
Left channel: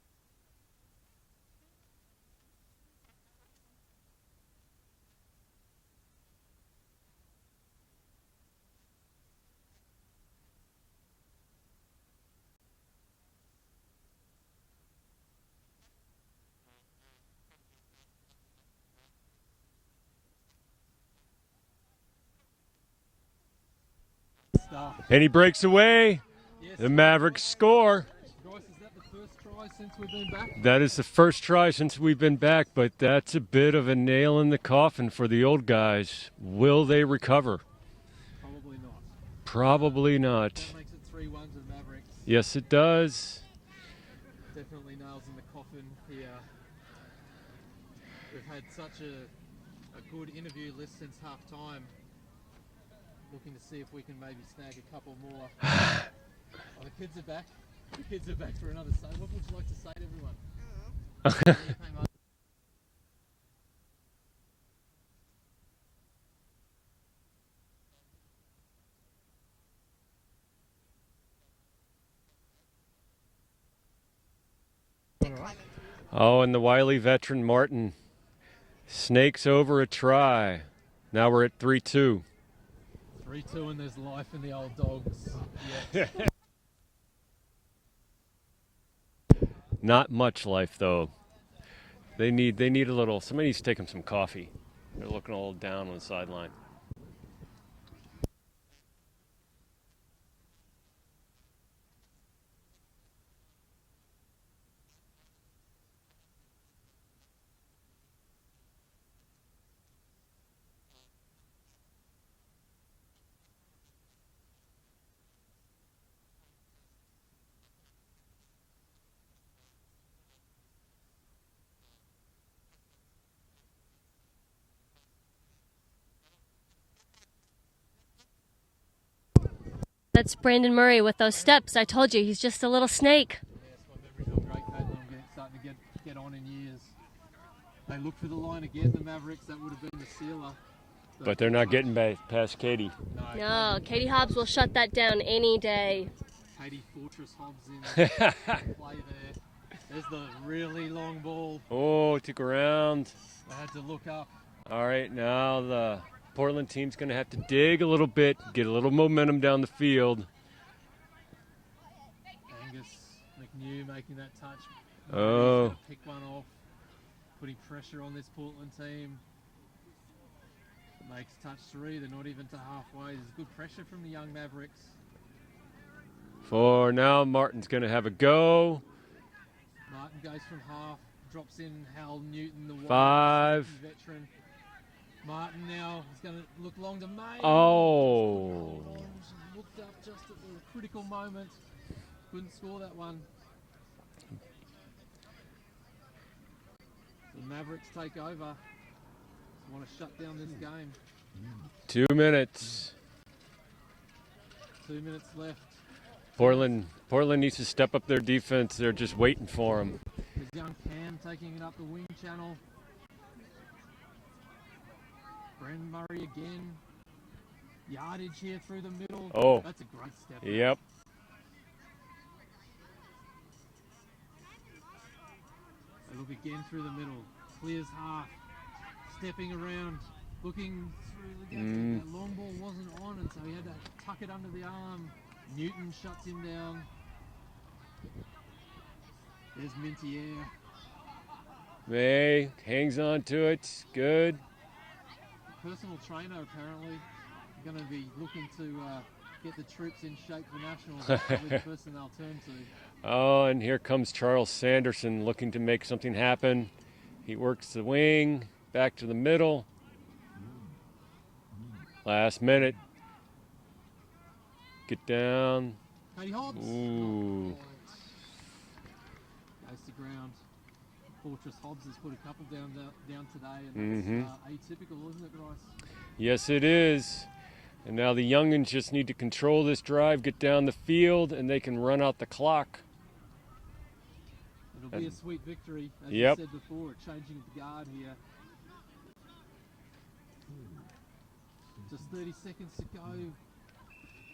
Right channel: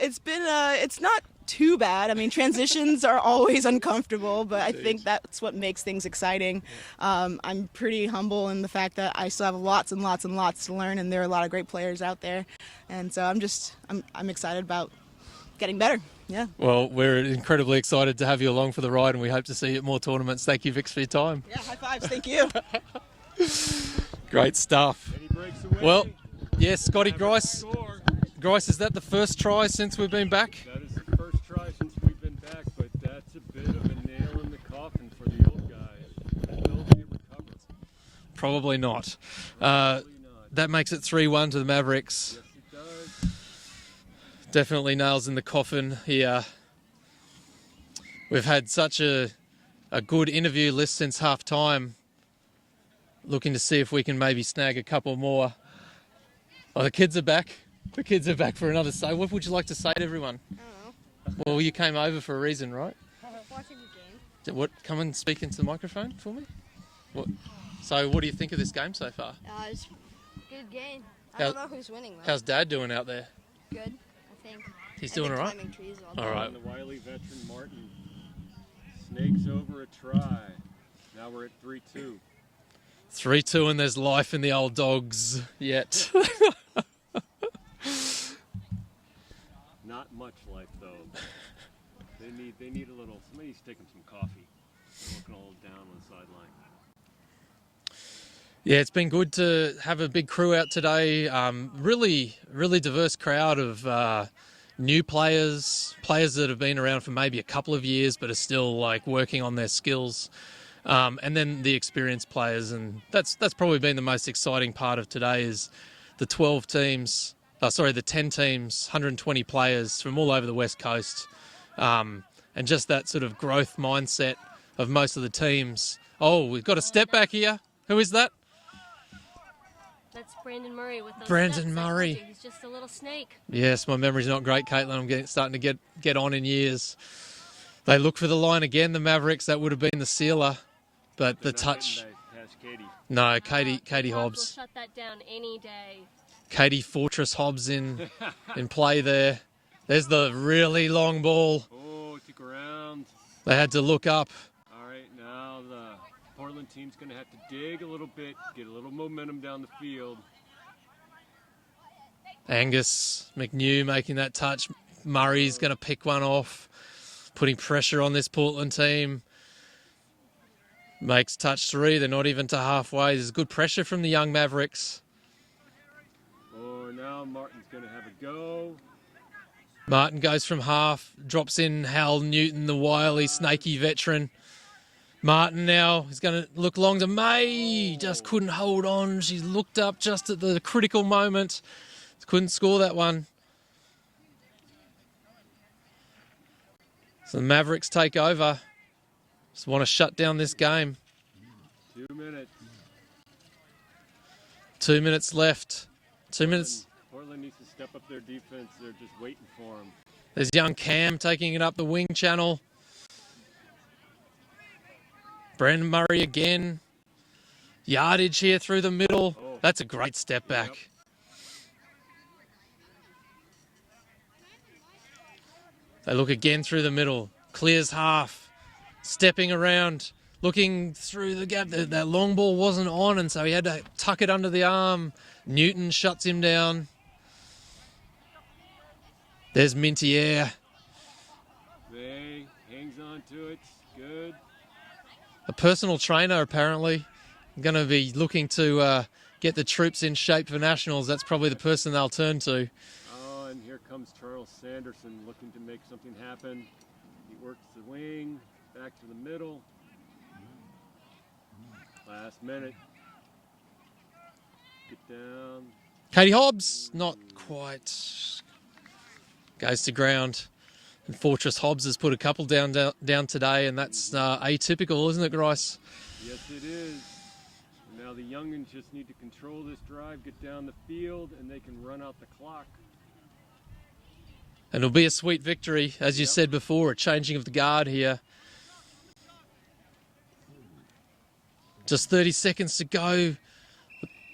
It's not too bad. I mean, transitions are always uncomfortable, but I think that's what makes things exciting. I'm pretty humble in the fact that I still have lots and lots and lots to learn, and there are a lot of great players out there, and so I'm excited about getting better. Yeah. Well, we're incredibly excited to have you along for the ride, and we hope to see you at more tournaments. Thank you, Vix, for your time. Yeah, high fives. Thank you. Great stuff. And he breaks away. Well, yes, the Scotty Mavericks Grice. score. Grice, is that the first try since we've been back? That is the first try since we've been back, but that's a bit of a nail in the coffin for the old guys. Will they recover? Probably not. Probably not. That makes it 3-1 to the Mavericks. Yes, it does. Definitely nails in the coffin here. We've had such a good interview list since half time. Looking to see if we can maybe snag a couple more. Oh, the kids are back. The kids are back for another say. What would you like to say to everyone? I don't know. Well, you came over for a reason, right? Watching the game. What? Come and speak into the microphone for me. What? So, what do you think of this game so far? It's a good game. I How- don't know who's winning though. How's Dad doing out there? Good, I think. He's doing all right. Oh, and the wily veteran Martin snakes over a try. Now we're at 3-2. 3-2, and there's life in the old dogs yet. Not much life though. They need a little. Somebody needs to take them some coffee. They're looking a little down on the sideline. Yeah, it's been good to have a big crew out today. Really diverse crowd of new players that have been around for maybe a couple of years but are still like working on their skills, and then the experienced players. And that's probably been the most exciting part of today is the 10 teams, 120 players from all over the West Coast, and just that sort of growth mindset of most of the teams. Oh, we've got a step back here. Who is that? That's Brandon Murray with those Brandon steps. I Murray. told you, he's just a little snake. Yes, my memory's not great, Caitlin. I'm starting to get on in years. They look for the line again, the Mavericks. That would have been the sealer. But they're the not touch, getting past Katie. No, No, Katie Hobbs will Hobbs. shut that down any day. Katie Fortress Hobbs in play there. There's the really long ball. Oh, it took around. They had to look up. All right, now the Portland team's going to have to dig a little bit, get a little momentum down the field. Angus McNew making that touch. Murray's going to pick one off, putting pressure on this Portland team. Makes touch 3. They're not even to halfway. There's good pressure from the young Mavericks. For now, Martin's going to have a go. Martin goes from half, drops in Hal Newton, the wily, 5. snaky veteran. Martin now is going to look long to May. Oh. Just couldn't hold on. She looked up just at the critical moment. Couldn't score that one. So the Mavericks take over. Just want to shut down this game. 2 minutes. 2 minutes left. Portland needs to step up their defense. They're just waiting for them. There's young Cam taking it up the wing channel. Brandon Murray again. Yardage here through the middle. Oh. That's a great step back. Yep. They look again through the middle. Clears half. Stepping around. Looking through the gap. That long ball wasn't on, and so he had to tuck it under the arm. Newton shuts him down. There's Mintier. May hangs on to it. Good. A personal trainer, apparently. Going to be looking to get the troops in shape for nationals. That's probably the person they'll turn to. Oh, and here comes Charles Sanderson looking to make something happen. He works the wing, back to the middle. Last minute. Get down. Katie Hobbs, Ooh. not quite. Goes to ground. And Fortress Hobbs has put a couple down today, and that's atypical, isn't it, Grice? Yes, it is. And now the youngins just need to control this drive, get down the field, and they can run out the clock. And it'll be a sweet victory, as you said before, a changing of the guard here. Just 30 seconds to go.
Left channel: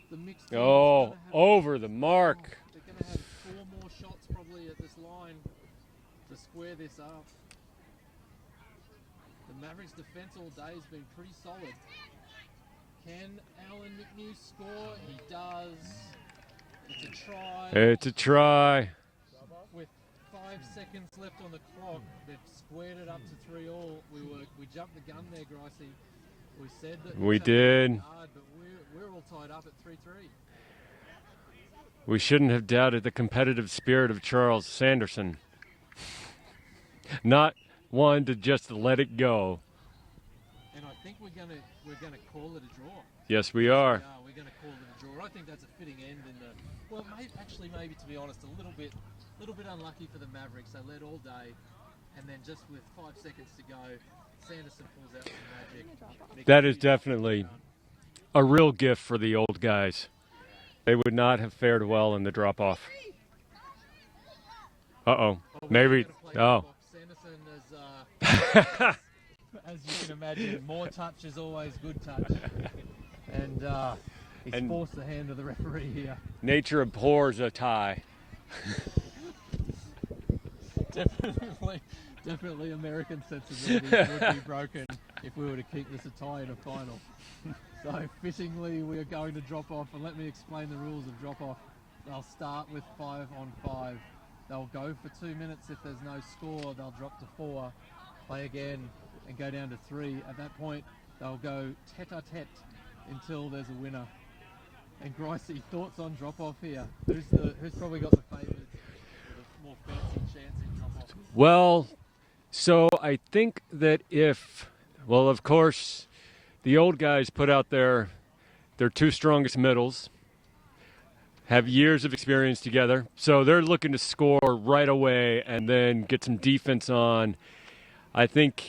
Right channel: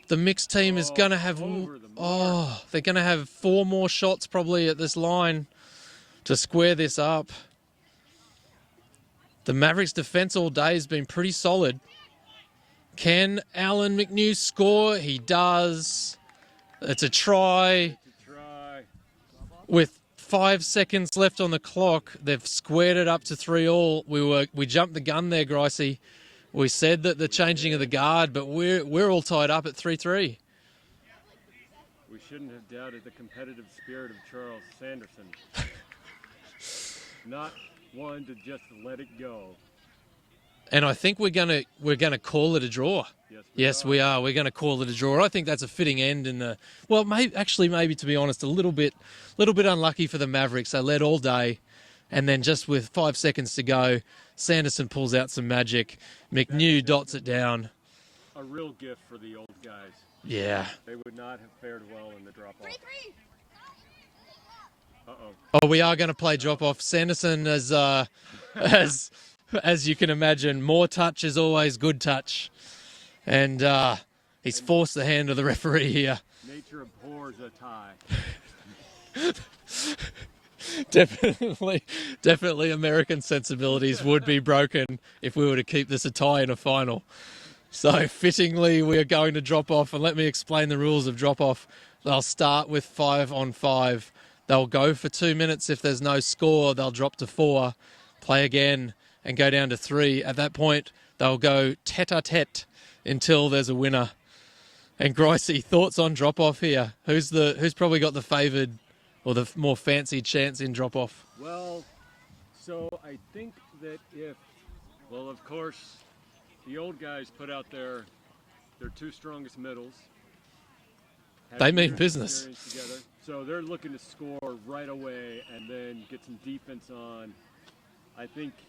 The mixed team is going to have... over the mark. They're going to have 4 more shots probably at this line to square this up. The Mavericks' defense all day has been pretty solid. Can Alan McNew score? He does. It's a try. It's a try. With 5 seconds left on the clock, they've squared it up to 3-all. We jumped the gun there, Gricey. We said that the changing of the guard, but we're all tied up at 3-3. We shouldn't have doubted the competitive spirit of Charles Sanderson. Not one to just let it go. And I think we're gonna call it a draw. Yes, we are. Yes, we are. We're gonna call it a draw. I think that's a fitting end in the. Well, maybe to be honest, a little bit unlucky for the Mavericks. They led all day, and then just with 5 seconds to go, Sanderson pulls out some magic. McNew dots it down. A real gift for the old guys. Yeah. They would not have fared well in the drop-off. Uh-oh. Oh, we are going to play drop-off. Sanderson, as you can imagine, more touch is always good touch. And he's forced the hand of the referee here. Nature abhors a tie. Definitely American sensibilities would be broken if we were to keep this a tie in a final. So fittingly, we are going to drop off, and let me explain the rules of drop off. They'll start with 5-on-5. They'll go for 2 minutes. If there's no score, they'll drop to 4, play again, and go down to 3. At that point, they'll go tete-a-tete until there's a winner. And Gricey, thoughts on drop off here? Who's probably got the favoured or the more fancy chance in drop-off? Well, so I think that of course, the old guys put out their 2 strongest middles, have years of experience together. So they're looking to score right away and then get some defense on. I think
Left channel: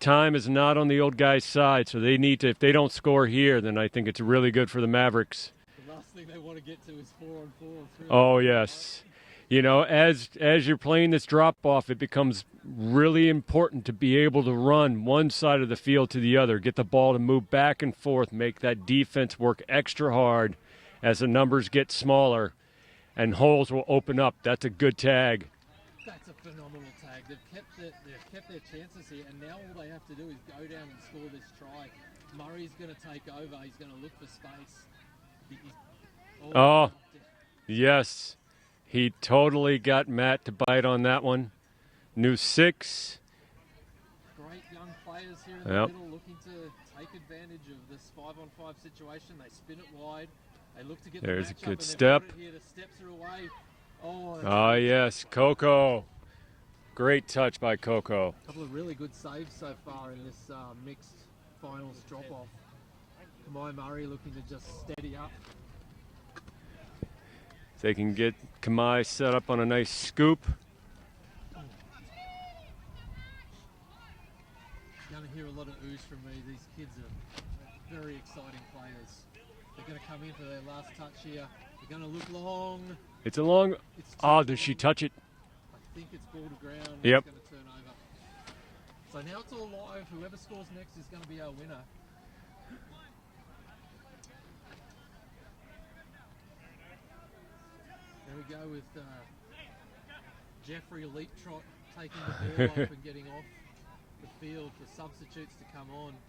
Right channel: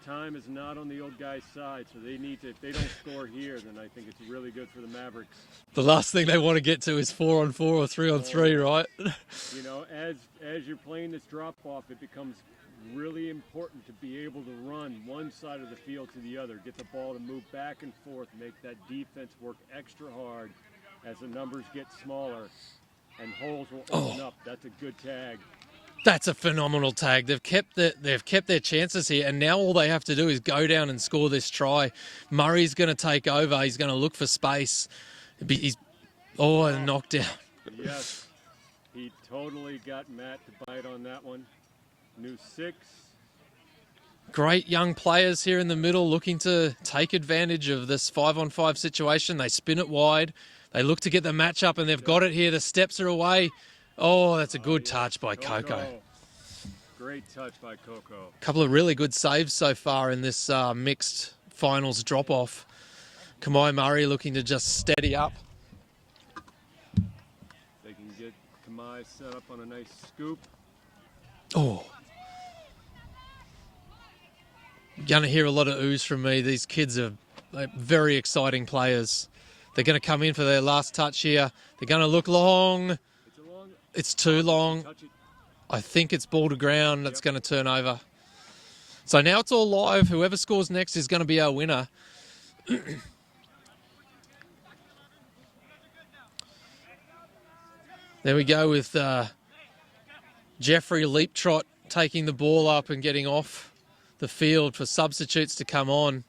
time is not on the old guys' side, so they need to, if they don't score here, then I think it's really good for the Mavericks. The last thing they want to get to is 4-on-4 or 3-on-3, yes. right? You know, as you're playing this drop-off, it becomes really important to be able to run one side of the field to the other, get the ball to move back and forth, make that defense work extra hard as the numbers get smaller, and holes will open up. That's a good tag. That's a phenomenal tag. They've kept their chances here, and now all they have to do is go down and score this try. Murray's going to take over. He's going to look for space. He's knocked out. Yes, he totally got Matt to bite on that one. New 6. Great young players here in the middle looking to take advantage of this 5-on-5 situation. They spin it wide. They look to get the match up, and they've got it here. The steps are away. Oh, that's a good touch by Coco. Great touch by Coco. A couple of really good saves so far in this mixed finals drop-off. Kamai Murray looking to just steady up. They can get Kamai set up on a nice scoop. Oh. Going to hear a lot of oohs from me. These kids are very exciting players. They're going to come in for their last touch here. They're going to look long. It's a long. It's too long. Did she touch it? I think it's ball to ground. It's going to turn over. So now it's all live. Whoever scores next is going to be our winner. There we go with Jeffrey Leaptrot taking the ball up and getting off the field for substitutes to come on.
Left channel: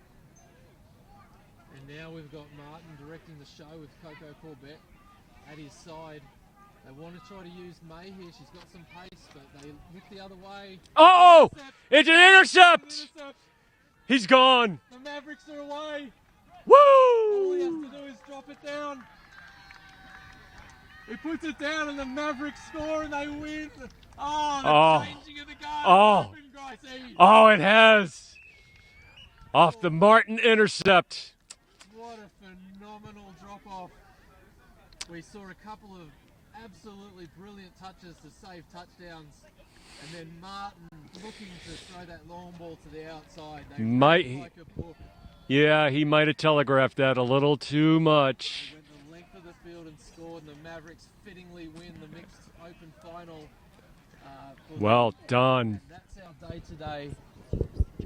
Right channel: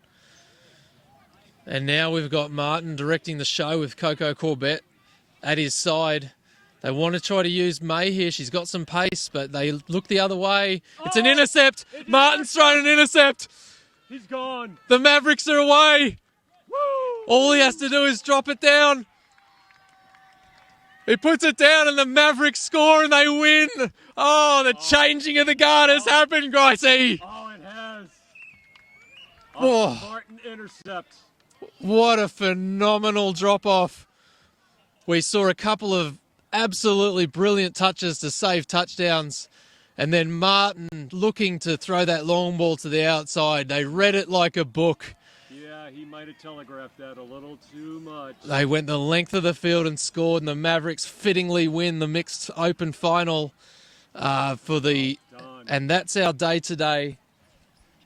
And now we've got Martin directing the show with Coco Corbett at his side. They want to try to use May here. She's got some pace, but they look the other way. It's an intercept. It's an Martin's got an intercept. He's gone. The Mavericks are away. Woo! All he has to do is drop it down. He puts it down, and the Mavericks score, and they win. Oh, the changing of the guard has happened, Gricey. Oh, it has. Off the Martin intercept. What a phenomenal drop-off. We saw a couple of absolutely brilliant touches to save touchdowns. And then Martin looking to throw that long ball to the outside. They read it like a book. Yeah, he might have telegraphed that a little too much. They went the length of the field and scored, and the Mavericks fittingly win the mixed open final for the. Well done. And that's our day today.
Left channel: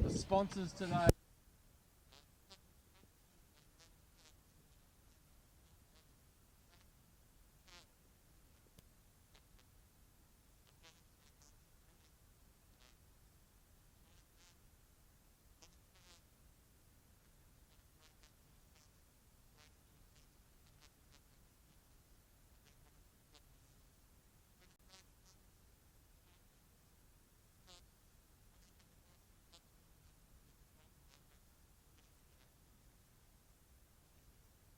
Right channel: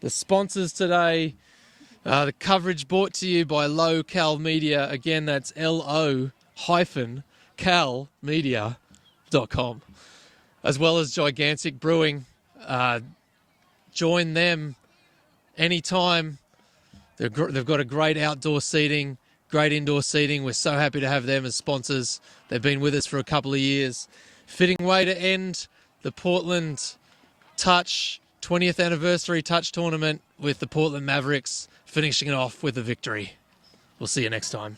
The sponsors today, the coverage brought to you by Low-Cal Media. Again, that's LO-calmedia.com. As well as Gigantic Brewing. Join them anytime. They've got a great outdoor seating, great indoor seating. We're so happy to have them as sponsors. They've been with us for a couple of years. Fitting way to end the Portland Touch 20th anniversary Touch tournament with the Portland Mavericks finishing it off with a victory. We'll see you next time.